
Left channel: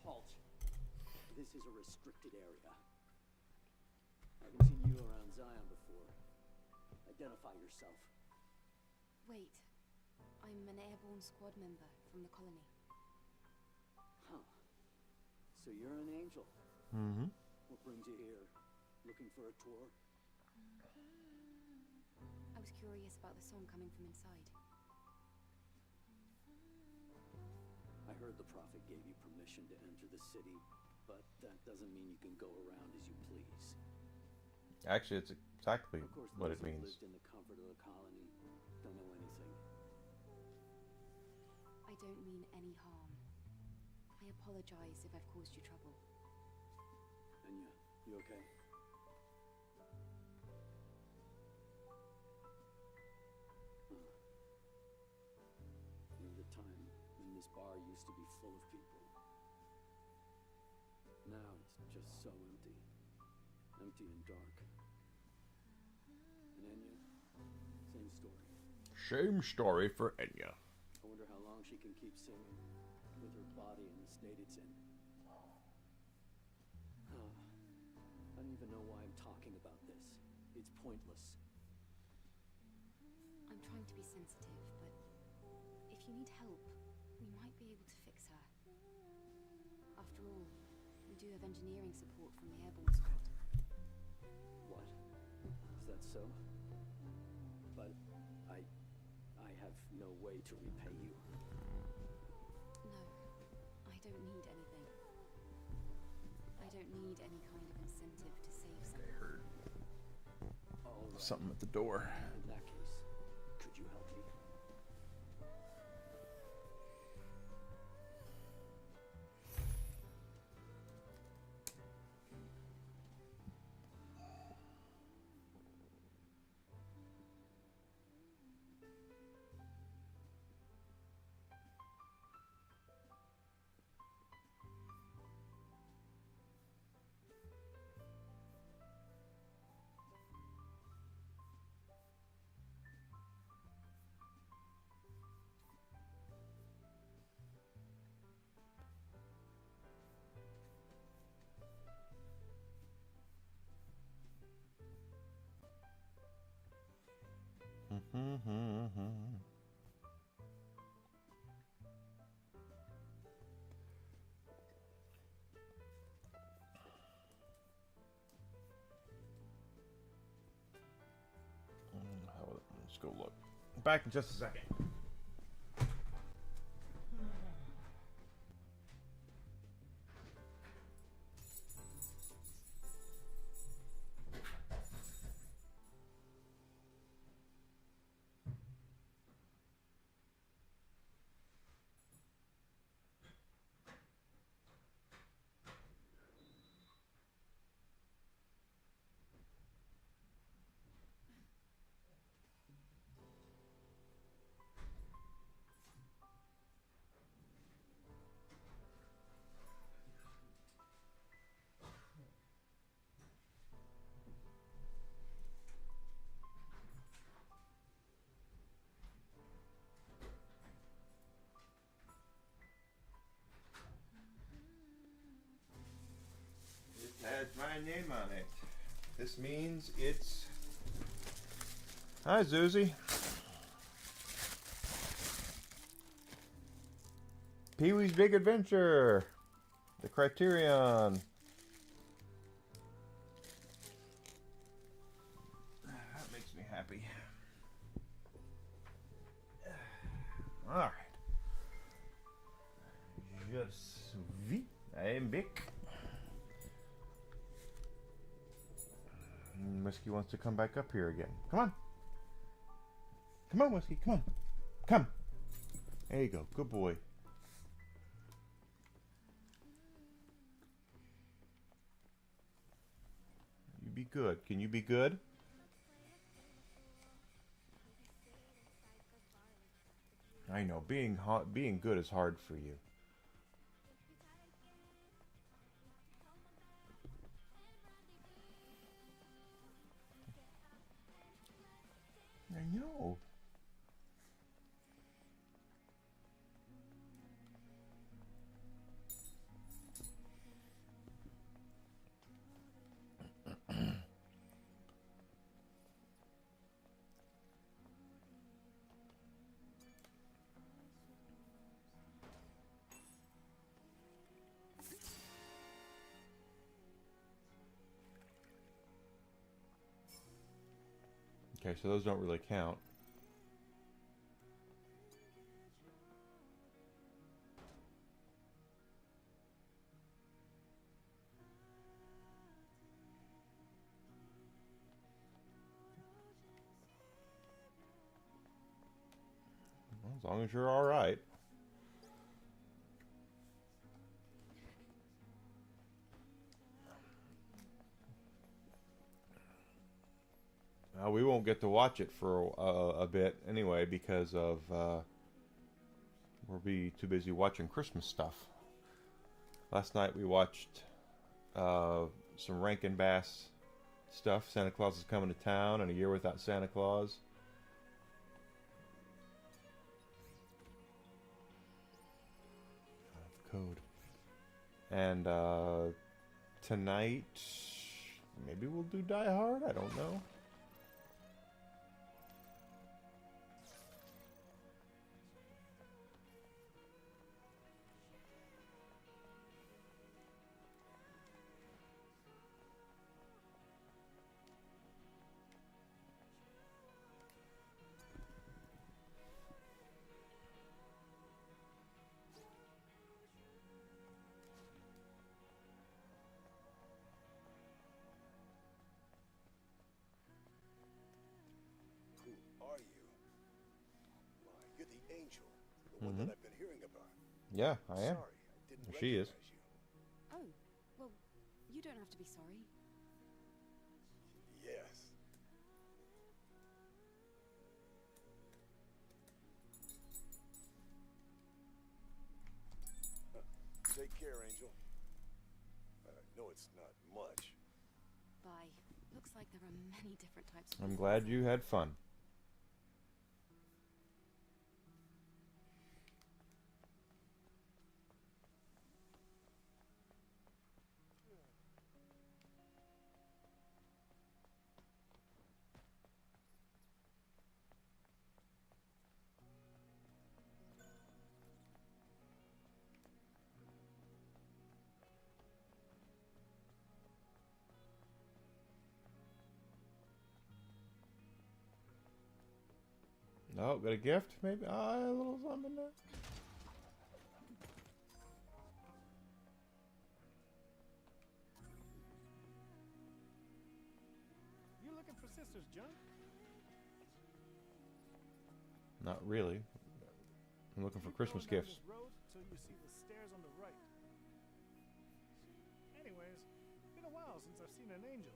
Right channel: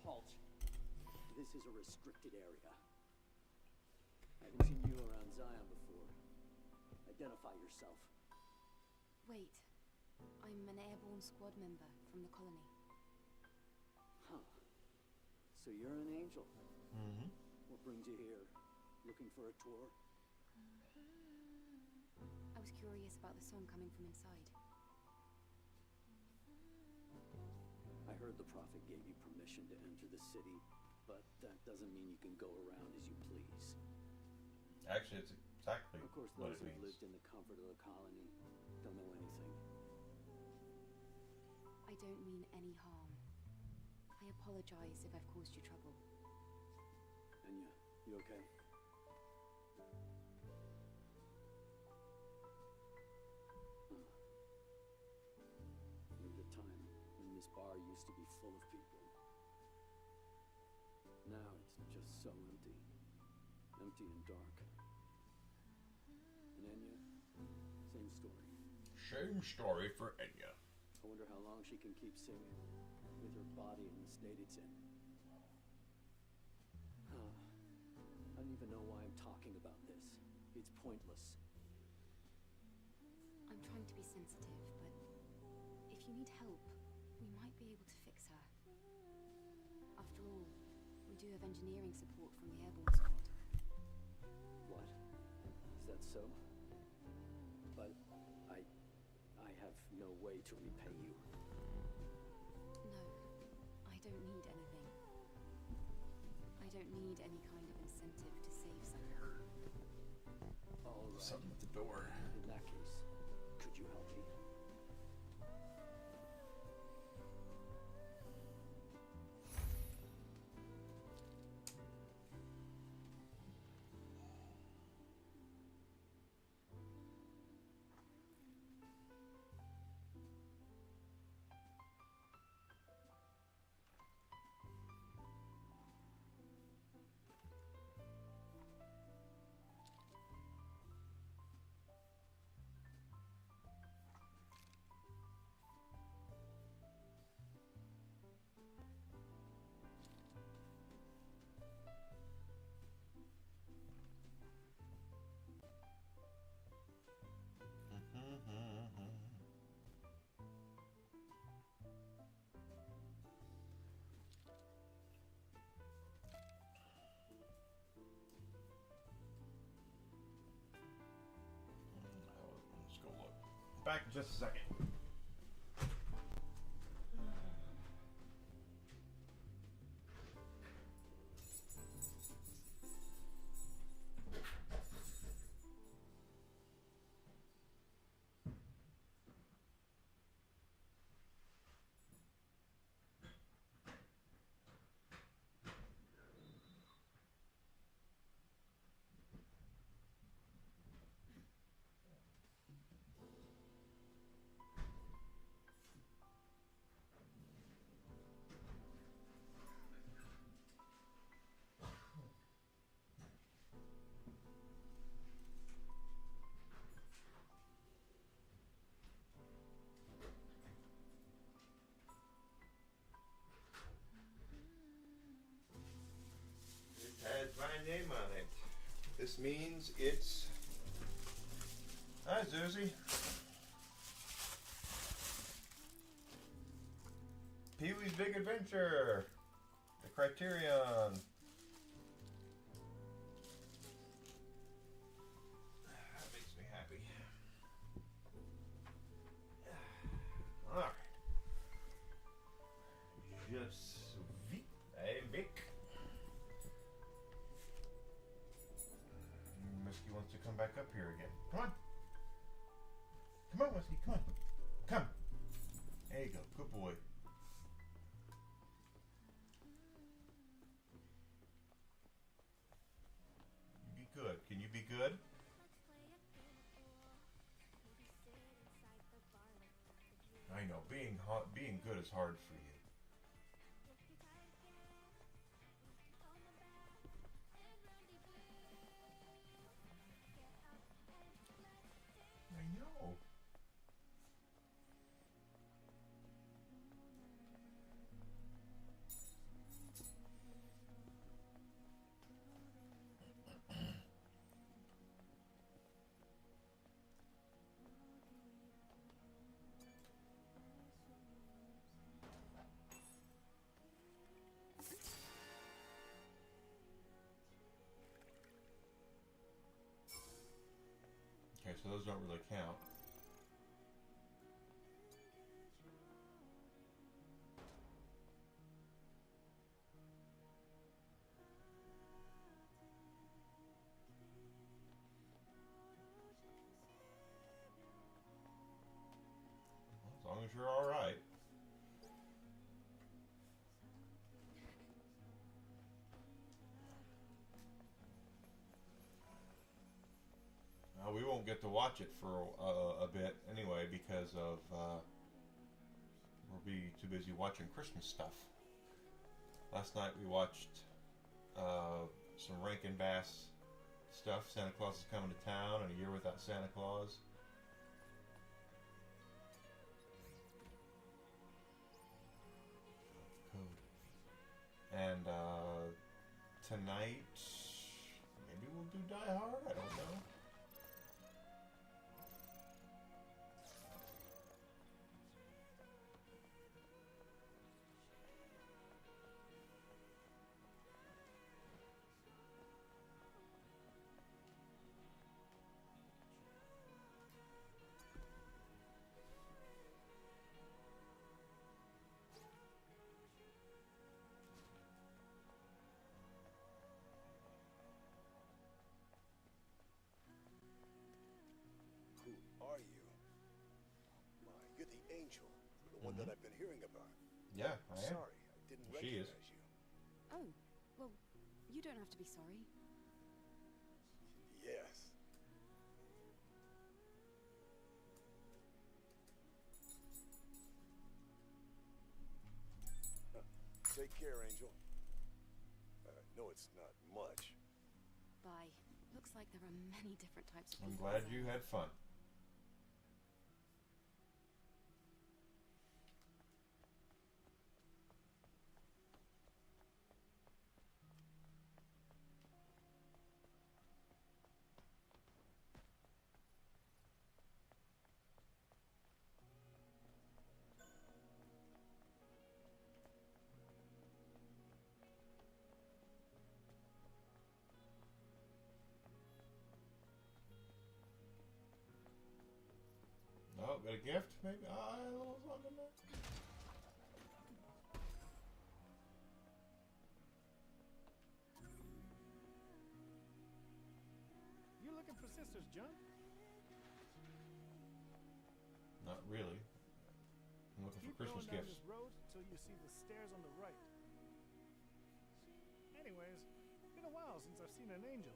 Halt. This is a restricted area. I haven't seen you around Zion before. Identify yourself. Wait. I'm an airborne squad member from the colony. Huh. So you're an angel. Mm-hmm. What brings you here? Looking for a tour? I was curious about the song coming from inside. I heard the Prophet gave you permission to enter the city, but that doesn't mean you can go around as you please. Actually, it's exactly Of course, what those it who've means. lived in the comfort of the colony don't know anything. I don't mean any harm. I apologize if I've caused you trouble. Enya, you okay? There was a time when this bar used to be full of people. Now it's just so empty. Empty and dark. And Enya, same story. Same story for Enya. I wonder how long she can keep singing with her body in the state it's in. I don't even know why I'm talking about this. It's pointless. I'm trying to be sensitive, but if you need help, we might be able to fix her. After all, we do have engineering support from the airborne squad. What? Is that so? But I have no way to repay you. No, I don't need anything. I don't need any kind of incentive to save someone. All right. Something at the door. In that case, could you help me? Let's go look. back in just a second. Has my name on it. This means it's... Hi, Zuzi. Pee-wee's Big Adventure. The Criterion. That makes me happy. Alright. Je suis un Vic. Whiskey wants to come back up here again. Come on. Come on, Whiskey. Come on. Come. There you go. Good boy. You be good. Can you be good? I know. Being good is hard for you. I know. Okay, so those don't really count. Well, as long as you're all right. We won't get to watch it for a bit anyway because of we'll be too busy watching Christmas stuff. Last night we watched some Rankin Bass stuff. Santa Claus is Coming to Town and A Year Without Santa Claus. Code. And tonight maybe we'll do Die Hard. I don't know. Are you? Why, you're the angel. The one that I've been hearing about. Yeah, I am. Sorry, I didn't She is. recognize you. Oh, well, you don't have to be sorry. Yes. Take care, Angel. No, it's not much. Bye. Looks like there are many different types of I'm people glad out you there. had fun. Oh, got a gift, maybe? Ah, a little something there. You looking for Sisters, John? Not really. I'm looking for Keep Christmas going down gifts. this road till you see the stairs on the right. Anyways, been a while since I've seen an angel.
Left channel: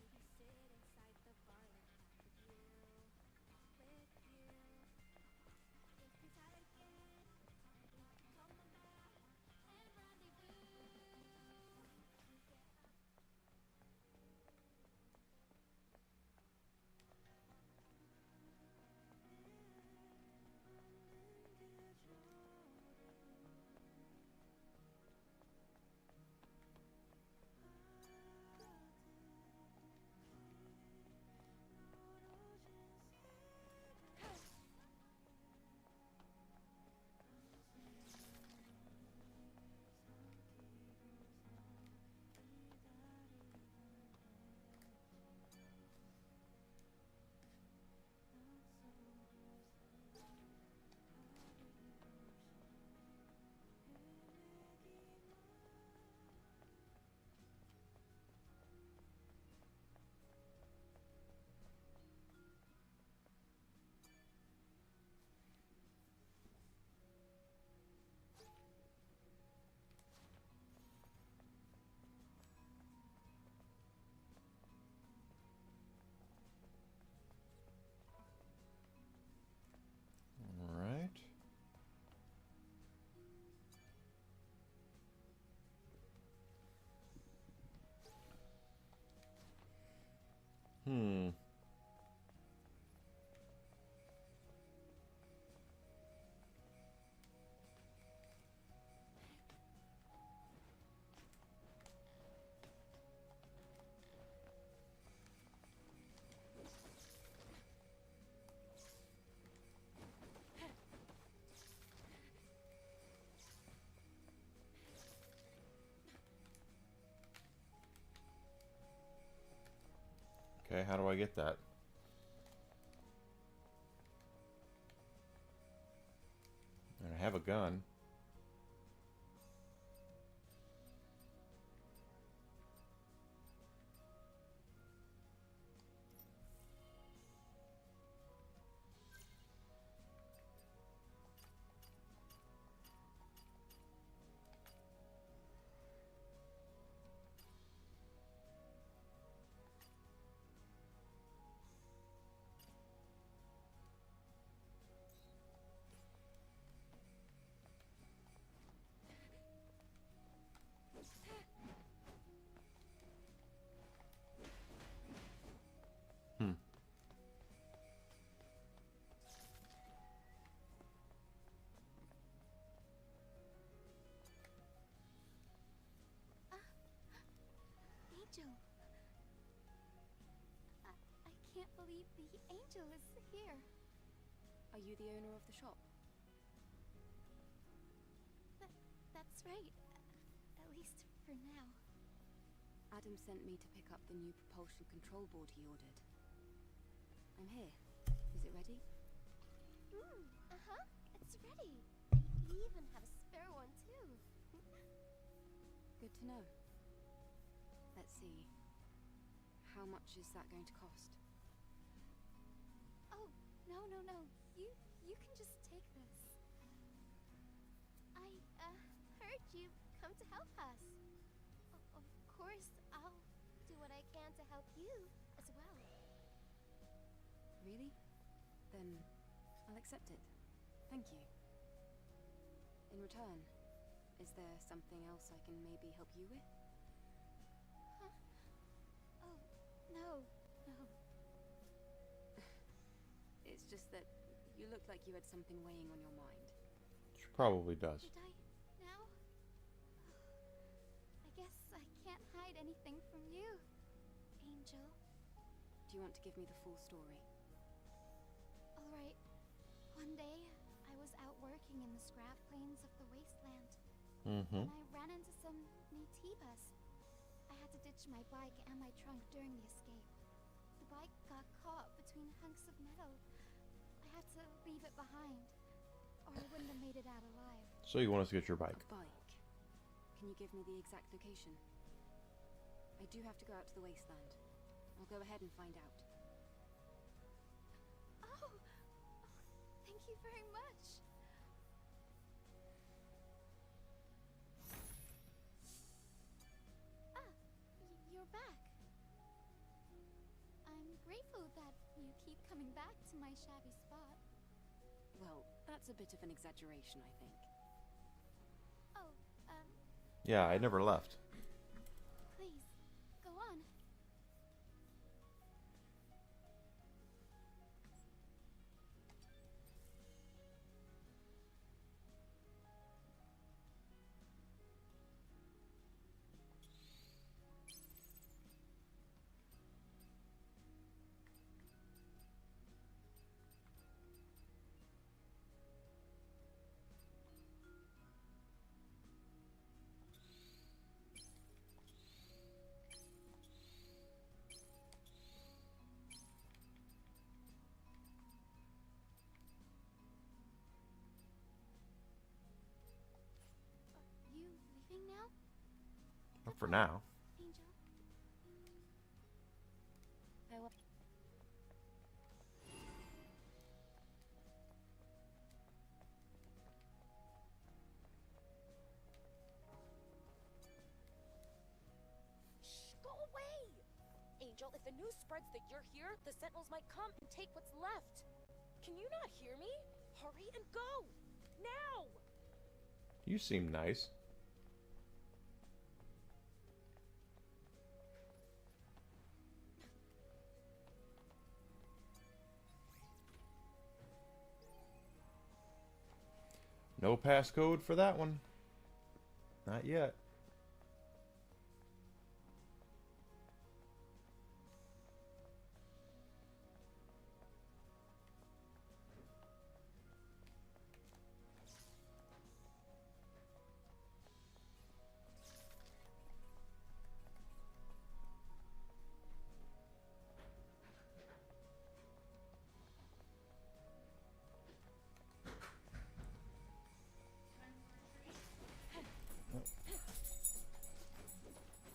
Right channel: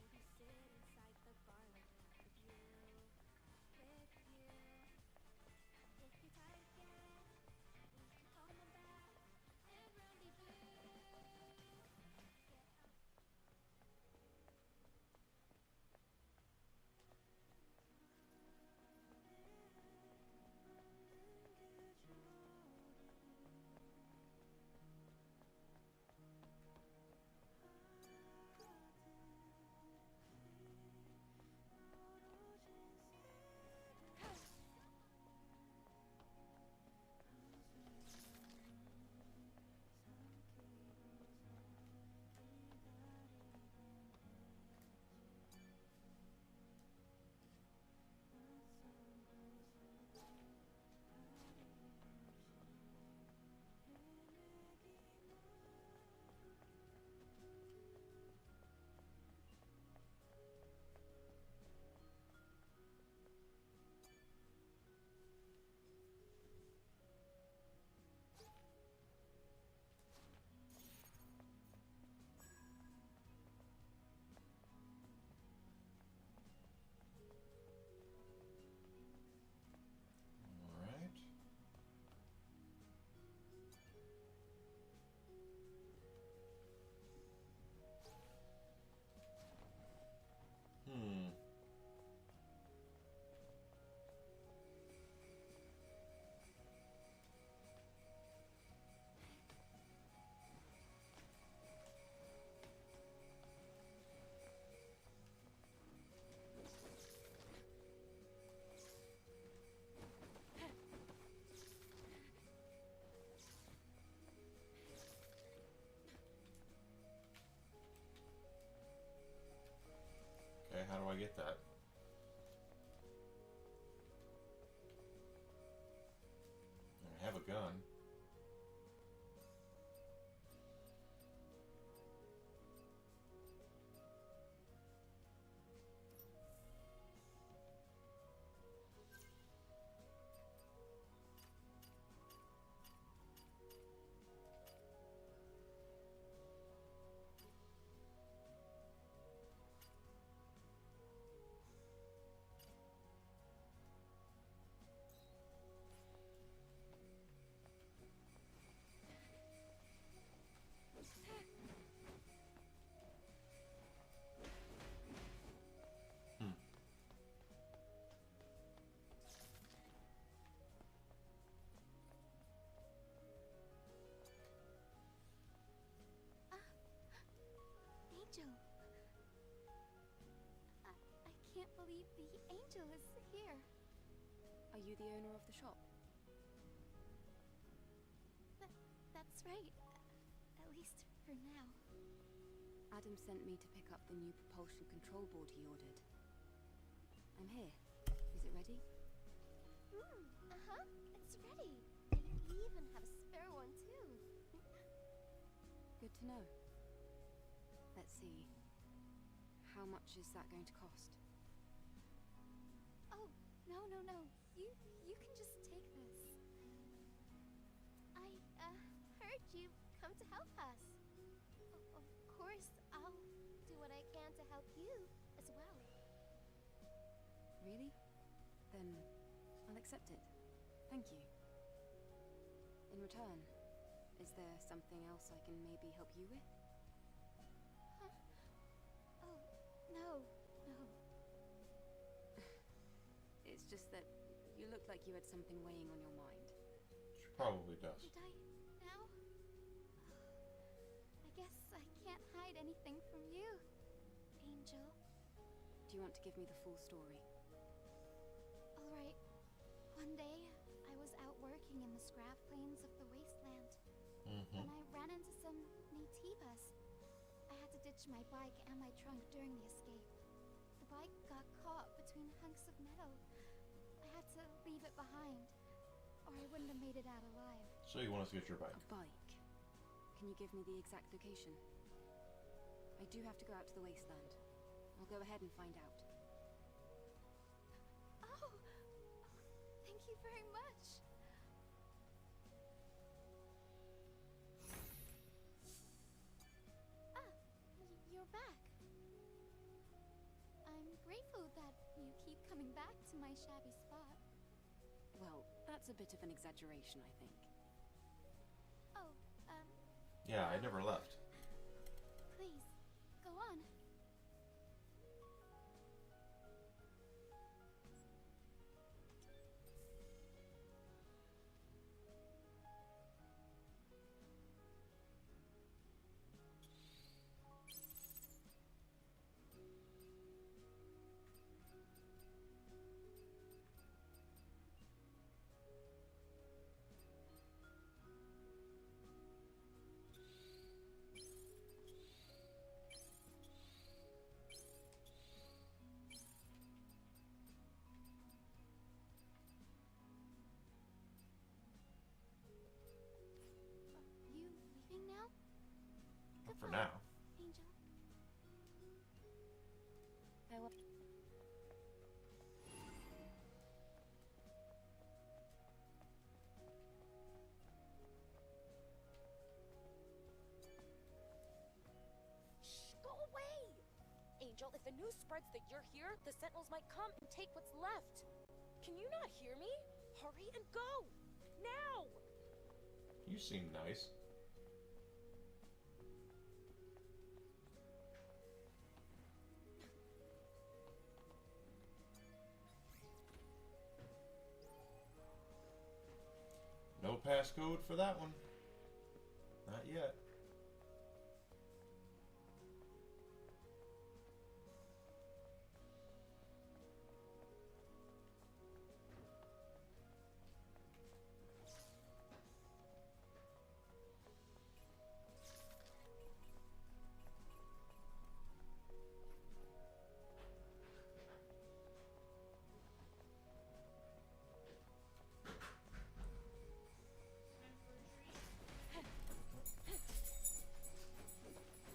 Maybe sit inside the bar like half of you, with you. If you're tired again, we can call my back and rendezvous. Alright. Hmm. Okay, how do I get that? And I have a gun. Hmm. Angel. I can't believe the angel is here. Are you the owner of the shop? That's right. At least for now. Adam sent me to pick up the new propulsion control board he ordered. I'm here. Is it ready? Uh-huh. It's ready. I even have a spare one, too. Good to know. Let's see. How much is that going to cost? Oh, no. You can just take this. I, heard you come to help us. Of course, I'll do what I can to help you as well. Really? Then I'll accept it. Thank you. In return, is there something else I can maybe help you with? Huh? Oh, no. It's just that you look like you had something weighing on your mind. She probably does. Did I now? I guess I can't hide anything from you, Angel. Do you want to give me the full story? Alright. One day, I was out working in the scrap plains of the wasteland when I ran into some Naytibas. I had to ditch my bike and my trunk during the escape. The bike got caught between hunks of metal. I had to leave it behind, or I wouldn't have made it out alive. So you want us to get your bike? A bike. Can you give me the exact location? I do have to go out to the wasteland. I'll go ahead and find out. Oh, thank you very much. You're back. I'm grateful that you keep coming back to my shabby spot. Well, that's a bit of an exaggeration, I think. Oh, Yeah, I never left. please, go on. You leaving now, Not for now. Angel? I will. Shh, go away! Angel, if the news spreads that you're here, the Sentinels might come and take what's left. Can you not hear me? Hurry and go! Now! You seem nice. No passcode for that one. Not yet.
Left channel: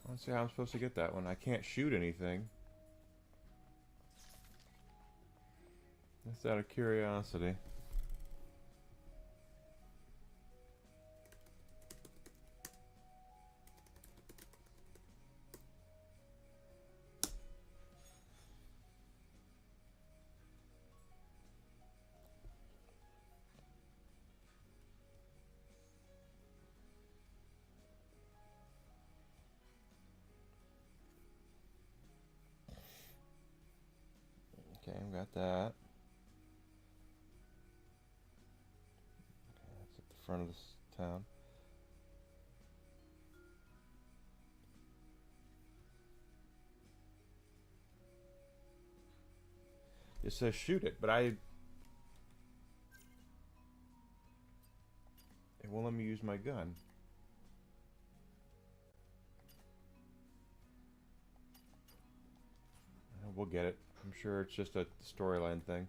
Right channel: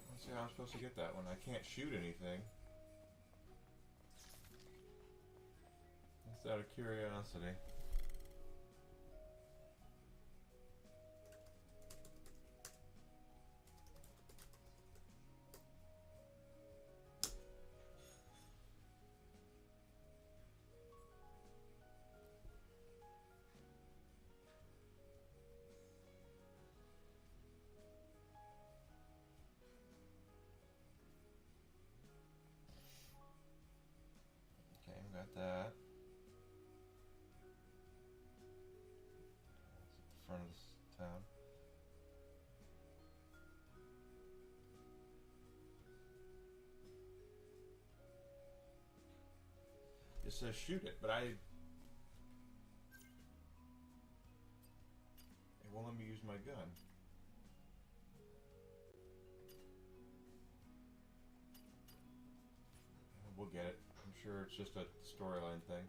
Let's see how I'm supposed to get that one. I can't shoot anything. Just out of curiosity. Okay, we got that. Okay, that's at the front of this town. It says shoot it, but it won't let me use my gun. We'll get it. I'm sure it's just a storyline thing.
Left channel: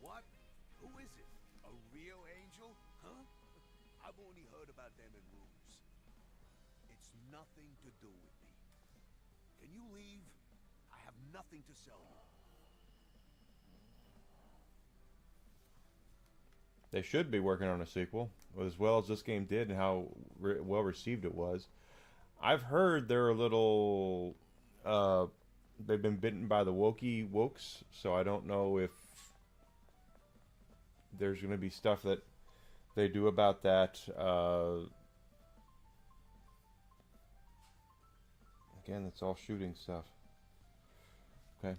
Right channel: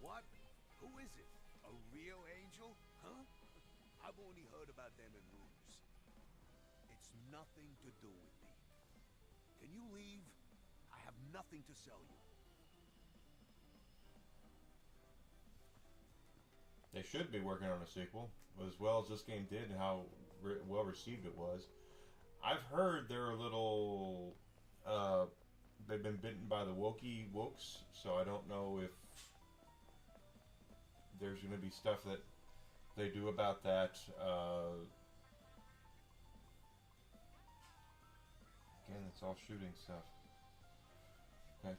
What? Who is it? A real angel? Huh? I've only heard about them in rumors. It's nothing to do with me. Can you leave? I have nothing to sell you. They should be working on a sequel, as well as this game did and how well received it was. I've heard they're a little... they've been bitten by the wokes, so I don't know if there's going to be stuff that they do about that. Again, it's all shooting stuff. Okay.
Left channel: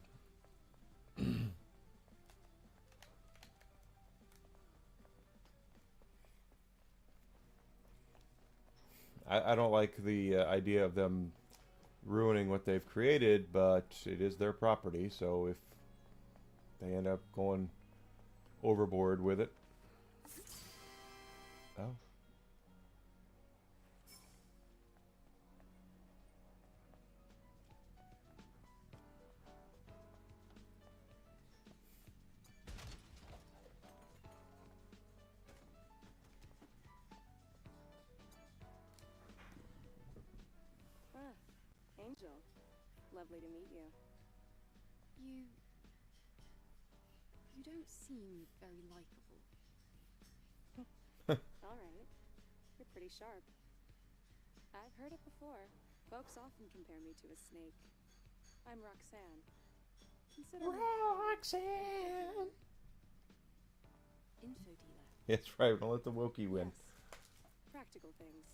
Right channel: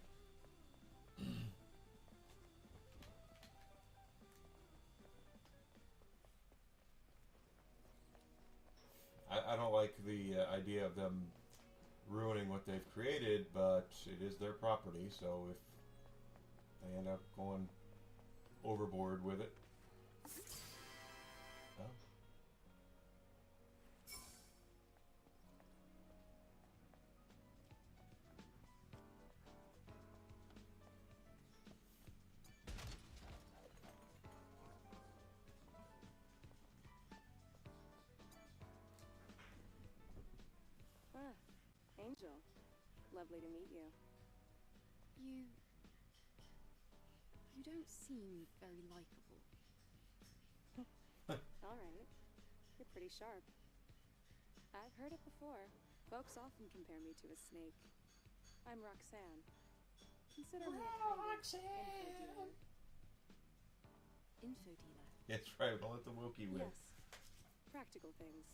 I don't like the idea of them ruining what they've created, but it is their property, so if they end up going overboard with it. Oh. Ah, Angel. Lovely to meet you. You don't seem very likable. Alright. You're pretty sharp. I've heard it before. Folks often compare me to a snake. I'm Roxanne. Consider me Roxanne! Info dealer. That's right, we'll let the Wookiee win. Yes. Practical things.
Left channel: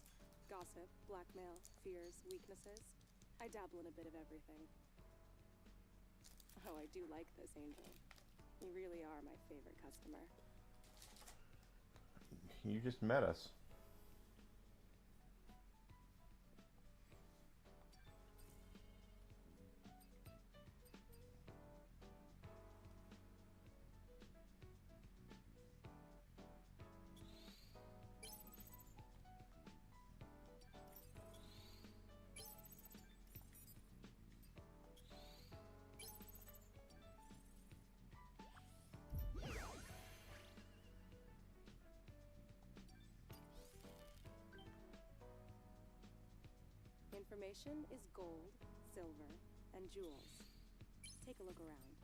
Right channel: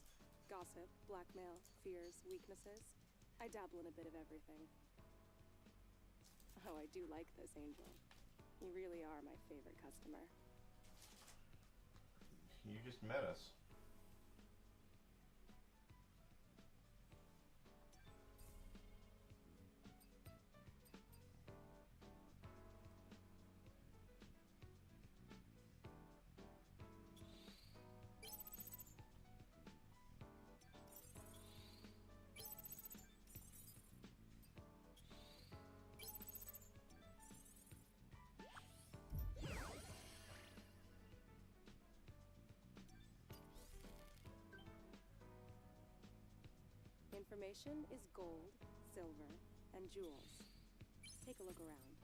Gossip, blackmail, fears, weaknesses. I dabble in a bit of everything. Oh, I do like this, Angel. You really are my favorite customer. You just met us. Information is gold, silver, and jewels. Take a look around.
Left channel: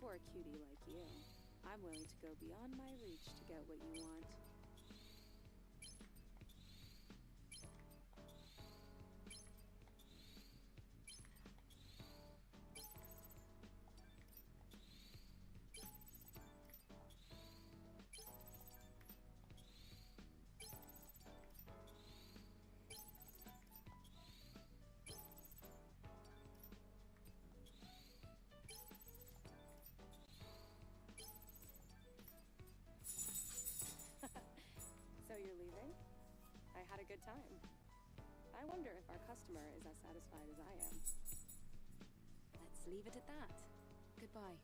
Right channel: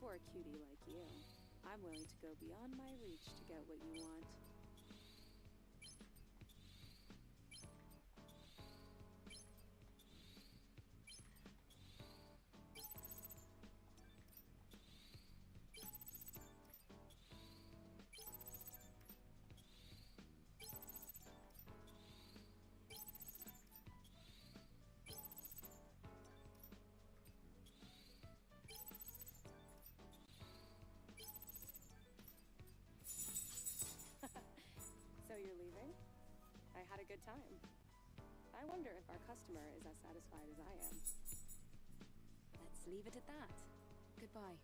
For a cutie like you, I'm willing to go beyond my reach to get what you want. So you're leaving? I had a good time. I wonder if our customer is as satisfied as I am. Let's leave it at that. Goodbye.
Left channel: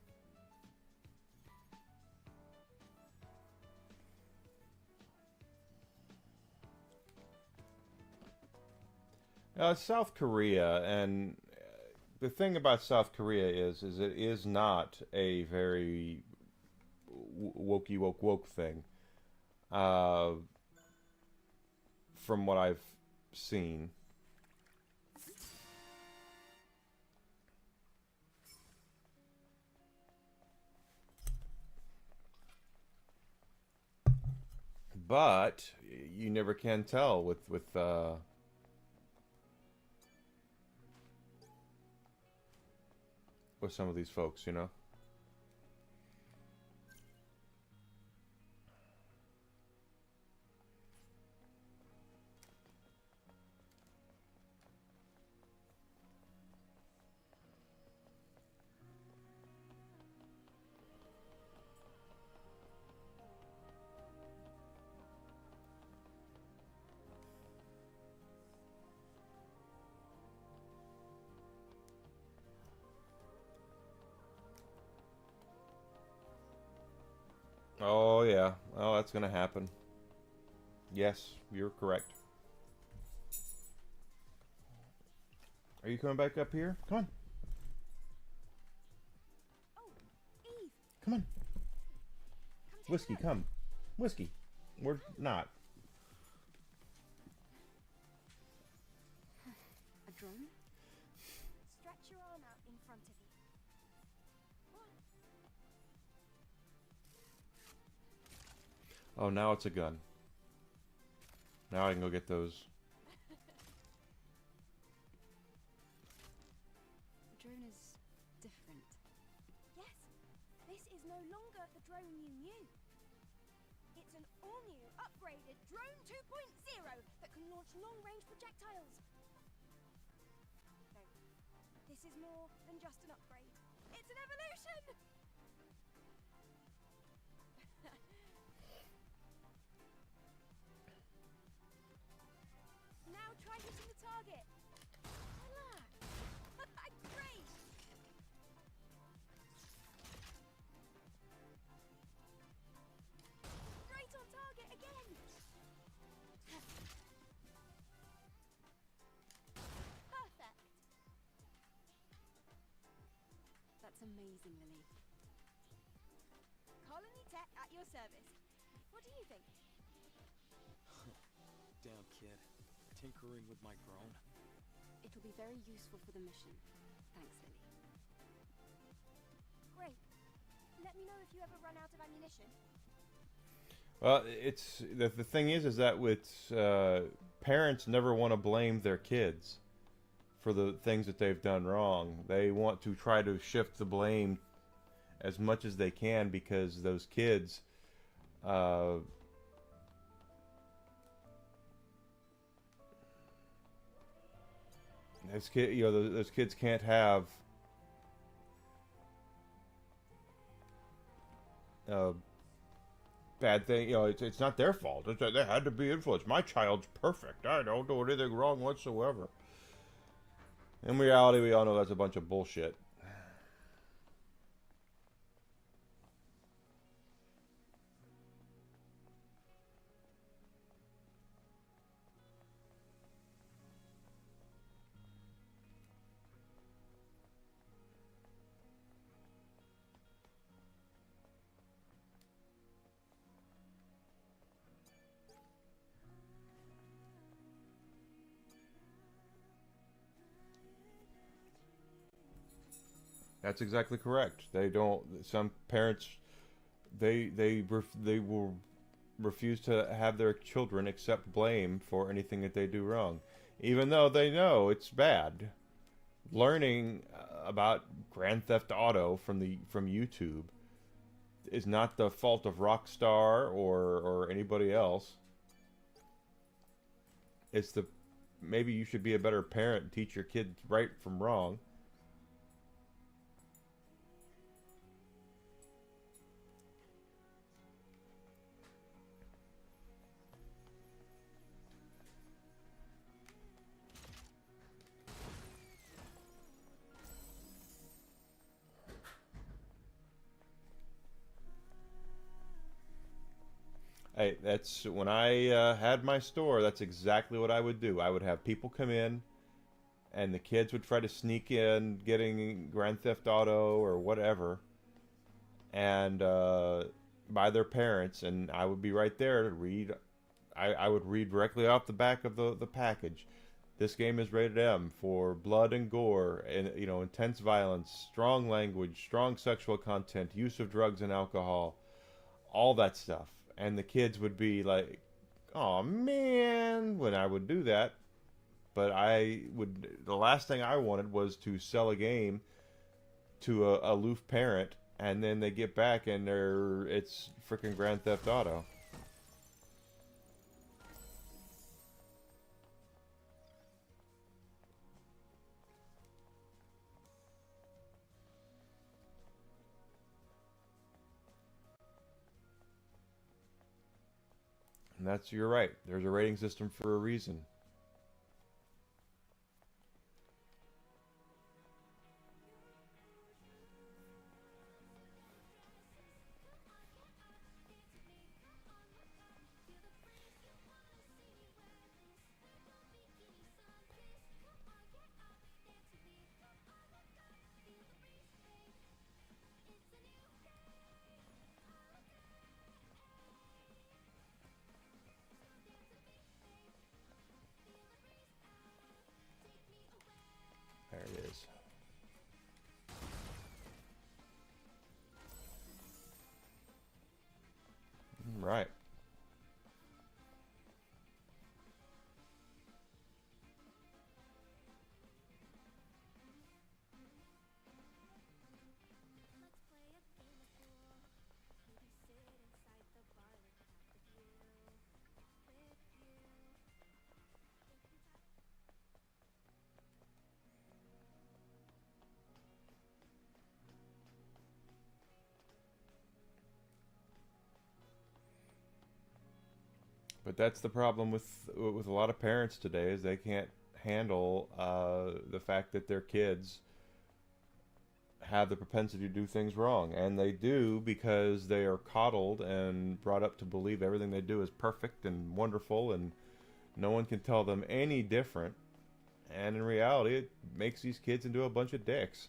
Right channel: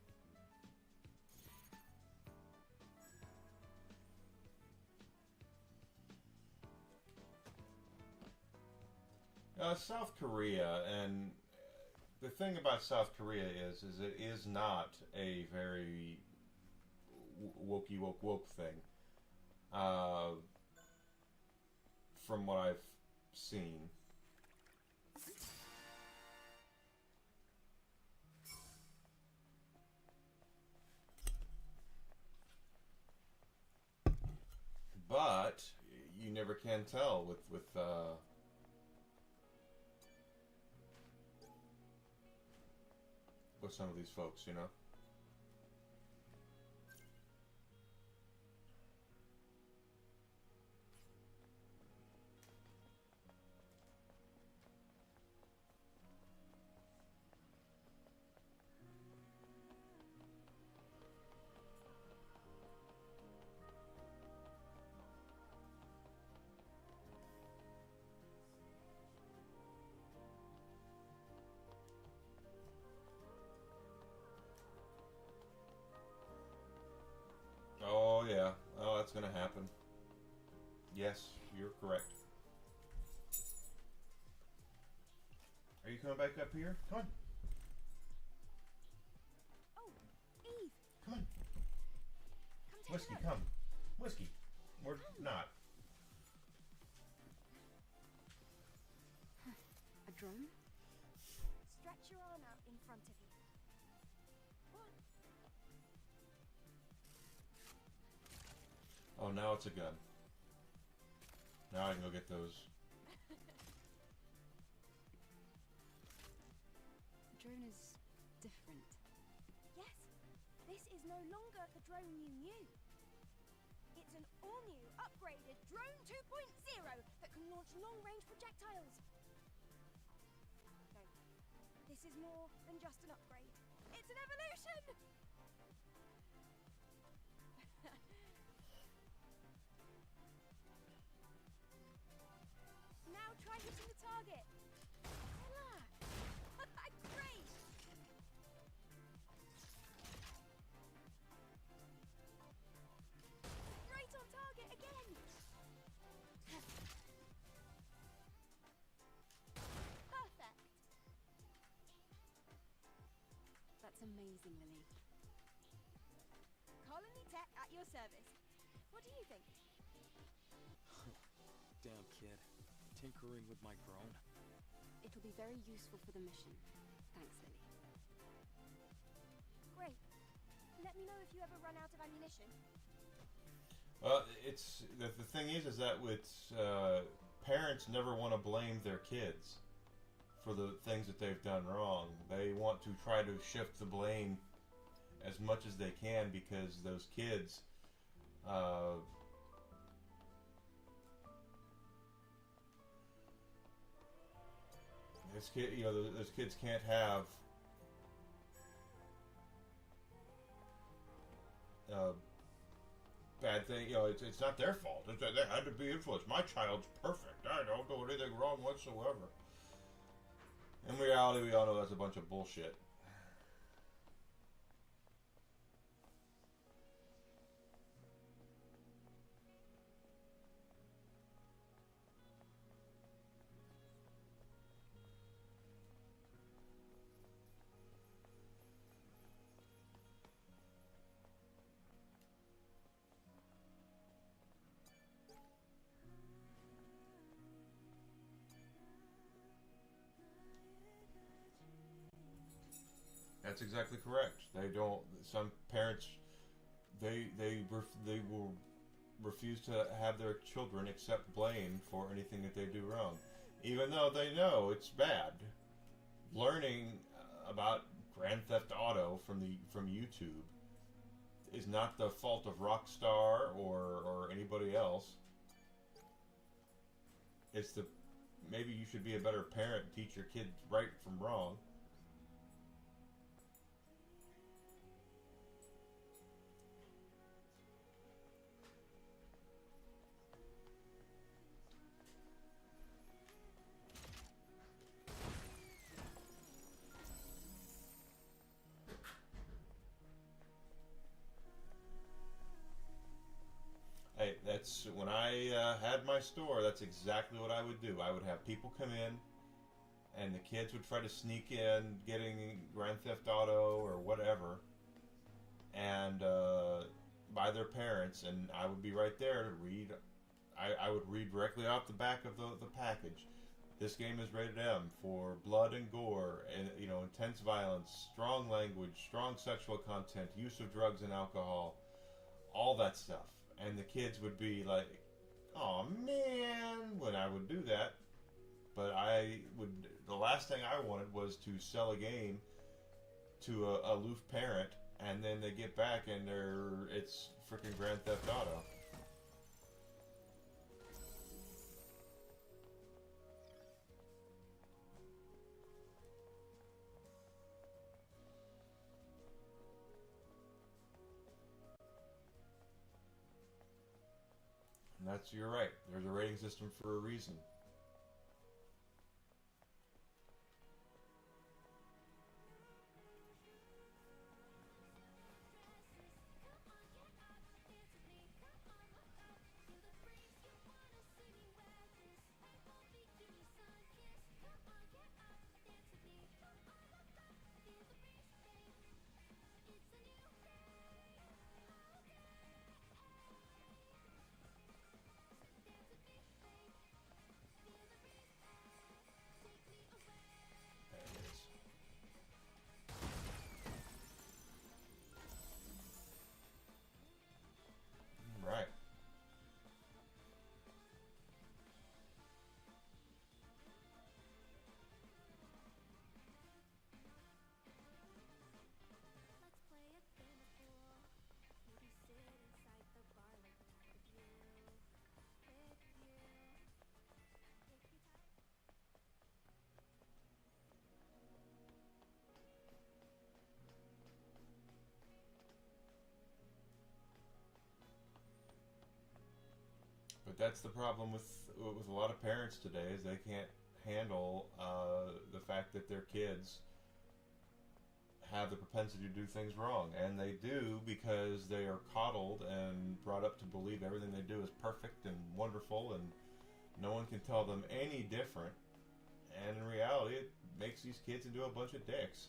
South Korea, and the thing about South Korea is it is not a very wokey woke thing. From what I've seen. But you never can tell with some of these folks, you know. Oh, yeah. Oh, that's gonna happen. Yes, you're correct. Are you coming back up here? Come on. Oh, Eve. Come on. Whiskey, come. Whiskey. We're not. A drone? Stretch your arm out in front of you. Oh, now it's a gun. Now I can go get those. The drone is different. Yes, this is no longer the drone you knew. It's an all-new, upgraded Drone 2.0 that can launch long-range projectiles. No, this is more than just an upgrade. It's It's an evolution! Now try hitting the target. Relax. Great! Right on target again! Perfect! That's amazing, Lily. Colony Tech at your service. What do you think? Damn, kid. Tinkering with my drone? It'll be very useful for the mission. Thanks, Lily. Great. Let me know if you ever run out of ammunition. Well, it's the thing is that with parents never want to blame their kids for the things that they've done wrong. They want to try to shift the blame as much as they can because those kids those kids can't have bad thing. It's not their fault. They had to be influenced. My child's perfect. I don't do anything wrong whatsoever. In reality, we all know that's a bunch of bullshit. That's exactly correct. They don't. Some parents, they will refuse to have their children accept blame for anything that they do wrong, even though they know it's bad. Learning about Grand Theft Auto from YouTube is not the fault of Rockstar or anybody else. It's maybe you should be a better parent and teach your kids right from wrong. Hey, that's when I had my store. That's exactly what I would do. I would have people come in, and the kids would try to sneak in, getting Grand Theft Auto or whatever, and by their parents, and I would be right there to read. I would read directly off the back of the package. This game is rated M for blood and gore, and intense violence, strong language, strong sexual content, use of drugs and alcohol, all that stuff. And the kids would be like, "Oh man," when I would do that. But the last thing I wanted was to sell a game to a aloof parent, and then they get back and it's freaking Grand Theft Auto. And you're right. There's a rating system for a reason. But that's the problem with a lot of parents today, is they can't handle the fact that their kids have the propensity to do things wrong, and they do because they are coddled and brought up to believe everything they do is perfect and wonderful, and no one can tell them any different. And in reality, it makes these kids into a bunch of dicks.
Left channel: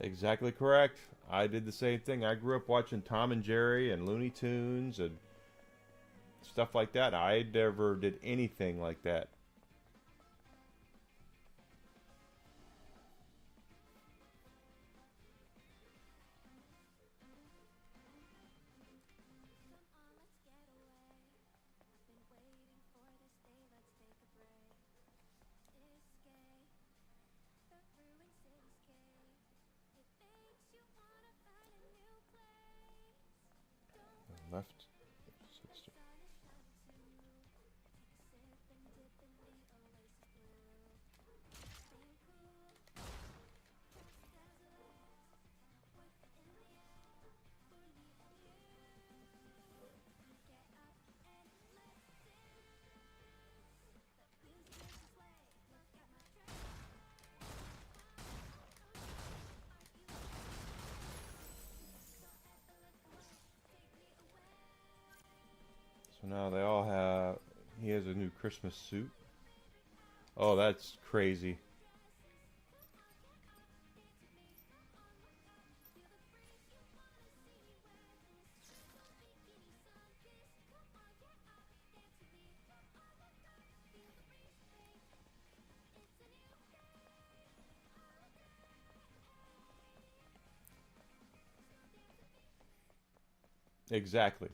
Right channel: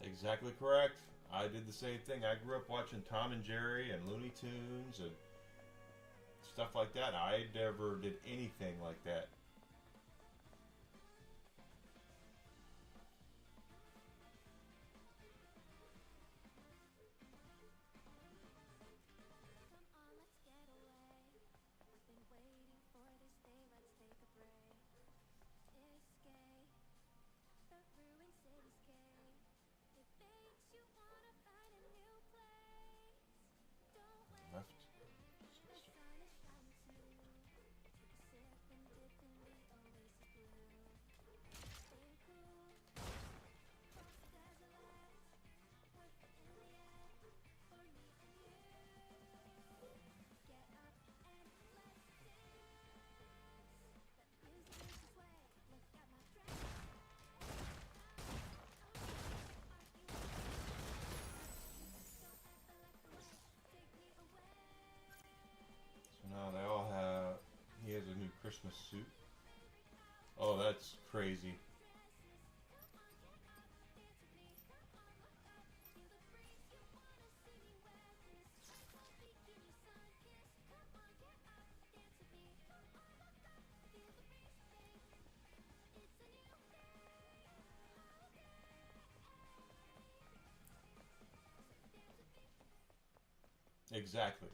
Exactly correct. I did the same thing. I grew up watching Tom and Jerry and Looney Tunes and stuff like that. I never did anything like that. Left. So now they all have... He has a new Christmas suit. Oh, that's crazy. Exactly.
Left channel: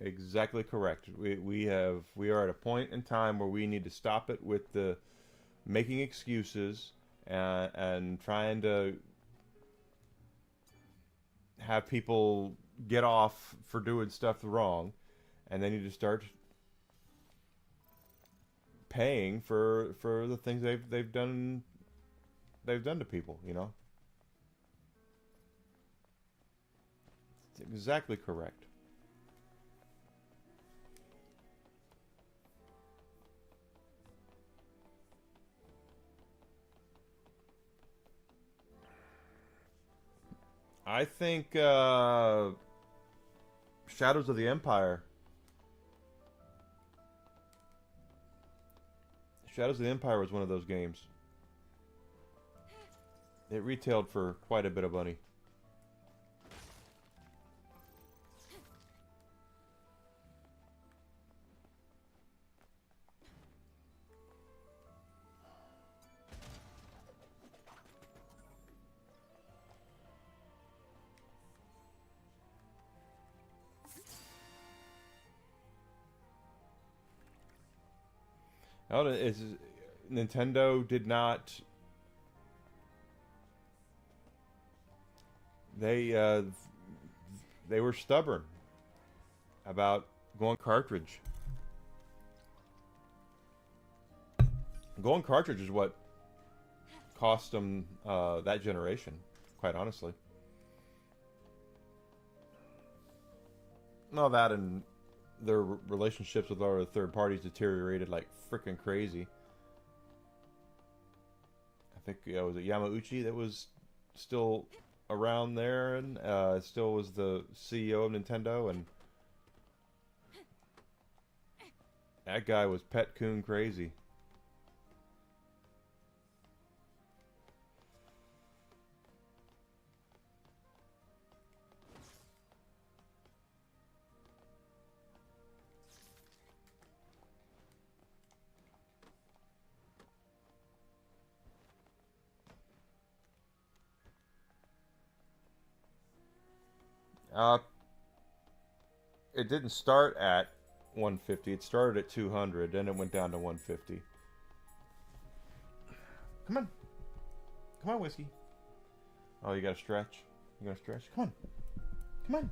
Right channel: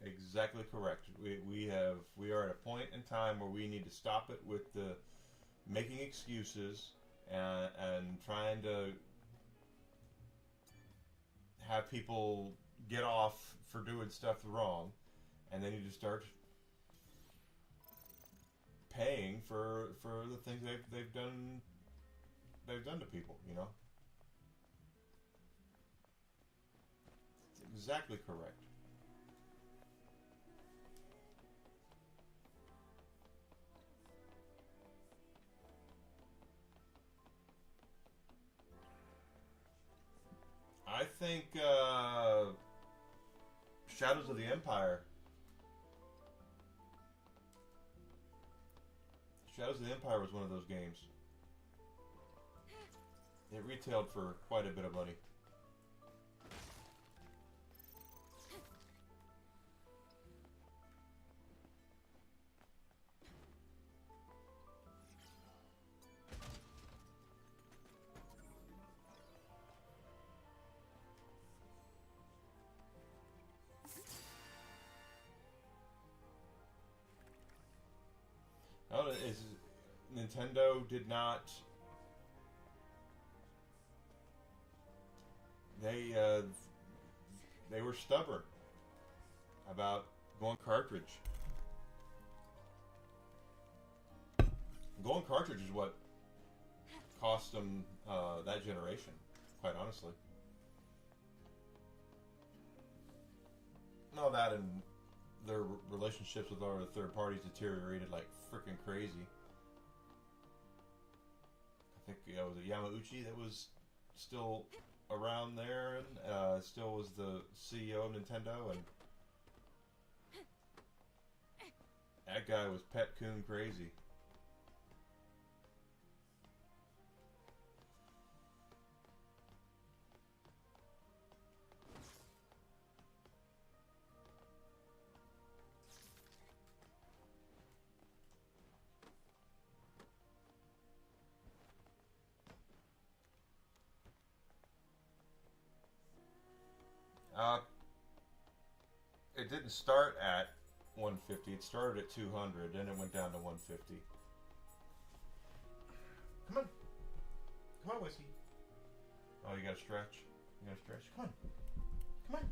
Exactly correct. We are at a point in time where we need to stop it with the making excuses and trying to have people get off for doing stuff wrong, and they need to start paying for the things they've done to people, you know. It's exactly correct. I think Shadows of the Empire. Shadows of the Empire was one of those games. It retailed for quite a bit of money. Oh, Nintendo did not. They were stubborn about going cartridge. Going cartridge is what cost them that generation, quite honestly. No, that and their relationships with all the third parties deteriorated like freaking crazy. I think was it Yamauchi that was still around there, and still was the CEO of Nintendo, and that guy was pet coon crazy. It didn't start at 150. It started at 200, then it went down to 150. Come on. Come on, Whiskey. Oh, you gotta stretch? You gotta stretch? Come on. Come on.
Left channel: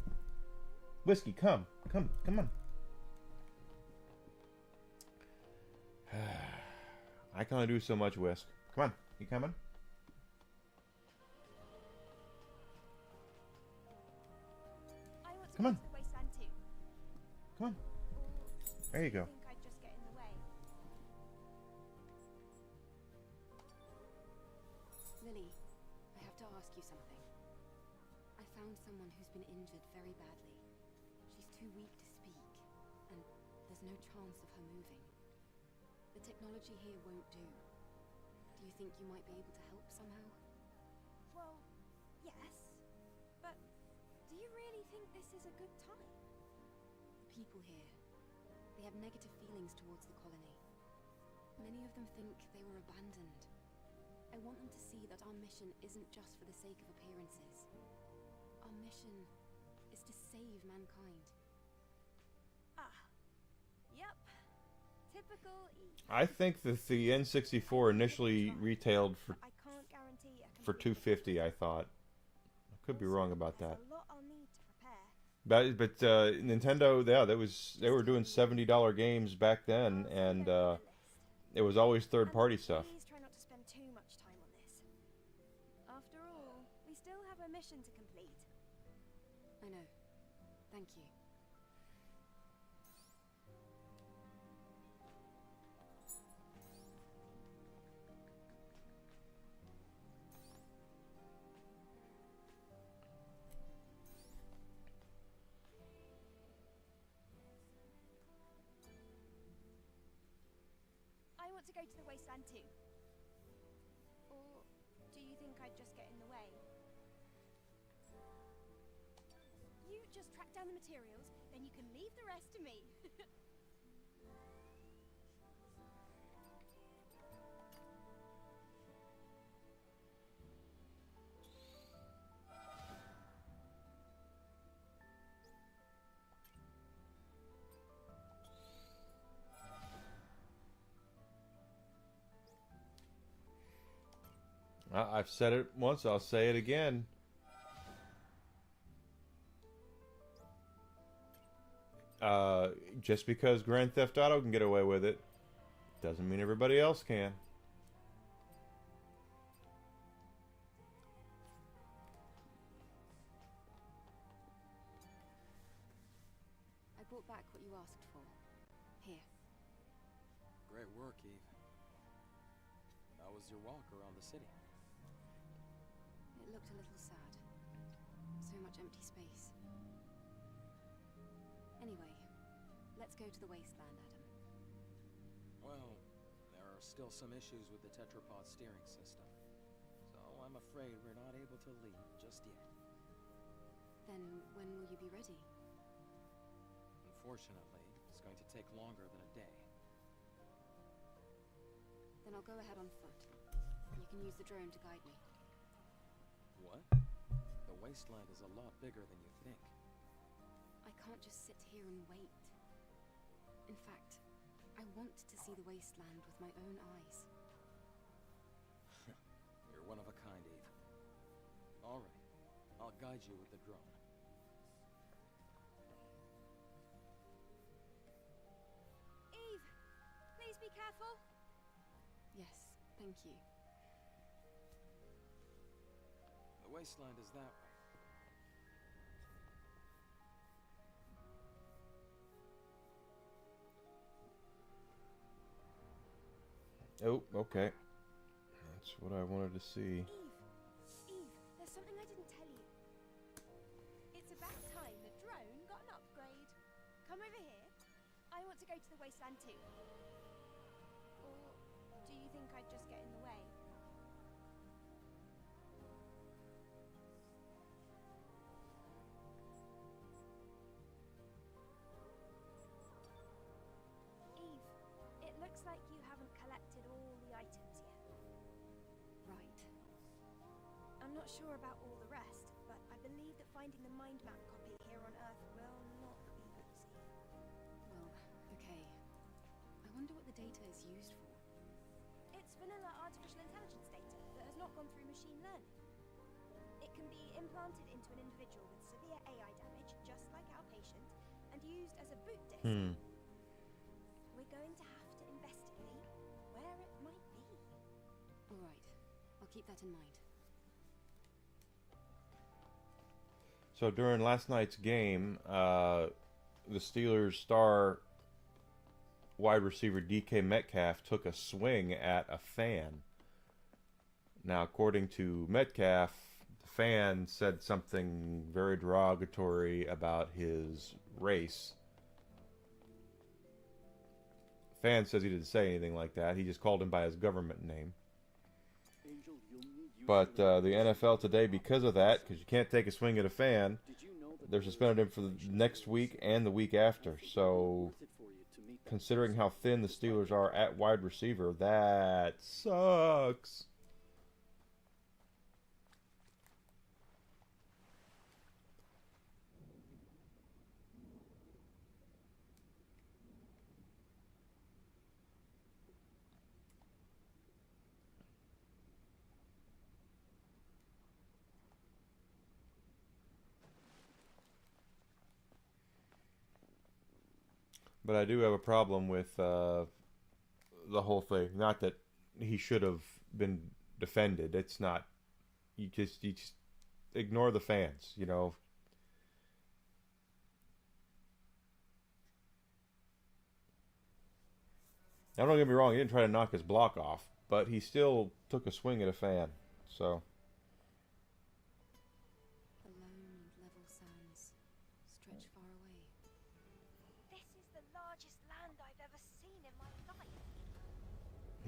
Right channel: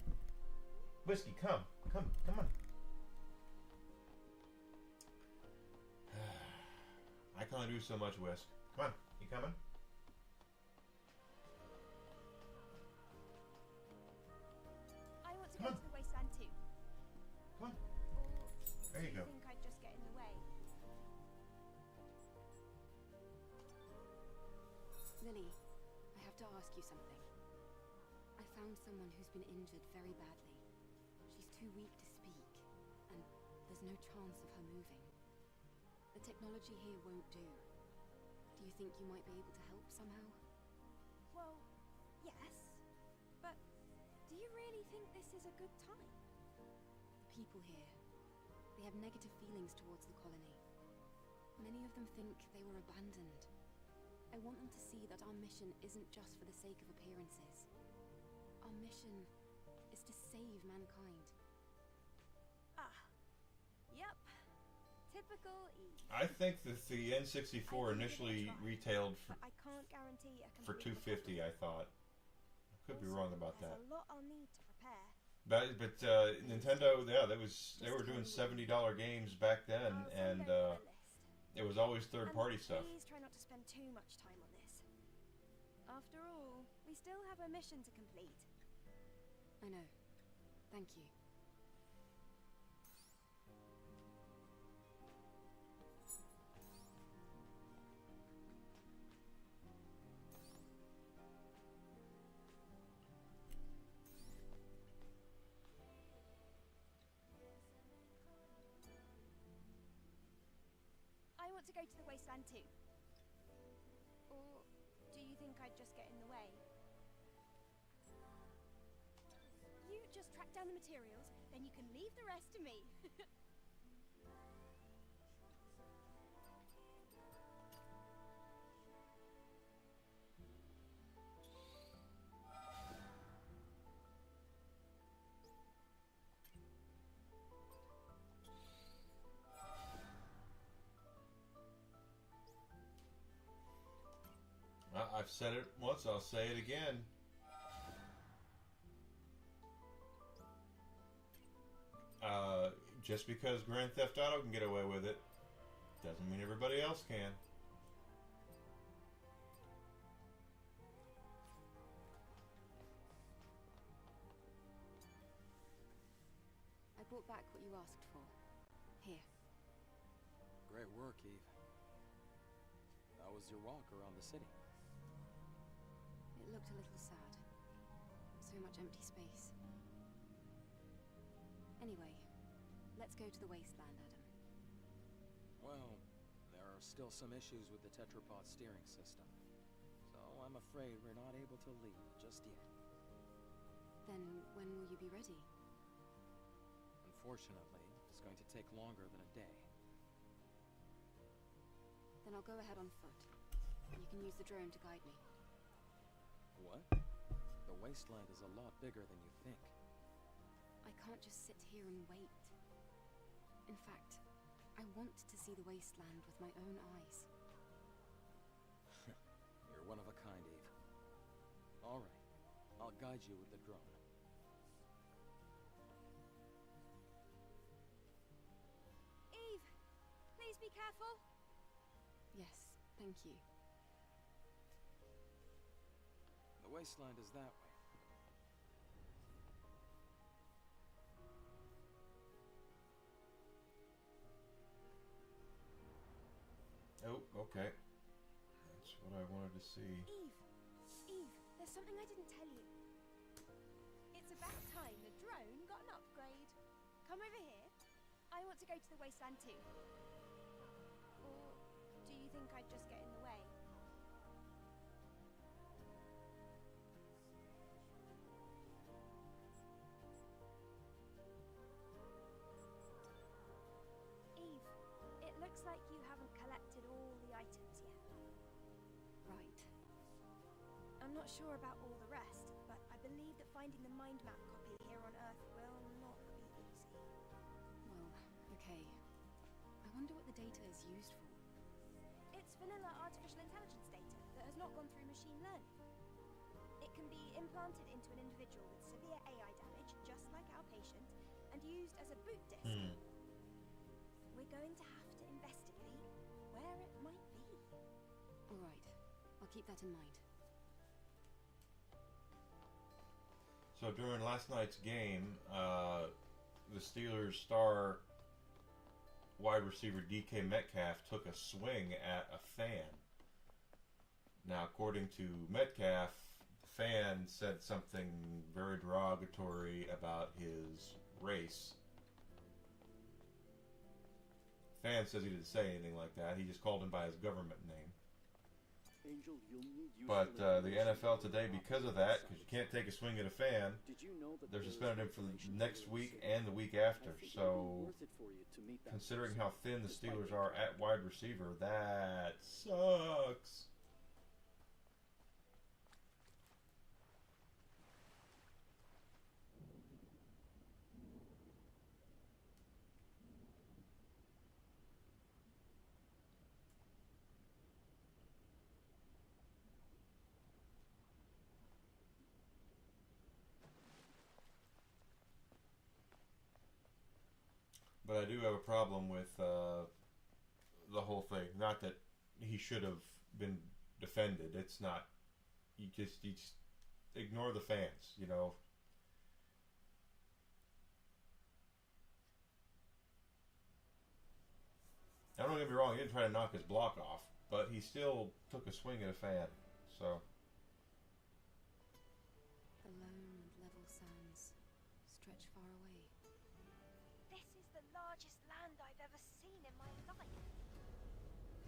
Whiskey, come. Come on. I can only do so much, Whisk. Come on. You coming? I want to Come go on. to the wasteland too. Come on. Or There you do go. think I'd just get in the way? Lily, I have to ask you something. I found someone who's been injured very badly. She's too weak to speak, and there's no chance of her moving. The technology here won't do. Do you think you might be able to help somehow? Well, yes. But do you really think this is a good time? The people here, they have negative feelings towards the colony. Many of them think they were abandoned. I want them to see that our mission isn't just for the sake of appearances. Our mission is to save mankind. Ah. Yep. Typical Eve. I think that the N64 initially retailed I can't guarantee a for complete $250. I thought. I could be wrong about that. There's a lot I'll need to prepare. But Nintendo, yeah, they were doing $70 games back then, and it was always third-party stuff. Please try not to spend too much time on this. After all, we still have a mission to complete. I know. Thank you. I want to go to the wasteland too. Or do you think I'd just get in the way? You just track down the materials, then you can leave the rest to me. I've said it once, I'll say it again. Just because Grand Theft Auto can get away with it, doesn't mean everybody else can. I brought back what you asked for. Here. Great work, Eve. How was your walk around the city? It looked a little sad. So much empty space. Anyway, let's go to the wasteland, Adam. Well, there are still some issues with the tetrapod steering system. So I'm afraid we're not able to leave just yet. Then when will you be ready? Unfortunately, it's going to take longer than a day. Then I'll go ahead on foot. You can use the drone to guide me. What? The wasteland is a lot bigger than you think. I can't just sit here and wait. In fact, I want to see the wasteland with my own eyes. You're one of a kind, Eve. Alright, I'll guide you with the drone. Eve, please be careful. Yes, thank you. The wasteland is that way. Oh, okay. That's what I wanted to see. Eve, there's something I didn't tell you. It's about time the drone got an upgrade. Come over here. I want to go to the wasteland too. Or do you think I'd just get in the way? Eve, it looks like you haven't collected all the items yet. Right. I'm not sure about all the rest, but I believe that finding the mind map copy here on Earth will not be easy. Well, okay. I wonder what the data is used for. It's vanilla artificial intelligence data that has not gone through machine learning. It can be implanted into an individual with severe AI damage, just like our patient, and used as a boot disk. We're going to have to investigate where it might be. All right. I'll keep that in mind. So during last night's game, the Steelers' star wide receiver DK Metcalf took a swing at a fan. Now, according to Metcalf, the fan said something very derogatory about his race. The fan says he didn't say anything like that. He just called him by his government name. Angel, you'll need But the NFL today, because of that, because you can't take a swing at a fan, they're suspended him for the next week and the week after. So, considering how thin the Steelers are at wide receiver, that sucks. But I do have a problem with the whole thing. Not that he should have been defended. It's not. You just ignore the fans, you know. Now, don't get me wrong. He didn't try to knock his block off, but he still took a swing at a fan. So. The lone and level sands stretch far away. This is the largest land I've ever seen in my life.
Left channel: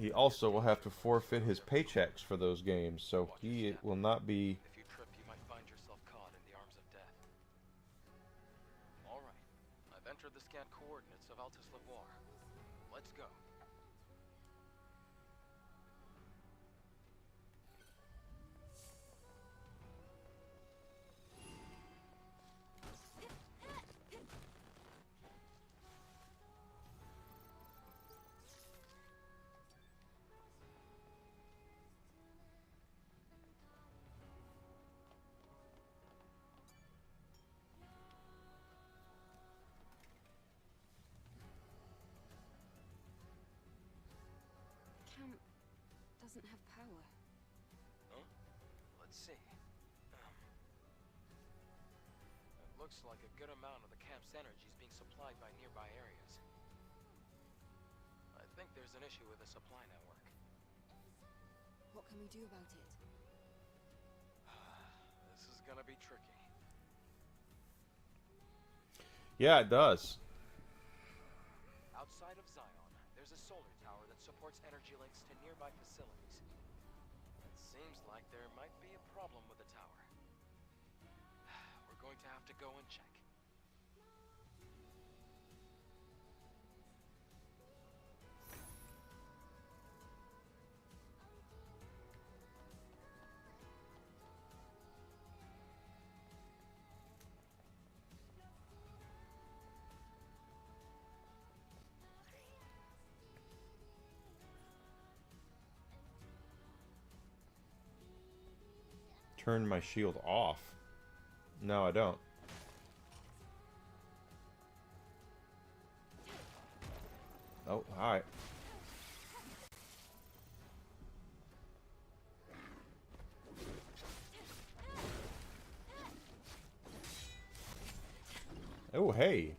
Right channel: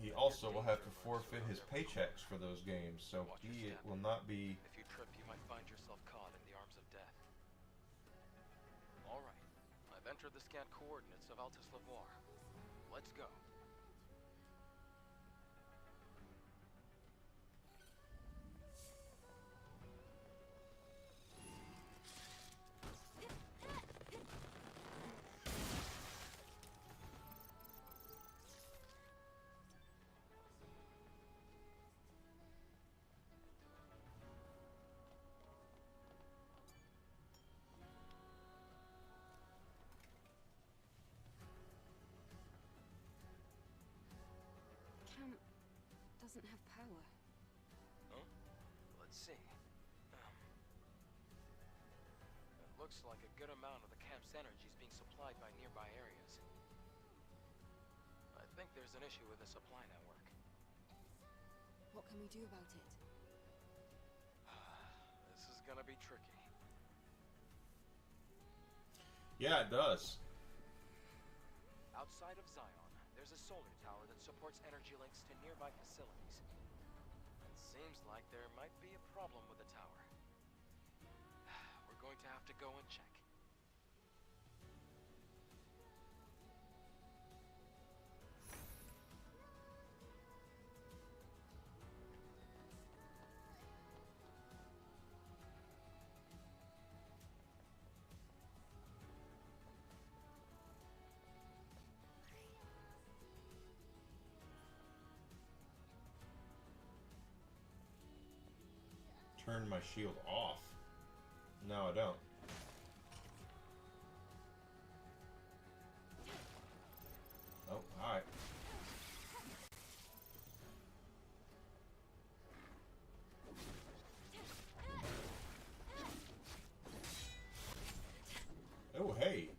He also will have to forfeit his paychecks for those games, so he will not be. If you trip, you might find yourself caught in the arms of death. All right, I've entered the scanned coordinates of Altus Lavoir. Let's go. Camp doesn't have power. Huh? Let's see. It looks like a good amount of the camp's energy is being supplied by nearby areas. I think there's an issue with the supply network. What can we do about it? This is gonna be tricky. Yeah, it does. Outside of Zion, there's a solar tower that supports energy links to nearby facilities. It seems like there might be a problem with the tower. We're going to have to go and check. Turn my shield off. No, I don't. Oh, alright. Oh, hey.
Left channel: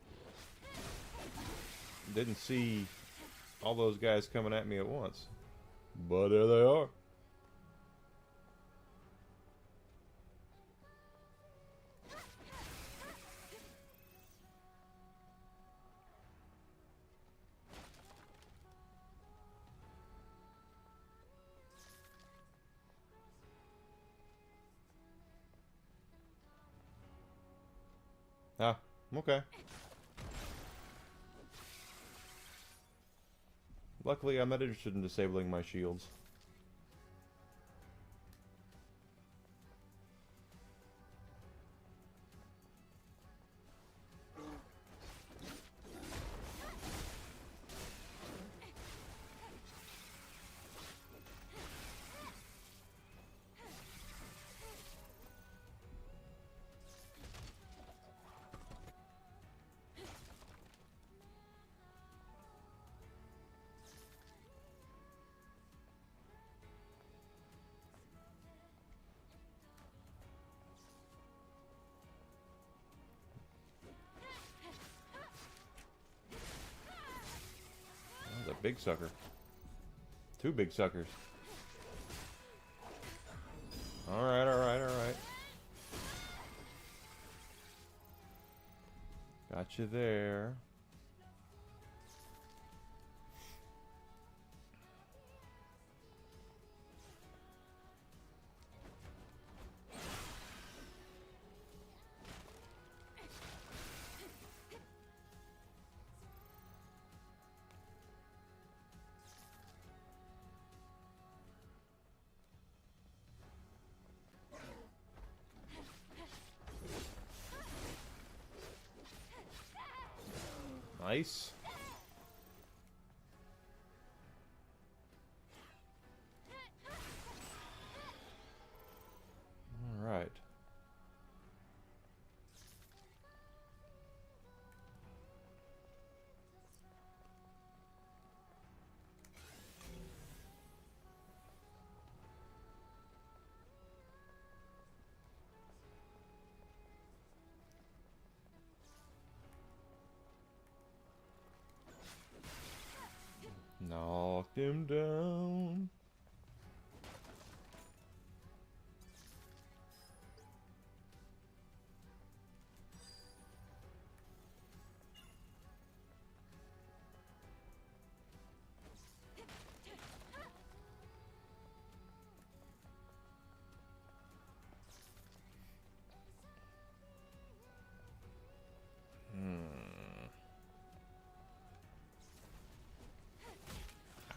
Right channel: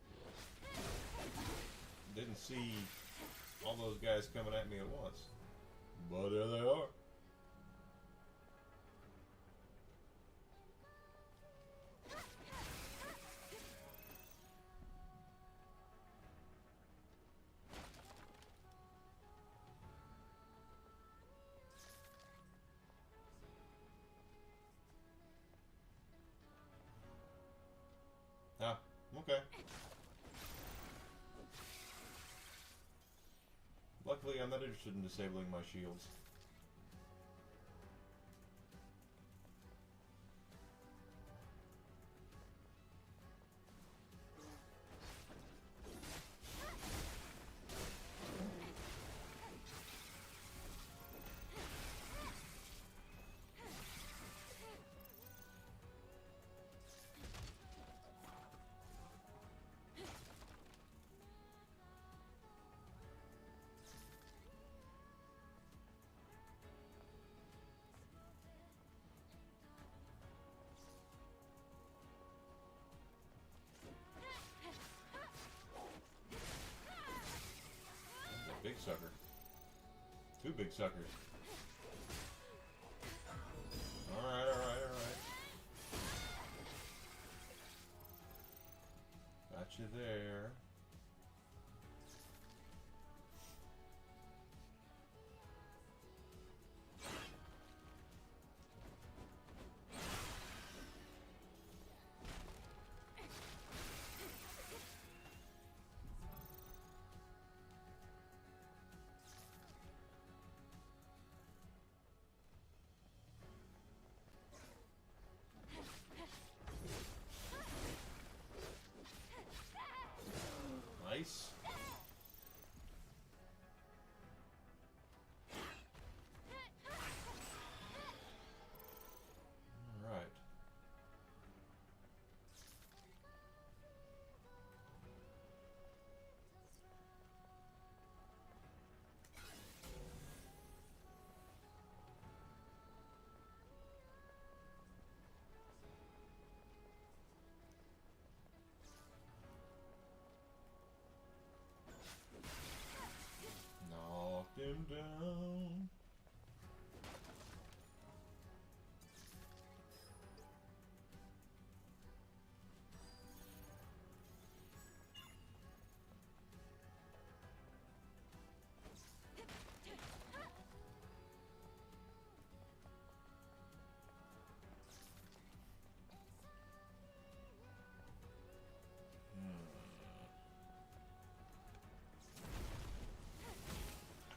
Didn't see all those guys coming at me at once. But there they are. Ah, okay. Luckily, I'm not interested in disabling my shields. That's a big sucker. Two big suckers. Alright, alright, alright. Got you there. Nice. All right. Knocked him down.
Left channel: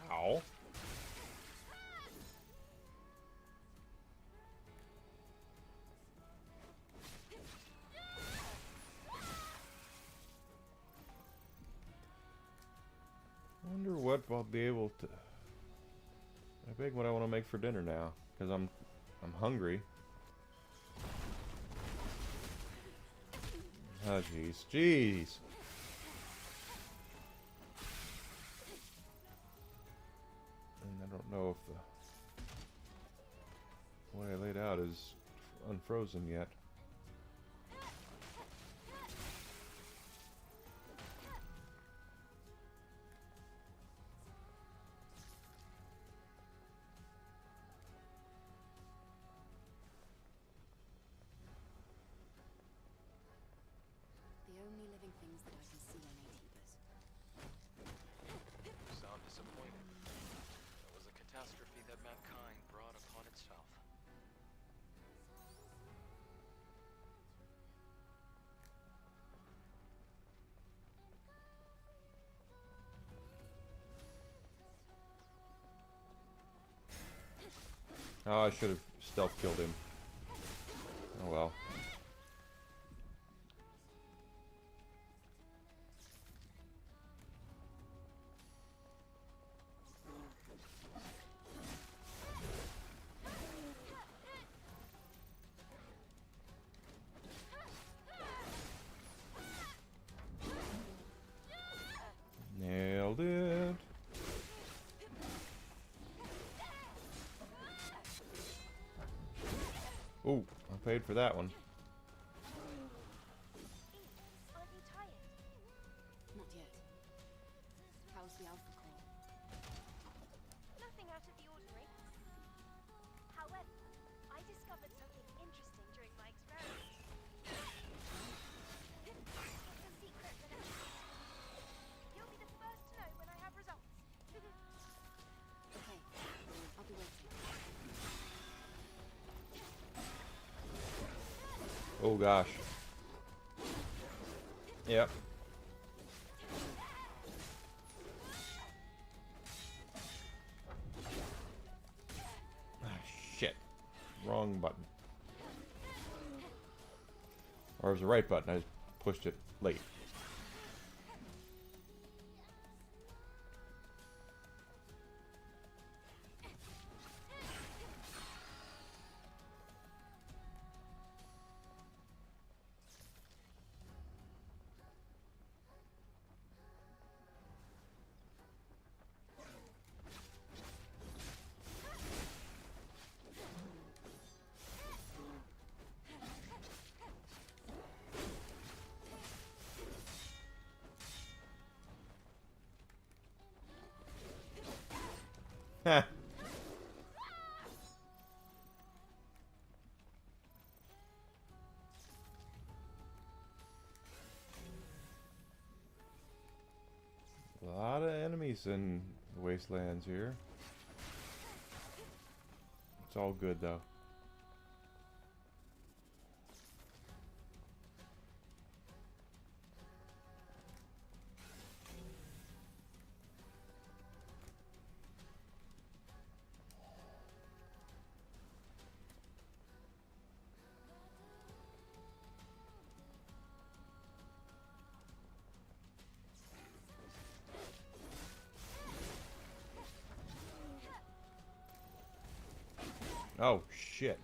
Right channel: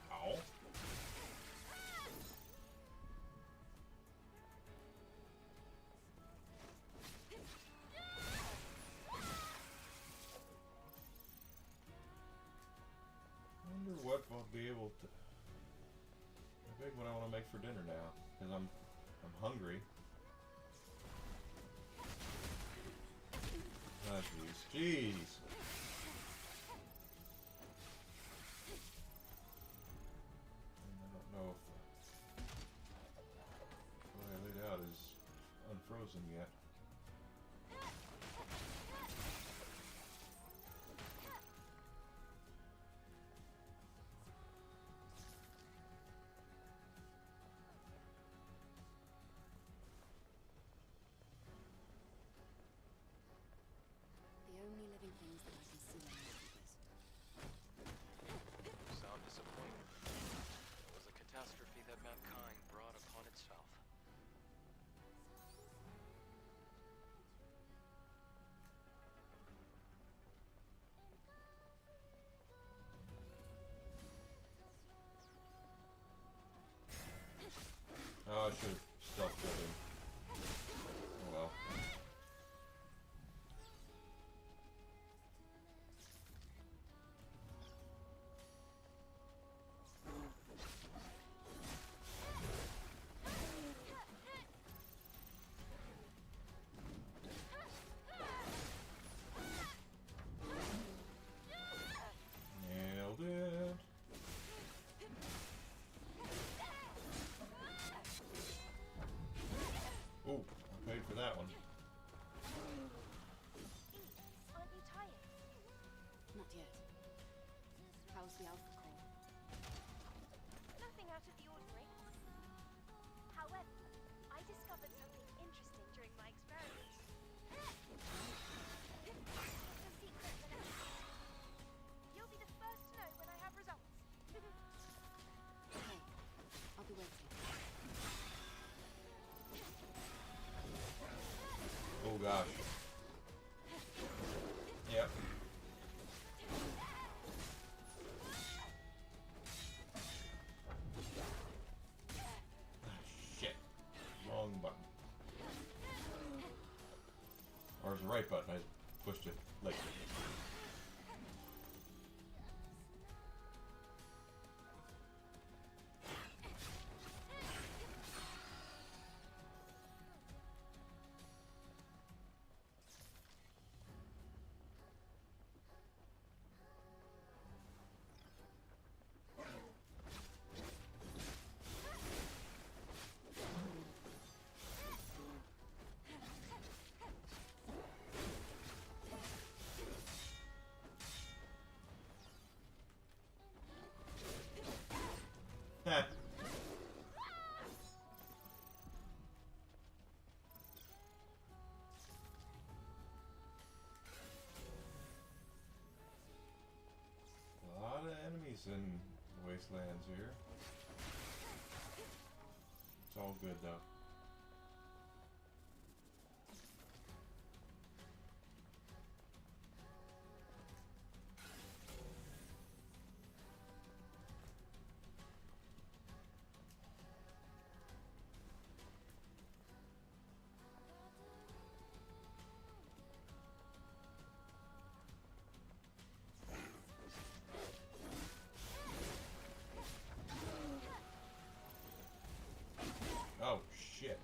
Ow. Wonder what I'll be able to. I think what I want to make for dinner now, because I'm hungry. Oh jeez, jeez. And I don't know if the way I laid out is unfrozen yet. The only living things that I can see are neighbors. You sound disappointed. It was a catastrophe that mankind brought upon itself. Oh, I should have stealth killed him. Oh well. Nailed it. Ooh, I paid for that one. Aren't you tired? Not yet. How's the Alpha Core? Nothing out of the ordinary. during my experiments. It's a secret, Vanessa. You'll be the first to know when I have results. Okay, I'll be waiting. Oh gosh. Yep. Ah, shit. Wrong button. Or it was the right button, I just pushed it late. Heh. A lot of enemies in the Wastelands here. It's all good though. Oh, shit.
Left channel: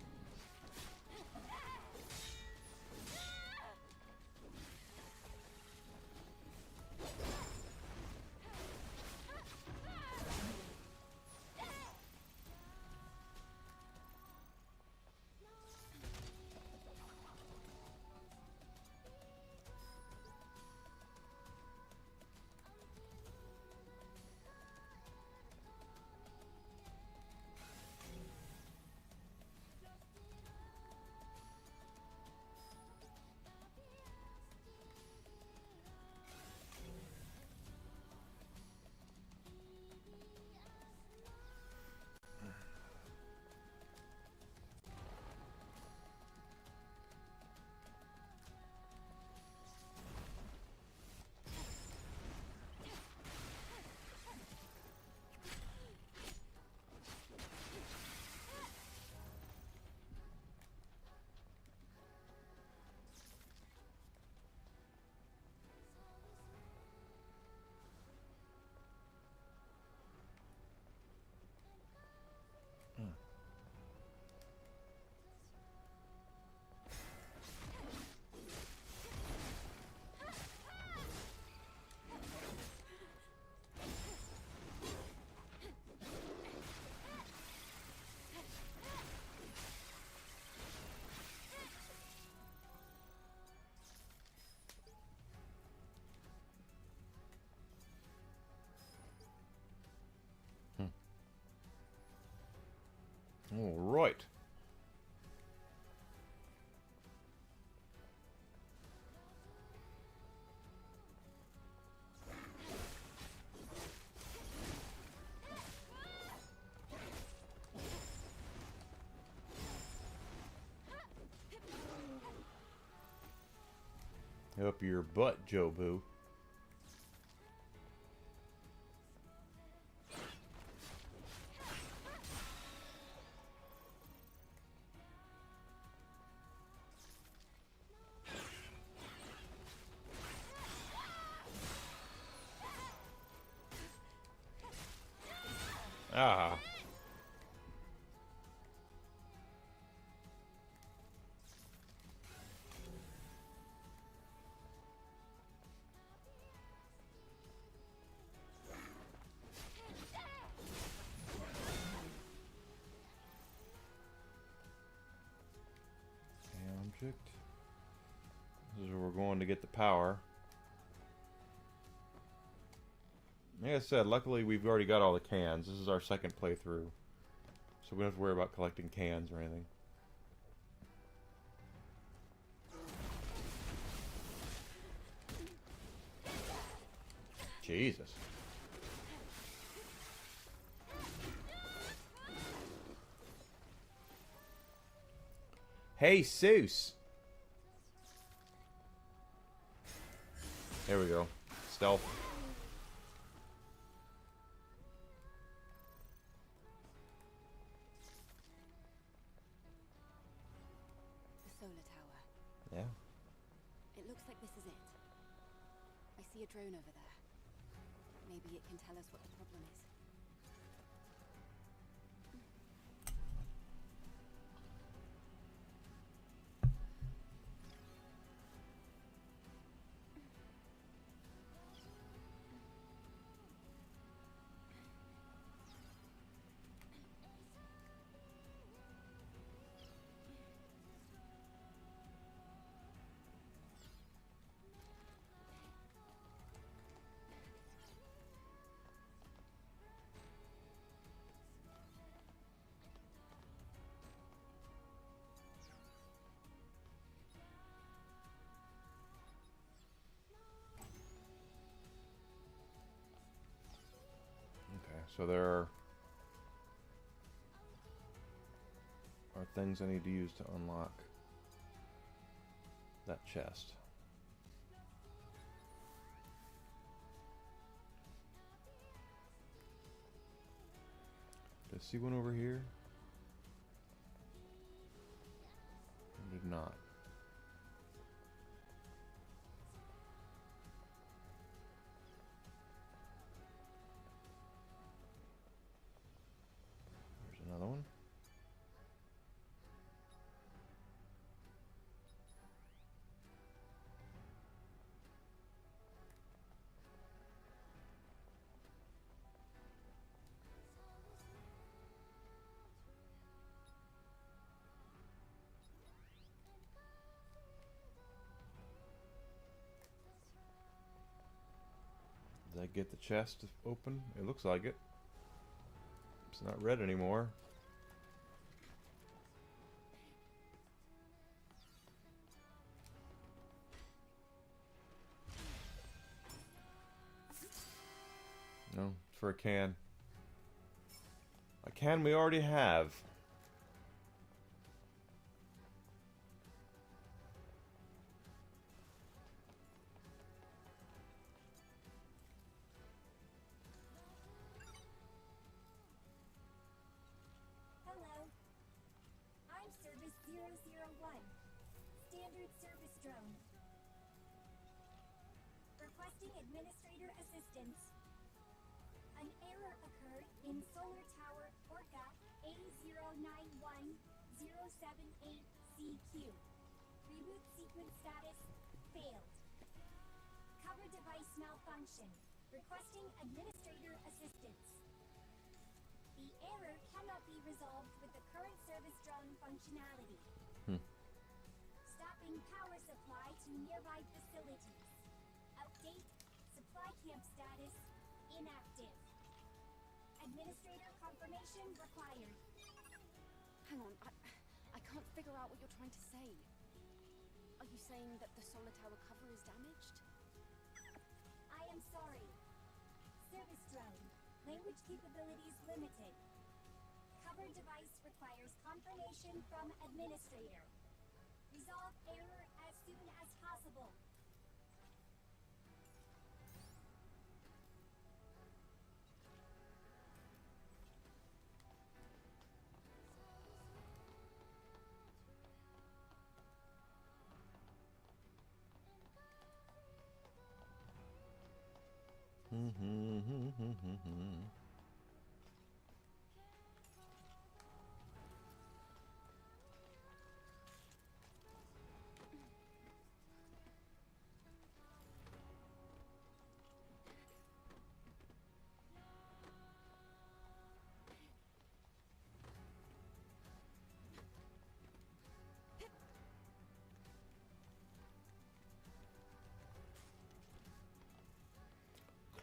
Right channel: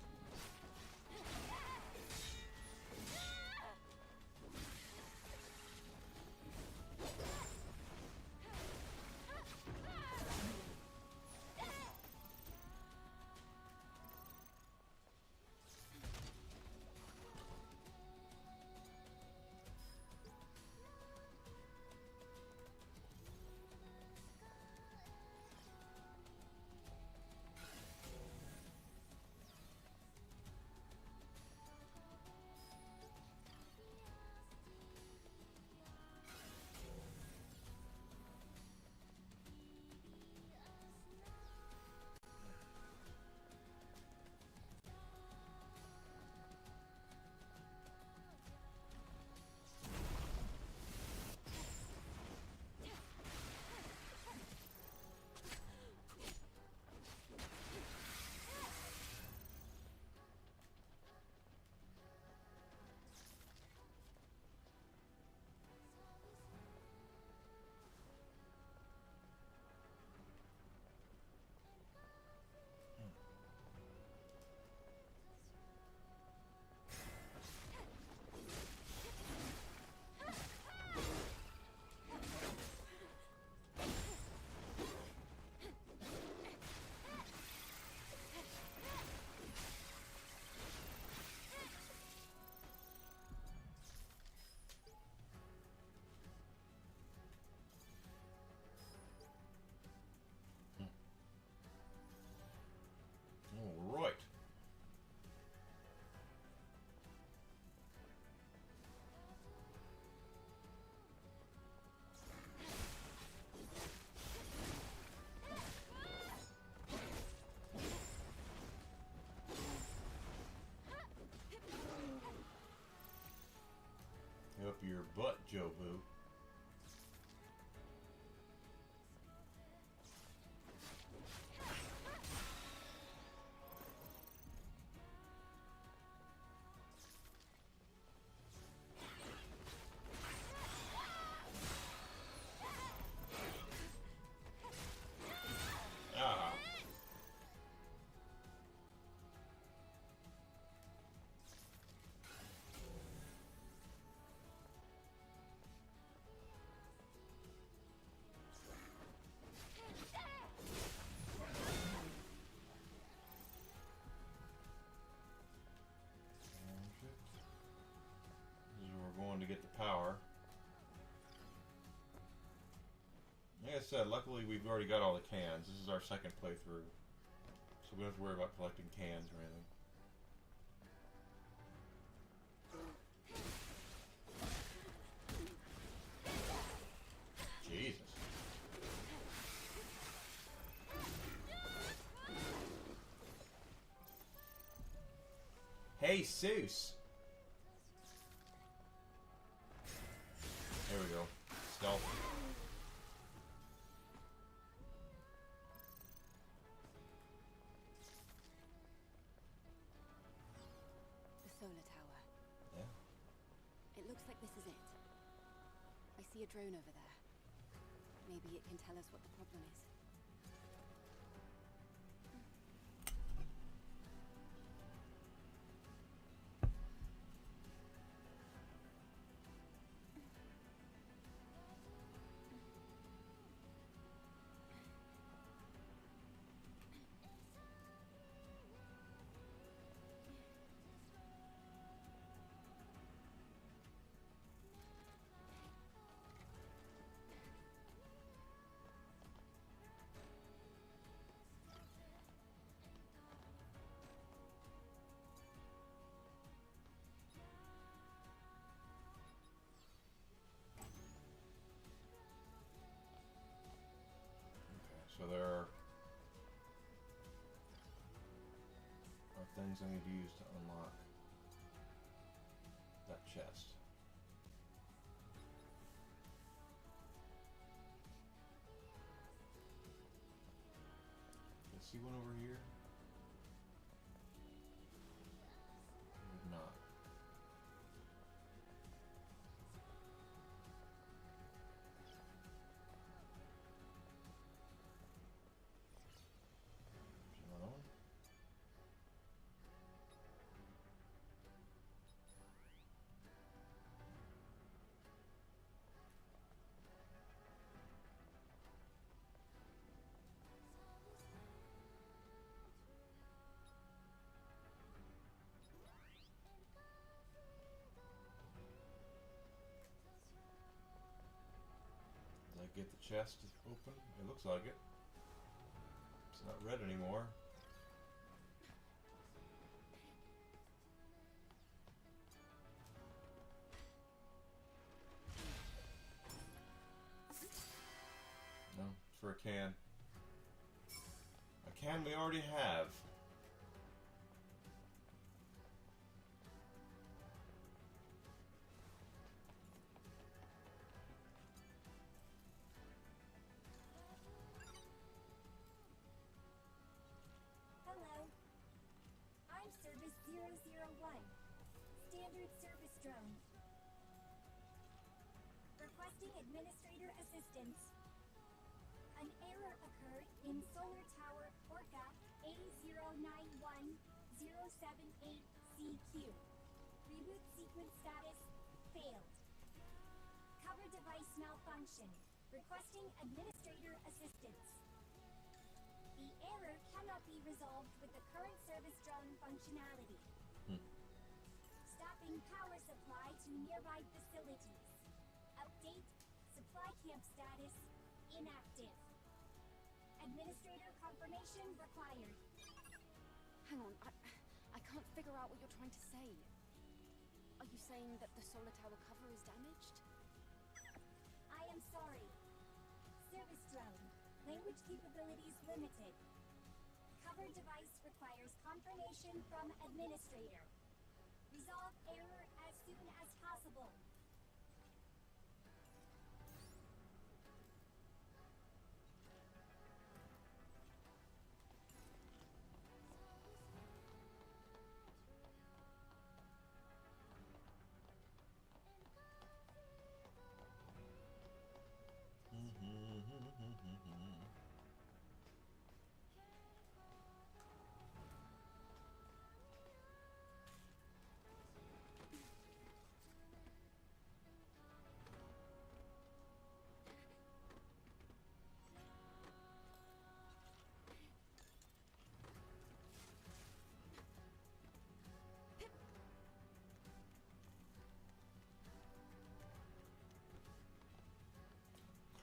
All right. Up your butt, Jobu. Ah. Object. This is where we're going to get the power. Like I said, luckily we've already got all the cans. This is our second playthrough. So we don't have to worry about collecting cans or anything. Jesus. There we go. Stealth. The solar tower. Yeah. It looks like this is it. I see a drone over there. Maybe it can tell us what the problem is. So there are things I need to use to unlock that chest. Did I see one over here? I did not. Another one. Did I get the chest open? It looks like it. It's not red anymore. No, it's for a can. A can we already have. Hello. I'm Service 001. Standard service drone. Requesting administrator assistance. An error occurred in Solar Tower Orca A091078CQ. Reboot sequence status failed. Cover device malfunction. Requesting administrator assistance. The error cannot be resolved with the current service drone functionality. Stopping power supply to nearby facilities. Update supply camp status inactive. Administrator confirmation required. Hang on, I can't figure out what you're trying to say. Are you saying that the solar tower cover is damaged? I am sorry. Service drone. Language capabilities limited. Cover device requires confirmation from administrator. Resolve error as soon as possible.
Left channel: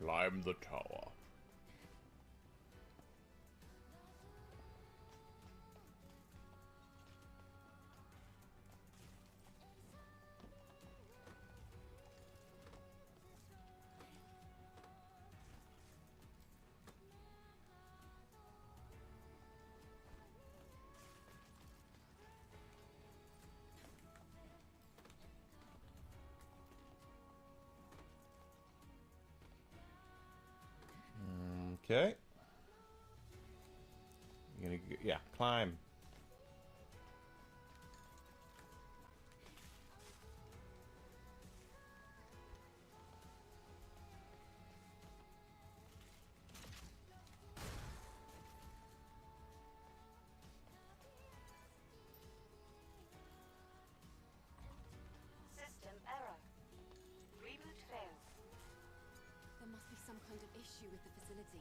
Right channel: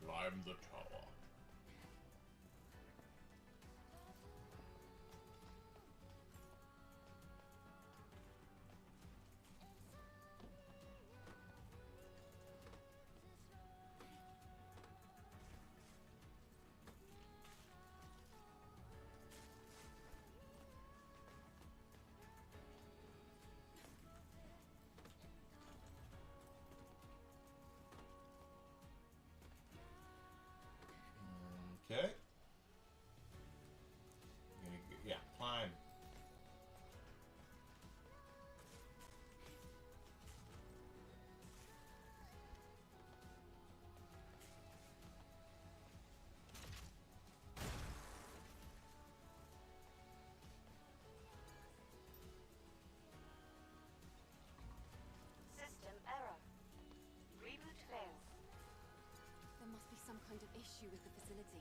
Climb the tower. Okay. Yeah, climb. System error. Reboot failed. There must be some kind of issue with the facility.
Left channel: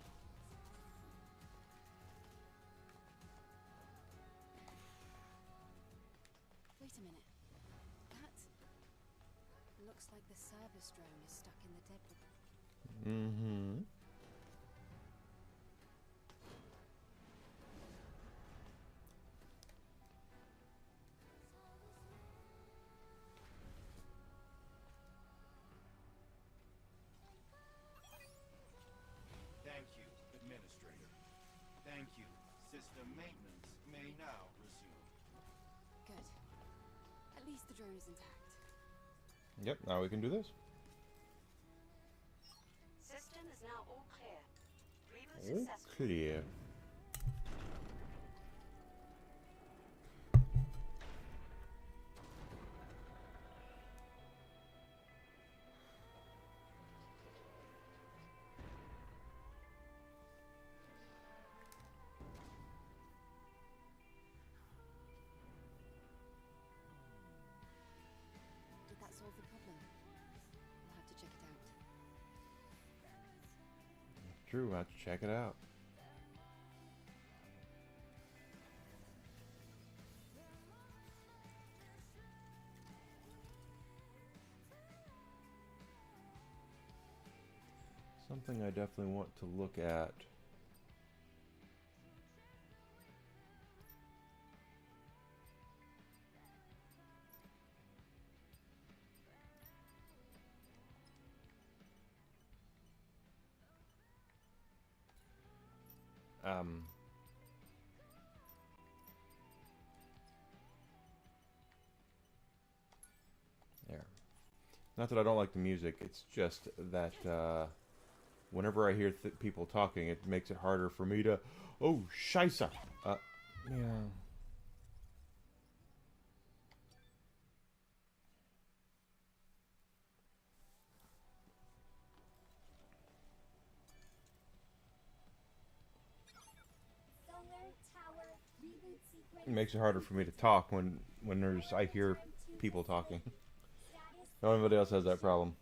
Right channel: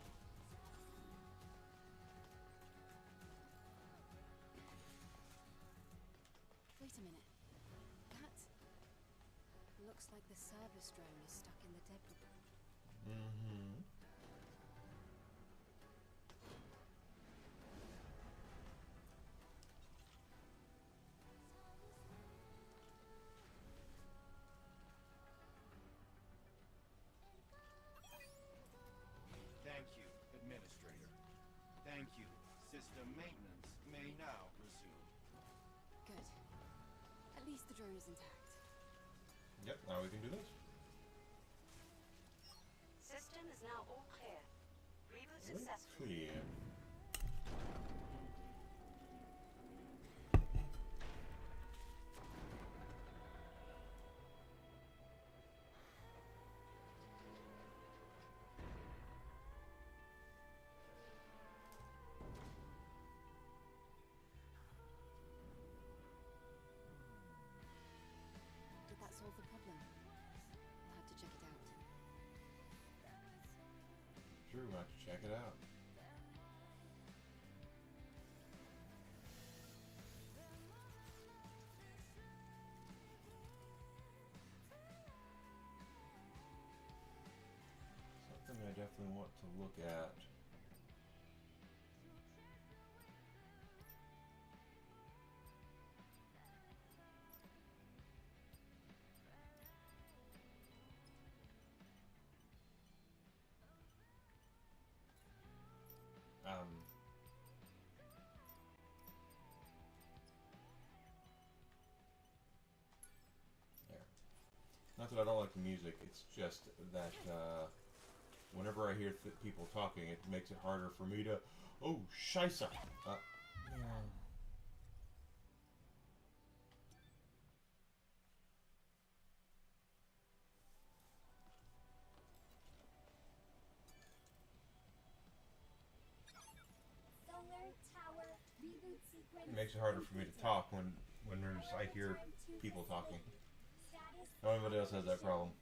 Wait a minute. That looks like the service drone is stuck in the debris. Mm-hmm. Thank you, Administrator. Thank you. System maintenance may now resume. Good. At least the drone is intact. Yep, now we can do this. System is now all clear. Reboot successful. Clear. Did that solve the problem? I'll have to check it out. True, I have to check it out. Something I definitely want to look at. There. Not that I don't like the music, it's just that whenever I hear people talking, it makes it harder for me to... Oh, scheisse! Yeah. Solar tower reboot sequence. It makes it harder for me to talk when I hear people talking. Nobody else has that problem.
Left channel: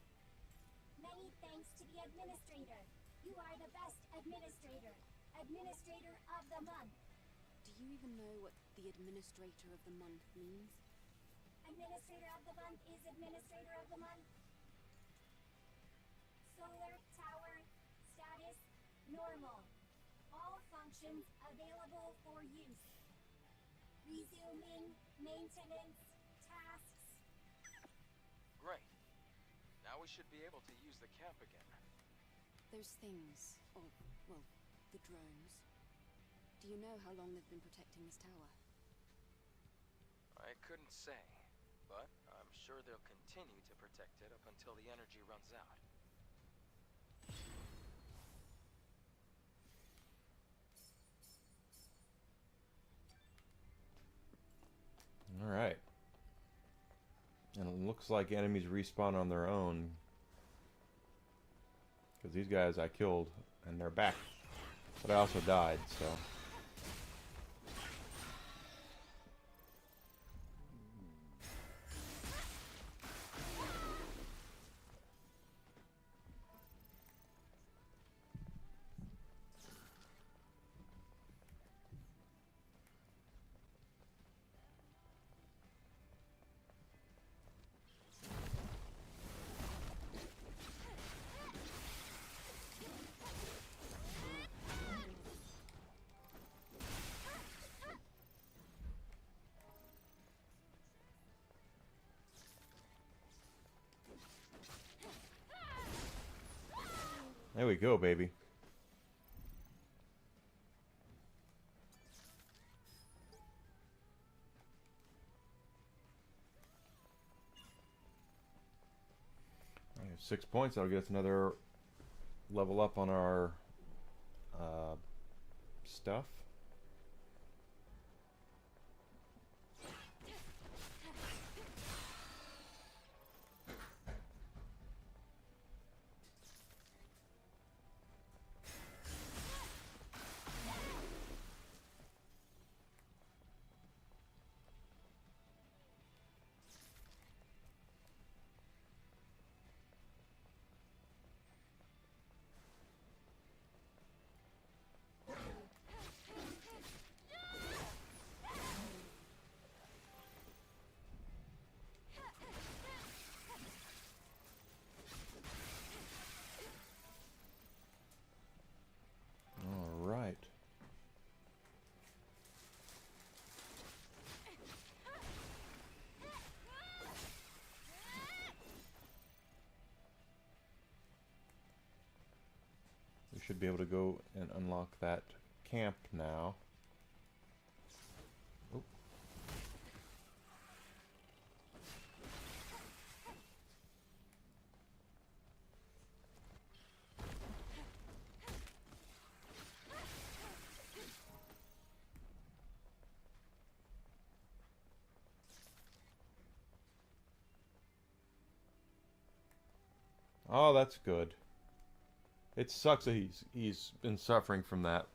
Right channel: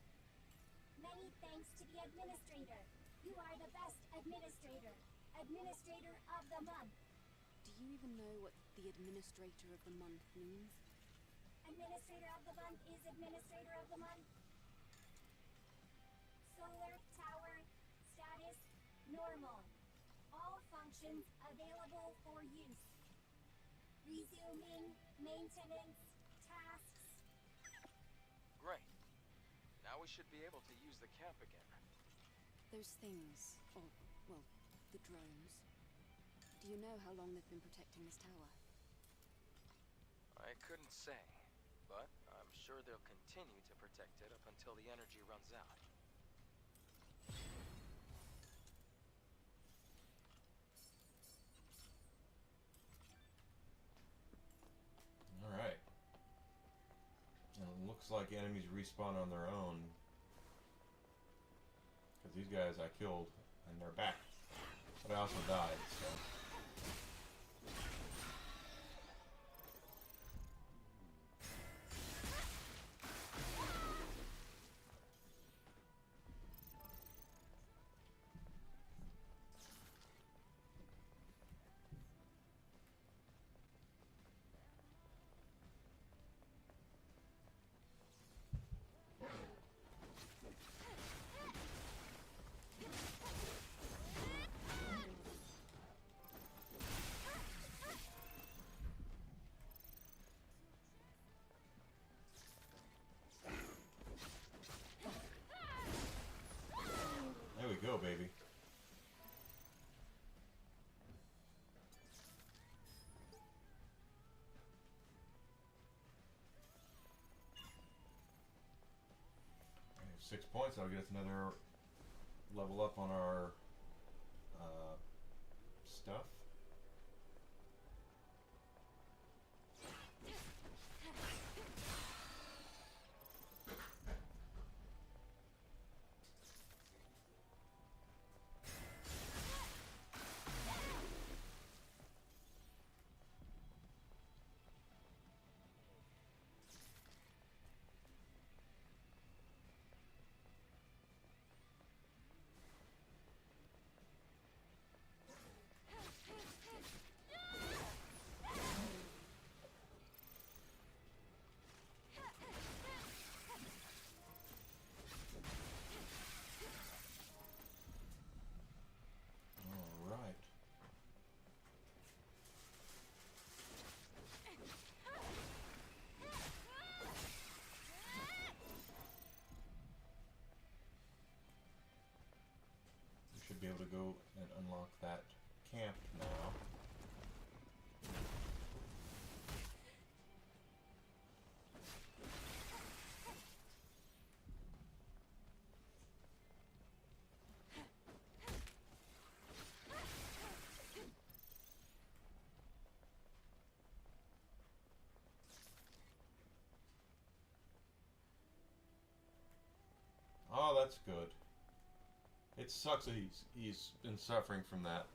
Many thanks to the administrator. You are the best administrator. Administrator of the month. Do you even know what the Administrator of the Month means? Administrator of the month is administrator of the month. Solar tower status normal. All functions available for use. Resuming maintenance tasks. Great. Now we should be able to use the camp again. Those things, or, well, the drones. Do you know how long they've been protecting this tower? I couldn't say, but I'm sure they'll continue to protect it up until the energy runs out. Alright. And it looks like enemies respawn on their own. Because these guys I killed, and they're back. But I also died, so... There we go, baby. I have 6 points. That'll get us another level up on our stuff. All right. We should be able to go and unlock that camp now. Oop. Oh, that's good. It sucks that he's been suffering from that.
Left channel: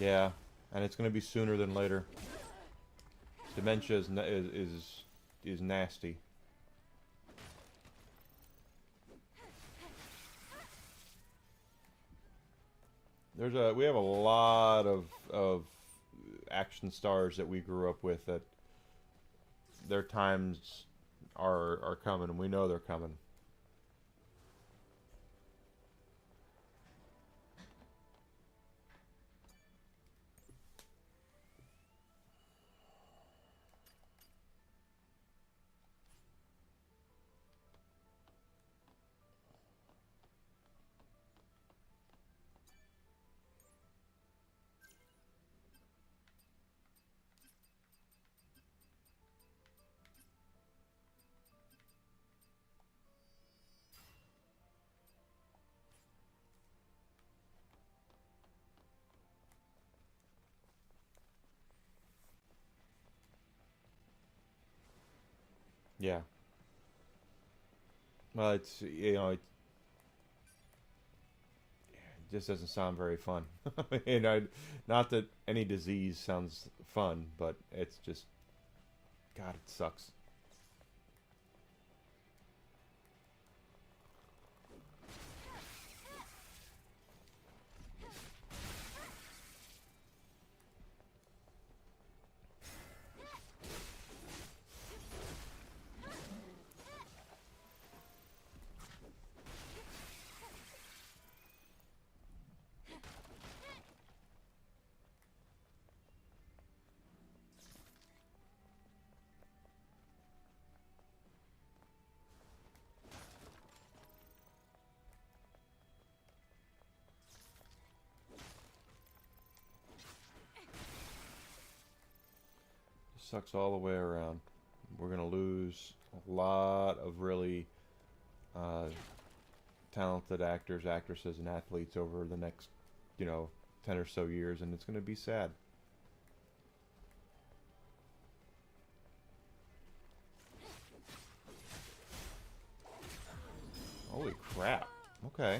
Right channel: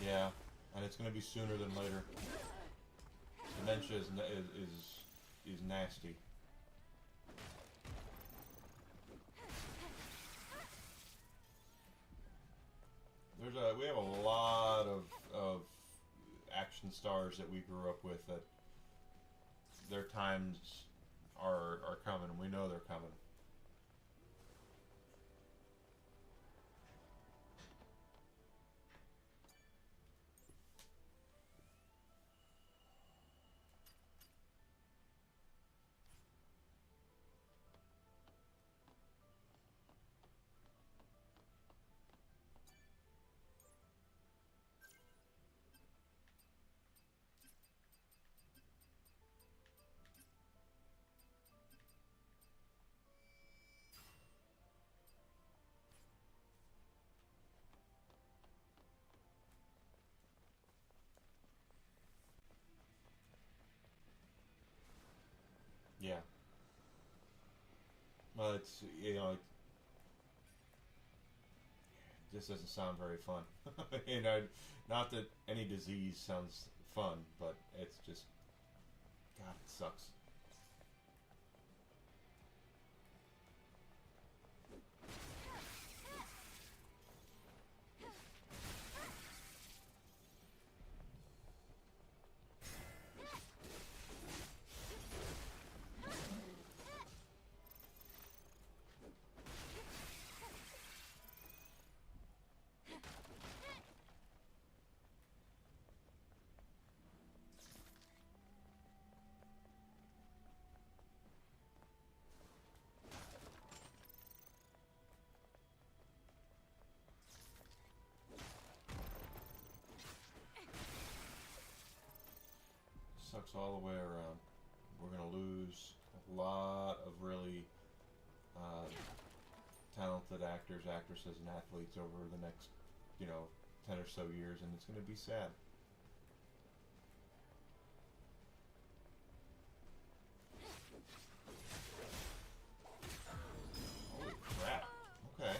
Yeah, and it's going to be sooner than later. Dementia is nasty. We have a lot of action stars that we grew up with that their times are coming, and we know they're coming. Yeah. Well, it's, you know, it just doesn't sound very fun. You know, not that any disease sounds fun, but it's just, God, it sucks. Sucks all the way around. We're gonna lose a lot of really talented actors, actresses, and athletes over the next, 10 or so years, and it's gonna be sad. Holy crap. Okay.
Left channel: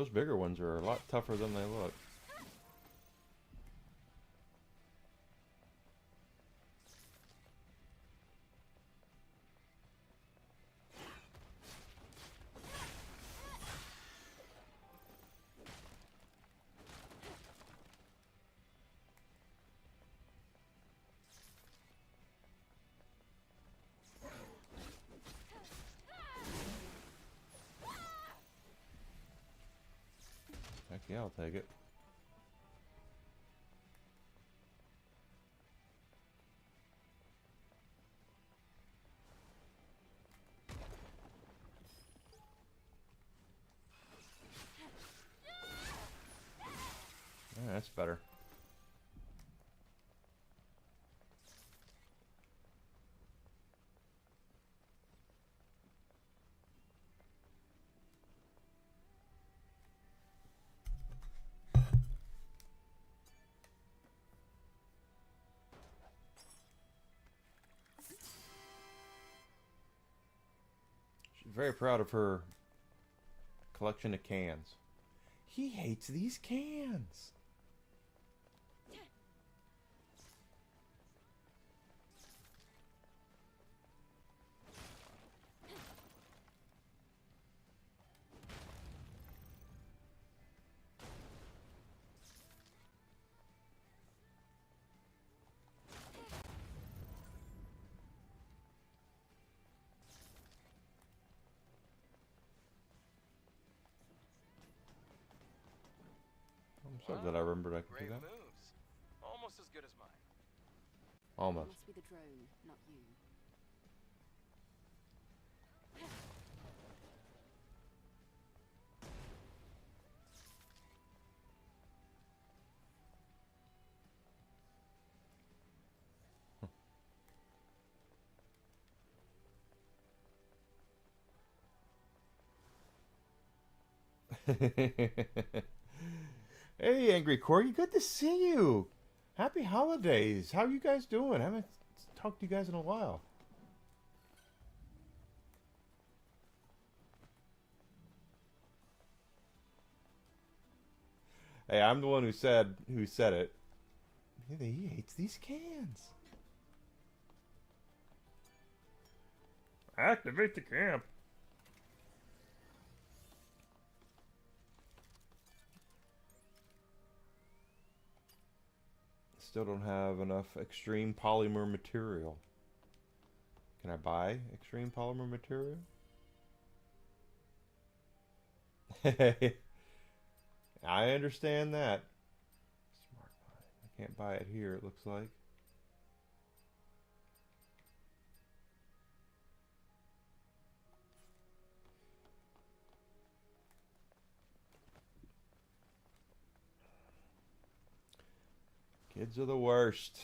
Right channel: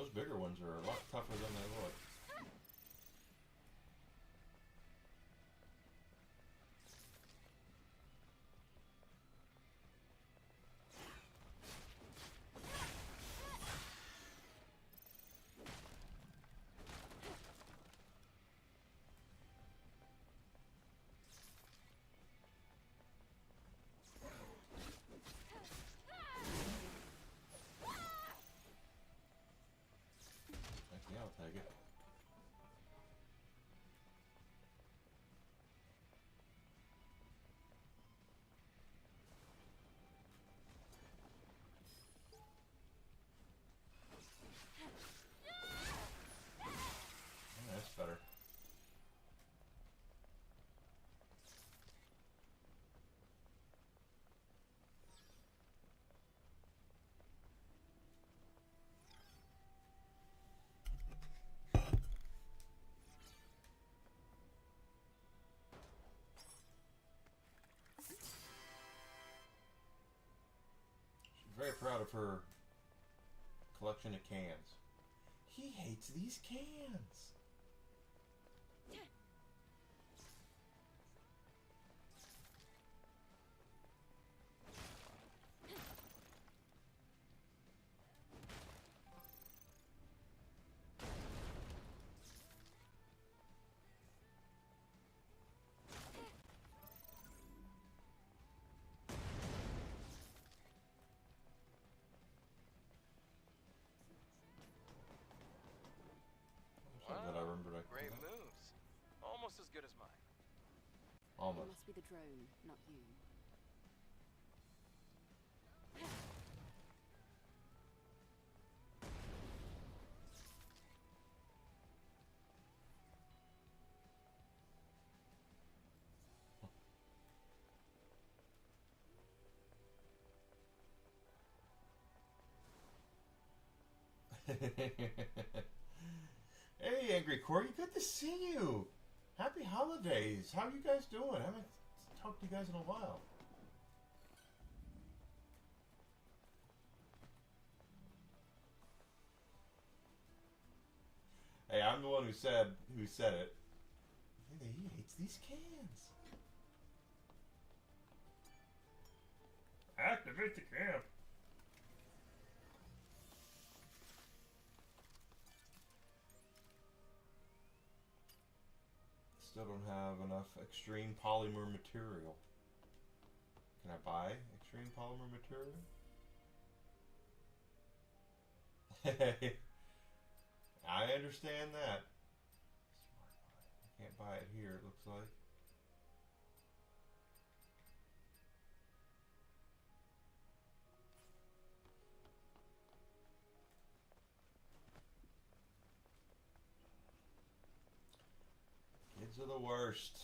Those bigger ones are a lot tougher than they look. Yeah, I'll take it. Yeah, that's better. Very proud of her collection of cans. He hates these cans. I'm so glad I remembered I could do Great that. moves. Almost as good as mine. Almost. It must be the drone, not you. Hey, Angry Corgi, good to see you. Happy holidays. How you guys doing? I haven't talked to you guys in a while. Hey, I'm the one who said it. He hates these cans. Activate the camp. Still don't have enough extreme polymer material. Can I buy extreme polymer material? I understand that. Smart buy. I can't buy it here, it looks like. Kids are the worst.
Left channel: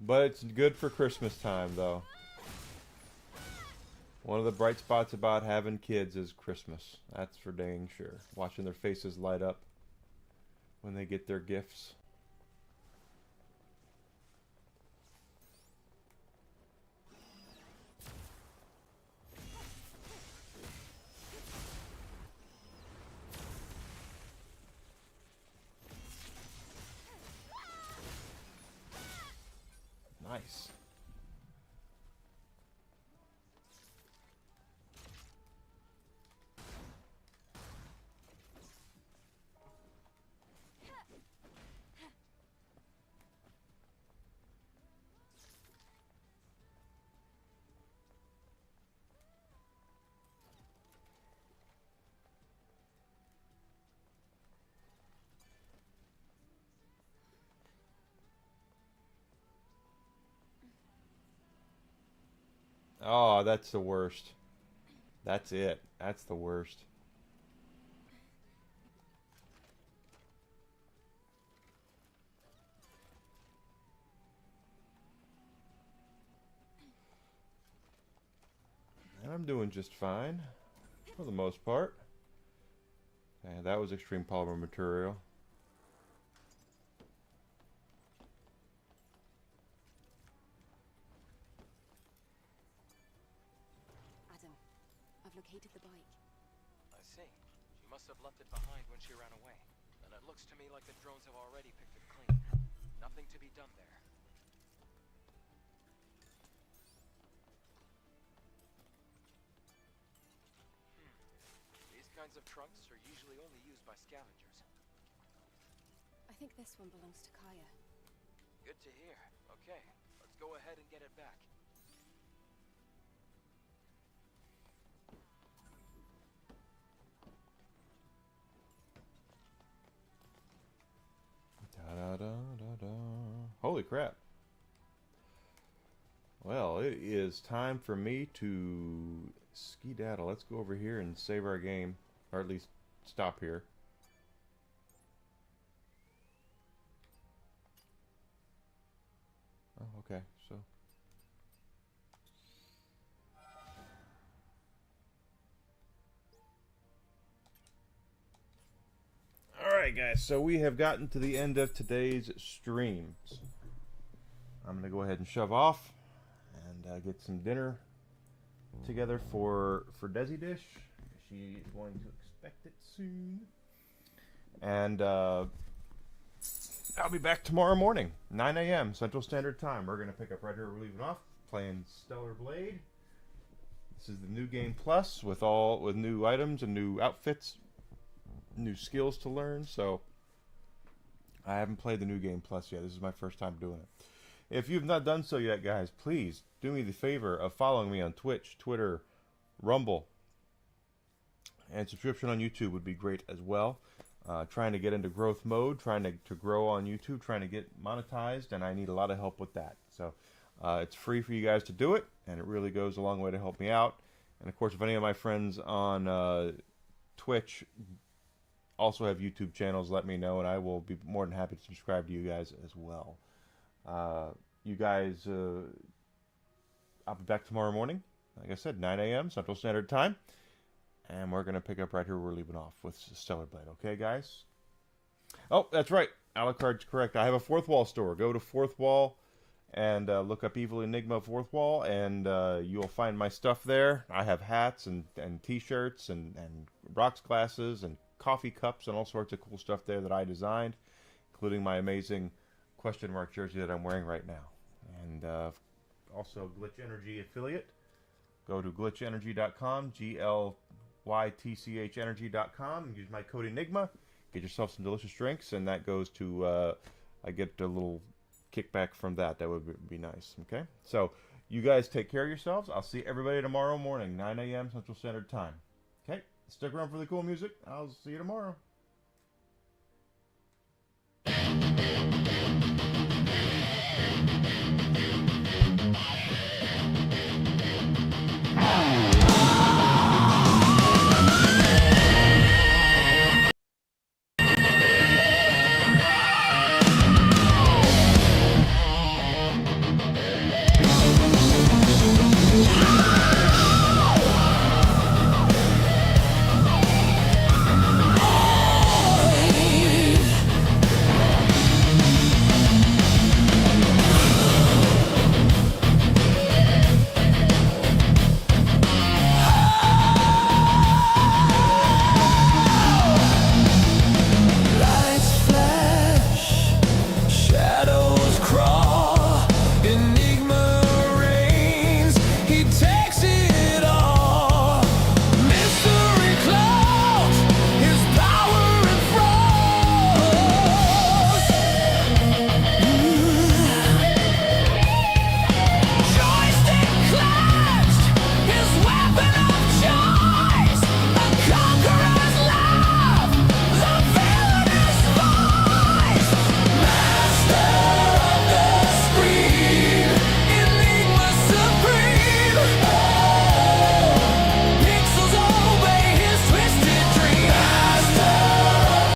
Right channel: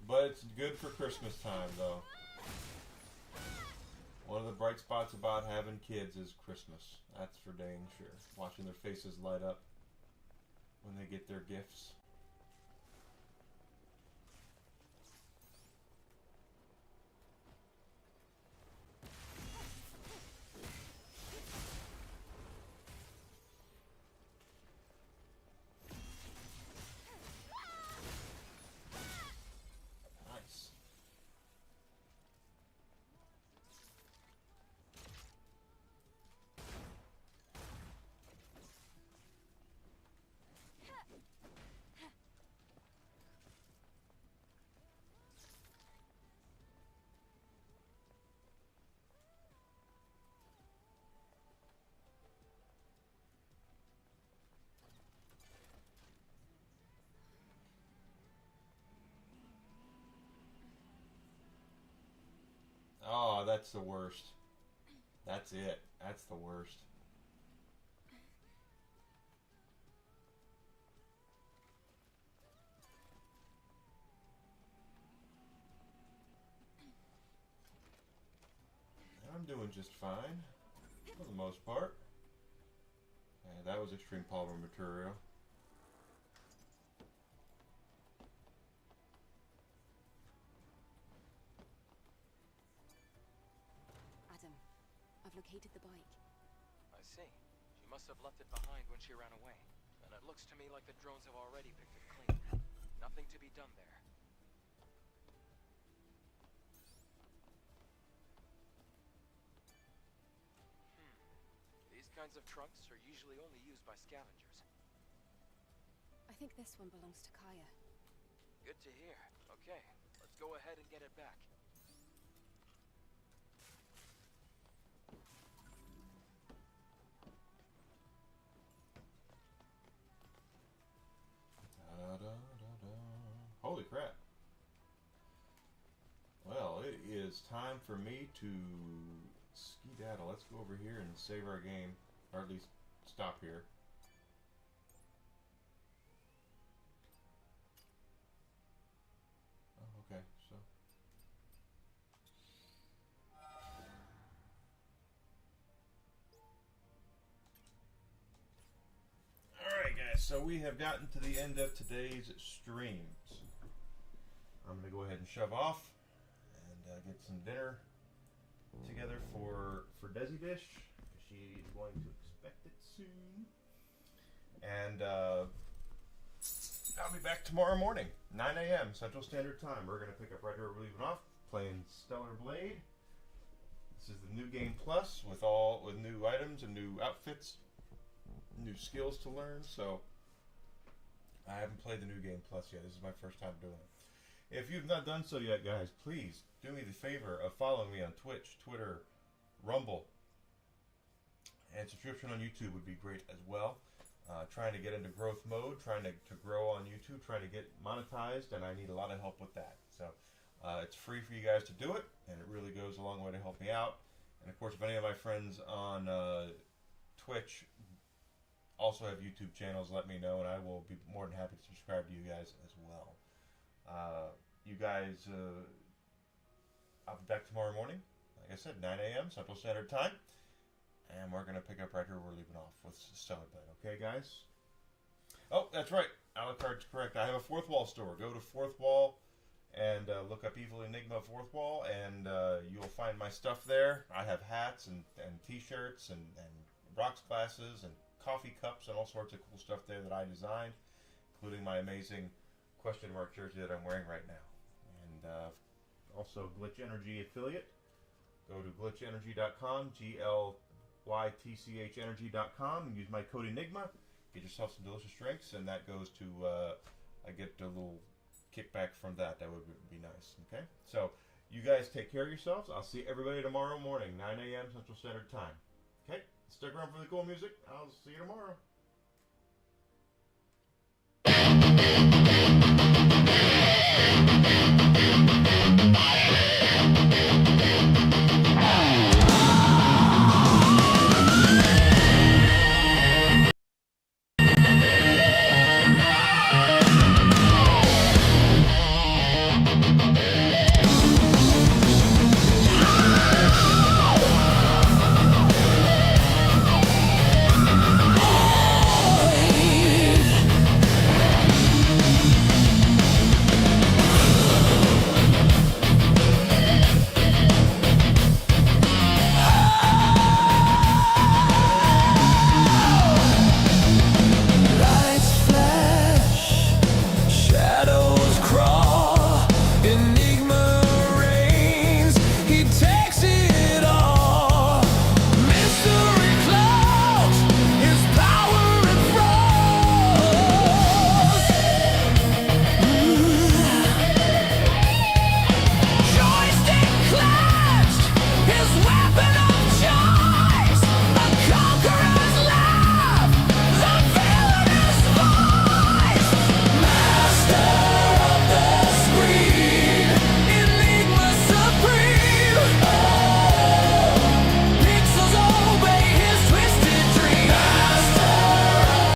But it's good for Christmas time, though. One of the bright spots about having kids is Christmas. That's for dang sure. Watching their faces light up when they get their gifts. Nice. Oh, that's the worst. That's it. That's the worst. I'm doing just fine, for the most part. Yeah, that was extreme polymer material. I've located the bike. I see. She must have left it behind when she ran away. And it looks to me like the drones have already picked it clean. Nothing to be done there. These kinds of trunks are usually only used by scavengers. I think this one belongs to Kaya. Good to hear. Okay, let's go ahead and get it back. Holy crap. Well, it is time for me to skedaddle. Let's go over here and save our game, or at least stop here. Oh, okay, so. Alright guys, so we have gotten to the end of today's streams. I'm going to go ahead and shove off and get some dinner together for Desi Dish. She is going to expect it soon. And I'll be back tomorrow morning, 9 a.m. Central Standard Time. We're going to pick up right here where we're leaving off, playing Stellar Blade. This is the new game plus with new items and new outfits, new skills to learn. So I haven't played the new game plus yet. This is my first time doing it. If you've not done so yet, guys, please do me the favor of following me on Twitch, Twitter, Rumble, and subscription on YouTube would be great as well. Trying to get into growth mode, trying to grow on YouTube, trying to get monetized, and I need a lot of help with that. So it's free for you guys to do it, and it really goes a long way to help me out. And of course, if any of my friends on Twitch also have YouTube channels, let me know, and I will be more than happy to subscribe to you guys as well. You guys, I'll be back tomorrow morning, like I said, 9 a.m. Central Standard Time, and we're going to pick up right here where we're leaving off with Stellar Blade, okay, guys? Oh, that's right, Alucard's correct. I have a Fourth Wall store. Go to Fourth Wall and look up Evil Enigma Fourth Wall, and you'll find my stuff there. I have hats and t-shirts and rocks glasses and coffee cups and all sorts of cool stuff there that I designed, including my amazing question mark jersey that I'm wearing right now. And also Glitch Energy affiliate. Go to glitchenergy.com, GLYTCH energy.com, and use my code Enigma. Get yourself some delicious drinks, and that goes to, I get a little kickback from that. That would be nice, okay? So, you guys take care of yourselves. I'll see everybody tomorrow morning, 9 a.m. Central Standard Time. Okay? Stick around for the cool music. I'll see you tomorrow.